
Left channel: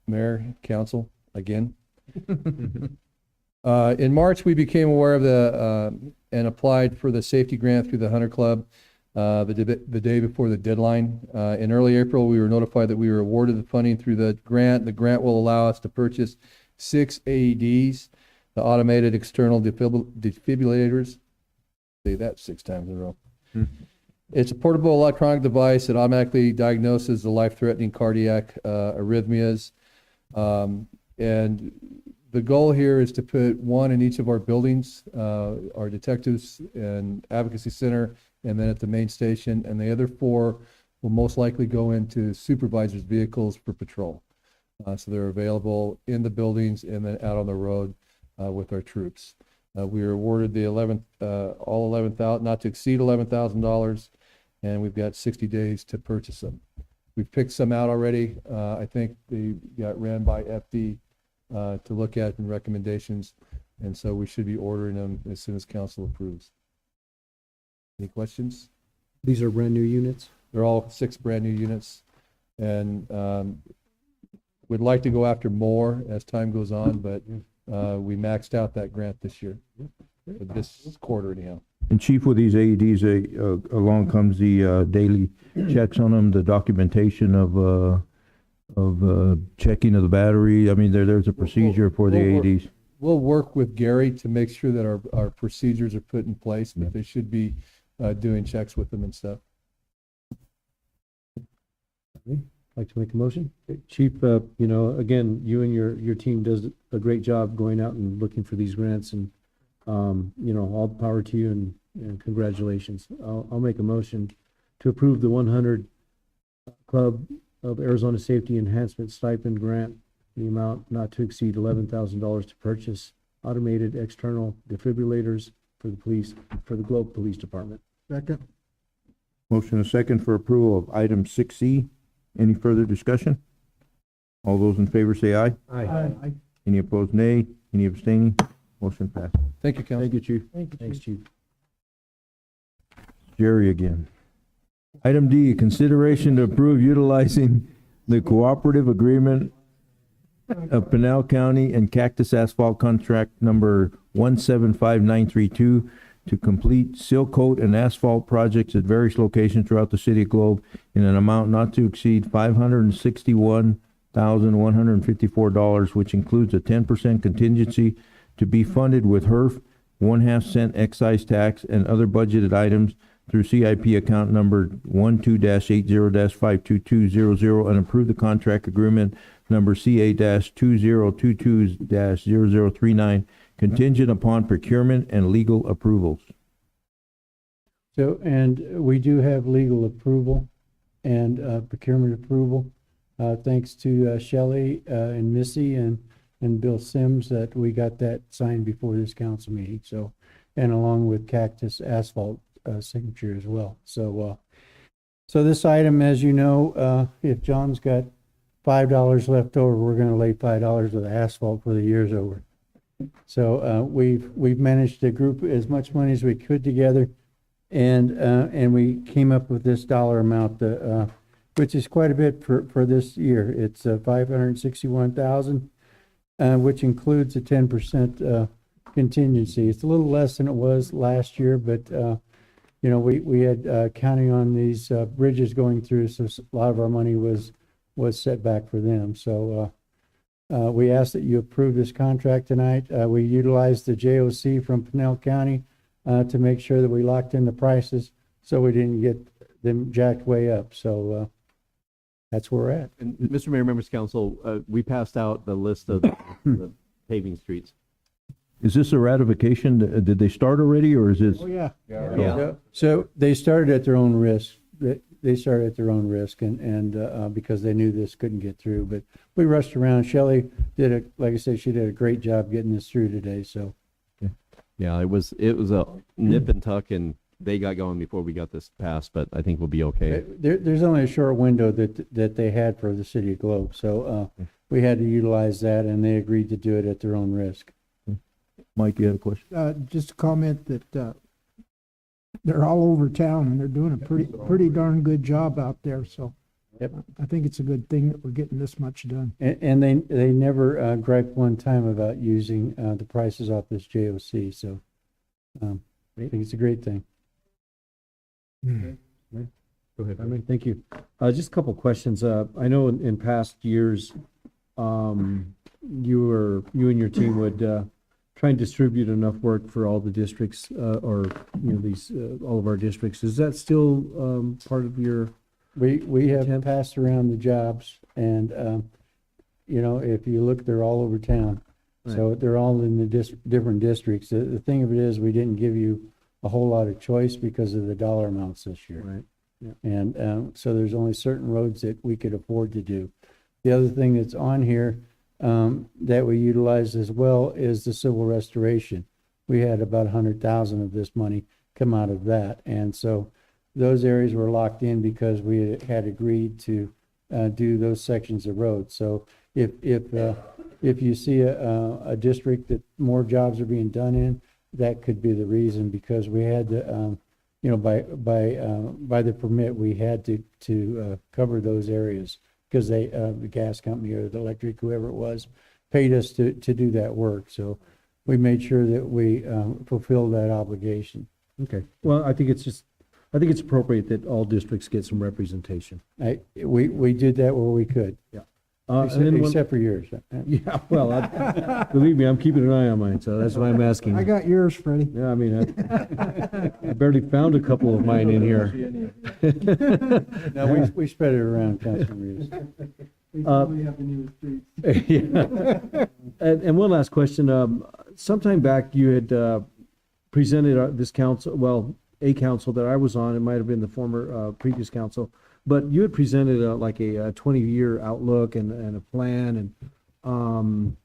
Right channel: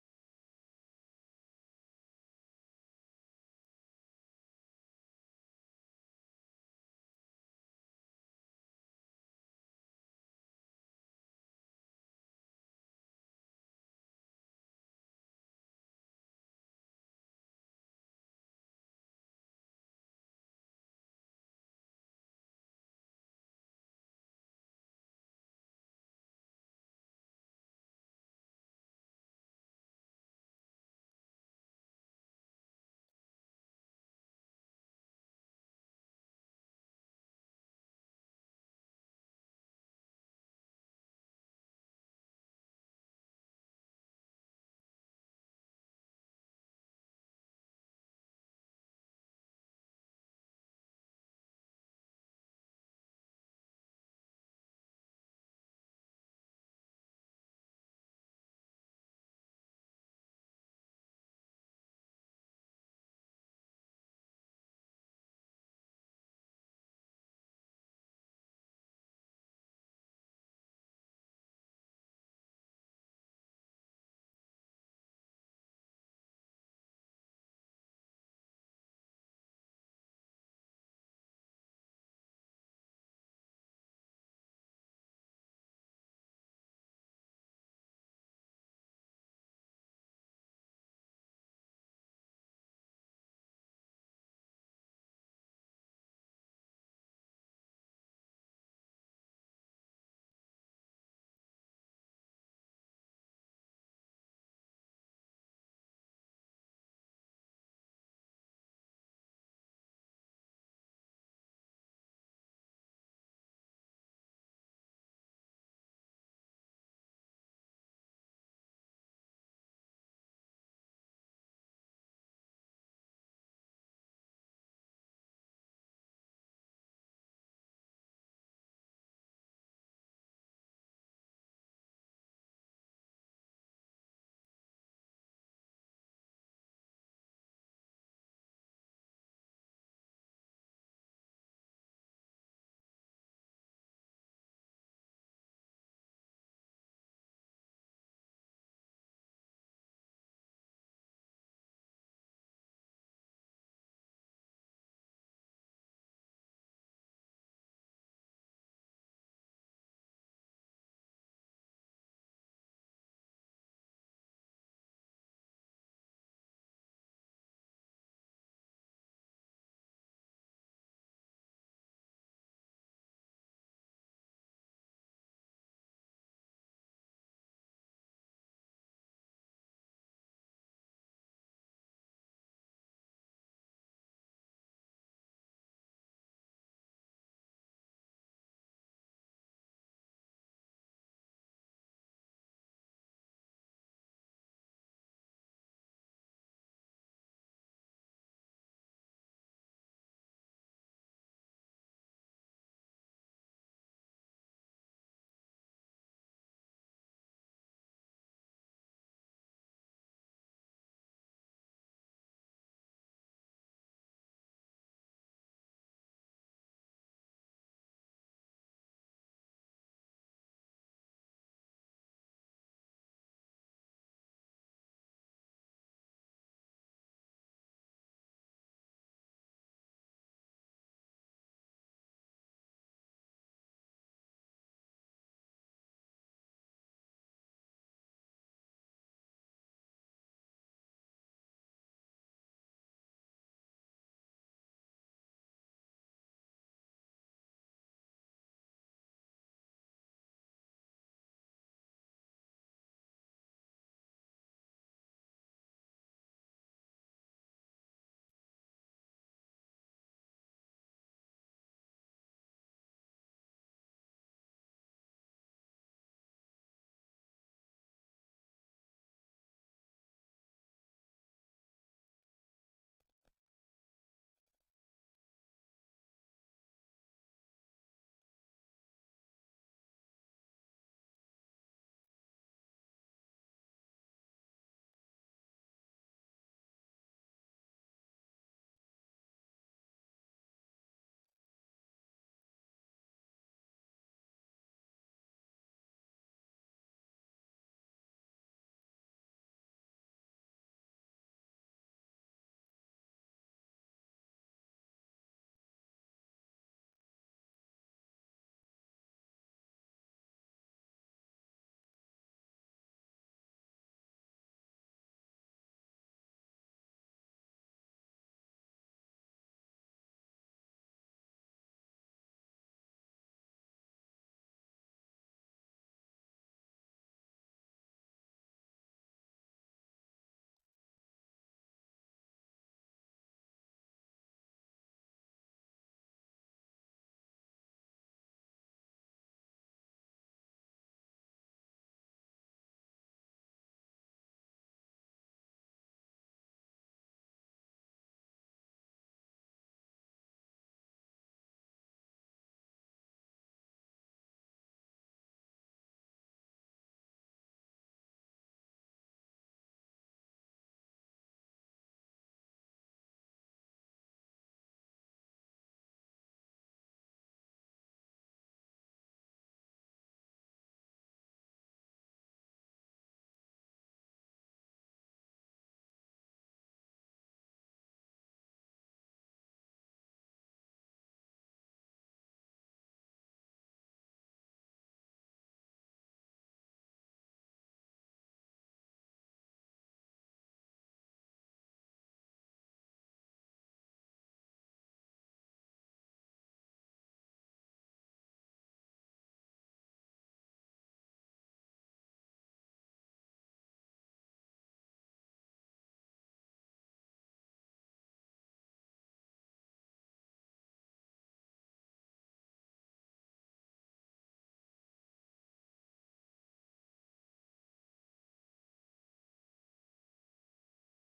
Mayor, Council, again. In March, we became aware of and applied for the safety grant through the Hunter Club the day before the deadline. In early April, we were notified that we were awarded the funding through the grant. The grant will allow us to purchase 6 AEDs, the automated external defibrillators. Say that 6 times in a row. It's a portable electronic device that automatically diagnoses the life-threatening cardiac arrhythmias. And the goal here is to put 1 in each of our buildings, our detectives and advocacy center, and then at the main station. And the other 4 will most likely go into supervisors' vehicles for patrol. So they're available in the buildings and then out on the road with our troops. We were awarded the all 11,000, not to exceed $11,000, and we've got 60 days to purchase them. We've picked some out already. I think they got ran by FD to look at in recommendations, and so we should be ordering them as soon as council approves. Any questions? These are brand new units? They're all 6 brand new units, and we'd like to go after more as time goes on, but we maxed out that grant this year, this quarter anyhow. And Chief, with these AEDs, along comes the daily checks on them, the documentation of checking of the battery. I mean, there's a procedure for the AEDs. We'll work with Gary to make sure that our procedures are put in place, but they should be doing checks with them and stuff. Like to make a motion? Chief, you know, again, you and your team does a great job going out and looking for these grants, and you know, all the power to you, and congratulations. I'll make a motion to approve the 100 Club of Arizona Safety Enhancement Stipend Grant, the amount not to exceed $11,000 to purchase automated external defibrillators for the Globe Police Department. Second. Motion and second for approval of item 6C. Any further discussion? All those in favor say aye. Aye. Any opposed, nay? Any abstaining? Motion passed. Thank you, Council. Thank you, Chief. Thanks, Chief. Jerry again. Item D, consideration to approve utilizing the cooperative agreement of Pinal County and Cactus Asphalt contract number 175932 to complete seal coat and asphalt projects at various locations throughout the city of Globe in an amount not to exceed $561 $1,154, which includes a 10% contingency to be funded with HERF, 1/2 cent excise tax, and other budgeted items through CIP account number 12-80-52200, and approve the contract agreement number CA-2022-0039, contingent upon procurement and legal approvals. So, and we do have legal approval and procurement approval. Thanks to Shelley and Missy and Bill Sims that we got that signed before this council meeting. So, and along with Cactus Asphalt signature as well. So, so this item, as you know, if John's got $5 left over, we're going to lay $5 of the asphalt for the year's over. So we've managed to group as much money as we could together, and we came up with this dollar amount, which is quite a bit for this year. It's $561,000, which includes a 10% contingency. It's a little less than it was last year, but you know, we had counting on these bridges going through, so a lot of our money was set back for them. So we ask that you approve this contract tonight. We utilized the JOC from Pinal County to make sure that we locked in the prices so we didn't get them jacked way up. So that's where we're at. And Mr. Mayor, members of council, we passed out the list of the paving streets. Is this a ratification? Did they start already, or is this? Oh, yeah. Yeah. So they started at their own risk. They started at their own risk, and because they knew this couldn't get through. But we rushed around. Shelley did like I said, she did a great job getting this through today. So, yeah, it was a nip and tuck, and they got going before we got this passed. But I think we'll be okay. there's only a short window that they had for the city of Globe, so we had to utilize that, and they agreed to do it at their own risk. Mike, you had a question? Just a comment that, they're all over town and they're doing a pretty darn good job out there, so. Yep. I think it's a good thing that we're getting this much done. And they never griped one time about using the prices off this JOC, so I think it's a great thing. Go ahead. I mean, thank you. Just a couple questions. I know in past years, you and your team would try and distribute enough work for all the districts, or you know, these all of our districts. Is that still part of your? We have passed around the jobs, and you know, if you look, they're all over town. Right. So they're all in the different districts. The thing of it is, we didn't give you a whole lot of choice because of the dollar amounts this year. Right. Yeah. And so there's only certain roads that we could afford to do. The other thing that's on here that we utilize as well is the civil restoration. We had about 100,000 of this money come out of that, and so those areas were locked in because we had agreed to do those sections of road. So if you see a district that more jobs are being done in, that could be the reason, because we had to, you know, by the permit, we had to cover those areas, because they, the gas company or the electric, whoever it was, paid us to do that work. So we made sure that we fulfilled that obligation. Okay. Well, I think it's appropriate that all districts get some representation. We did that where we could. Yeah. Except for yours. Yeah, well, believe me, I'm keeping an eye on mine, so that's why I'm asking. I got yours, Freddie. Yeah, I mean, I barely found a couple of mine in here. No, we spread it around, Councilman Reeves. We probably have the newest streets. Yeah. And one last question. Sometime back, you had presented this council, well, a council that I was on, it might have been the former previous council, but you had presented like a 20-year outlook and a plan, and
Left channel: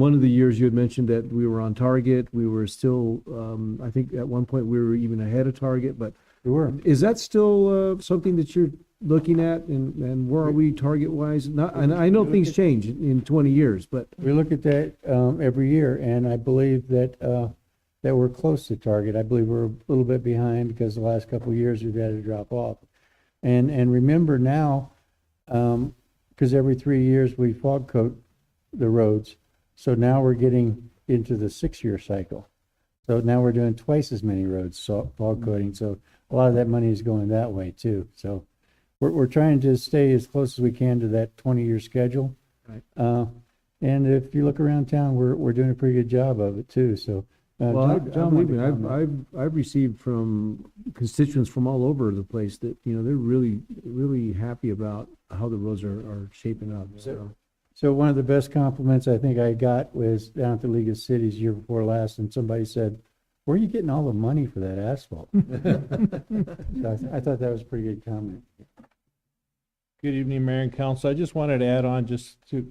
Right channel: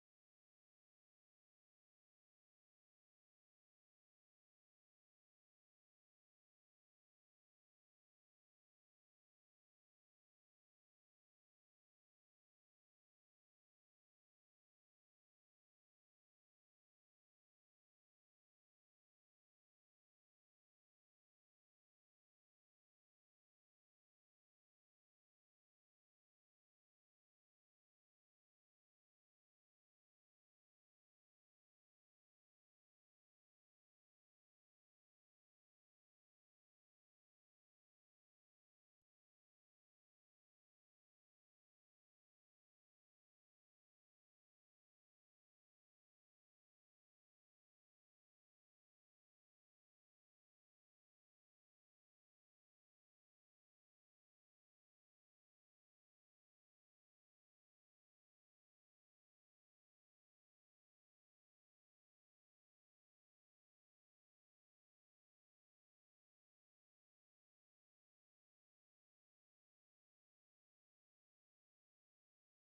one of the years you had mentioned that we were on target. We were still, I think at one point we were even ahead of target, but we were. Is that still something that you're looking at, and where are we target-wise? Not, and I know things change in 20 years, but we look at that every year, and I believe that that we're close to target. I believe we're a little bit behind because the last couple of years we've had to drop off. And remember now, because every 3 years we fog coat the roads, so now we're getting into the 6-year cycle. So now we're doing twice as many roads, so fog coating. So a lot of that money is going that way too. So we're trying to stay as close as we can to that 20-year schedule. Right. And if you look around town, we're doing a pretty good job of it too, so. Well, I John wanted believe to me, comment. I've received from constituents from all over the place that, you know, they're really, really happy about how the roads are shaping up, so. So one of the best compliments I think I got was down at the League of Cities year before last, and somebody said, "Where are you getting all the money for that asphalt?" So I thought that was a pretty good comment. Good evening, Mayor and Council. I just wanted to add on just to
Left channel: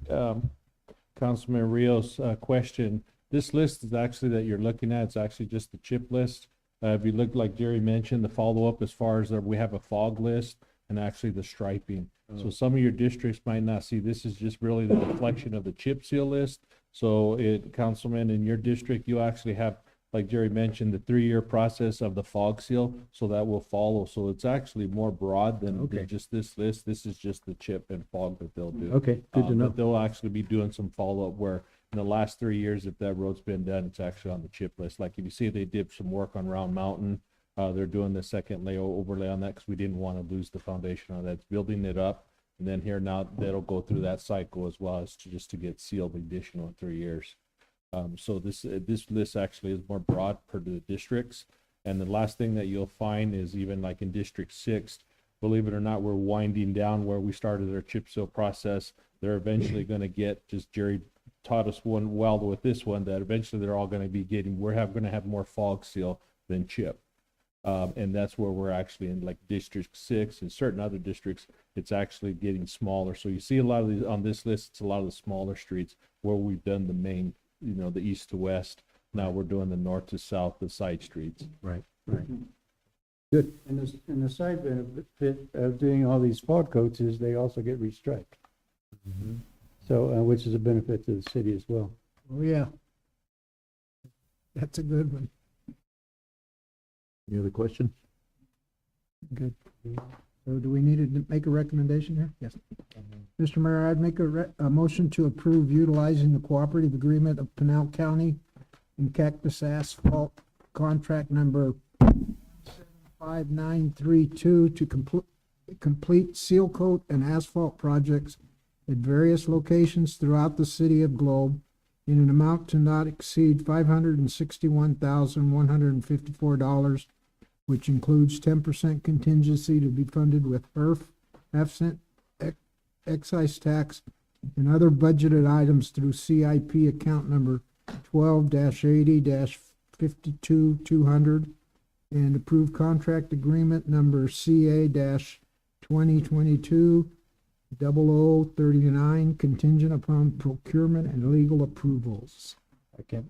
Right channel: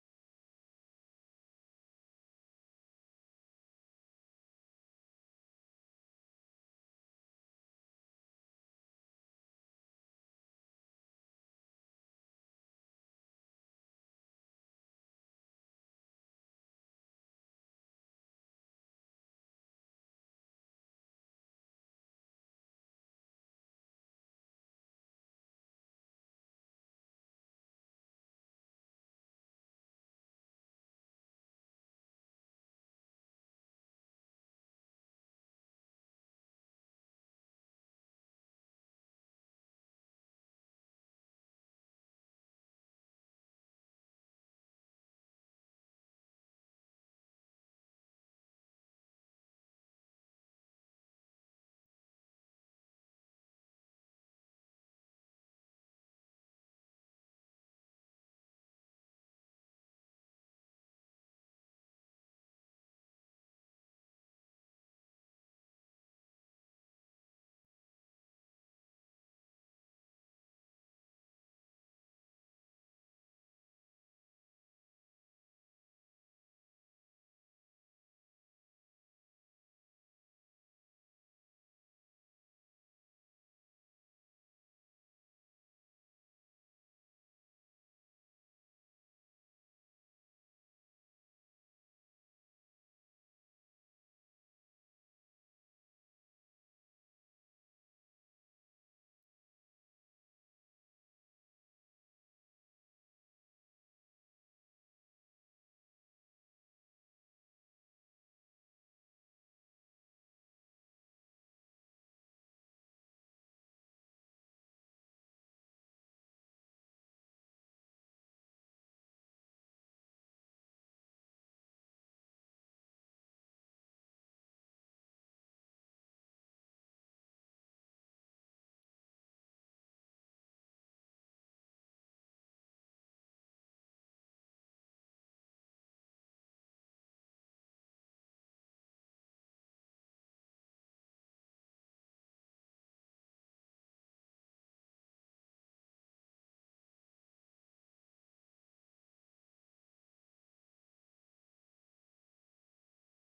Councilman Rios' question. This list is actually that you're looking at, it's actually just the chip list. If you look, like Jerry mentioned, the follow-up as far as we have a fog list and actually the striping. So some of your districts might not see, this is just really the reflection of the chip seal list. So Councilman, in your district, you actually have, like Jerry mentioned, the 3-year process of the fog seal, so that will follow. So it's actually more broad than just this list. This is just the chip and fog that they'll do. Okay, good to know. But they'll actually be doing some follow-up where in the last 3 years, if that road's been done, it's actually on the chip list. Like if you see they did some work on Round Mountain, they're doing the second overlay on that because we didn't want to lose the foundation on that. It's building it up. And then here now that'll go through that cycle as well as just to get sealed additional in 3 years. So this list actually is more broad per the districts. And the last thing that you'll find is even like in District 6, believe it or not, we're winding down where we started our chip seal process. They're eventually going to get, just Jerry taught us one well with this one, that eventually they're all going to be getting, going to have more fog seal than chip. And that's where we're actually in like District 6 and certain other districts, it's actually getting smaller. So you see a lot of these on this list, it's a lot of the smaller streets where we've done the main, you know, the east to west. Now we're doing the north to south, the side streets. Right, right. Good. And the side benefit of doing all these fog coats is they also get restriped. So, which is a benefit to the city as well. Oh, yeah. That's a good one. Any other questions? Good. So do we need to make a recommendation here? Yes. Mr. Mayor, I'd make a motion to approve utilizing the cooperative agreement of Pinal County and Cactus Asphalt contract number 75932 to complete seal coat and asphalt projects at various locations throughout the city of Globe in an amount to not exceed $561,154, which includes 10% contingency to be funded with HERF, half-cent excise tax, and other budgeted items through CIP account number 12-80-52-200 and approved contract agreement number CA-2022-0039 contingent upon procurement and legal approvals. Okay.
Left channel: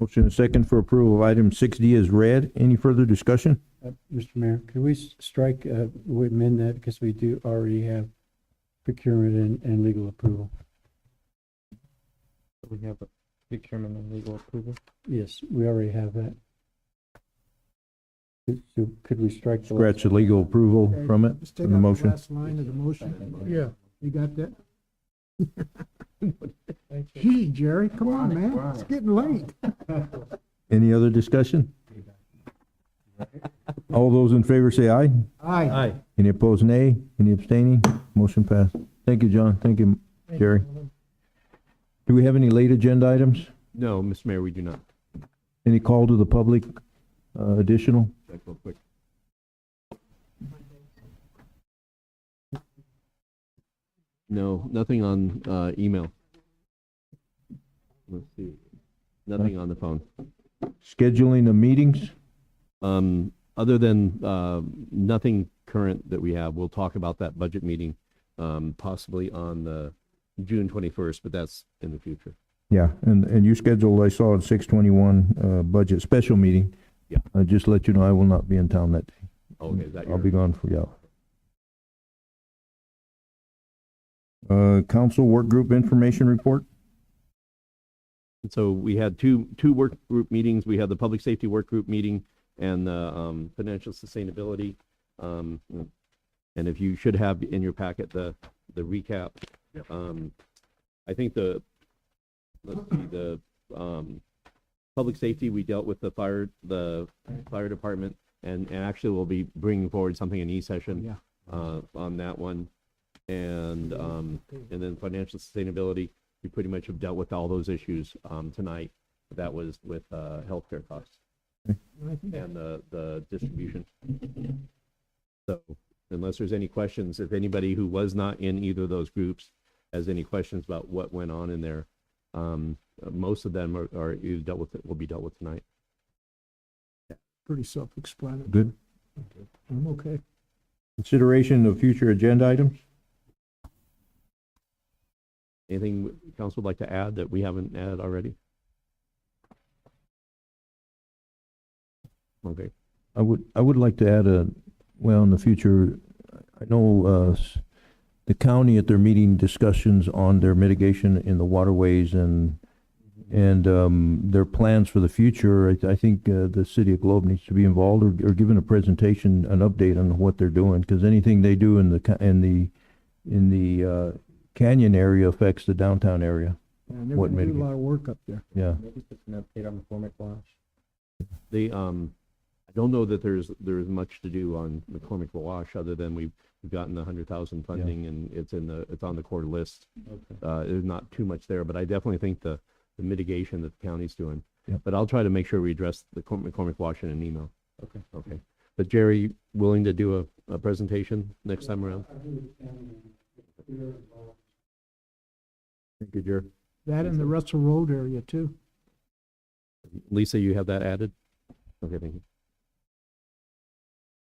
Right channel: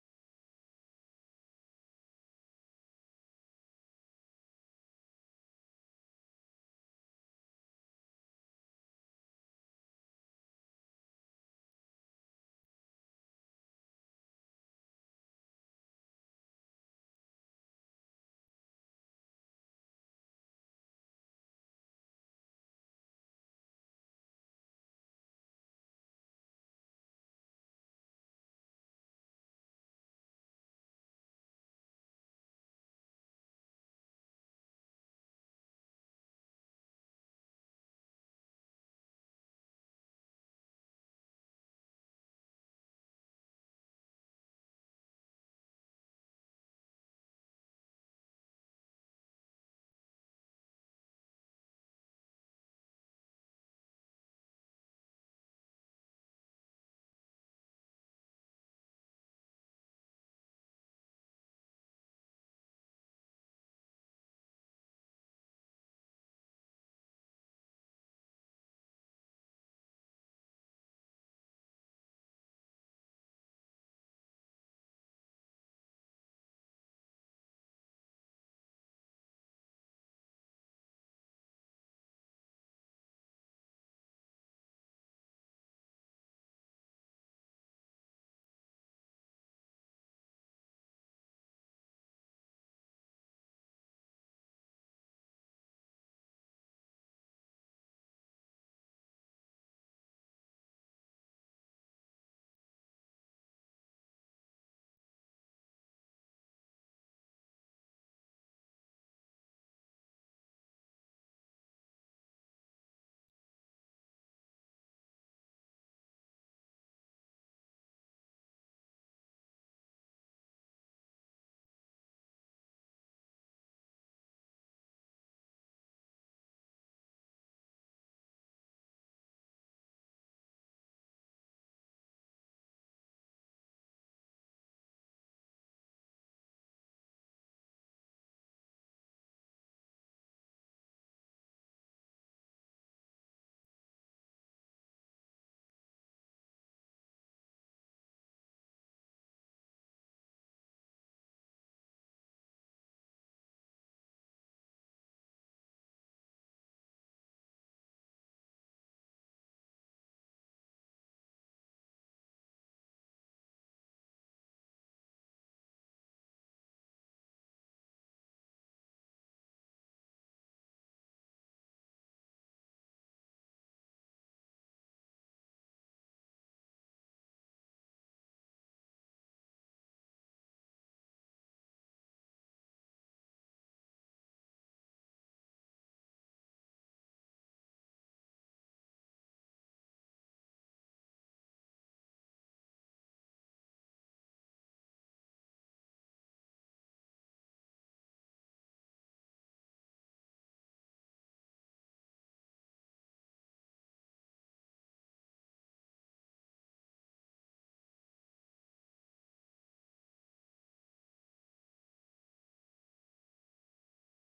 Motion and second for approval of item 6D is read. Any further discussion? Mr. Mayor, could we strike, we amend that because we do already have procurement and legal approval? We have procurement and legal approval. Yes, we already have that. Could we strike? Scratch the legal approval Okay, from it, just take from the out motion. last line of the motion. Yeah. You got that? Gee, Jerry, come on, man. It's getting late. Any other discussion? All those in favor say aye. Aye. Any opposed, nay. Any abstaining? Motion passed. Thank you, John. Thank you, Jerry. Do we have any late agenda items? No, Mr. Mayor, we do not. Any call to the public, additional? Check real quick. No, nothing on email. Let's see. Nothing on the phone. Scheduling of meetings? Other than nothing current that we have, we'll talk about that budget meeting possibly on the June 21st, but that's in the future. Yeah, and you scheduled, I saw at 6/21, budget special meeting. Yeah. Just to let you know, I will not be in town that day. Okay, is that I'll be gone for council work group information report? And so we had two work group meetings. We had the public safety work group meeting and the financial sustainability. And if you should have in your packet the recap. Yep. I think the public safety, we dealt with the fire department, and actually we'll be bringing forward something in E-session. Yeah. on that one. And then financial sustainability, we pretty much have dealt with all those issues, tonight. That was with, healthcare costs and the distribution. So unless there's any questions, if anybody who was not in either of those groups has any questions about what went on in there, most of them are either dealt with, will be dealt with tonight. Pretty self-explanatory. Good. I'm okay. Consideration of future agenda items? Anything council would like to add that we haven't added already? Okay. I would like to add in the future, I know, the county at their meeting discussions on their mitigation in the waterways and their plans for the future. I think the city of Globe needs to be involved or given a presentation, an update on what they're doing, because anything they do in the canyon area affects the downtown area. Yeah, they're What gonna do a mitigate- lot of work up there. Yeah. Maybe just an update on McCormick Wash. They, I don't know that there's much to do on McCormick Wash other than we've gotten the 100,000 funding and it's on the core list. Okay. There's not too much there, but I definitely think the mitigation that the county's doing. Yep. But I'll try to make sure we address the McCormick Wash in an email. Okay. Okay. But Jerry, willing to do a presentation next time around? Thank you, Jerry. That and the Russell Road area too. Lisa, you have that added? Okay, thank you.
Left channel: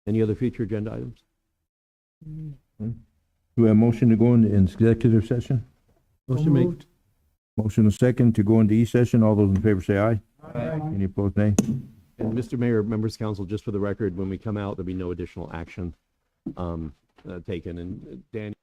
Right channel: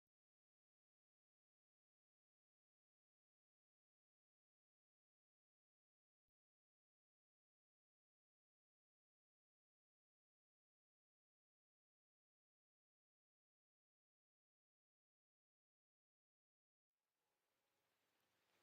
Any other future agenda items? Do we have a motion to go into executive session? Motion made. Motion a second to go into E-session. All those in favor say aye. Aye. Any opposed, nay? And Mr. Mayor, members of council, just for the record, when we come out, there'll be no additional action taken. And Dan.